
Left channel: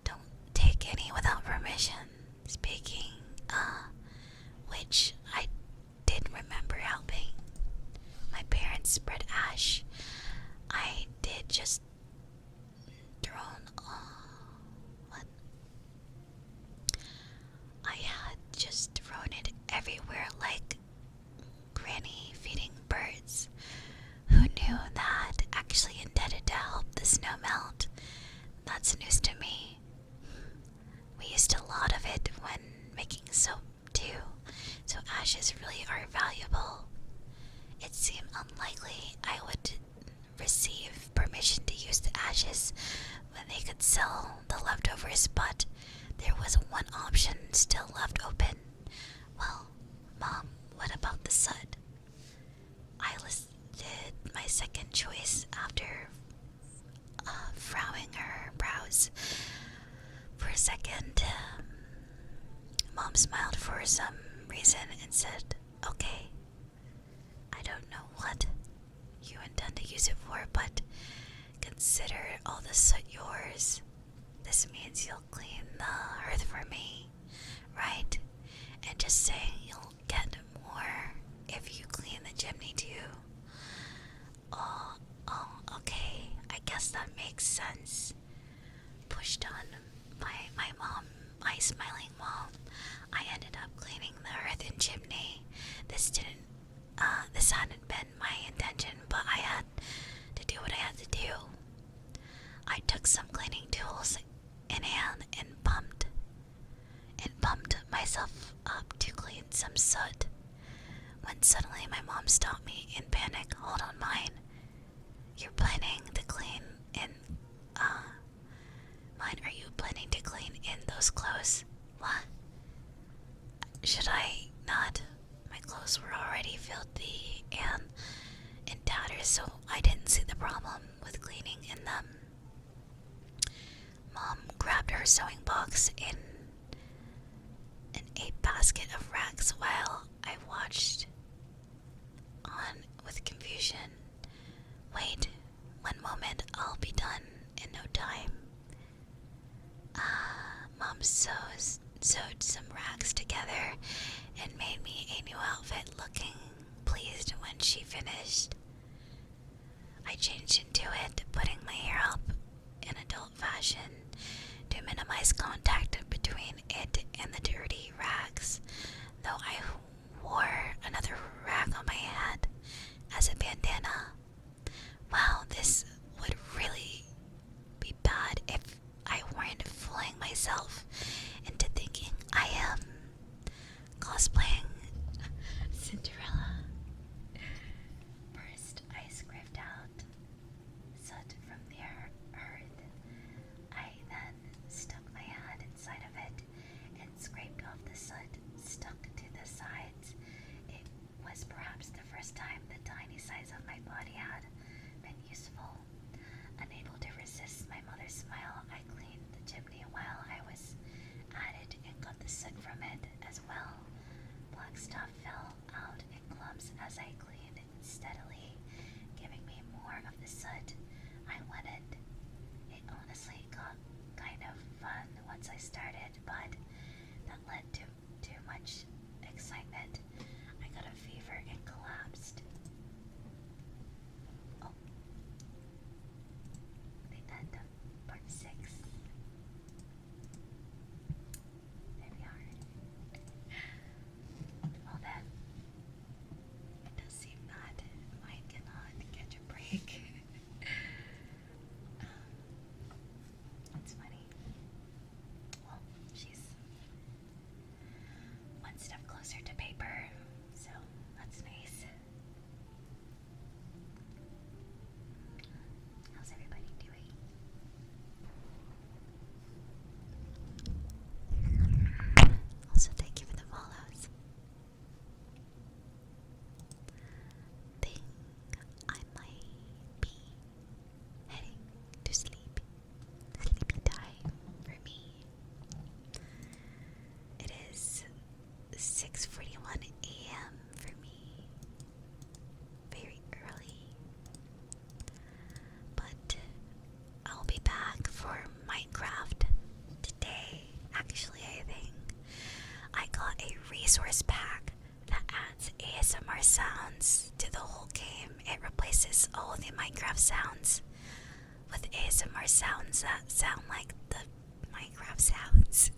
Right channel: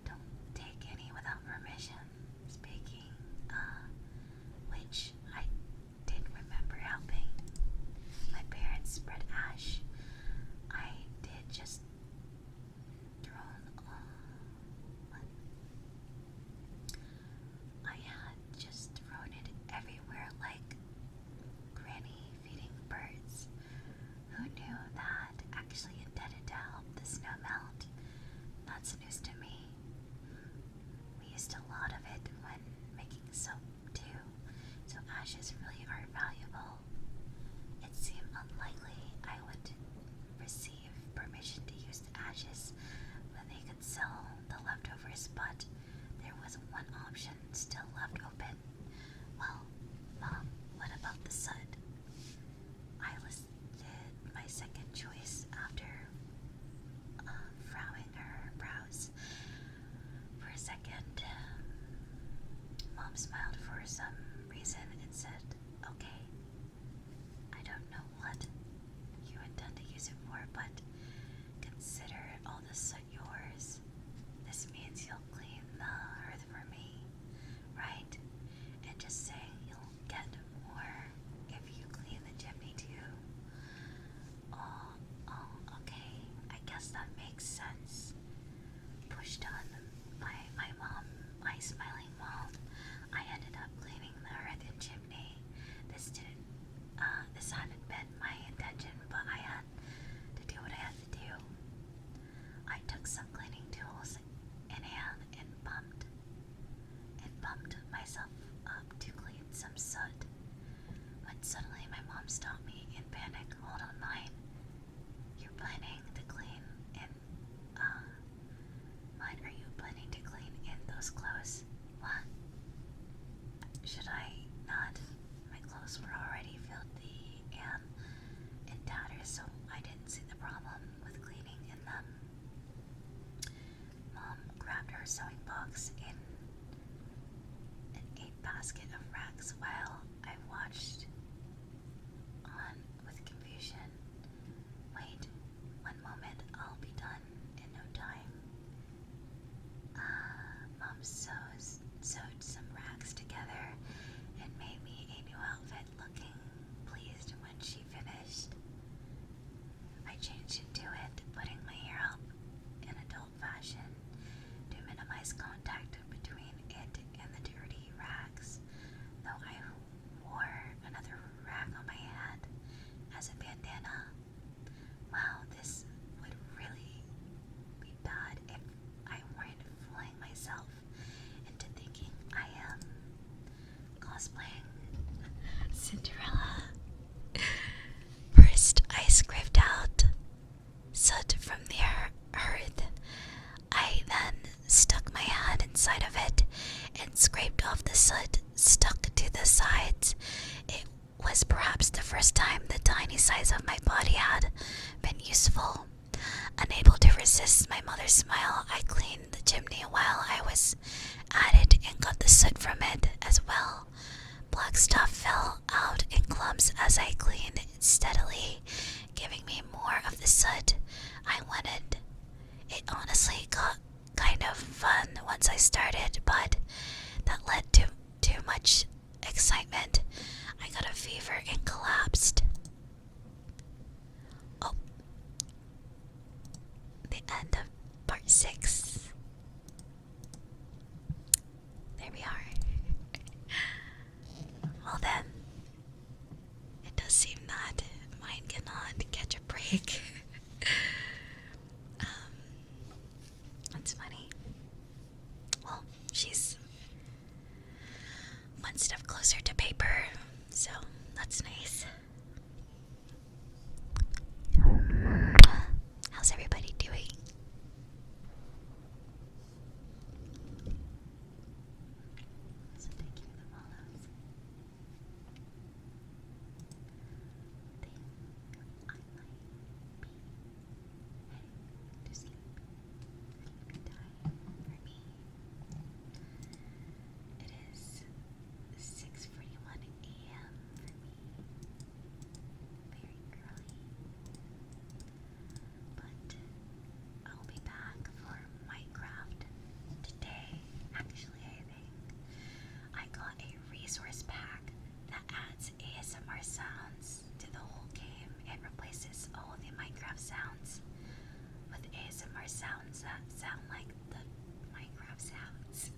Don't take any without permission. Speaking, which I did remember helping my parents spread ash. I did just I had just thrown it everywhere like Granny feeding birds. Who knew that actually intended to help the snow melt? That's news to me. We used a lot of it when making soap too, so ashes really are valuable. It seemed unlikely I would receive permission to use the ashes when they could sell the leftovers, but there was one option still left open. Well, Mom, what about the soot? I listed my second choice after frowning her brows for a second. Mom smiled for some reason and said, okay. I don't know what you intend to use it for, but consider all the soot yours. This means you'll clean the earth for me, right? And just saying you'll get more if you clean the chimney too. Oh, okay. I guess that makes sense. Pushed on by my mom, my smiling mom, I ended up cleaning the earth and chimney. This hadn't been my intention, but I had to do what I had to do. I took some cleaning tools in hand some soot when suddenly my mom stopped me in panic. Hold on, mine. You're planning to clean in, mine, are you planning to clean in those clothes? What? Should I not? My clothes were already filthy and in tatters, so I didn't see the problem with cleaning in them. Mom grabbed her sewing box in a basket of rags while I watched on with confusion. Wait, one moment, I'll be done in no time. Mom sewed some rags together and made me a new outfit, looking pleased when she finished. I changed into it, putting my hair up in adult fashion to minimize contact between it and the dirty rags, though I wore another rag on my head as a bandana. Wow, this would really be bad if I weren't fooling myself into thinking I am cosplaying Cinderella. First, I scraped out soot from the hearth. I then stuck my hand inside of it and scraped off the soot stuck to the sides. It was perhaps the first time the tiny size of my body had been useful. Unable to resist my mother's smile, I cleaned the chimney while I was at it and got the soot from it as well. Black stuff fell out in clumps as I cleaned steadily, giving me more of the soot I wanted. It honestly got kind of fun once I started, but that led to too much excitement. I got a fever and collapsed. Oh, the end of part 6. There we are. Well then, it does seem that mine cannot catch a break. That's funny. Well, she's one step closer to paper, so that's nice. How's everybody doing? Also, thank you for the follows. Think I might be heading to sleep. Sleepy time for me. It is 6:41 a.m. for me. Very early. But I'll be back for Minecraft today. Actually, I think I got a resource pack that adds ASMR sounds to the whole game. It replaces all the Minecraft sounds with ASMR sounds that sound like the Minecraft sounds.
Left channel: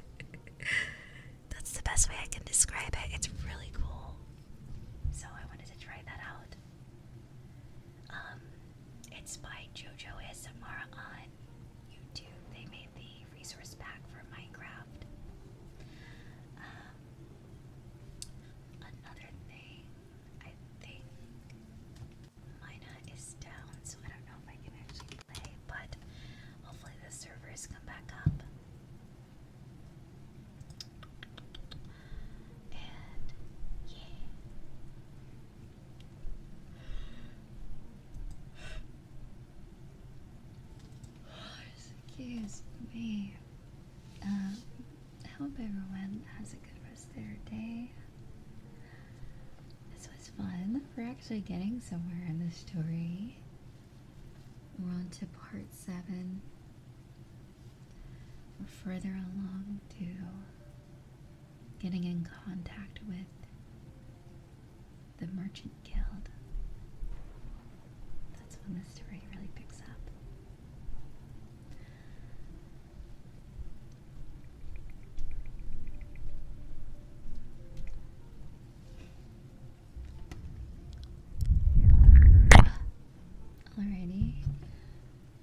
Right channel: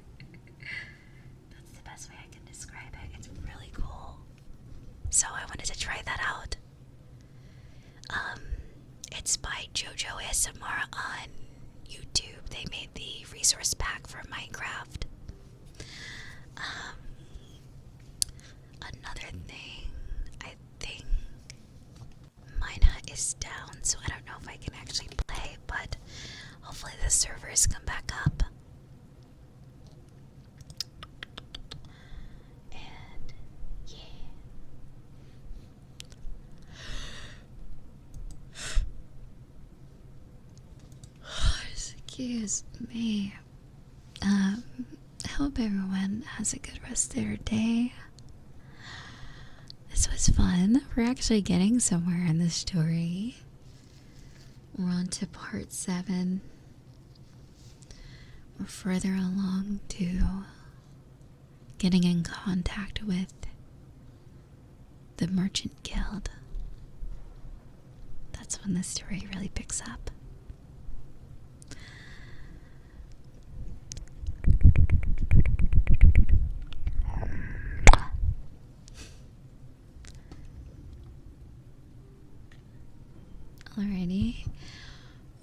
That's the best way I can describe it. It's really cool. So I wanted to try that out. It's by JoJo ASMR on YouTube. They made the resource pack for Minecraft. Another thing, I think mine is down, so I don't know if I can actually play, but hopefully the servers come back up. And yeah. Excuse me. I hope everyone has a good rest of their day. This was fun. We're actually getting somewhere in this story. We're on to part 7. We're further along to getting in contact with the Merchant Guild. That's when the story really picks up. Alrighty.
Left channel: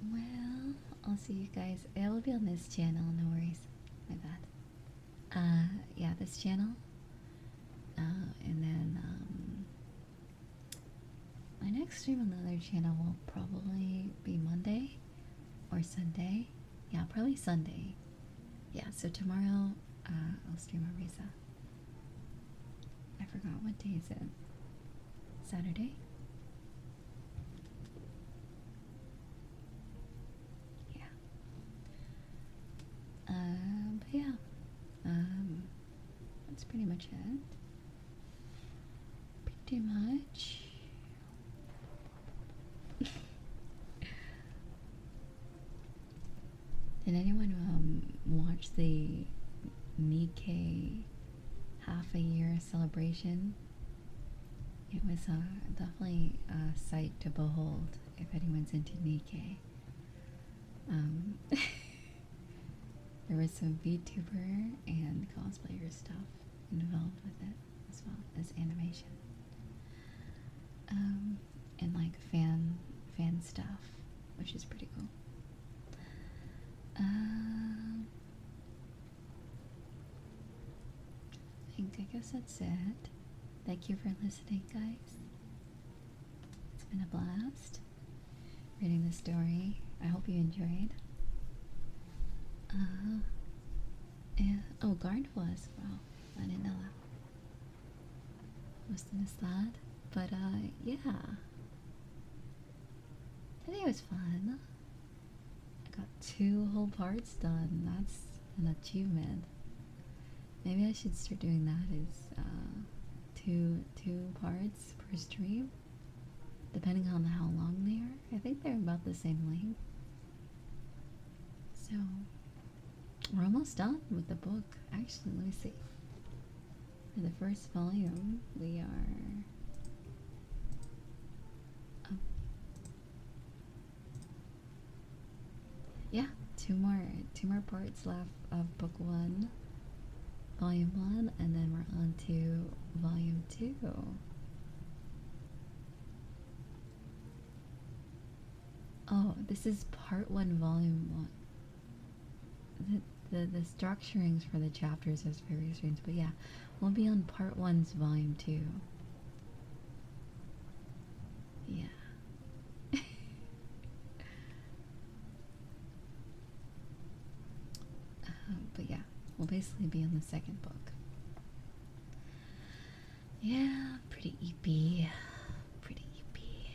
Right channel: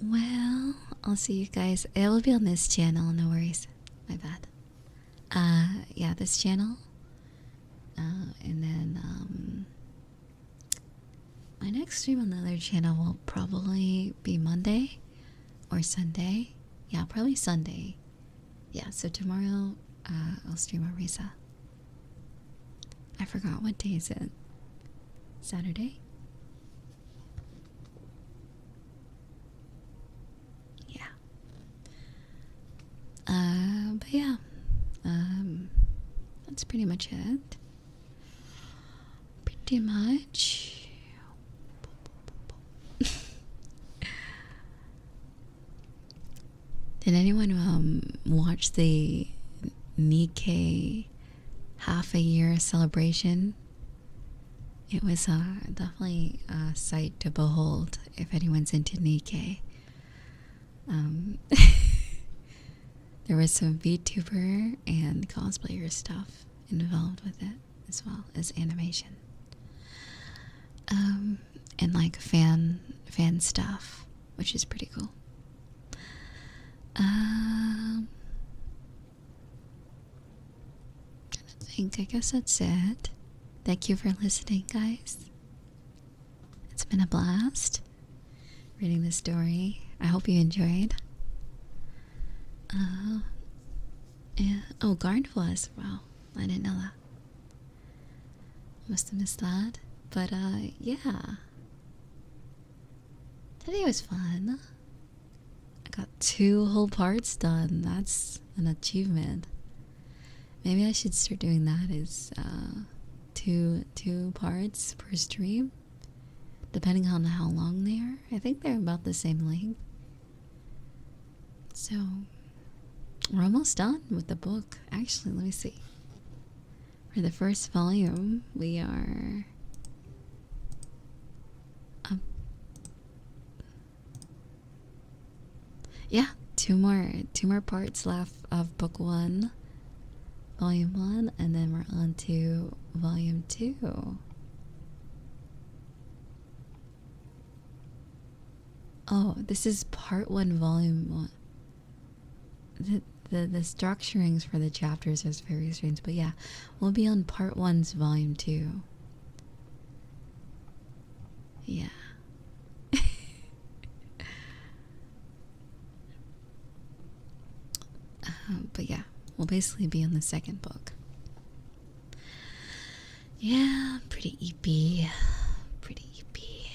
Well, I'll see you guys. It will be on this channel, no worries. My bad. Yeah, this channel. next stream on the other channel will probably be Monday or Sunday. Yeah, probably Sunday. Yeah, so tomorrow I'll stream Arloriza. I forgot, what day is it? Saturday? Yeah. But yeah. That's pretty much it. Pretty much. Did anyone watch the Nikkei half a year celebration? It was definitely a sight to behold if anyone's into Nikkei. There was some VTuber and cosplayer stuff involved with it, as well as animation. And like fan stuff, which is pretty cool. I guess that's it. Thank you for listening, guys. It's been a blast reading this story. I hope you enjoyed. Yeah. Oh, Garden was. Wow, I didn't know that. Must have missed that. But yeah. Today was fun. I got 2 whole parts done. That's an achievement. Maybe I should start doing that as two parts per stream, depending on how long they are. I think they're about the same length. So we're almost done with the book. Actually, let me see. For the first volume, we are yeah, two more parts left of book 1. Volume 1, and then we're on to Volume 2. Oh, this is Part 1, Volume 1. The structurings for the chapters is very strange, but yeah, we'll be on Part 1's Volume 2. Yeah. But yeah. We'll basically be on the second book. Yeah, pretty eepy. Pretty eepy.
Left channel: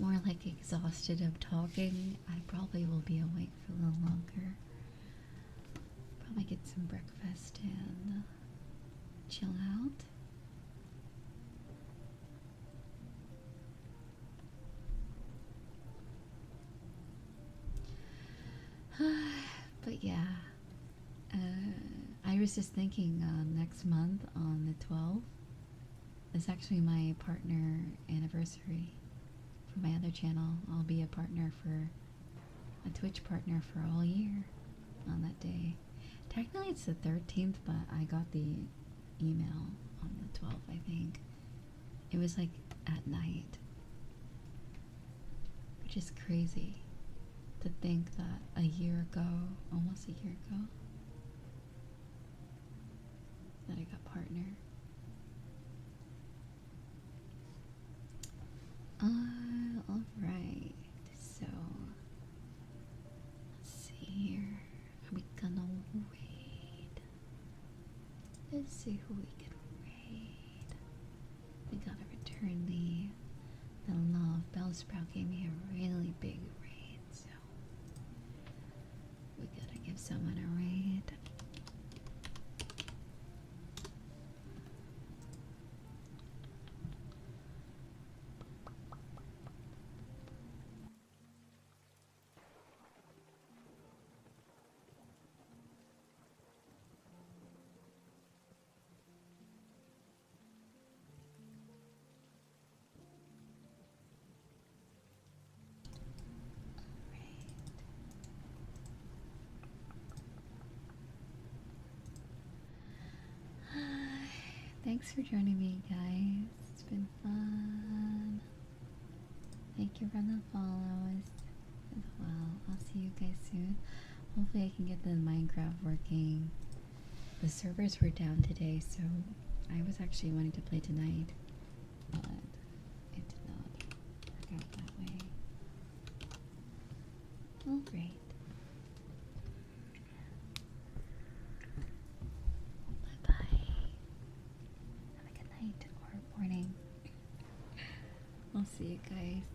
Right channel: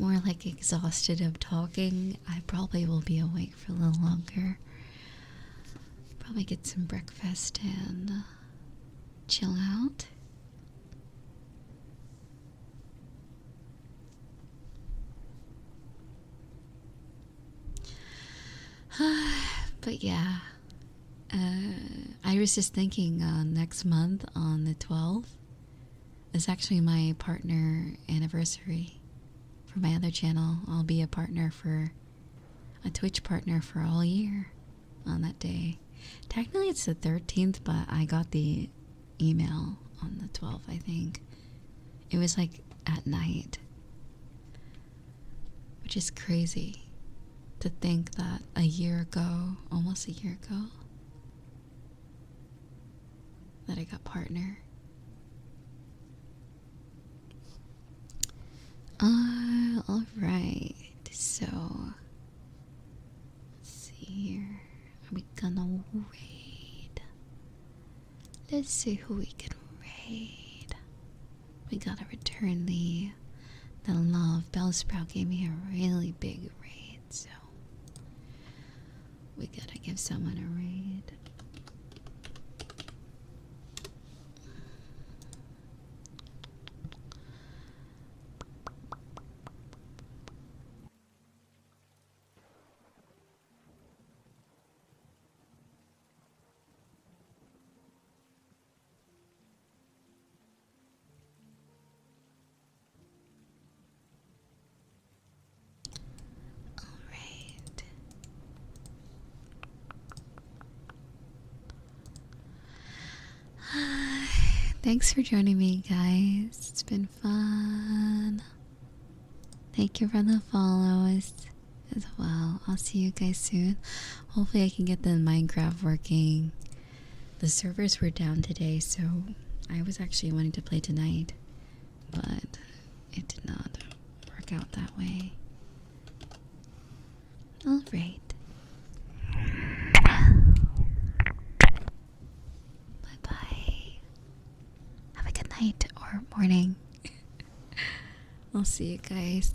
More like exhausted of talking. I probably will be awake for a little longer. Probably get some breakfast and chill out. But yeah, I was just thinking next month on the 12th is actually my partner anniversary for my other channel. I'll be a Twitch partner for all year on that day. Technically it's the 13th, but I got the email on the 12th, I think. It was like at night, which is crazy. To think that almost a year ago, that I got partner. Alright, so let's see here. Are we gonna raid? Let's see who we can raid. We gotta return the love. Bellsprout gave me a really big raid, so we gotta give someone a raid. Thanks for joining me, guys. It's been fun. Thank you for the follows as well. I'll see you guys soon. Hopefully I can get the Minecraft working. The servers were down today, so I was actually wanting to play tonight, but it did not work out that way. Alright. Bye-bye. Have a good night or morning. I'll see you guys